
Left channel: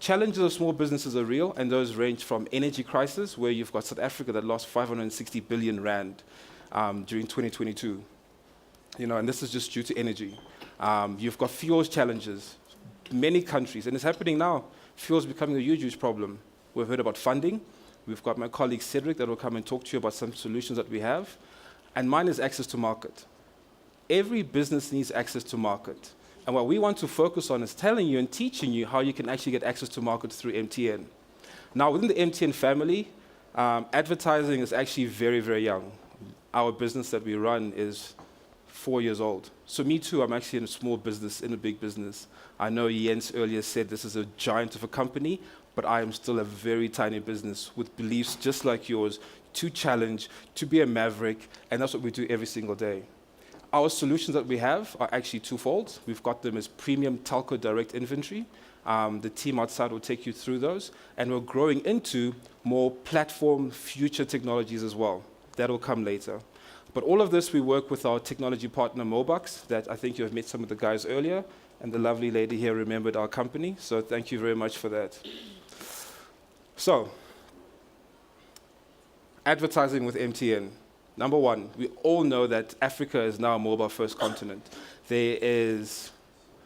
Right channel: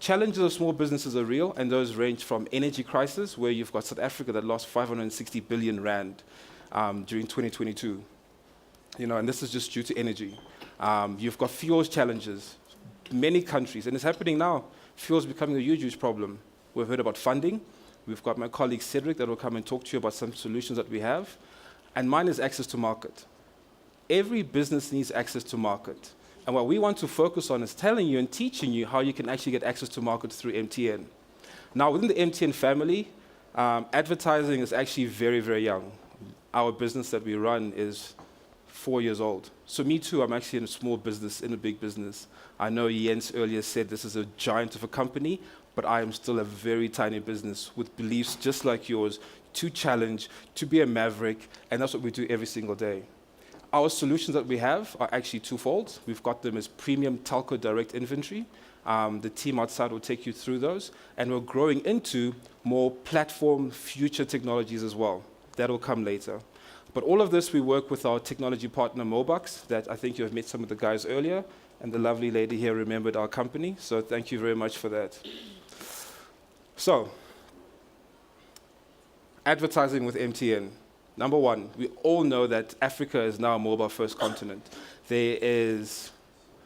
Challenges of small businesses are real, and those range from energy crisis, where you've got South Africa that lost 560 billion rand during 2022. And this is just due to energy. You've got fuels challenges, many countries, and it's happening now. Fuel is becoming a huge, huge problem. We've heard about funding. We've got my colleague Cedric that will come and talk to you about some solutions that we have. And mine is access to market. Every business needs access to market. And what we want to focus on is telling you and teaching you how you can actually get access to market through MTN. Now, within the MTN family, advertising is actually very, very young. Our business that we run is 4 years old. So me too, I'm actually in a small business, in a big business. I know Jens earlier said this is a giant of a company, but I am still a very tiny business with beliefs just like yours, to challenge, to be a maverick, and that's what we do every single day. Our solutions that we have are actually twofold. We've got them as premium telco direct inventory. The team outside will take you through those, and we're growing into more platform future technologies as well. That will come later. But all of this, we work with our technology partner, Mobux, that I think you have met some of the guys earlier, and the lovely lady here remembered our company, so thank you very much for that. So, advertising with MTN. Number one, we all know that Africa is now a mobile-first continent. There is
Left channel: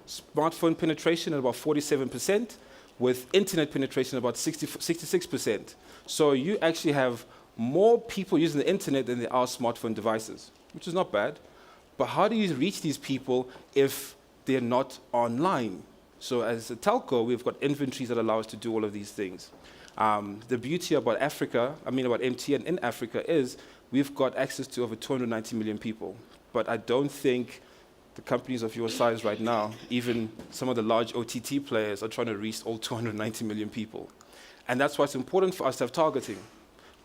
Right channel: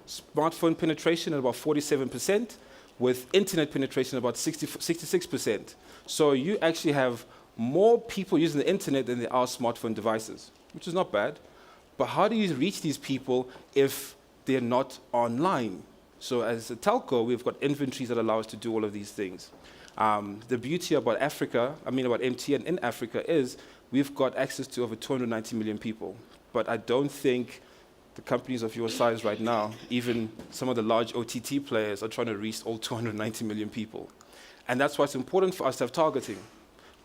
smartphone penetration at about 47%, with internet penetration about 66%. So you actually have more people using the internet than there are smartphone devices, which is not bad. But how do you reach these people if they're not online? So as a telco, we've got inventories that allow us to do all of these things. The beauty about about MTN in Africa is we've got access to over 290 million people. But I don't think the companies of your size right now, even some of the large OTT players, are trying to reach all 290 million people. And that's why it's important for us to have targeting.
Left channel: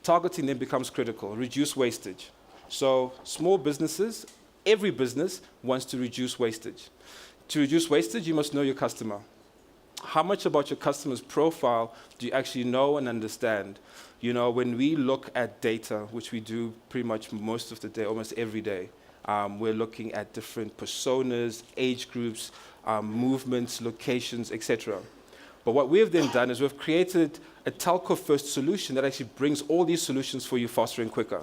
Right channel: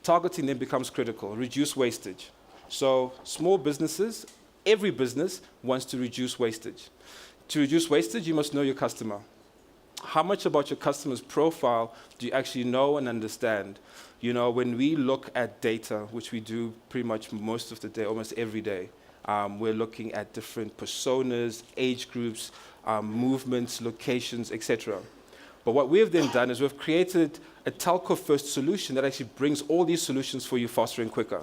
Targeting then becomes critical, reduce wastage. So small businesses, every business wants to reduce wastage. To reduce wastage, you must know your customer. How much about your customer's profile do you actually know and understand? When we look at data, which we do pretty much most of the day, almost every day, We're looking at different personas, age groups, movements, locations, etc. But what we've then done is we've created a telco-first solution that actually brings all these solutions for you faster and quicker.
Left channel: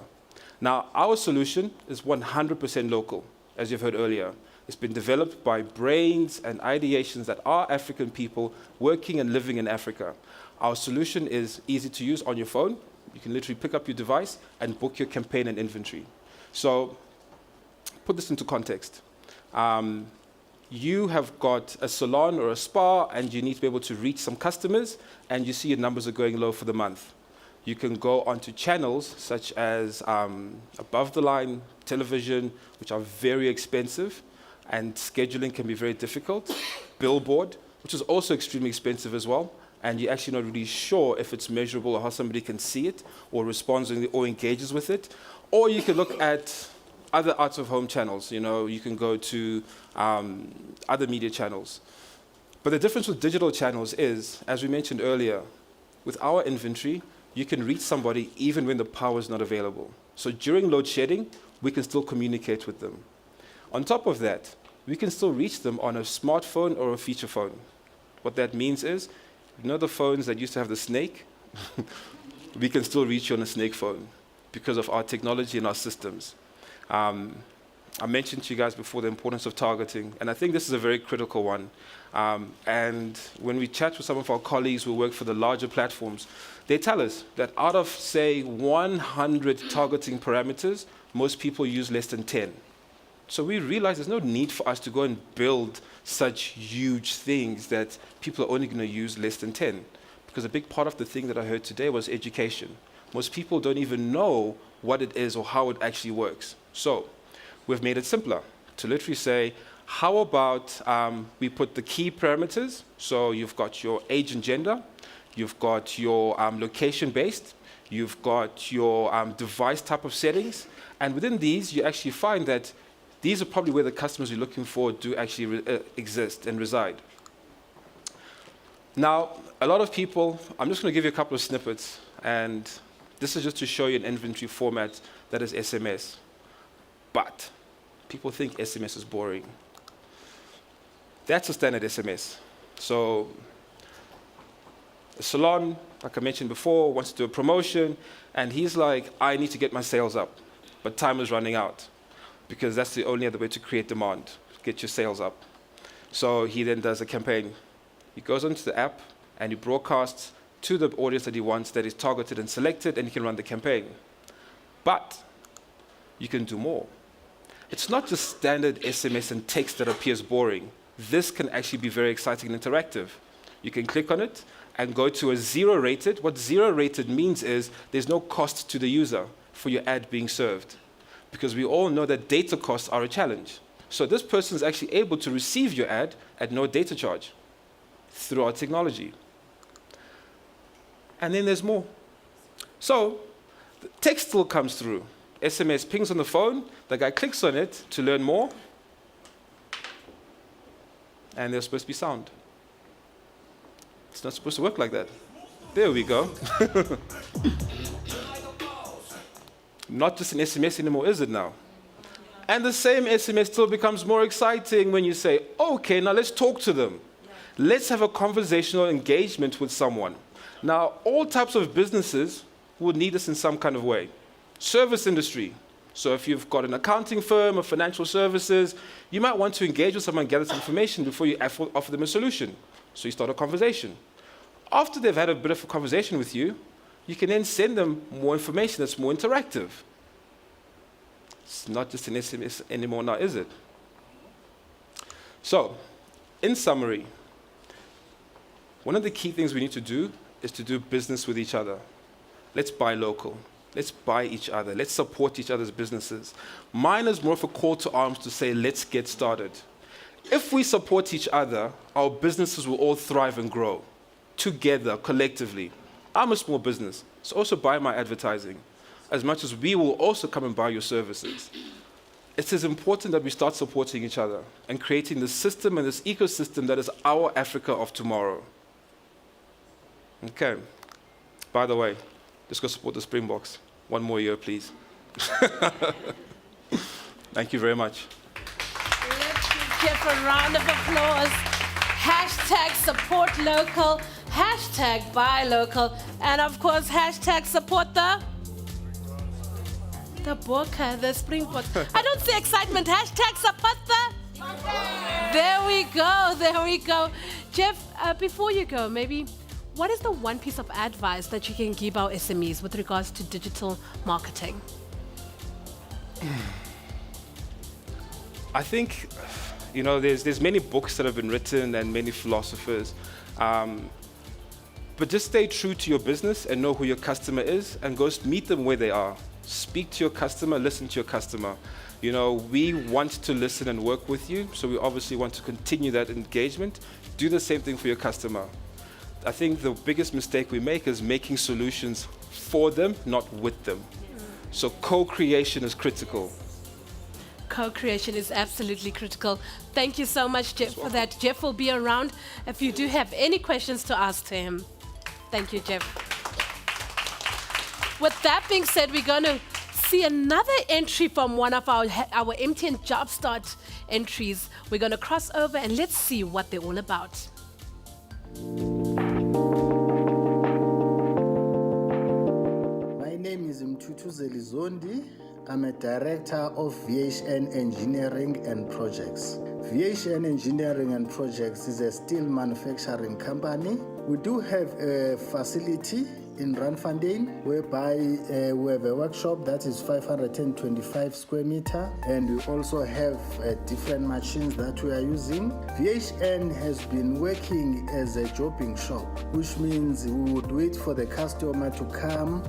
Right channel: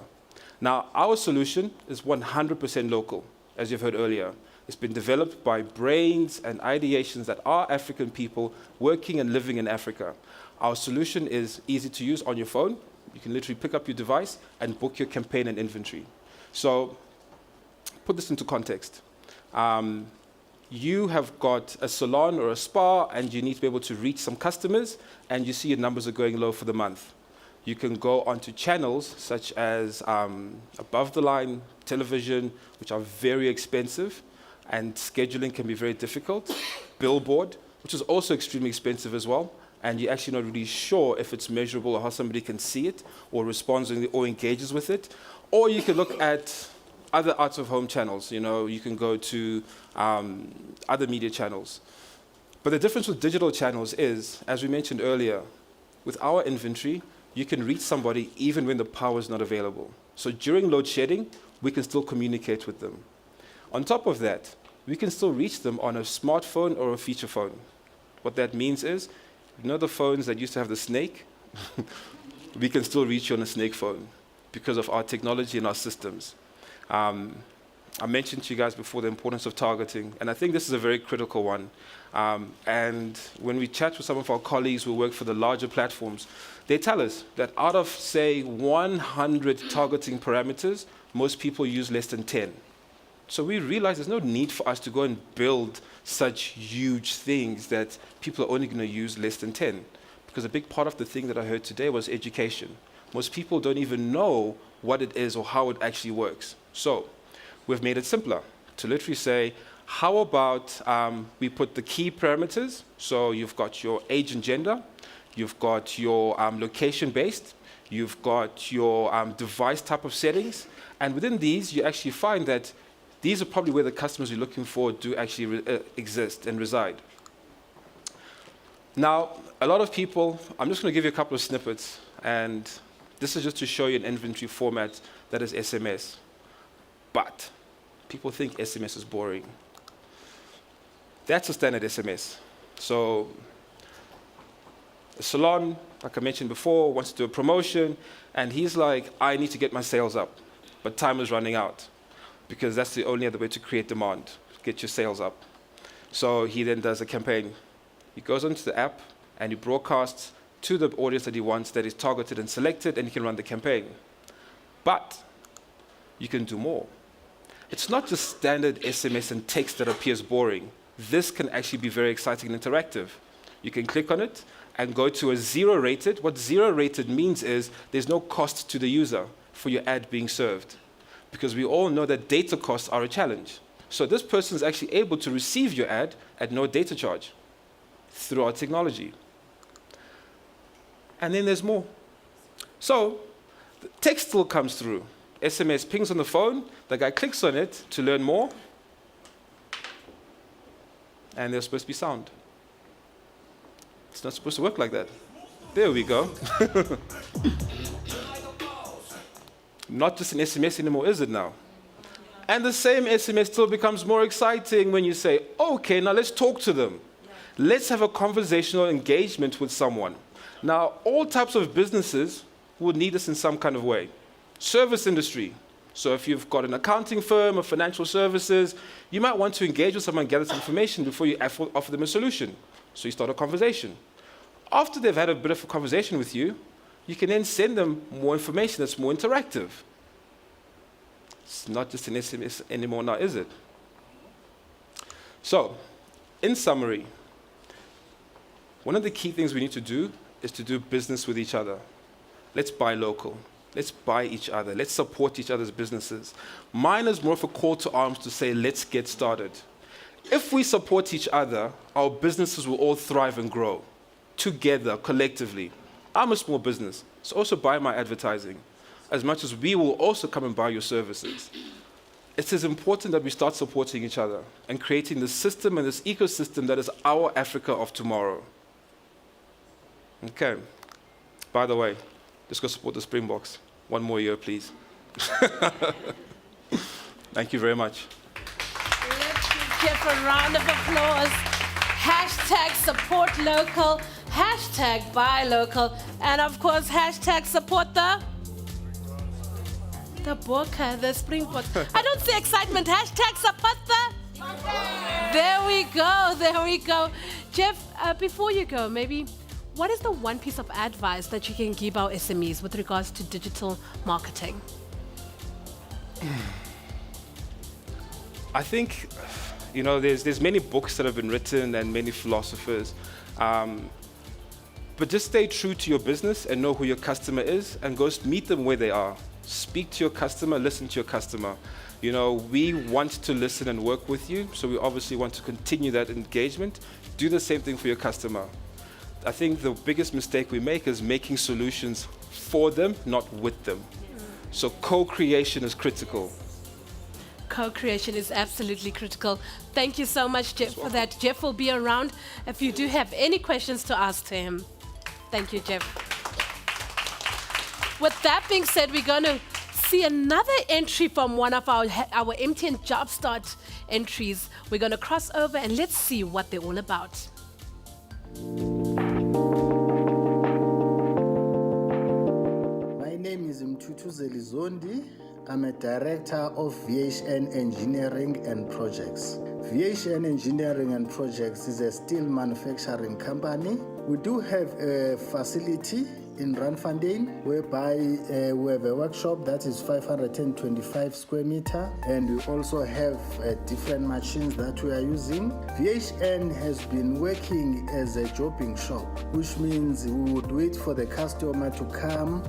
Now, our solution is 100% local, as you've heard earlier. It's been developed by brains and ideations that are African people working and living in Africa. Our solution is easy to use on your phone. You can literally pick up your device and book your campaign and inventory. So, put this into context. You have got a salon or a spa and you need to be able to reach some customers and you see your numbers are going low for the month. You can go onto channels such as above the line television, which are very expensive and scheduling can be very difficult. Billboard, which is also extremely expensive as well, and you're actually not really sure if it's measurable or how somebody can see it or responds or engages with it. Or you can look at other out-of-home channels. You know, you can go to other media channels. But the difference with digital channels is, as we mentioned earlier, with our inventory, you can reach somebody even when the power is not available. So during load shedding, we can still communicate with them. On top of that, we can still reach them on a smartphone or a feature phone. What that means is, you know the phones that used to have the snake? We can still reach you on a snake phone because of our technology and our systems. I mentioned to you guys before the importance of targeting, and I think this is a very critical one. And when we chat with some of our colleagues who work for the larger platforms, they tell us that out of, say, 100 targeting parameters, most people use less than 10. So we realize there's no need for us to go and build such huge things that people are only going to use less than 10. Because a big part of the thing that I heard today was education. Most people don't even know what it is or how it actually works. So we've made it simpler to literally say, how about we put the key parameters? So you've got your age and gender, you've got your location-based, you've got your device type of settings, and within these, you actually find that these are probably where the customers you're looking for do actually exist and reside. Now, a lot of people, I'm just going to give you a couple of snippets, and this is just to show you an inventory format that is SMS. But people think SMS is boring. That's a standard SMS. So a salon, like I mentioned before, wants to do a promotion, and he's like, I need to get my sales up, but time is running out, because that's the only other way to create demand, get your sales up. So he then does a campaign. He goes onto the app, and he broadcasts to the audience that he wants, that is targeted and selected, and he can run the campaign. But you can do more. It's not just standard SMS and text that appears boring. This can actually be very exciting and interactive. You can click on it and go to a zero rated. What zero rated means is there's no cost to the user for your ad being served, because we all know that data costs are a challenge. So this person is actually able to receive your ad at no data charge through our technology. And then there's more. So the text still comes through. SMS pings on the phone, the guy clicks on it to learn more, and there's supposed to be sound. It's not supposed to work like that. There we go. Not just an SMS anymore, is it now? And the same SMS still becomes more exciting when you say, okay, now let's talk to them. Let's have a conversational engagement with someone. Now, all types of businesses would need this in some kind of way. Service industry. So if you've got an accounting firm or financial services, you might want to engage with someone, gather some information before you offer them a solution. So you start a conversation. After they've had a bit of a conversation with you, you can then send them more information that's more interactive. It's not just an SMS anymore now, is it? So, in summary, one of the key things we need to do is to do business with each other. Let's buy local. Let's buy each other. Let's support each other's businesses. Mine is more of a call to arms to say, let's get started. If we support each other, our businesses will all thrive and grow together, collectively. I'm a small business, so also buy my advertising, as much as we will also come and buy your services. It is important that we start supporting each other and creating this system and this ecosystem that is our Africa of tomorrow. Okay. By the way, let's go support the Springboks. One more year, please. Thank you very much. Let's give Jeff a round of applause. Hashtag support local, hashtag buy local, and of course, hashtag support the Bokke, the Springboks. I don't see excitement. Hashtag support the. There we go, there we go. Jeff, before you go, maybe what is the one piece of advice that you can give our SMEs with regards to digital marketing? I think, you know, there's many books that have been written and many philosophers, but just stay true to your business and know who your customer is and go meet them where they are. Speak to your customer, listen to your customer. You know, we want to listen and work with you, so we obviously want to continue that engagement. Do the same thing for your customer. I think the biggest mistake we make is making solutions for them, not with them. So co-creation is critical. Co-creation is absolutely critical. Thank you so much, Jeff, for that. Jeff will be around if you do have any questions to ask to him. Thank you, Jeff. With that being said, we're going to see another entry from one of our MTN Jumpstart entries. We're going to cross over and let's see what they're all about. My name is Mtutu Zelizondi. I'm a director of VHN Engineering and Projects. VHN Engineering and Projects is a steel manufacturing company. We do have a facility in Randfontein, whereby we have a workshop that is 525 square meter, and we also have different machines that we are using. VHN has been working as a jobbing shop, which means we would wait for the customer to come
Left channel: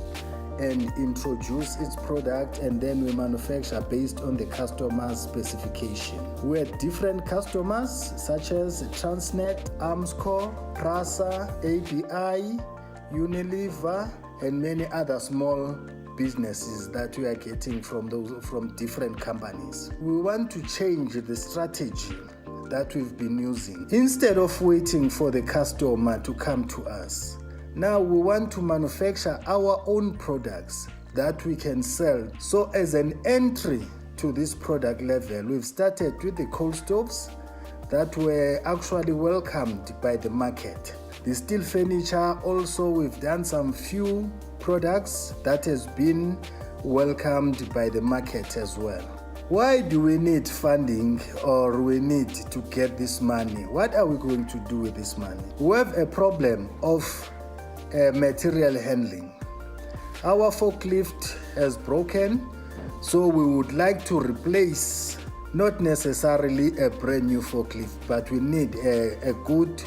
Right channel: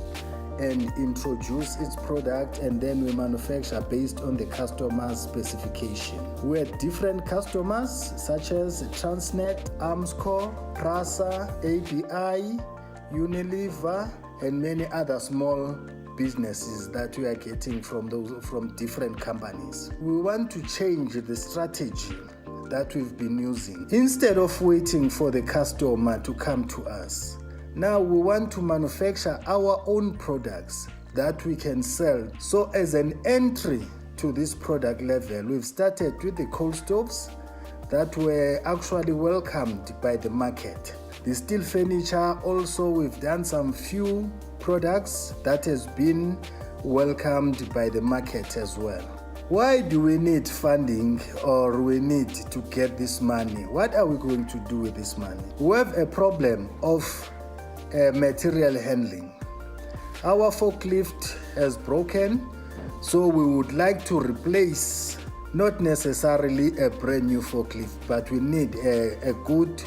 and introduce its product, and then we manufacture based on the customer's specification. We had different customers such as Transnet, Armscor, Prasa, ABI, Unilever, and many other small businesses that we are getting from different companies. We want to change the strategy that we've been using. Instead of waiting for the customer to come to us, now we want to manufacture our own products that we can sell. So as an entry to this product level, we've started with the cold stoves that were actually welcomed by the market. The steel furniture also, we've done some few products that has been welcomed by the market as well. Why do we need funding, or we need to get this money? What are we going to do with this money? We have a problem of material handling. Our forklift has broken, so we would like to replace, not necessarily a brand new forklift, but we need a good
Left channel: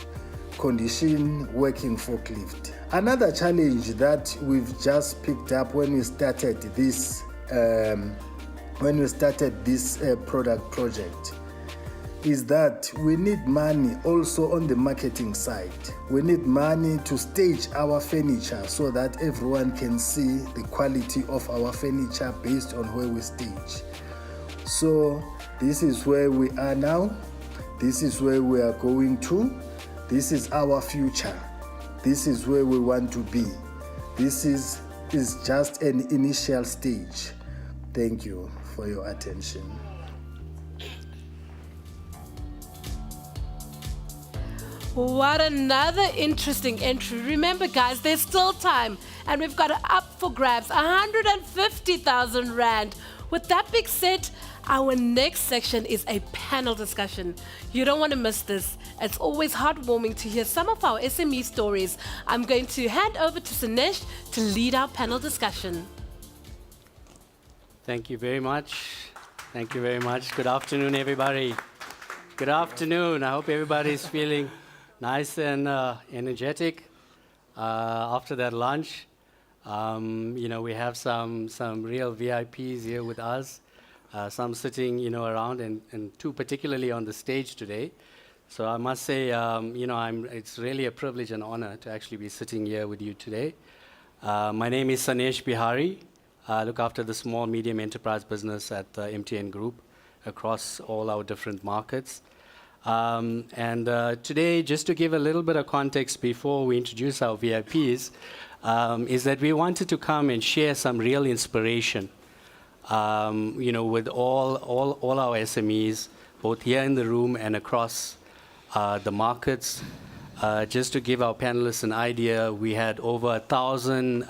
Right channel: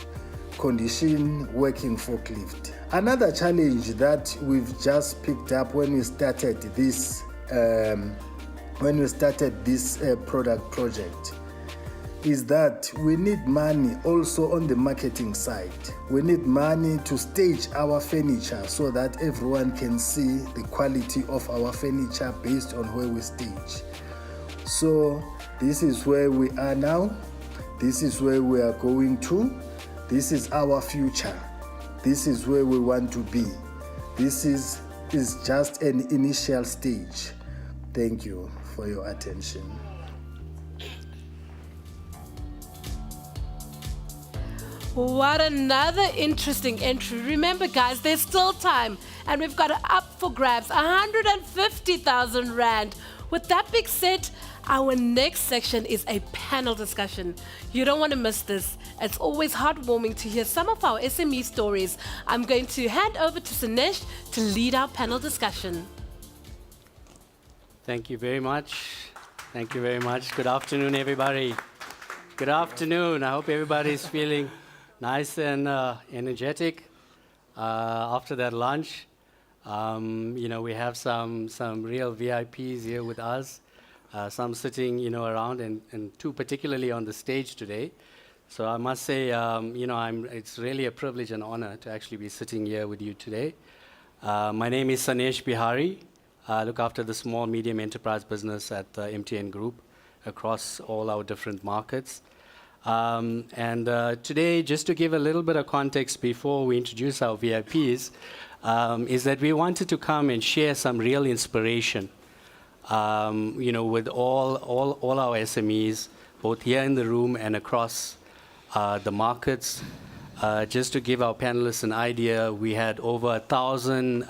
condition working forklift. Another challenge that we've just picked up when we started this product project is that we need money also on the marketing side. We need money to stage our furniture so that everyone can see the quality of our furniture based on where we stage. So this is where we are now. This is where we are going to. This is our future. This is where we want to be. This is just an initial stage. Thank you for your attention. What another interesting entry. Remember, guys, there's still time, and we've got it up for grabs, 150,000 Rand. With that being said, our next section is a panel discussion. You don't want to miss this. It's always heartwarming to hear some of our SME stories. I'm going to hand over to Sanesh to lead our panel discussion. Thank you very much. Thank you very much. Good afternoon, everybody. Good afternoon. I hope everybody's feeling nice and energetic after that lunch. We have some real VIPs here with us, some sitting, around, and two particularly on the stage today. So I must say, it's really a privilege and honor to actually be sitting here with you today. My name is Sanesh Bihari. I look after the small, medium enterprise business at the MTN Group across all our different markets. Today, just to give a little bit of context before we introduce our VIPs, is that we wanted to come and share some real inspiration with all our SMEs, both here in the room and across the markets. Just to give our panelists an idea, we had over 1,000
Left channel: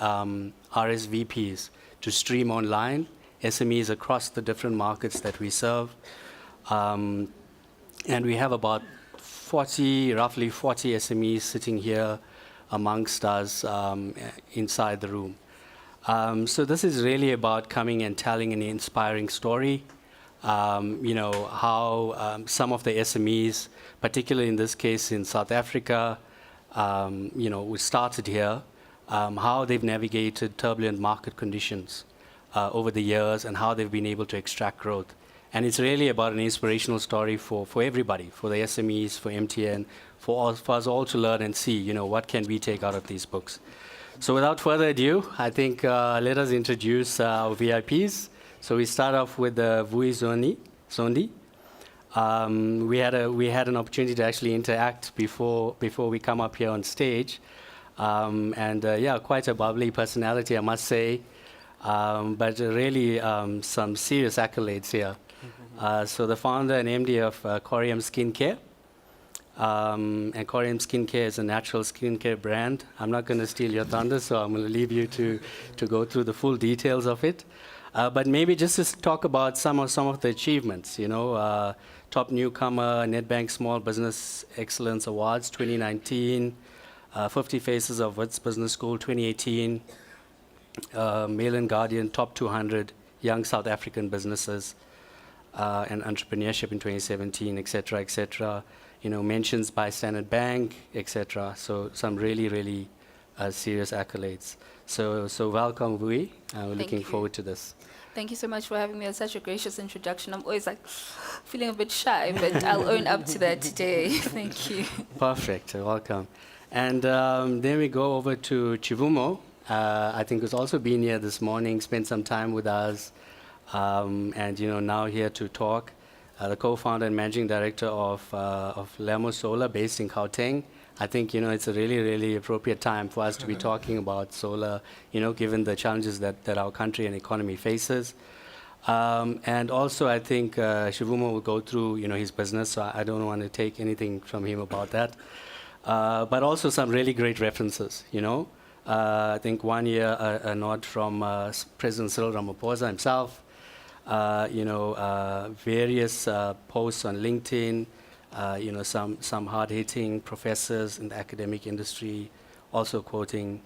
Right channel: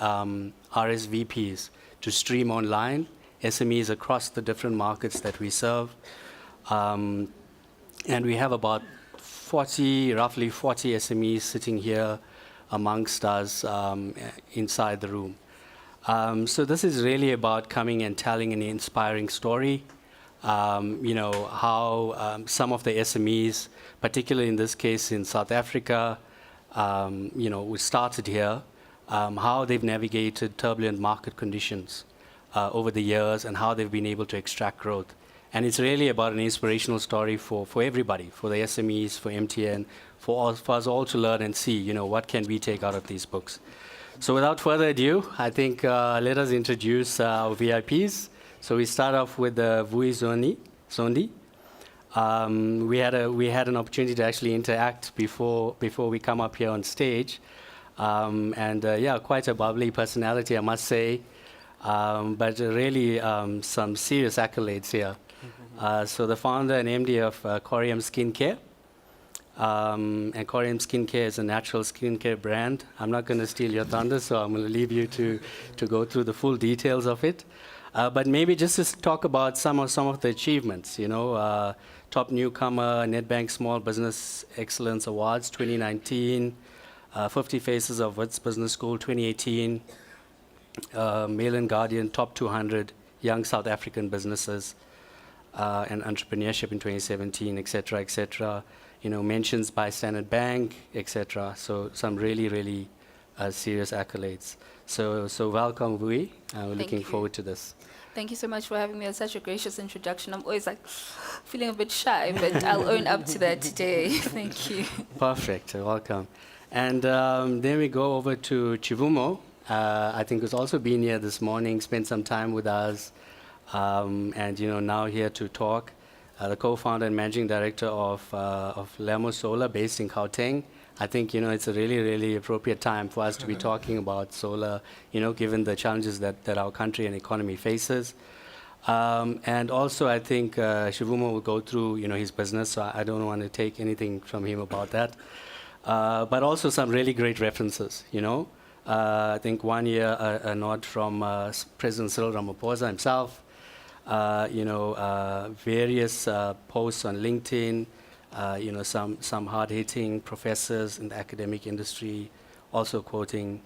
RSVPs to stream online, SMEs across the different markets that we serve. And we have about roughly 40 SMEs sitting here amongst us inside the room. So this is really about coming and telling an inspiring story. How some of the SMEs, particularly in this case in South Africa, we started here, how they've navigated turbulent market conditions over the years and how they've been able to extract growth. And it's really about an inspirational story for everybody, for the SMEs, for MTN, for us all to learn and see, what can we take out of these books. So without further ado, I think let us introduce our VIPs. So we start off with Vui Zondi. We had an opportunity to actually interact before we come up here on stage. Quite a bubbly personality, I must say. But really some serious accolades here. So the founder and MD of Corium Skincare. And Corium Skincare is a natural skincare brand. I'm not going to steal your thunder, so I'm going to leave you to go through the full details of it. But maybe just to talk about some of the achievements, top newcomer, Nedbank Small Business Excellence Awards 2019, 50 Faces of Wits Business School 2018, Mail and Guardian Top 200 Young South African Businesses and Entrepreneurship in 2017, etc., etc. Mentions by Standard Bank, etc. So some really, really serious accolades. So welcome, Vui. We're looking forward to this. Thank you so much for having me. It's such a gracious introduction. I'm always feeling a bit shy, but I'll own up to that today. Thank you. Perfect. Welcome. And then we go over to Chivumo. I think who's also been here this morning, spent some time with us, and now here to talk. The co-founder and managing director of Lemo Solar, based in Gauteng. I think it's a really, really appropriate time for us to be talking about solar, given the challenges that our country and economy faces. And also, I think Shivumo will go through, his business, so I don't want to take anything from him about that. But also some really great references, I think one year a nod from President Cyril Ramaphosa himself, various posts on LinkedIn, some hard-hitting professors in the academic industry also quoting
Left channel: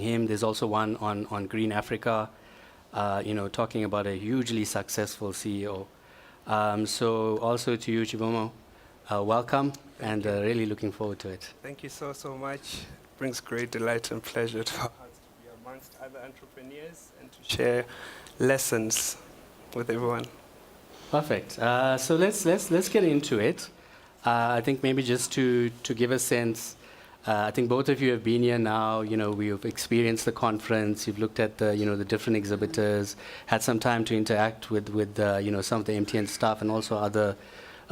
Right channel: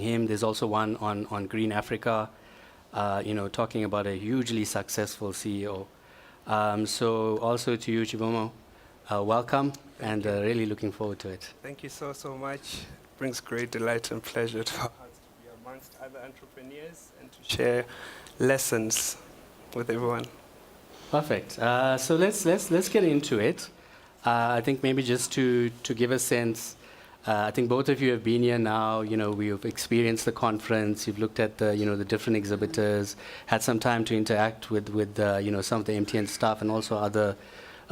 him. There's also one on Green Africa, talking about a hugely successful CEO. So also to you, Chivomo, welcome, and really looking forward to it. Thank you so much. It brings great delight and pleasure to us to be amongst other entrepreneurs and to share lessons with everyone. Perfect. So let's get into it. I think maybe just to give a sense, I think both of you have been here now. We've experienced the conference. You've looked at the different exhibitors, had some time to interact with some of the MTN staff and also other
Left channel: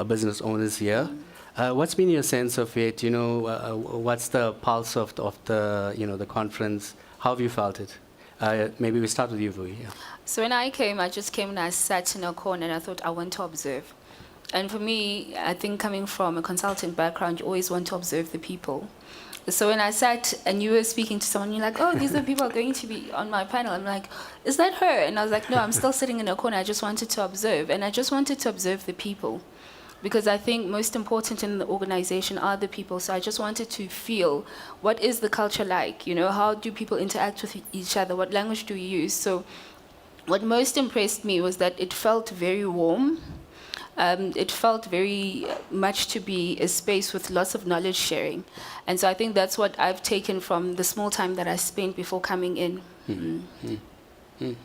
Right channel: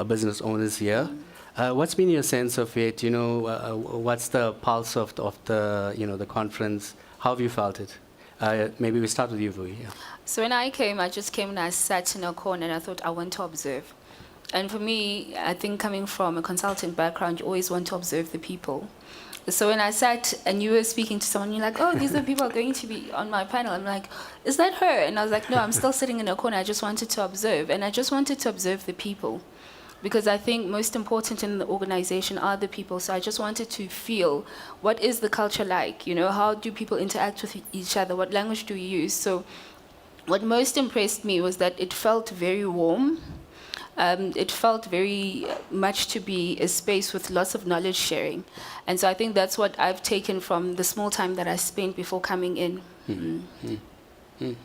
business owners here. What's been your sense of it? What's the pulse of the conference? How have you felt it? Maybe we start with you, Vui. Yeah. So when I came, I just came and I sat in a corner and I thought I want to observe. And for me, I think coming from a consulting background, you always want to observe the people. So when I sat and you were speaking to someone, you're like, oh, these are the people who are going to be on my panel. I'm like, is that her? And I was like, no, I'm still sitting in a corner. I just wanted to observe. And I just wanted to observe the people. Because I think most important in the organization are the people. So I just wanted to feel, what is the culture like? How do people interact with each other? What language do we use? So what most impressed me was that it felt very warm. It felt very much to be a space with lots of knowledge sharing. And so I think that's what I've taken from the small time that I spent before coming in.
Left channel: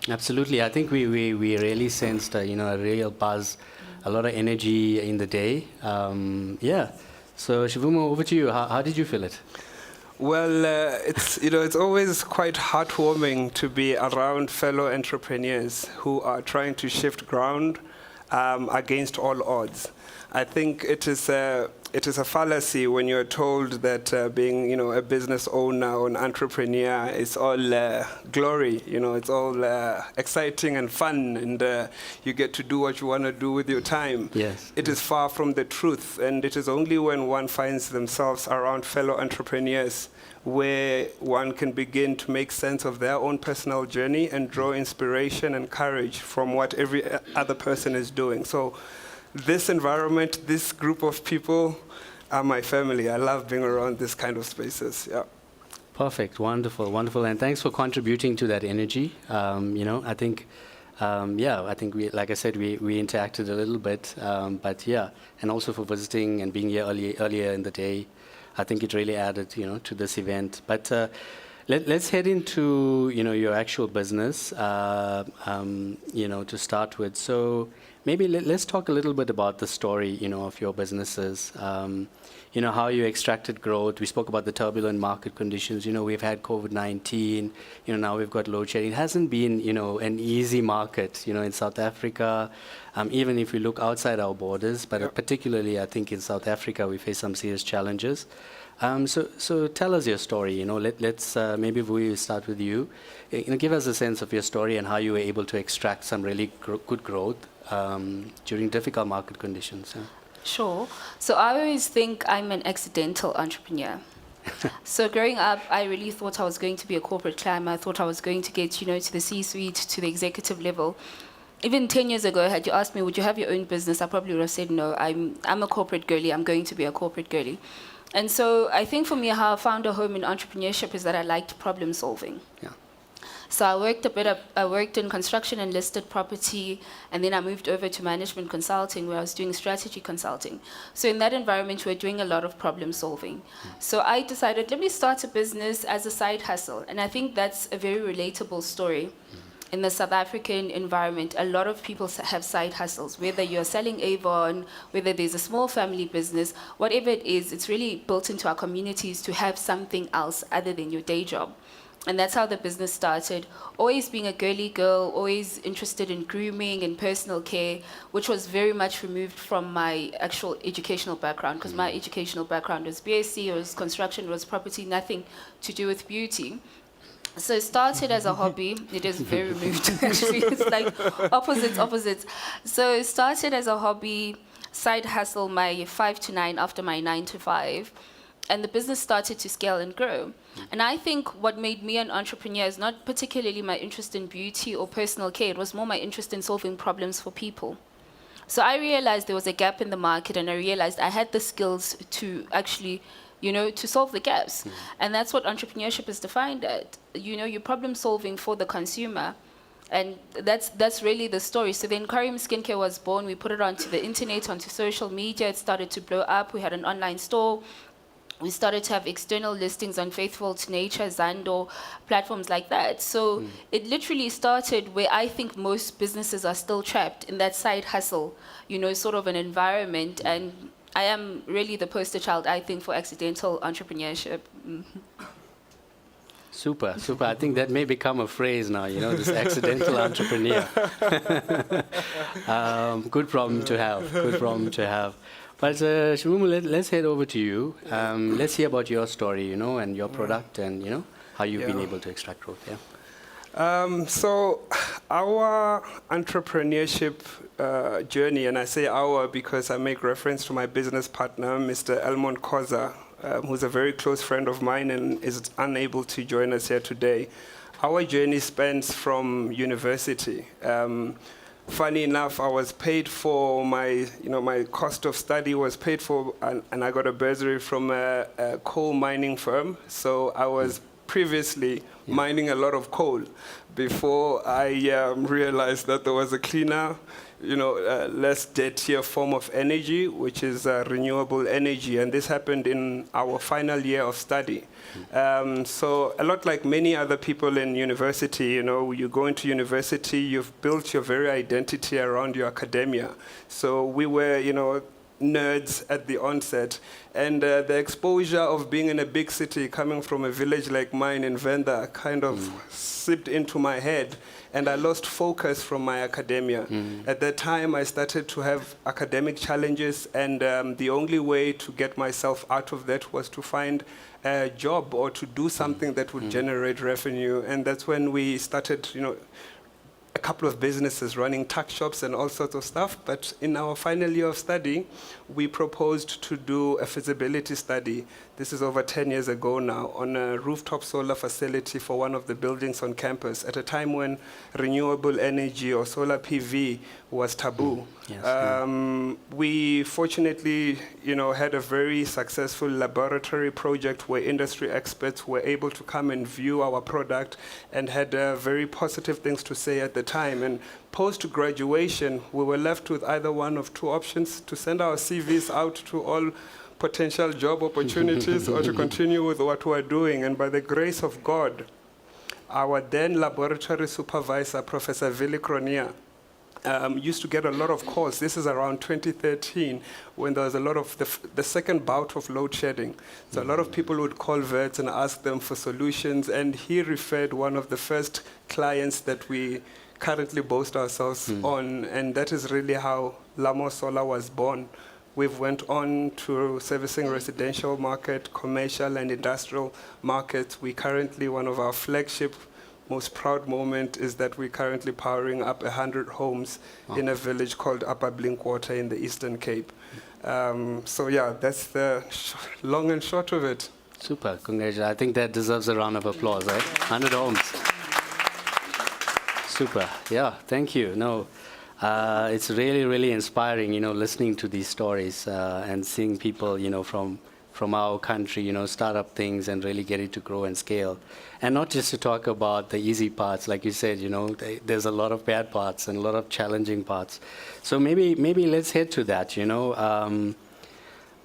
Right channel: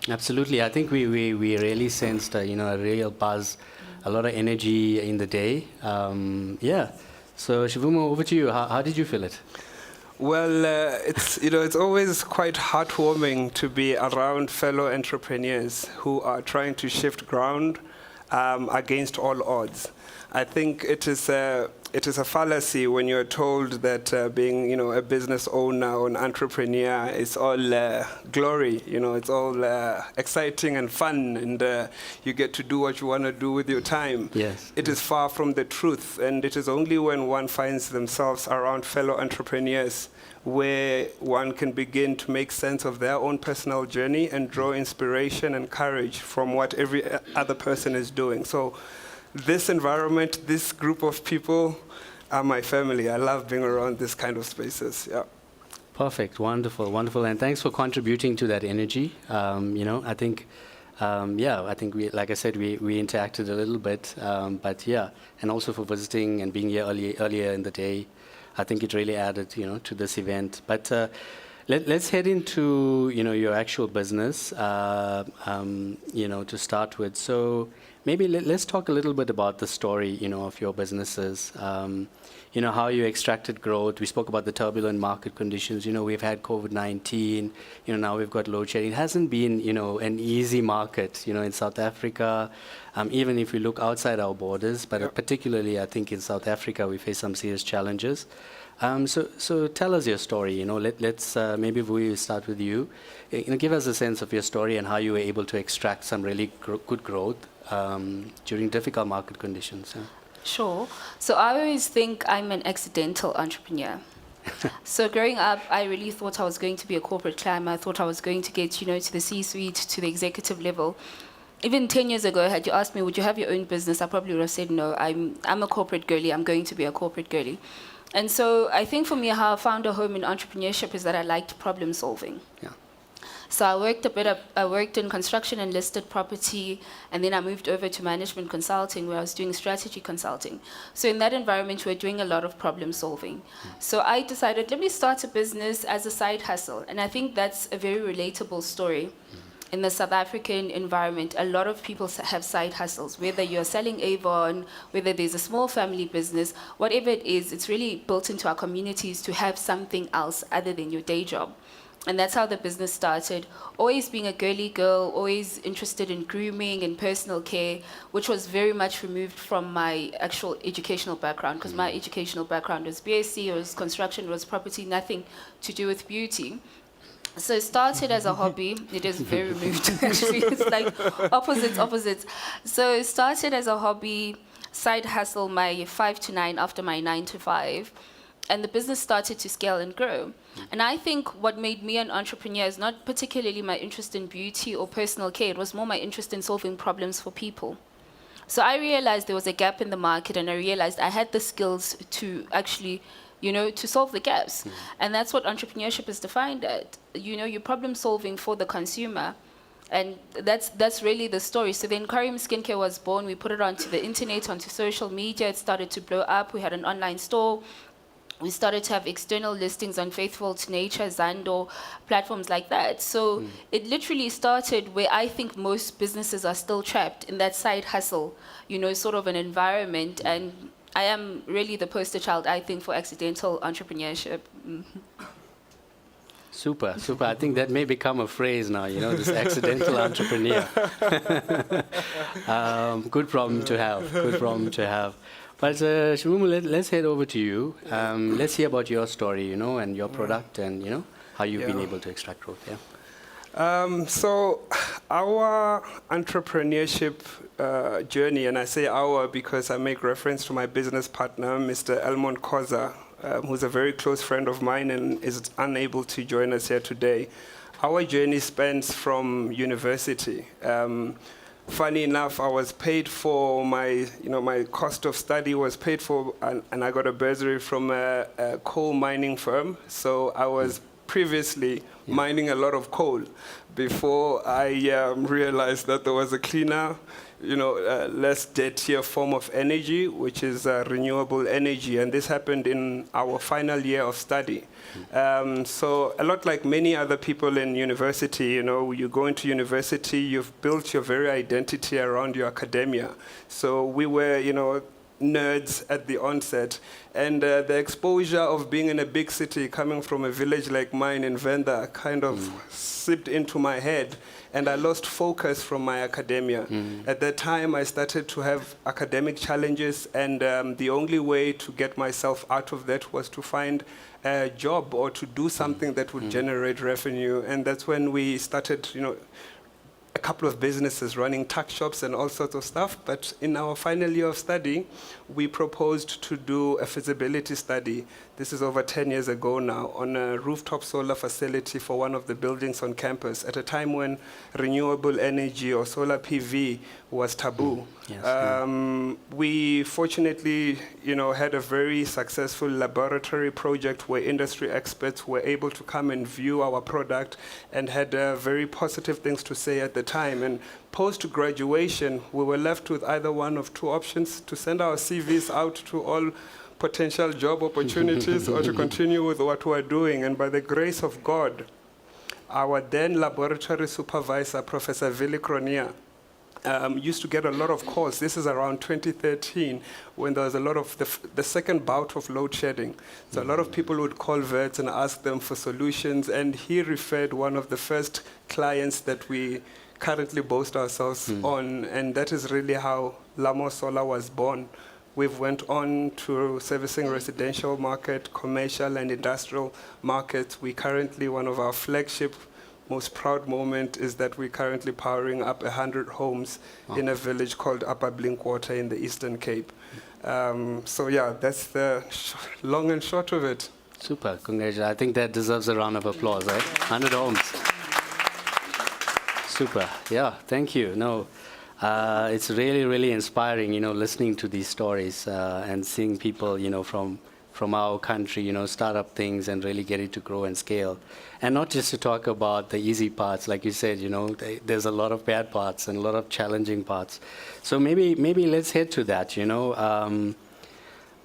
Absolutely. I think we really sensed a real buzz, a lot of energy in the day. So Shivumo, over to you. How did you feel it? Well, it's always quite heartwarming to be around fellow entrepreneurs who are trying to shift ground against all odds. I think it is it is a fallacy when you're told that being, a business owner or an entrepreneur is all glory. It's all exciting and fun, and you get to do what you want to do with your time. Yes. It is far from the truth, and it is only when one finds themselves around fellow entrepreneurs where one can begin to make sense of their own personal journey and draw inspiration and courage from what every other person is doing. So this environment, this group of people are my family. I love being around this kind of spaces. Yeah. Perfect. Wonderful. Wonderful. And thanks for contributing to that energy. I think, I think we, like I said, we interacted a little bit, but yeah, and also for visiting and being here earlier in the day. I think it really added, to this event. But let's head into, your actual business, to start with. So maybe let's talk a little bit about the story, of your businesses. How you extracted growth. We spoke about the turbulent market conditions. We've had COVID-19. Now we've got load shedding. It hasn't been, an easy market, in South Africa. Even if we look outside our borders, but particularly I think in South Africa we face some serious challenges. So tell us your story. Let's maybe we start with you. Give us a sense of your story and how you were able to extract some really good growth during difficult market conditions. Yeah. Sure. So I always think I'm an accidental entrepreneur. So growing up, I really thought I was going to be a corporate climber. I thought I was going to get, to the C-suite, to the executive level. Even 10 years ago, had you asked me, would you have your own business? I probably would have said, no, I'm a corporate girly. I'm going to be a corporate girly. And so I think for me, how I found a home in entrepreneurship is that I liked problem solving. Yeah. So I worked in construction and listed property, and then I moved over to management consulting where I was doing strategy consulting. So in that environment, we were doing a lot of problem solving. So I decided, let me start a business as a side hustle. And I think that's a very relatable story. In the South African environment, a lot of people have side hustles, whether you're selling Avon, whether there's a small family business, whatever it is, it's really built into our communities to have something else other than your day job. And that's how the business started. Always being a girly girl, always interested in grooming and personal care, which was very much removed from my actual educational background, because my educational background was BSc, it was construction, it was property, nothing to do with beauty. So it started as a hobby. It is very removed, actually. It's like opposites. So it started as a hobby, side hustle, my 5 to 9 after my 9 to 5. And the business started to scale and grow. And I think what made me an entrepreneur is not particularly my interest in beauty or personal care. It was more my interest in solving problems for people. So I realized there was a gap in the market, and I realized I had the skills to actually, to solve the gaps. And that's what entrepreneurship is defined at. You're problem solving for the consumer. And that's really the story. So then Karim Skincare was born. We put it onto the internet, onto social media. It started to blow up. We had an online store. We started to have external listings on Faithful to Nature, Zando, platforms like that. So it literally started where I think most businesses are still trapped in that side hustle, sort of an environment. And I am really the poster child, I think, for accidental entrepreneurship. Super. I think that may become a phrase now, this accidental entrepreneur. Good problem to have. But Shimumu, let's head over to you. Let's hear about your story, and your product, and how you've been able to extract growth. Yeah. So our entrepreneurship journey, and I say our because I make reference to my business partner, Mr. Elmond Koza, who's a very close friend of mine and is unable to join us here today. Our journey spans from university. Funny enough, I was paid for my cost of study was paid for, and I got a bursary from a coal mining firm. So I was previously mining a lot of coal before I realized that there was a cleaner, less dirtier form of energy, which is renewable energy. And this happened in our final year of study. So a lot like many other people in university, you go into university, you've built your very identity around your academia. So we were, nerds at the onset. And the exposure of being in a big city, coming from a village like mine in Venda, kind of seeped into my head. And I lost focus from my academia. At that time, I started to have academic challenges, and the only way to get myself out of that was to find a job or to do something that would generate revenue. And that's when we started, a couple of businesses running tuck shops and all sorts of stuff. But in our final year of study, we proposed to do a feasibility study. This is over 10 years ago now, on a rooftop solar facility for one of the buildings on campus at a time when renewable energy or solar PV was taboo. We fortunately, had a very successful laboratory project where industry experts were able to come and view our product and had very positive things to say at the time. And post-graduation, we were left with either one of two options: to send our CVs out to all potential job opportunities or to continue with what we're doing. And by the grace of God, our then laboratory supervisor, Professor Vili Cronia, used to get a lot of calls. This is around 2013, when there was a lot of the second bout of load shedding. So a lot of people would call VETS and ask them for solutions, and he referred one of the first clients that we currently boast ourselves on, and that is really how Lamo Solar was born. We've went on to servicing residential market, commercial and industrial markets. We currently, one of our flagship most proud moment is that we're currently powering up 100 homes in a village called Upper Blinkwater in the Eastern Cape. So yeah, that's the long and short of it. Super, congratulations. I think that deserves a round of applause, right? 100 homes. Super, yeah, thank you. No, it's really, really inspiring, listening to these stories and seeing people, from our country, start up things and really get it to grow and scale. And not just to talk about the easy parts, like you said, there's a lot of bad parts and a lot of challenging parts. So maybe let's head to that,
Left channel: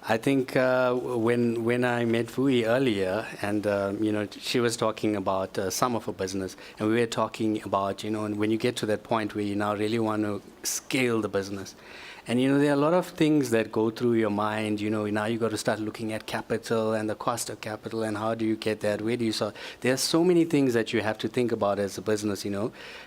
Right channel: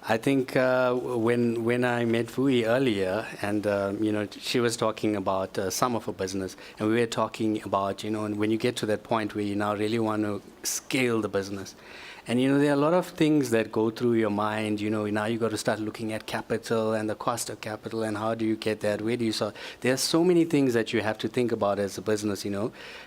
I think when I met Vui earlier, and she was talking about some of her business, and we were talking about, when you get to that point where you now really want to scale the business. And there are a lot of things that go through your mind. Now you got to start looking at capital and the cost of capital and how do you get that? Where do you start? There are so many things that you have to think about as a business.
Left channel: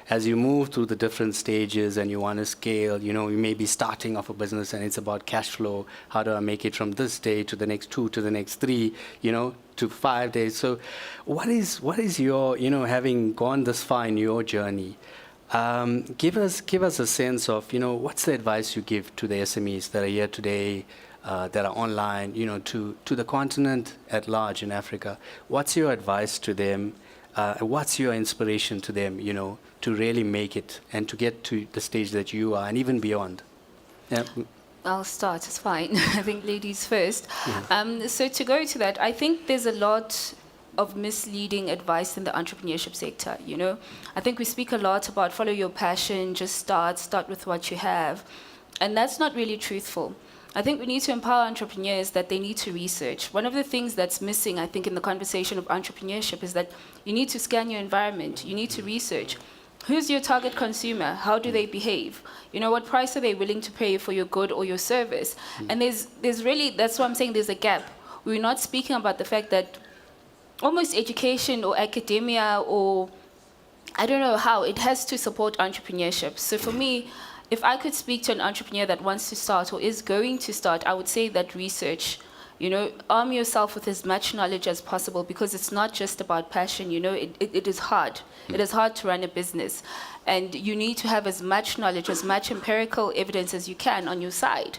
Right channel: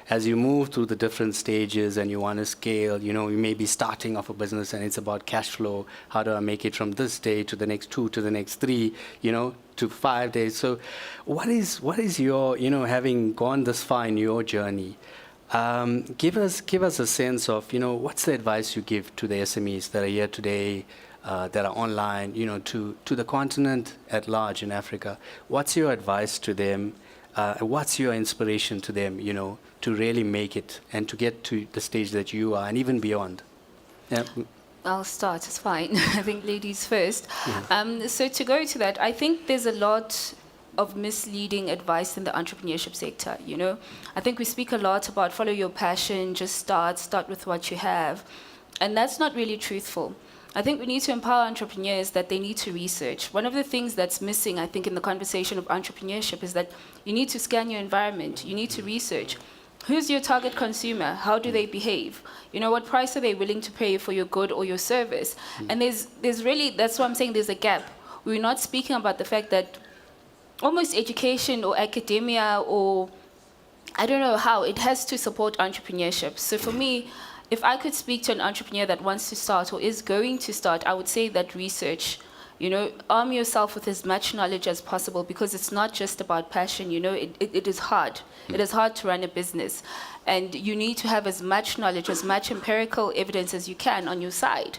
As you move through the different stages and you want to scale. You may be starting off a business and it's about cash flow. How do I make it from this day to the next 2 to the next 3? To 5 days. So, what is your having gone this far in your journey? Give us a sense of, what's the advice you give to the SMEs that are here today, that are online, to the continent at large in Africa. What's your advice to them? What's your inspiration to them, to really make it and to get to the stage that you are and even beyond? Yeah. I'll start, it's fine. I think ladies first. So to go to that, I think there's a lot of misleading advice in the entrepreneurship sector, I think we speak a lot about follow your passion, just start with what you have. And that's not really truthful. I think we need to empower entrepreneurs that they need to research. One of the things that's missing, I think, in the conversation of entrepreneurship is that you need to scan your environment. You need to research. Who's your target consumer? How do they behave? What price are they willing to pay for your good or your service? And there's really, that's why I'm saying there's a gap. We're not speaking about the fact that almost education or academia or I don't know how, it has to support entrepreneurship. So for me, if I could speak to an entrepreneur that wants to start or is going to start, I would say that research, arm yourself with as much knowledge as possible because it's not just about passion, it is hard. It is hard to run a business. And you need to have as much knowledge, as much empirical evidence as you can on your side.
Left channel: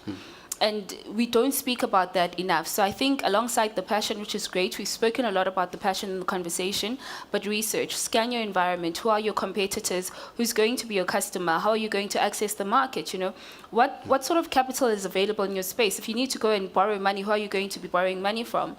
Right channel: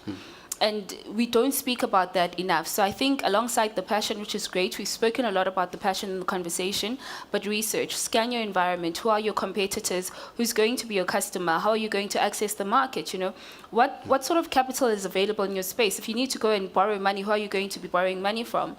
And we don't speak about that enough. So I think alongside the passion, which is great, we've spoken a lot about the passion in the conversation, but research, scan your environment. Who are your competitors? Who's going to be your customer? How are you going to access the market? What sort of capital is available in your space? If you need to go and borrow money, who are you going to be borrowing money from?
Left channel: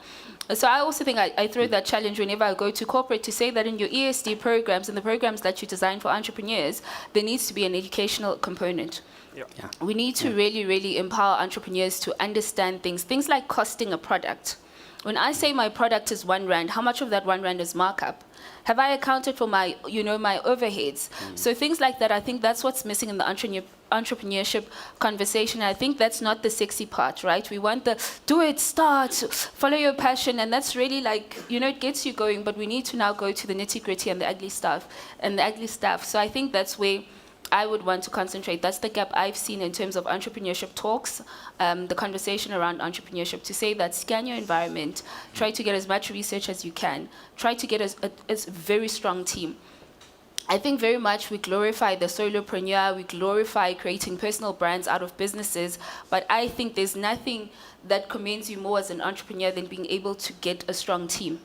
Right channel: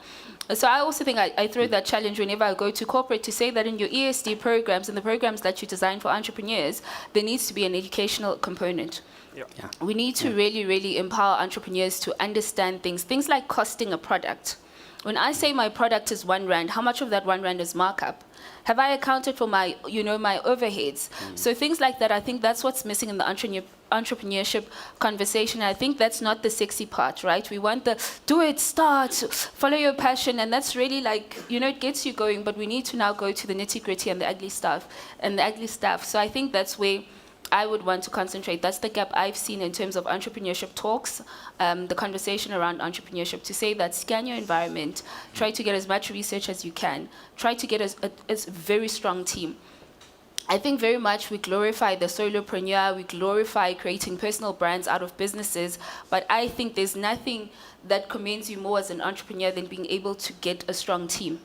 So I also think I throw that challenge whenever I go to corporate to say that in your ESD programs and the programs that you design for entrepreneurs, there needs to be an educational component. Yeah. We need to really, really empower entrepreneurs to understand things like costing a product. When I say my product is R1, how much of that R1 is markup? Have I accounted for my, my overheads? So things like that, I think that's what's missing in the entrepreneurship conversation. I think that's not the sexy part, right? We want the do it, start, follow your passion, and that's really like, it gets you going, but we need to now go to the nitty-gritty and the ugly stuff. So I think that's where I would want to concentrate. That's the gap I've seen in terms of entrepreneurship talks, the conversation around entrepreneurship, to say that scan your environment, try to get as much research as you can, try to get a very strong team. I think very much we glorify the solopreneur, we glorify creating personal brands out of businesses, but I think there's nothing that commends you more as an entrepreneur than being able to get a strong team.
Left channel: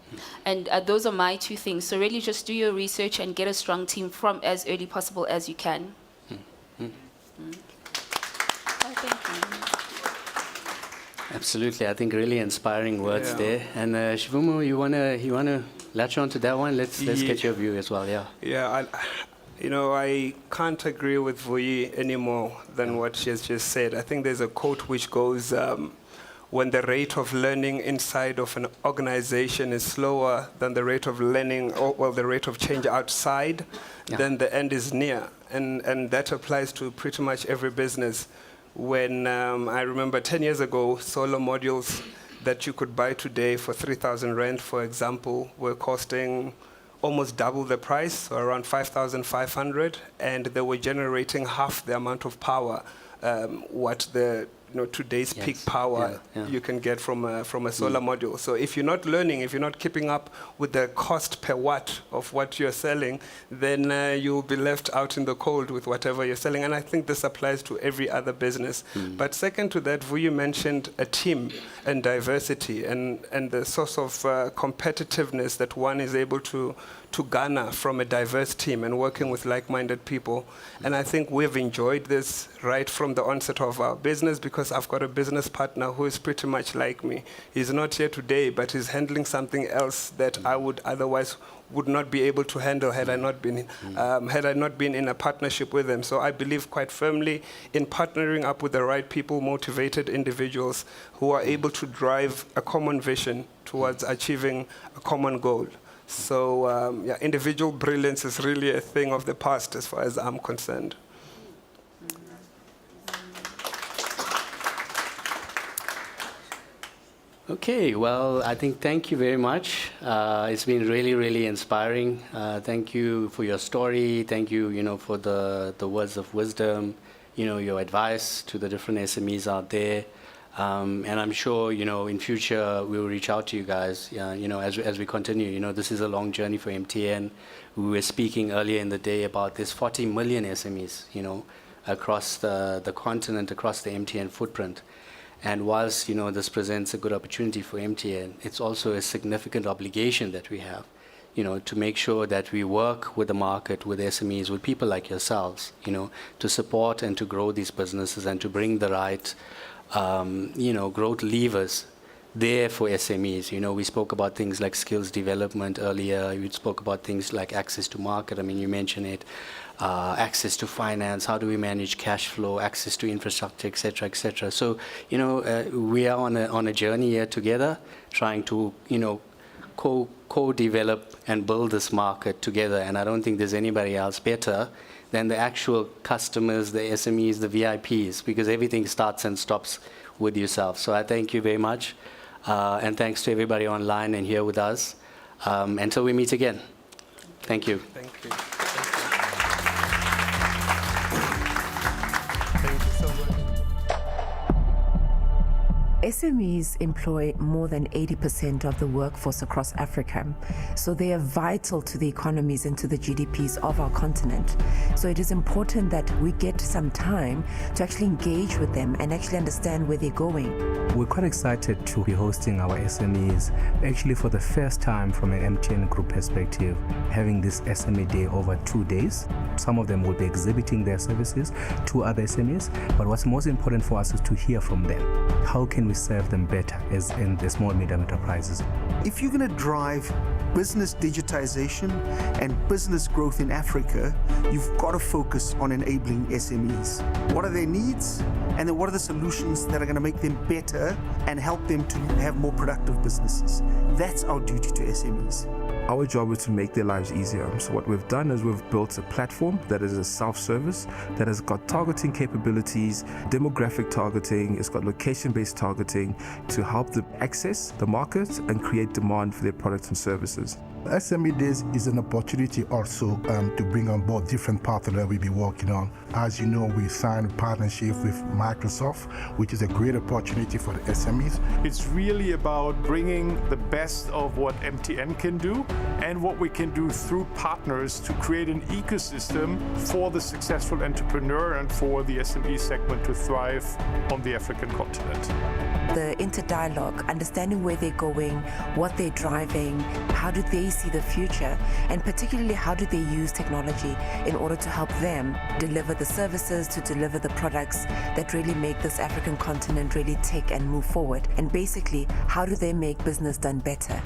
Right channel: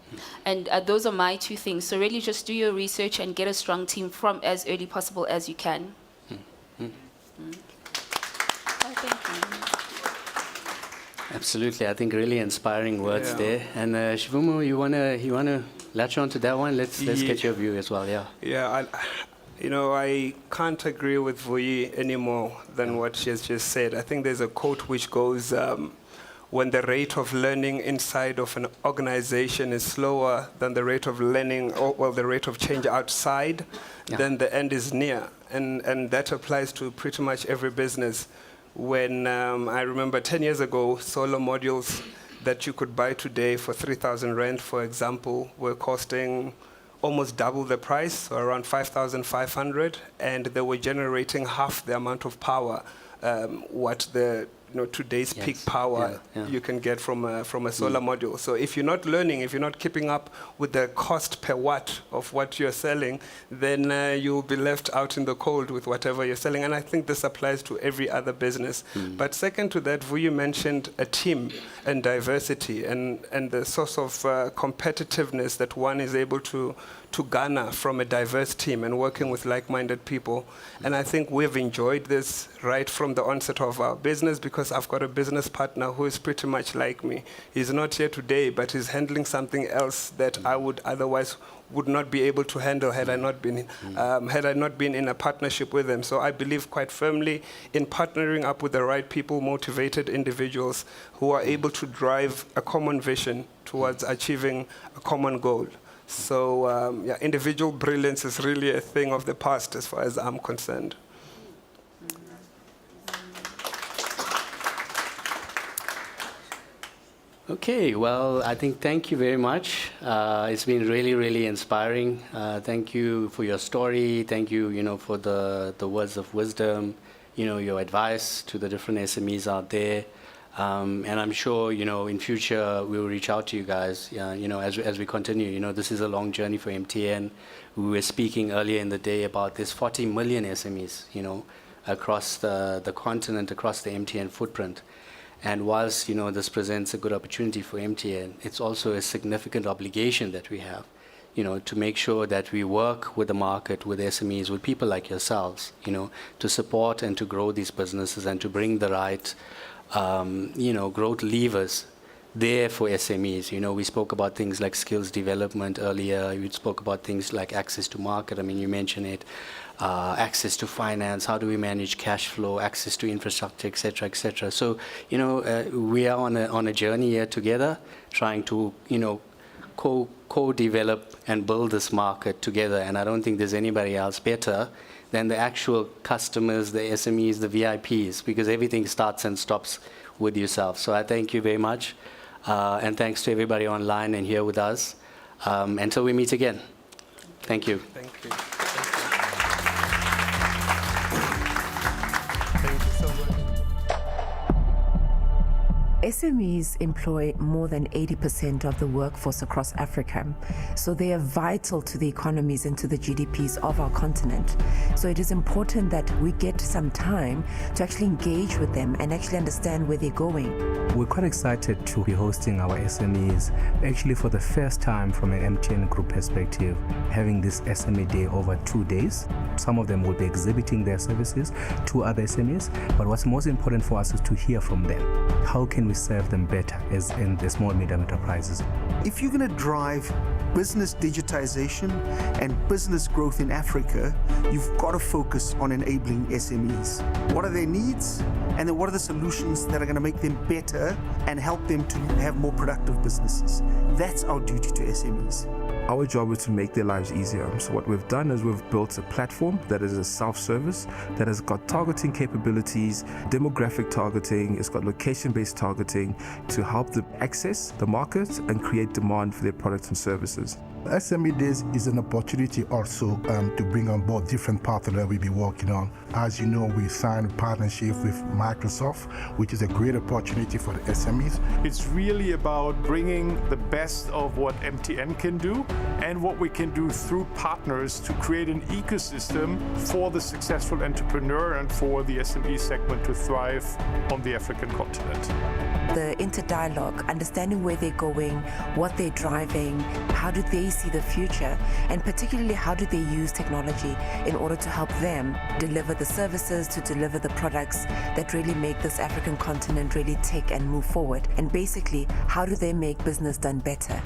And those are my two things. So really just do your research and get a strong team from as early possible as you can. Oh, thank you. Absolutely, I think really inspiring words there. And Shivumo, you wanna latch on to that one? Let's get your view as well. Yeah. Yeah, I can't agree with Vuyi any more than what she has just said. I think there's a quote which goes, when the rate of learning inside of an organization is slower than the rate of learning, or the rate of change outside, then the end is near. And that applies to pretty much every business. When I remember 10 years ago, solar modules that you could buy today for 3,000 rand, for example, were costing almost double the price, so around 5,500, and they were generating half the amount of power what the today's peak power you can get from a solar module. So if you're not learning, if you're not keeping up with the cost per watt of what you're selling, then you'll be left out in the cold with whatever you're selling. And I think this applies to every other business. But second to that, Vuyi mentioned a team and diversity and the source of competitiveness that one is able to garner from a diverse team and working with like-minded people. And I think we've enjoyed this right from the onset of our business, because I've got a business partner who is pretty much like me. He's not here today, but he's handling something else that I would otherwise would not be able to handle had I not been in a partnership with him. So I believe quite firmly in partnering up with the right people, motivated individuals who are able to drive a common vision towards achieving a common goal. So individual brilliance is really a thing of the past as far as I'm concerned. Okay, well, I think thank you very much. It's been really, really inspiring. Thank you for your story. Thank you, for the words of wisdom, your advice to the different SMEs out there. And I'm sure, in future we'll reach out to you guys, as we continue. This is a long journey for MTN. We were speaking earlier in the day about this 40 million SMEs, across the continent, across the MTN footprint. And whilst, this presents a good opportunity for MTN, it's also a significant obligation that we have, to make sure that we work with the market, with SMEs, with people like yourselves, to support and to grow these businesses and to bring the right growth levers there for SMEs. We spoke about things like skills development earlier. We spoke about things like access to market. I mean, you mentioned it. Access to finance. How do we manage cash flow? Access to infrastructure, et cetera, et cetera. So, we are on a journey here together, trying to, co-develop and build this market together. And I don't think there's anybody else better than the actual customers, the SMEs, the VIPs, because everything starts and stops with yourself. So I thank you very much. And thanks to everybody online and here with us. Until we meet again. Thank you. Thank you. SMEs employ more than 80% of the workforce across Africa, so they are vital to the economies and to the GDPs of our continent. So it is important that we get some time to actually engage with them and actually understand where they're going. We're quite excited to be hosting our SMEs, actually for the first time from an MTN Group perspective, having this SME Day over 2 days. Some of them will be exhibiting their services to other SMEs, but what's most important for us is to hear from them. How can we serve them better as in the small medium enterprises? If you're going to drive business digitization and business growth in Africa, you've got to focus on enabling SMEs. What are their needs? and then what are the solutions that are going to make them better and help them to have more productive businesses. That's our duty to SMEs. Our job is to make their lives easier. So what we've done is we've built a platform that is a self-service, that has got targeting capabilities, demographic targeting, it's got location-based targeting to help them access the market and create demand for their products and services. SME Days is an opportunity also to bring on board different partners that we'll be working on. As you know, we signed a partnership with Microsoft, which is a great opportunity for the SMEs. It's really about bringing the best of what MTN can do and what we can do through partners to create an ecosystem for the successful entrepreneur and for the SME segment to thrive on the African continent. The interdialogue, understanding where they're going, what they're driving, how do they see the future, and particularly how do they use technology in order to help them deliver the services, to deliver the products that really make this African continent really tick and move forward. And basically, how do they make business done better?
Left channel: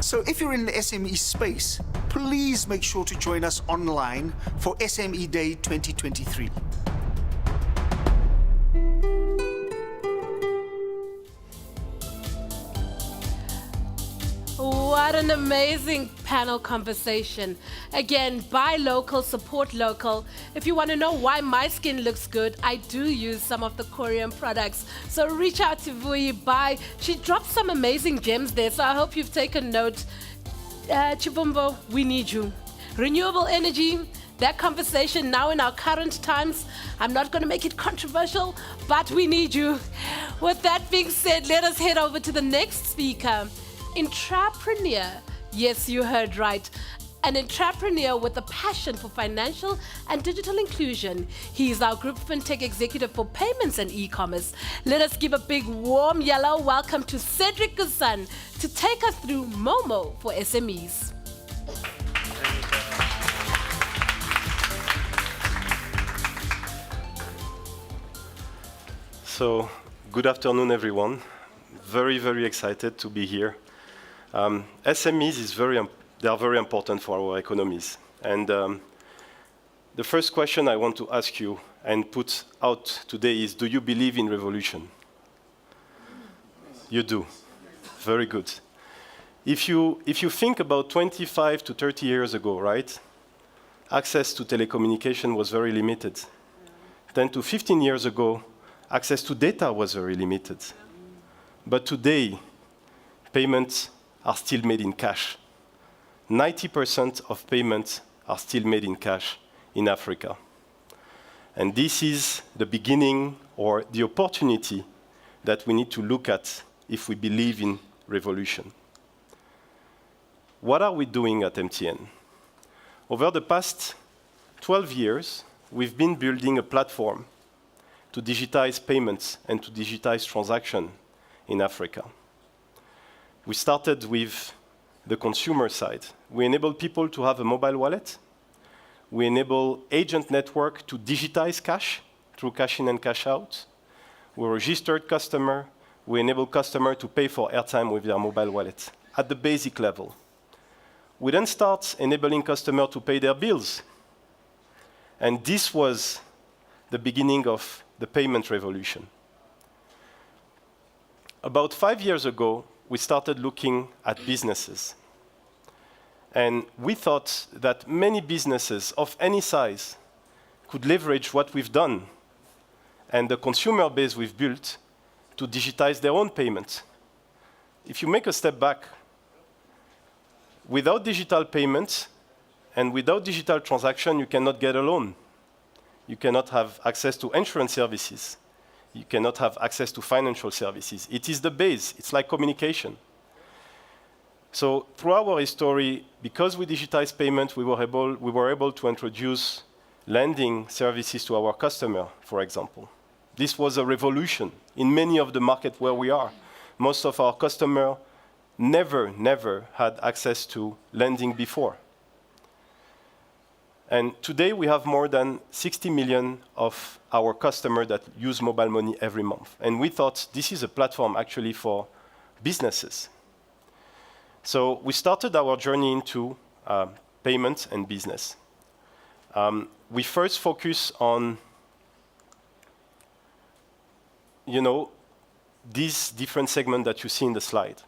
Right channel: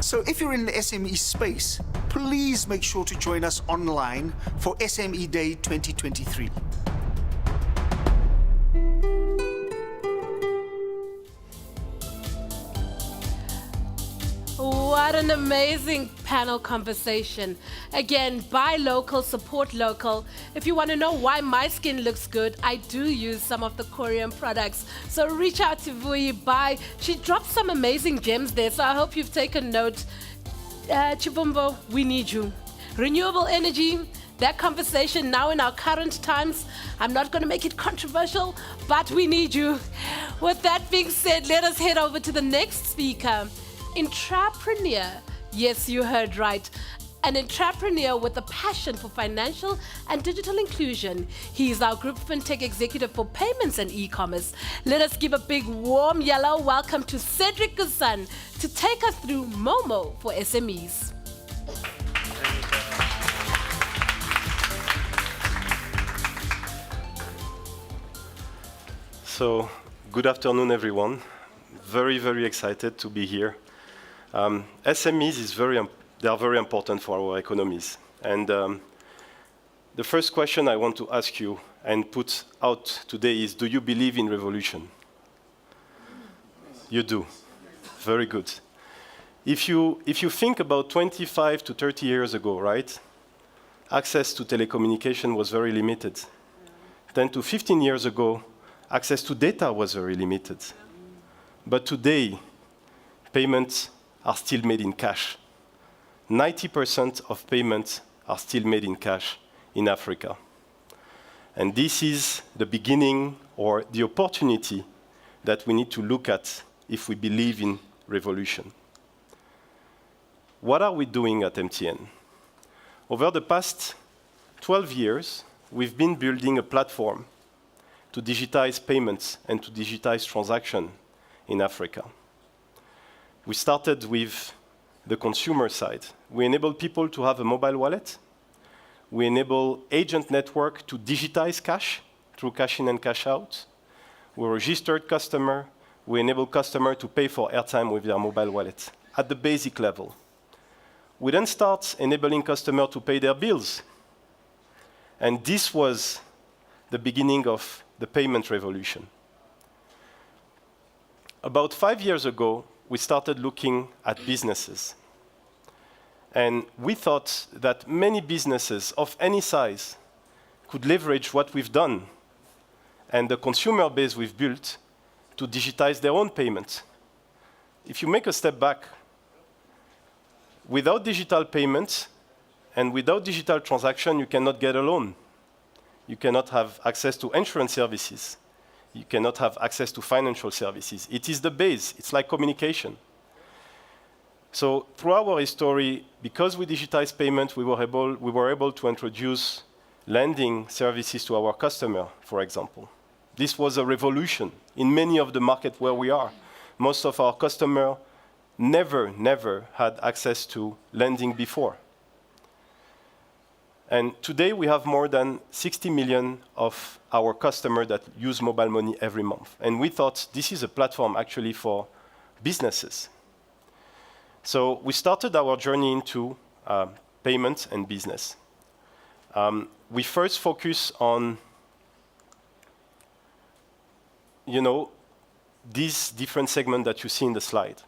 So if you're in the SME space, please make sure to join us online for SME Day 2023. What an amazing panel conversation. Again, buy local, support local. If you want to know why my skin looks good, I do use some of the Korean products. So reach out to Vui, buy. She dropped some amazing gems there, so I hope you've taken note. Chibumbo, we need you. Renewable energy, that conversation now in our current times, I'm not going to make it controversial, but we need you. With that being said, let us head over to the next speaker. Intrapreneur, yes, you heard right. An entrepreneur with a passion for financial and digital inclusion. He is our Group FinTech Executive for Payments and E-Commerce. Let us give a big warm yellow welcome to Cedric Gusan to take us through Momo for SMEs. So, good afternoon, everyone. Very, very excited to be here. SMEs they are very important for our economies. And the first question I want to ask you and put out today is, do you believe in revolution? You do. Very good. If you think about 25 to 30 years ago, right, access to telecommunication was very limited. 10 to 15 years ago, access to data was very limited. But today, payments are still made in cash. 90% of payments are still made in cash in Africa. And this is the beginning or the opportunity that we need to look at if we believe in revolution. What are we doing at MTN? Over the past 12 years, we've been building a platform to digitize payments and to digitize transactions in Africa. We started with the consumer side. We enable people to have a mobile wallet. We enable agent network to digitize cash through cash in and cash out. We registered customer. We enable customer to pay for airtime with their mobile wallet at the basic level. We then start enabling customer to pay their bills. And this was the beginning of the payment revolution. About 5 years ago, we started looking at businesses. And we thought that many businesses of any size could leverage what we've done and the consumer base we've built to digitize their own payments. If you make a step back, without digital payments and without digital transaction, you cannot get a loan. You cannot have access to insurance services. You cannot have access to financial services. It is the base. It's like communication. So through our history, because we digitized payment, we were able to introduce lending services to our customer, for example. This was a revolution in many of the markets where we are. Most of our customers never had access to lending before. And today we have more than 60 million of our customers that use mobile money every month. And we thought this is a platform actually for businesses. So we started our journey into payments and business. We first focus on these different segments that you see in the slide.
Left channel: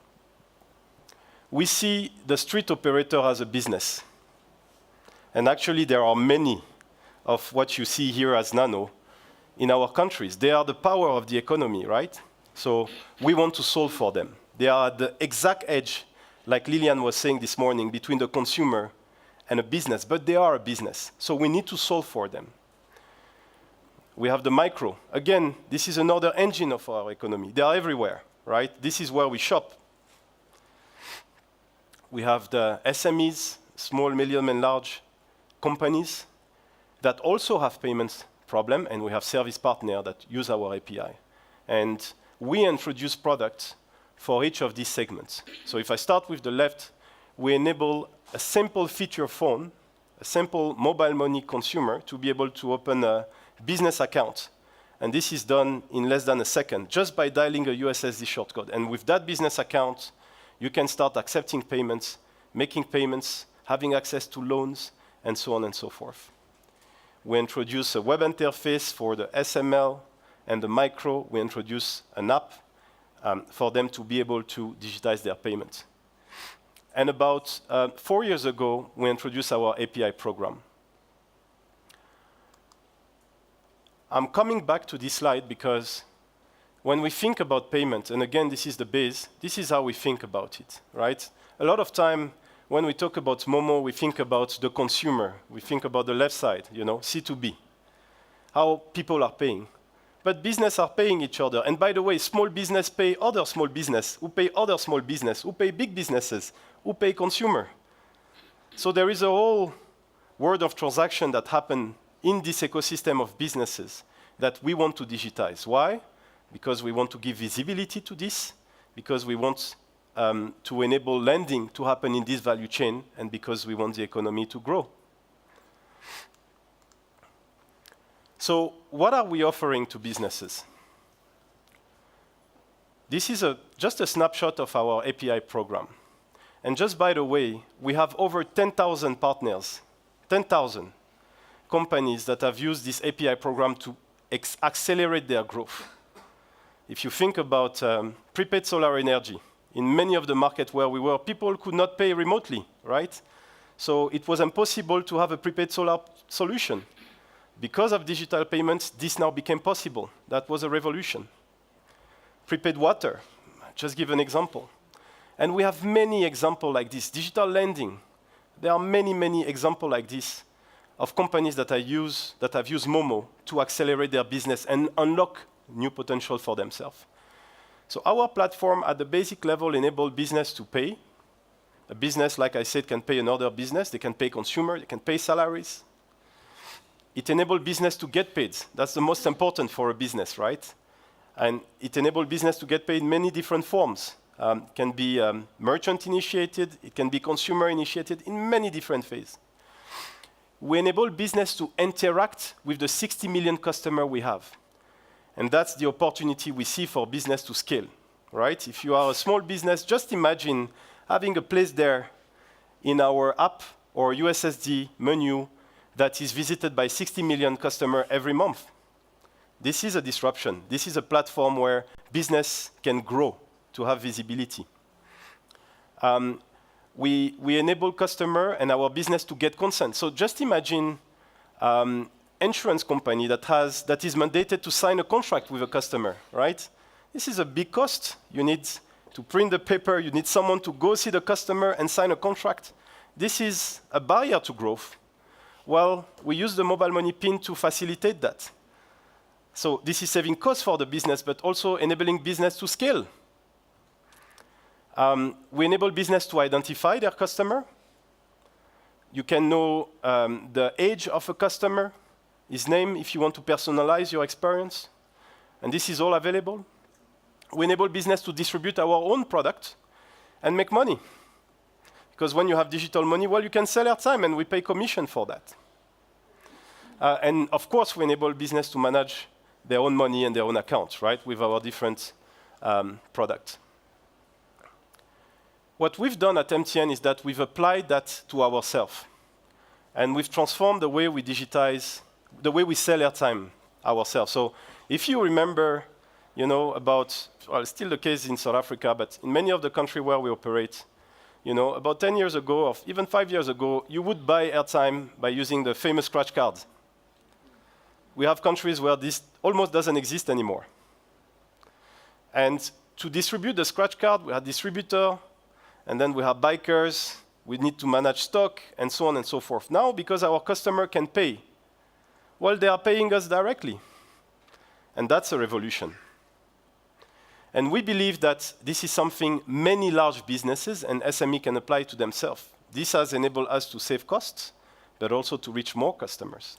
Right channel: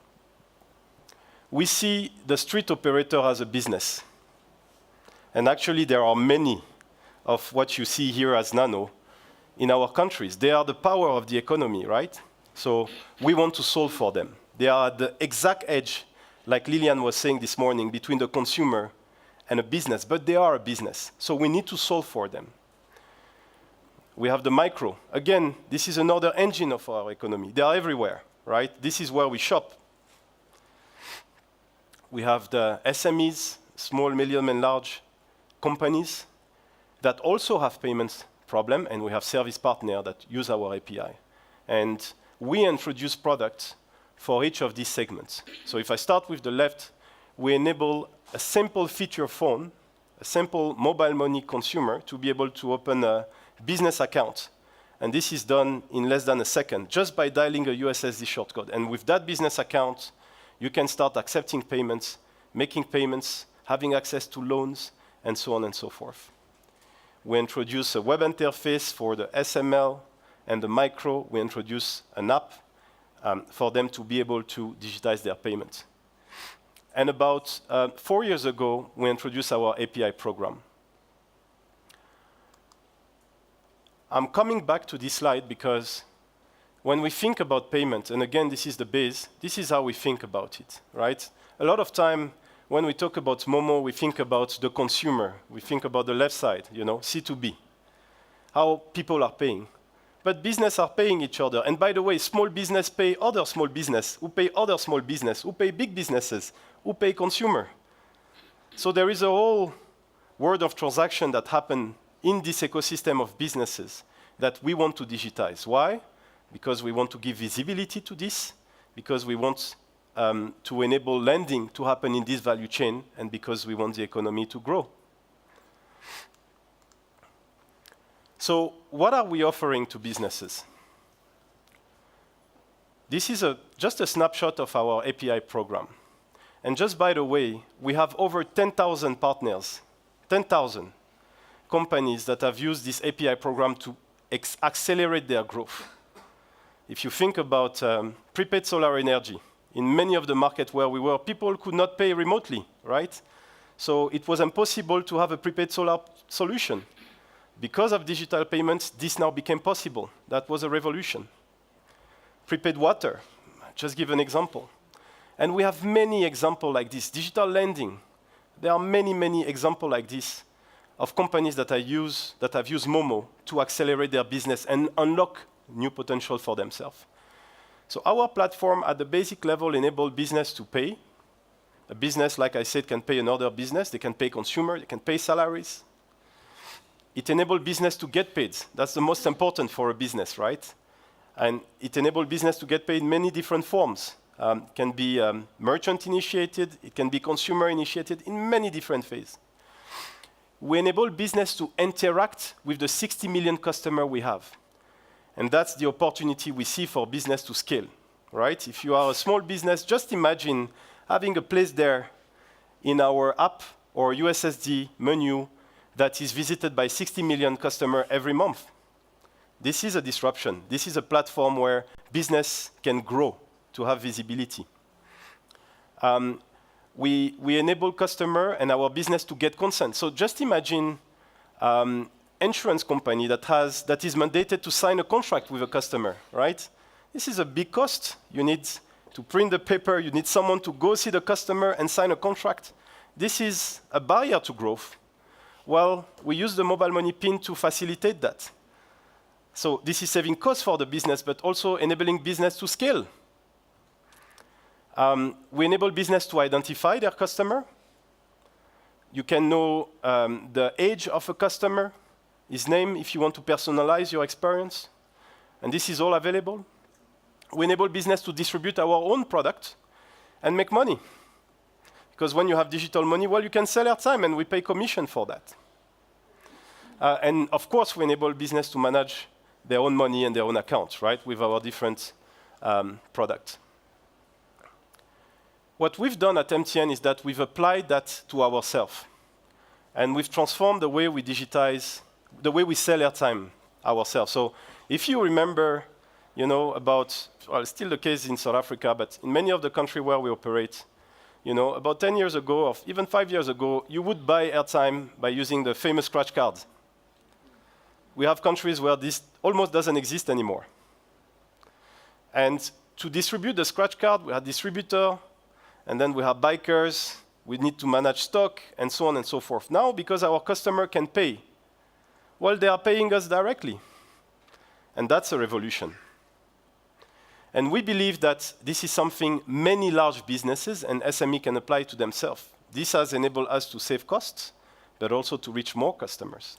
We see the street operator as a business. And actually, there are many of what you see here as nano in our countries. They are the power of the economy, right? So we want to solve for them. They are at the exact edge, like Lilian was saying this morning, between the consumer and a business, but they are a business. So we need to solve for them. We have the micro. Again, this is another engine of our economy. They are everywhere, right? This is where we shop. We have the SMEs, small, medium, and large companies that also have payments problem, and we have service partners that use our API. And we introduce products for each of these segments. So if I start with the left, we enable a simple feature phone, a simple mobile money consumer to be able to open a business account. And this is done in less than a second, just by dialing a USSD shortcode. And with that business account, you can start accepting payments, making payments, having access to loans, and so on and so forth. We introduce a web interface for the SML and the micro. We introduce an app for them to be able to digitize their payments. And about 4 years ago, we introduced our API program. I'm coming back to this slide because when we think about payment, and again, this is the base, this is how we think about it, right? A lot of time, when we talk about Momo, we think about the consumer. We think about the left side, C2B, how people are paying. But business are paying each other. And by the way, small business pay other small business, who pay other small business, who pay big businesses, who pay consumer. So there is a whole world of transaction that happen in this ecosystem of businesses that we want to digitize. Why? Because we want to give visibility to this, because we want to enable lending to happen in this value chain, and because we want the economy to grow. So what are we offering to businesses? This is just a snapshot of our API program. And just by the way, we have over 10,000 partners, 10,000 companies that have used this API program to accelerate their growth. If you think about prepaid solar energy, in many of the markets where we were, people could not pay remotely, right? So it was impossible to have a prepaid solar solution. Because of digital payments, this now became possible. That was a revolution. Prepaid water, just give an example. And we have many examples like this. Digital lending, there are many, many examples like this of companies that have used Momo to accelerate their business and unlock new potential for themselves. So our platform at the basic level enables business to pay. A business, like I said, can pay another business. They can pay consumer, they can pay salaries. It enables business to get paid. That's the most important for a business, right? And it enables business to get paid in many different forms. It can be merchant initiated, it can be consumer initiated in many different phases. We enable business to interact with the 60 million customers we have. And that's the opportunity we see for business to scale, right? If you are a small business, just imagine having a place there in our app or USSD menu that is visited by 60 million customers every month. This is a disruption. This is a platform where business can grow to have visibility. We enable customer and our business to get consent. So just imagine insurance company that is mandated to sign a contract with a customer, right? This is a big cost. You need to print the paper. You need someone to go see the customer and sign a contract. This is a barrier to growth. Well, we use the mobile money PIN to facilitate that. So this is saving costs for the business, but also enabling business to scale. We enable business to identify their customer. You can know the age of a customer, his name, if you want to personalize your experience. And this is all available. We enable business to distribute our own product and make money. Because when you have digital money, well, you can sell airtime, and we pay commission for that. And of course, we enable business to manage their own money and their own accounts, right, with our different products. What we've done at MTN is that we've applied that to ourselves. And we've transformed the way we digitize, the way we sell airtime ourselves. So if you remember you know, about, well, still the case in South Africa, but in many of the countries where we operate, you know, about 10 years ago, or even 5 years ago, you would buy airtime by using the famous scratch cards. We have countries where this almost doesn't exist anymore. And to distribute the scratch card, we have distributor, and then we have bikers, we need to manage stock, and so on and so forth. Now, because our customer can pay, well, they are paying us directly. And that's a revolution. And we believe that this is something many large businesses and SME can apply to themselves. This has enabled us to save costs, but also to reach more customers.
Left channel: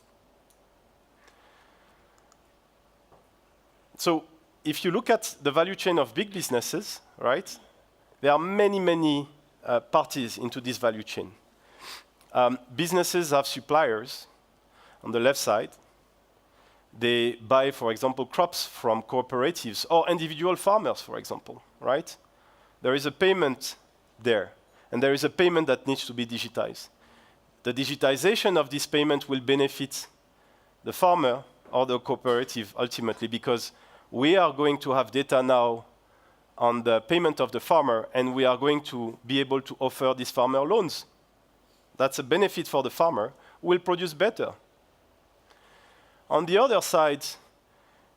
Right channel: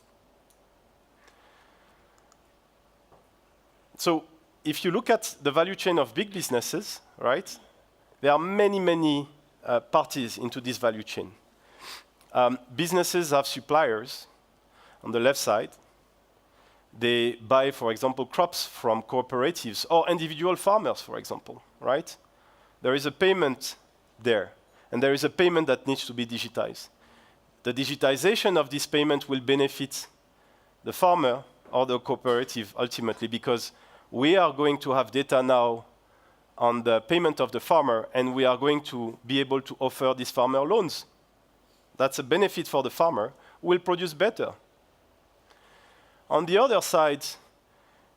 So if you look at the value chain of big businesses, right, there are many, many parties into this value chain. Businesses have suppliers on the left side. They buy, for example, crops from cooperatives or individual farmers, for example, right? There is a payment there, and there is a payment that needs to be digitized. The digitization of this payment will benefit the farmer or the cooperative ultimately, because we are going to have data now on the payment of the farmer, and we are going to be able to offer this farmer loans. That's a benefit for the farmer who will produce better. On the other side,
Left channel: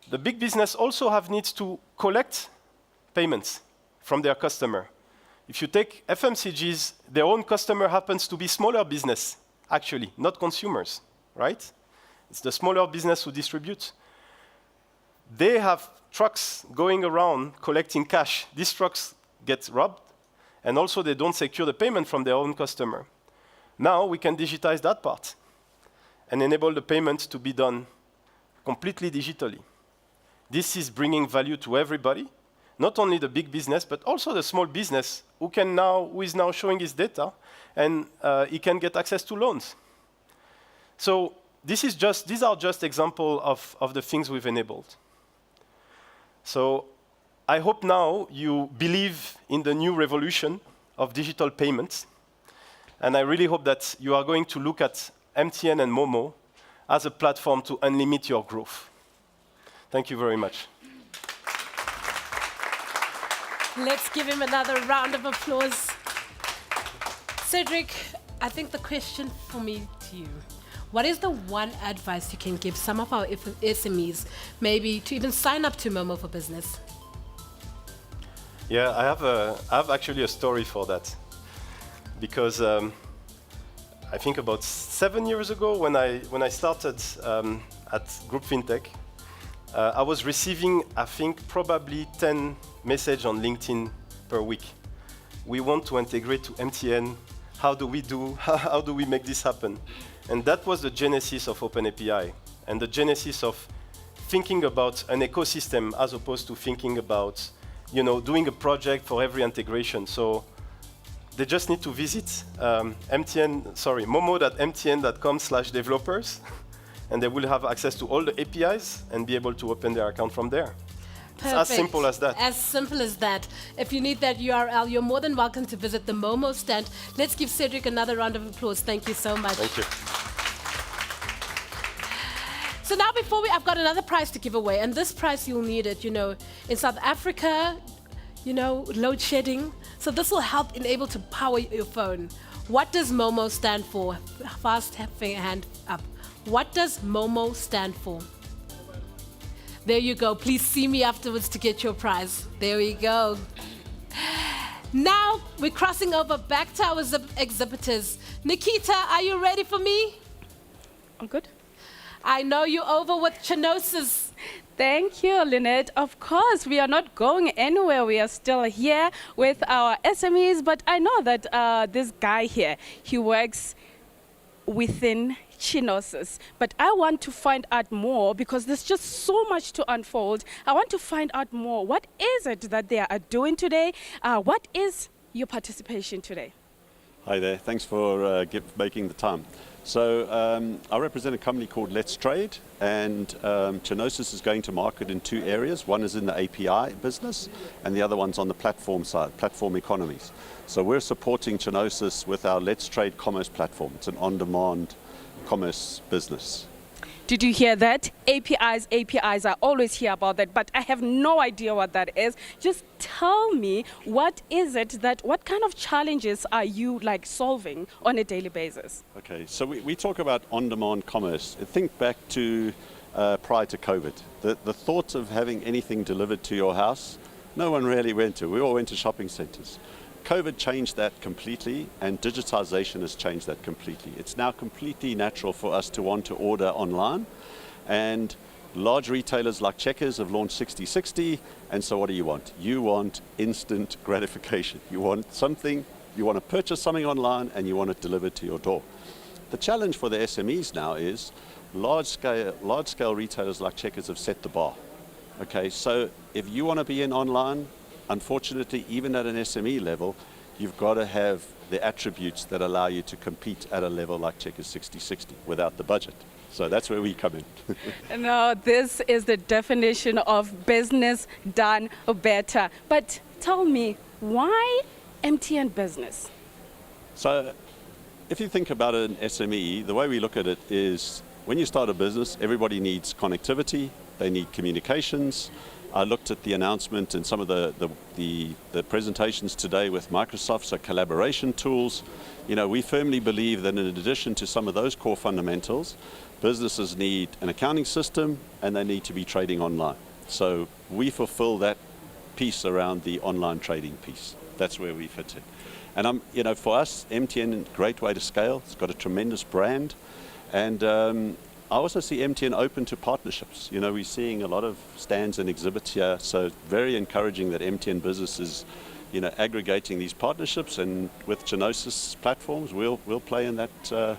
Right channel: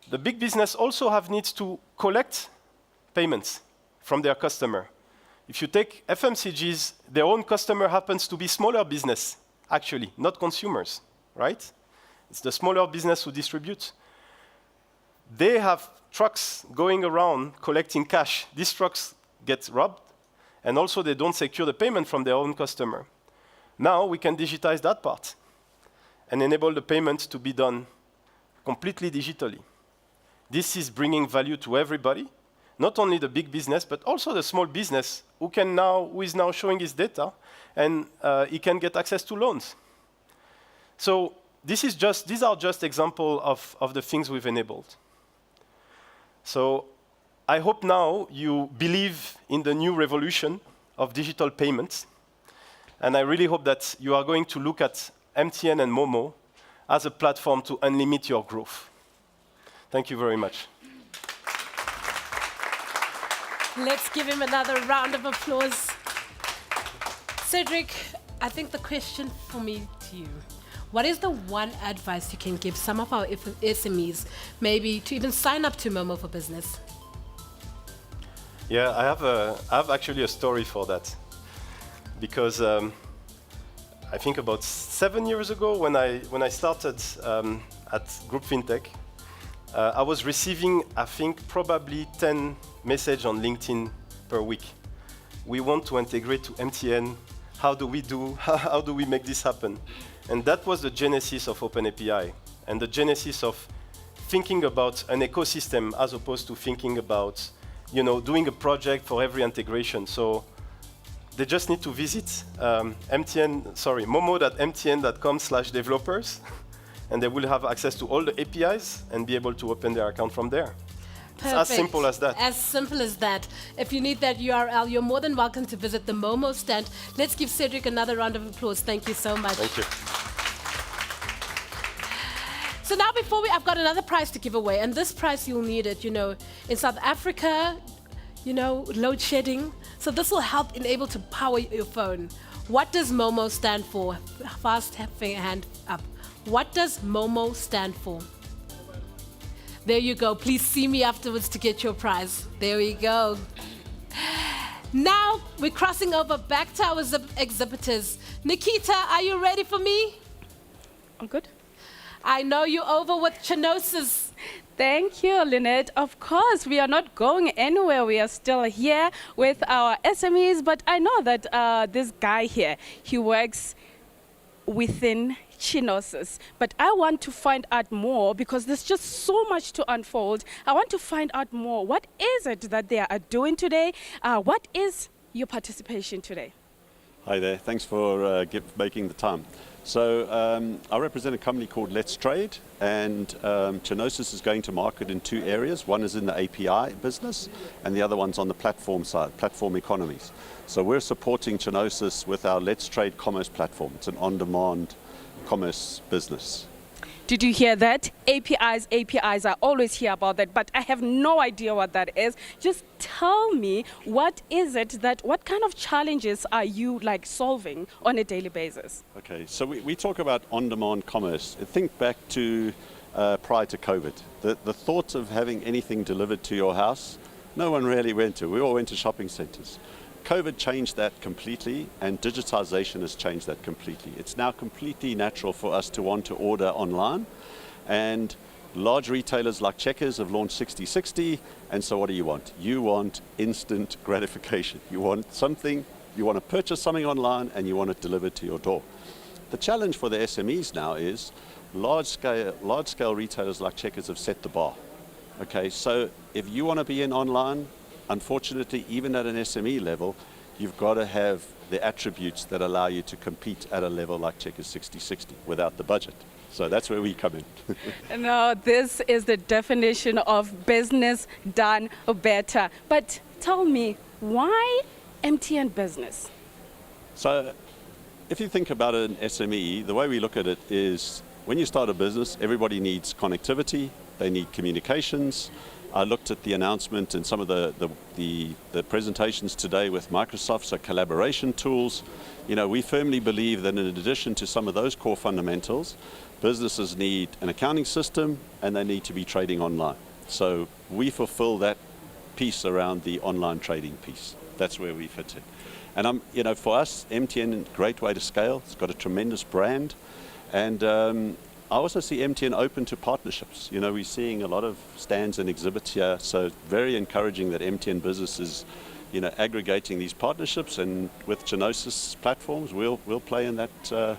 the big business also have needs to collect payments from their customer. If you take FMCGs, their own customer happens to be smaller business, actually, not consumers, right? It's the smaller business who distributes. They have trucks going around collecting cash. These trucks get robbed, and also they don't secure the payment from their own customer. Now we can digitize that part and enable the payment to be done completely digitally. This is bringing value to everybody, not only the big business, but also the small business who is now showing his data, and he can get access to loans. So these are just examples of the things we've enabled. So I hope now you believe in the new revolution of digital payments, and I really hope that you are going to look at MTN and Momo as a platform to unlimit your growth. Thank you very much. Let's give him another round of applause. Cedric, I think the question for me to you, what is the one advice you can give some of our SMEs, maybe to even sign up to Momo for Business? Yeah, I have actually a story for that. Because I think about 7 years ago, when I started at Group FinTech, I was receiving, I think, probably 10 messages on LinkedIn per week. We want to integrate to MTN. How do we make this happen? And that was the genesis of OpenAPI, and the genesis of thinking about an ecosystem as opposed to thinking about, you know, doing a project for every integration. So they just need to visit momo.mtn.com/developers, and they will have access to all the APIs and be able to open their account from there. Perfect. It's as simple as that. As simple as that. If you need that URL, you're more than welcome to visit the Momo stand. Let's give Cedric another round of applause. Thank you so much. Thank you. So now I've got another prize to give away, and this prize you'll need it, you know, in South Africa, you know, load shedding. So this will help enable to power your phone. What does Momo stand for? Fast hand up. What does Momo stand for? There you go. Please see me afterwards to get your prize. There we go. Now we're crossing over back to our exhibitors. Nikita, are you ready for me? I'm good. I know you're over with Chinosis. Thank you, Lynette. Of course, we are not going anywhere. We are still here with our SMEs, but I know that this guy here, he works within Chinosis. But I want to find out more because there's just so much to unfold. I want to find out more. What is it that they are doing today? What is your participation today? Hi there. Thanks for making the time. So I represent a company called Let's Trade, and Chinosis is going to market in two areas. One is in the API business, and the other one's on the platform side, platform economies. So we're supporting Chinosis with our Let's Trade commerce platform. It's an on-demand commerce business. Did you hear that? APIs, APIs, I always hear about that, but I have no idea what that is. Just tell me, what kind of challenges are you like solving on a daily basis? Okay, so we talk about on-demand commerce. Think back to prior to COVID. The thought of having anything delivered to your house, no one really went to. We all went to shopping centers. COVID changed that completely, and digitization has changed that completely. It's now completely natural for us to want to order online, and large retailers like Checkers have launched 60/60, and so what do you want? You want instant gratification. You want something, you want to purchase something online, and you want it delivered to your door. The challenge for the SMEs now is large-scale retailers like Checkers have set the bar. Okay, so if you want to be in online, unfortunately, even at an SME level, you've got to have the attributes that allow you to compete at a level like Checkers 60/60 without the budget. So that's where we come in. No, this is the definition of business done better. But tell me, why MTN Business? So if you think about an SME, the way we look at it is when you start a business, everybody needs connectivity, they need communications. I looked at the announcement and some of the presentations today with Microsoft, so collaboration tools. You know, we firmly believe that in addition to some of those core fundamentals, businesses need an accounting system and they need to be trading online. So we fulfill that piece around the online trading piece. That's where we fit in. And you know, for us, MTN, great way to scale. It's got a tremendous brand, and I also see MTN open to partnerships. You know, we're seeing a lot of stands and exhibits here, so very encouraging that MTN Business is, you know, aggregating these partnerships, and with Genosis platforms, we'll play in that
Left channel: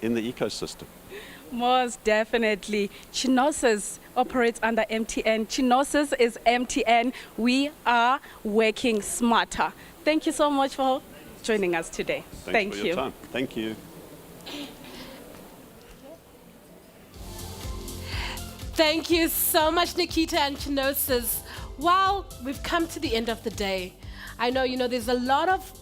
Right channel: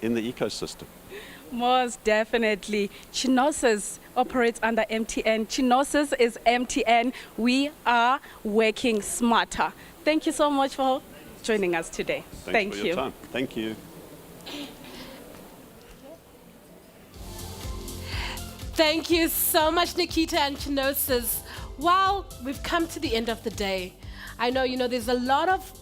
in the ecosystem. Most definitely. Genosis operates under MTN. Genosis is MTN. We are working smarter. Thank you so much for joining us today. Thanks for your time. Thank you. Thank you so much, Nikita and Genosis. Well, we've come to the end of the day. I know, you know, there's a lot of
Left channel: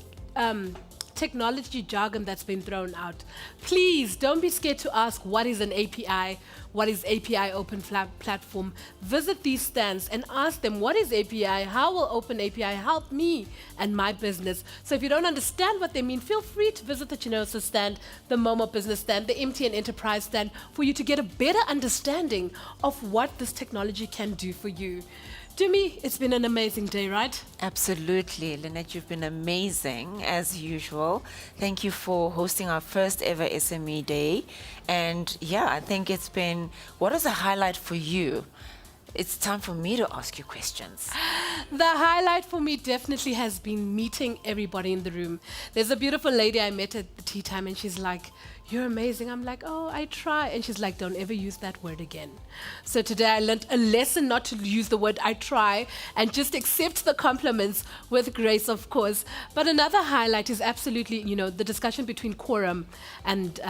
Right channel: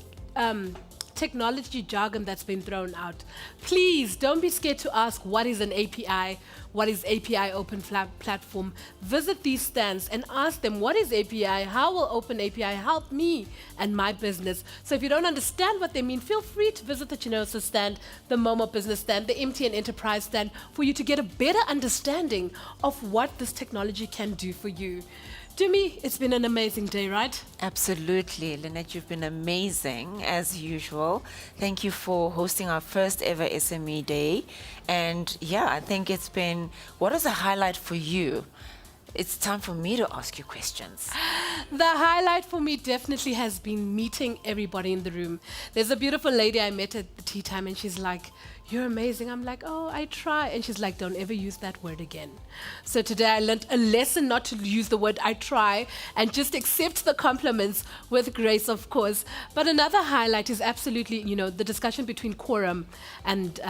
technology jargon that's been thrown out. Please don't be scared to ask what is an API, what is API Open Platform. Visit these stands and ask them, what is API? How will Open API help me and my business? So if you don't understand what they mean, feel free to visit the Genosis stand, the Momo Business stand, the MTN Enterprise stand, for you to get a better understanding of what this technology can do for you. Dumi, it's been an amazing day, right? Absolutely. Lynette, you've been amazing, as usual. Thank you for hosting our first ever SME Day. And yeah, I think it's been, what is a highlight for you? It's time for me to ask you questions. The highlight for me definitely has been meeting everybody in the room. There's a beautiful lady I met at the tea time, and she's like, "You're amazing." I'm like, "Oh, I try." And she's like, "Don't ever use that word again." So today I learned a lesson not to use the word "I try" and just accept the compliments with grace, of course. But another highlight is absolutely, you know, the discussion between Quorum and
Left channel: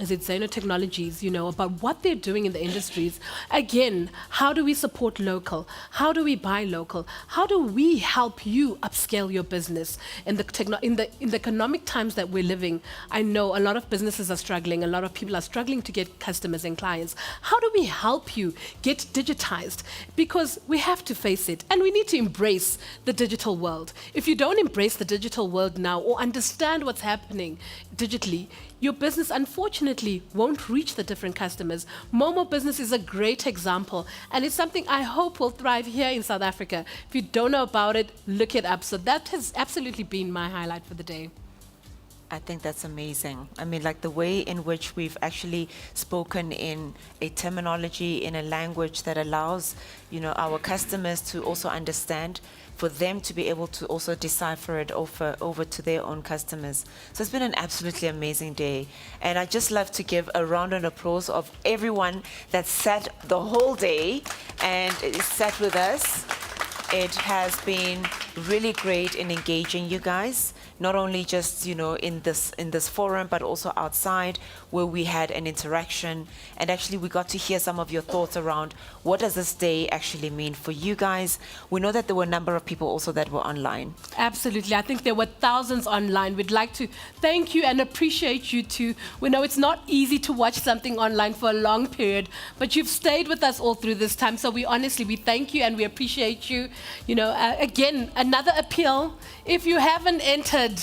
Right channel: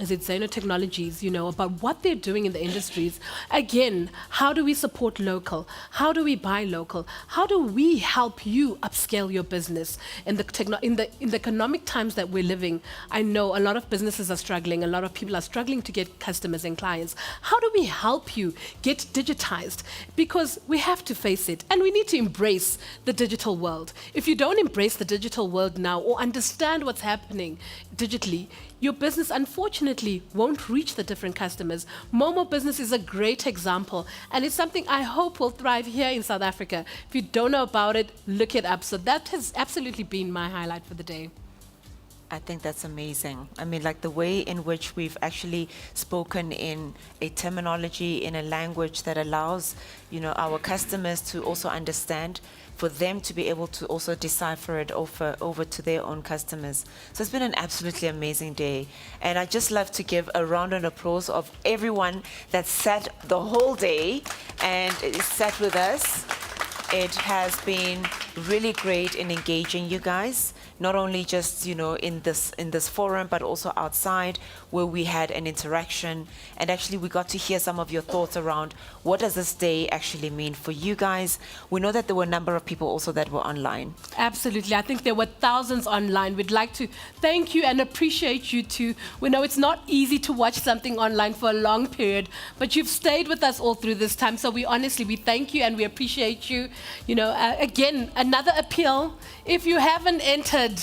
Zeno Technologies, you know, about what they're doing in the industries. Again, how do we support local? How do we buy local? How do we help you upscale your business in the economic times that we're living? I know a lot of businesses are struggling. A lot of people are struggling to get customers and clients. How do we help you get digitized? Because we have to face it, and we need to embrace the digital world. If you don't embrace the digital world now or understand what's happening digitally, your business, unfortunately, won't reach the different customers. Momo Business is a great example, and it's something I hope will thrive here in South Africa. If you don't know about it, look it up. So that has absolutely been my highlight for the day. I think that's amazing. I mean, like the way in which we've actually spoken in a terminology, in a language that allows, you know, our customers to also understand, for them to be able to also decipher it over to their own customers. So it's been an absolutely amazing day. And I'd just love to give a round of applause of everyone that sat the whole day and sat with us. It has been really great in engaging you guys, not only just, you know, in this forum, but also outside where we had an interaction. And actually we got to hear some of your thoughts around what does this day actually mean for you guys. We know that there were a number of people also that were online. Absolutely. I think there were thousands online. We'd like to thank you and appreciate you too. We know it's not easy to watch something online for a long period, but you've stayed with us all through this time. So we thank you and we appreciate you. You know, again, another appeal. If you haven't entered,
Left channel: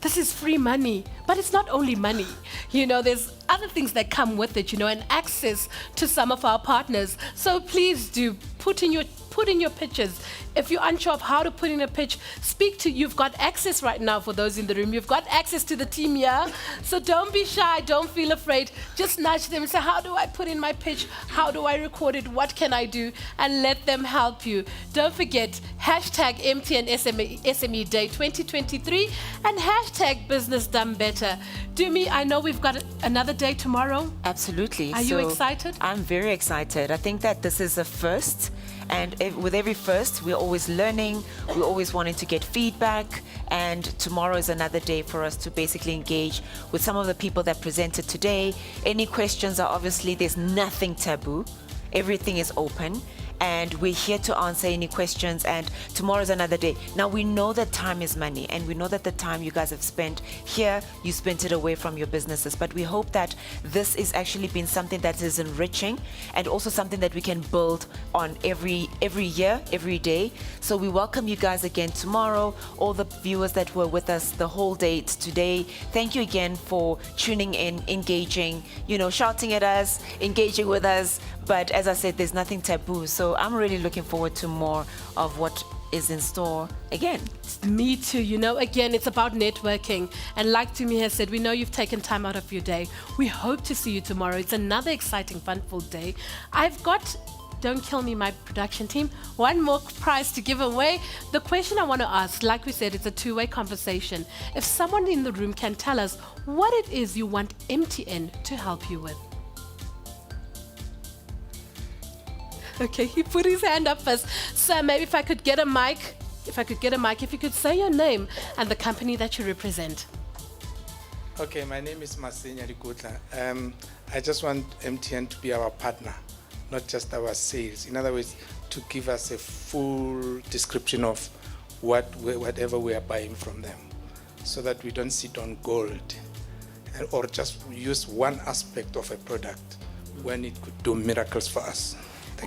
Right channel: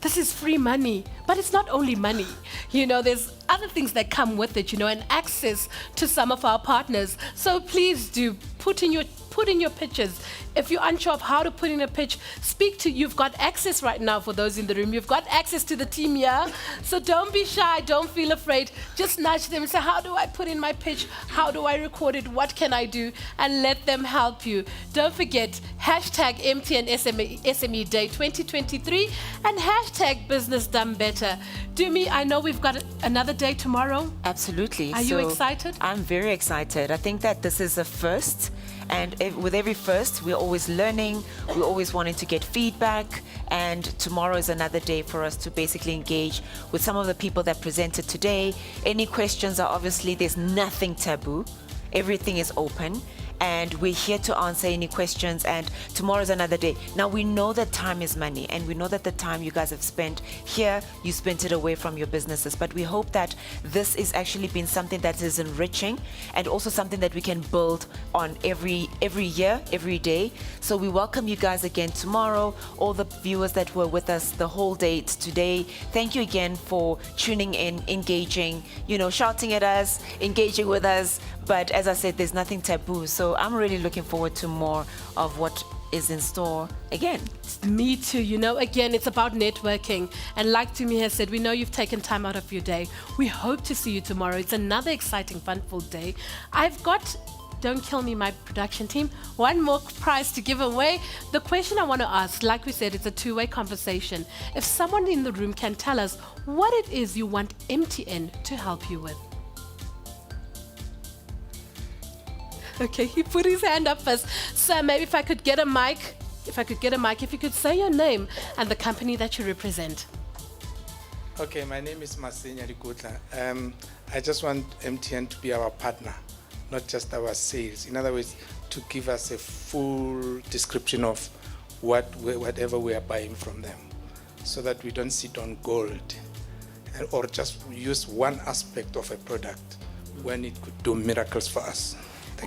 this is free money, but it's not only money. You know, there's other things that come with it, you know, and access to some of our partners. So please do put in your pitches. If you're unsure of how to put in a pitch, you've got access right now for those in the room. You've got access to the team here. So don't be shy, don't feel afraid. Just nudge them and say, how do I put in my pitch? How do I record it? What can I do? And let them help you. Don't forget, hashtag MTN SME Day 2023 and hashtag Business Done Better. Dumi, I know we've got another day tomorrow. Absolutely. Are you excited? I'm very excited. I think that this is a first. And with every first, we're always learning, we're always wanting to get feedback, and tomorrow is another day for us to basically engage with some of the people that presented today. Any questions are obviously, there's nothing taboo, everything is open, and we're here to answer any questions, and tomorrow is another day. Now we know that time is money, and we know that the time you guys have spent here, you spent it away from your businesses, but we hope that this is actually been something that is enriching and also something that we can build on every year, every day. So we welcome you guys again tomorrow, all the viewers that were with us the whole day today. Thank you again for tuning in, engaging, you know, shouting at us, engaging with us. But as I said, there's nothing taboo. So I'm really looking forward to more of what is in store again. Me too. You know, again, it's about networking. And like Tumi has said, we know you've taken time out of your day. We hope to see you tomorrow. It's another exciting, fun-ful day. I've got, don't kill me, my production team, one more prize to give away. The question I want to ask, like we said, it's a two-way conversation. If someone in the room can tell us what it is you want MTN to help you with. Okay, he put his hand up first. So maybe if I could get a mic, if you could say your name and the company that you represent. Okay, my name is Masenya Rikutla. I just want MTN to be our partner, not just our sales. In other words, to give us a full description of whatever we are buying from them, so that we don't sit on gold or just use one aspect of a product when it could do miracles for us.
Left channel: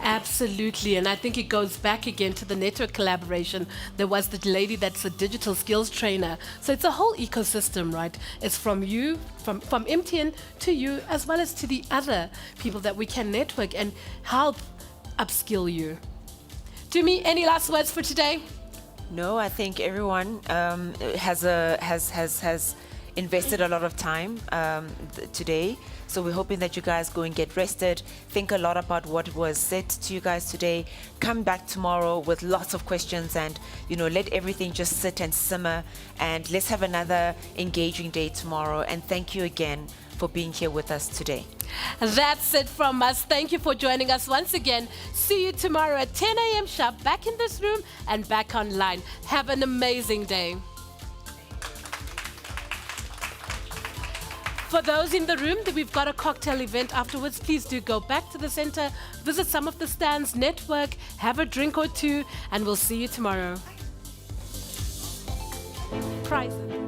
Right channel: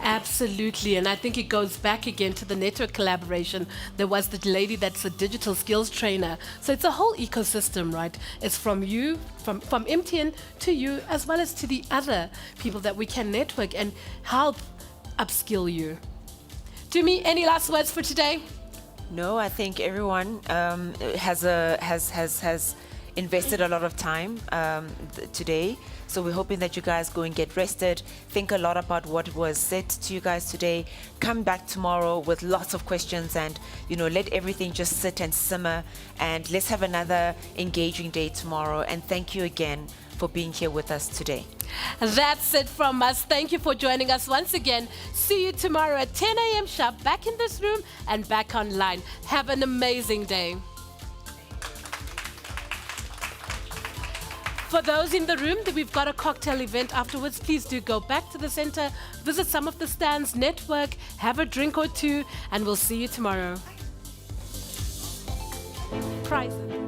Absolutely, and I think it goes back again to the network collaboration. There was the lady that's a digital skills trainer. So it's a whole ecosystem, right? It's from you, from MTN to you, as well as to the other people that we can network and help upskill you. Dumi, any last words for today? No, I think everyone has invested a lot of time today. So we're hoping that you guys go and get rested, think a lot about what was said to you guys today, come back tomorrow with lots of questions, and, you know, let everything just sit and simmer, and let's have another engaging day tomorrow. And thank you again for being here with us today. That's it from us. Thank you for joining us once again. See you tomorrow at 10 a.m. sharp, back in this room and back online. Have an amazing day. For those in the room, we've got a cocktail event afterwards. Please do go back to the center, visit some of the stands, network, have a drink or two, and we'll see you tomorrow. Prizes.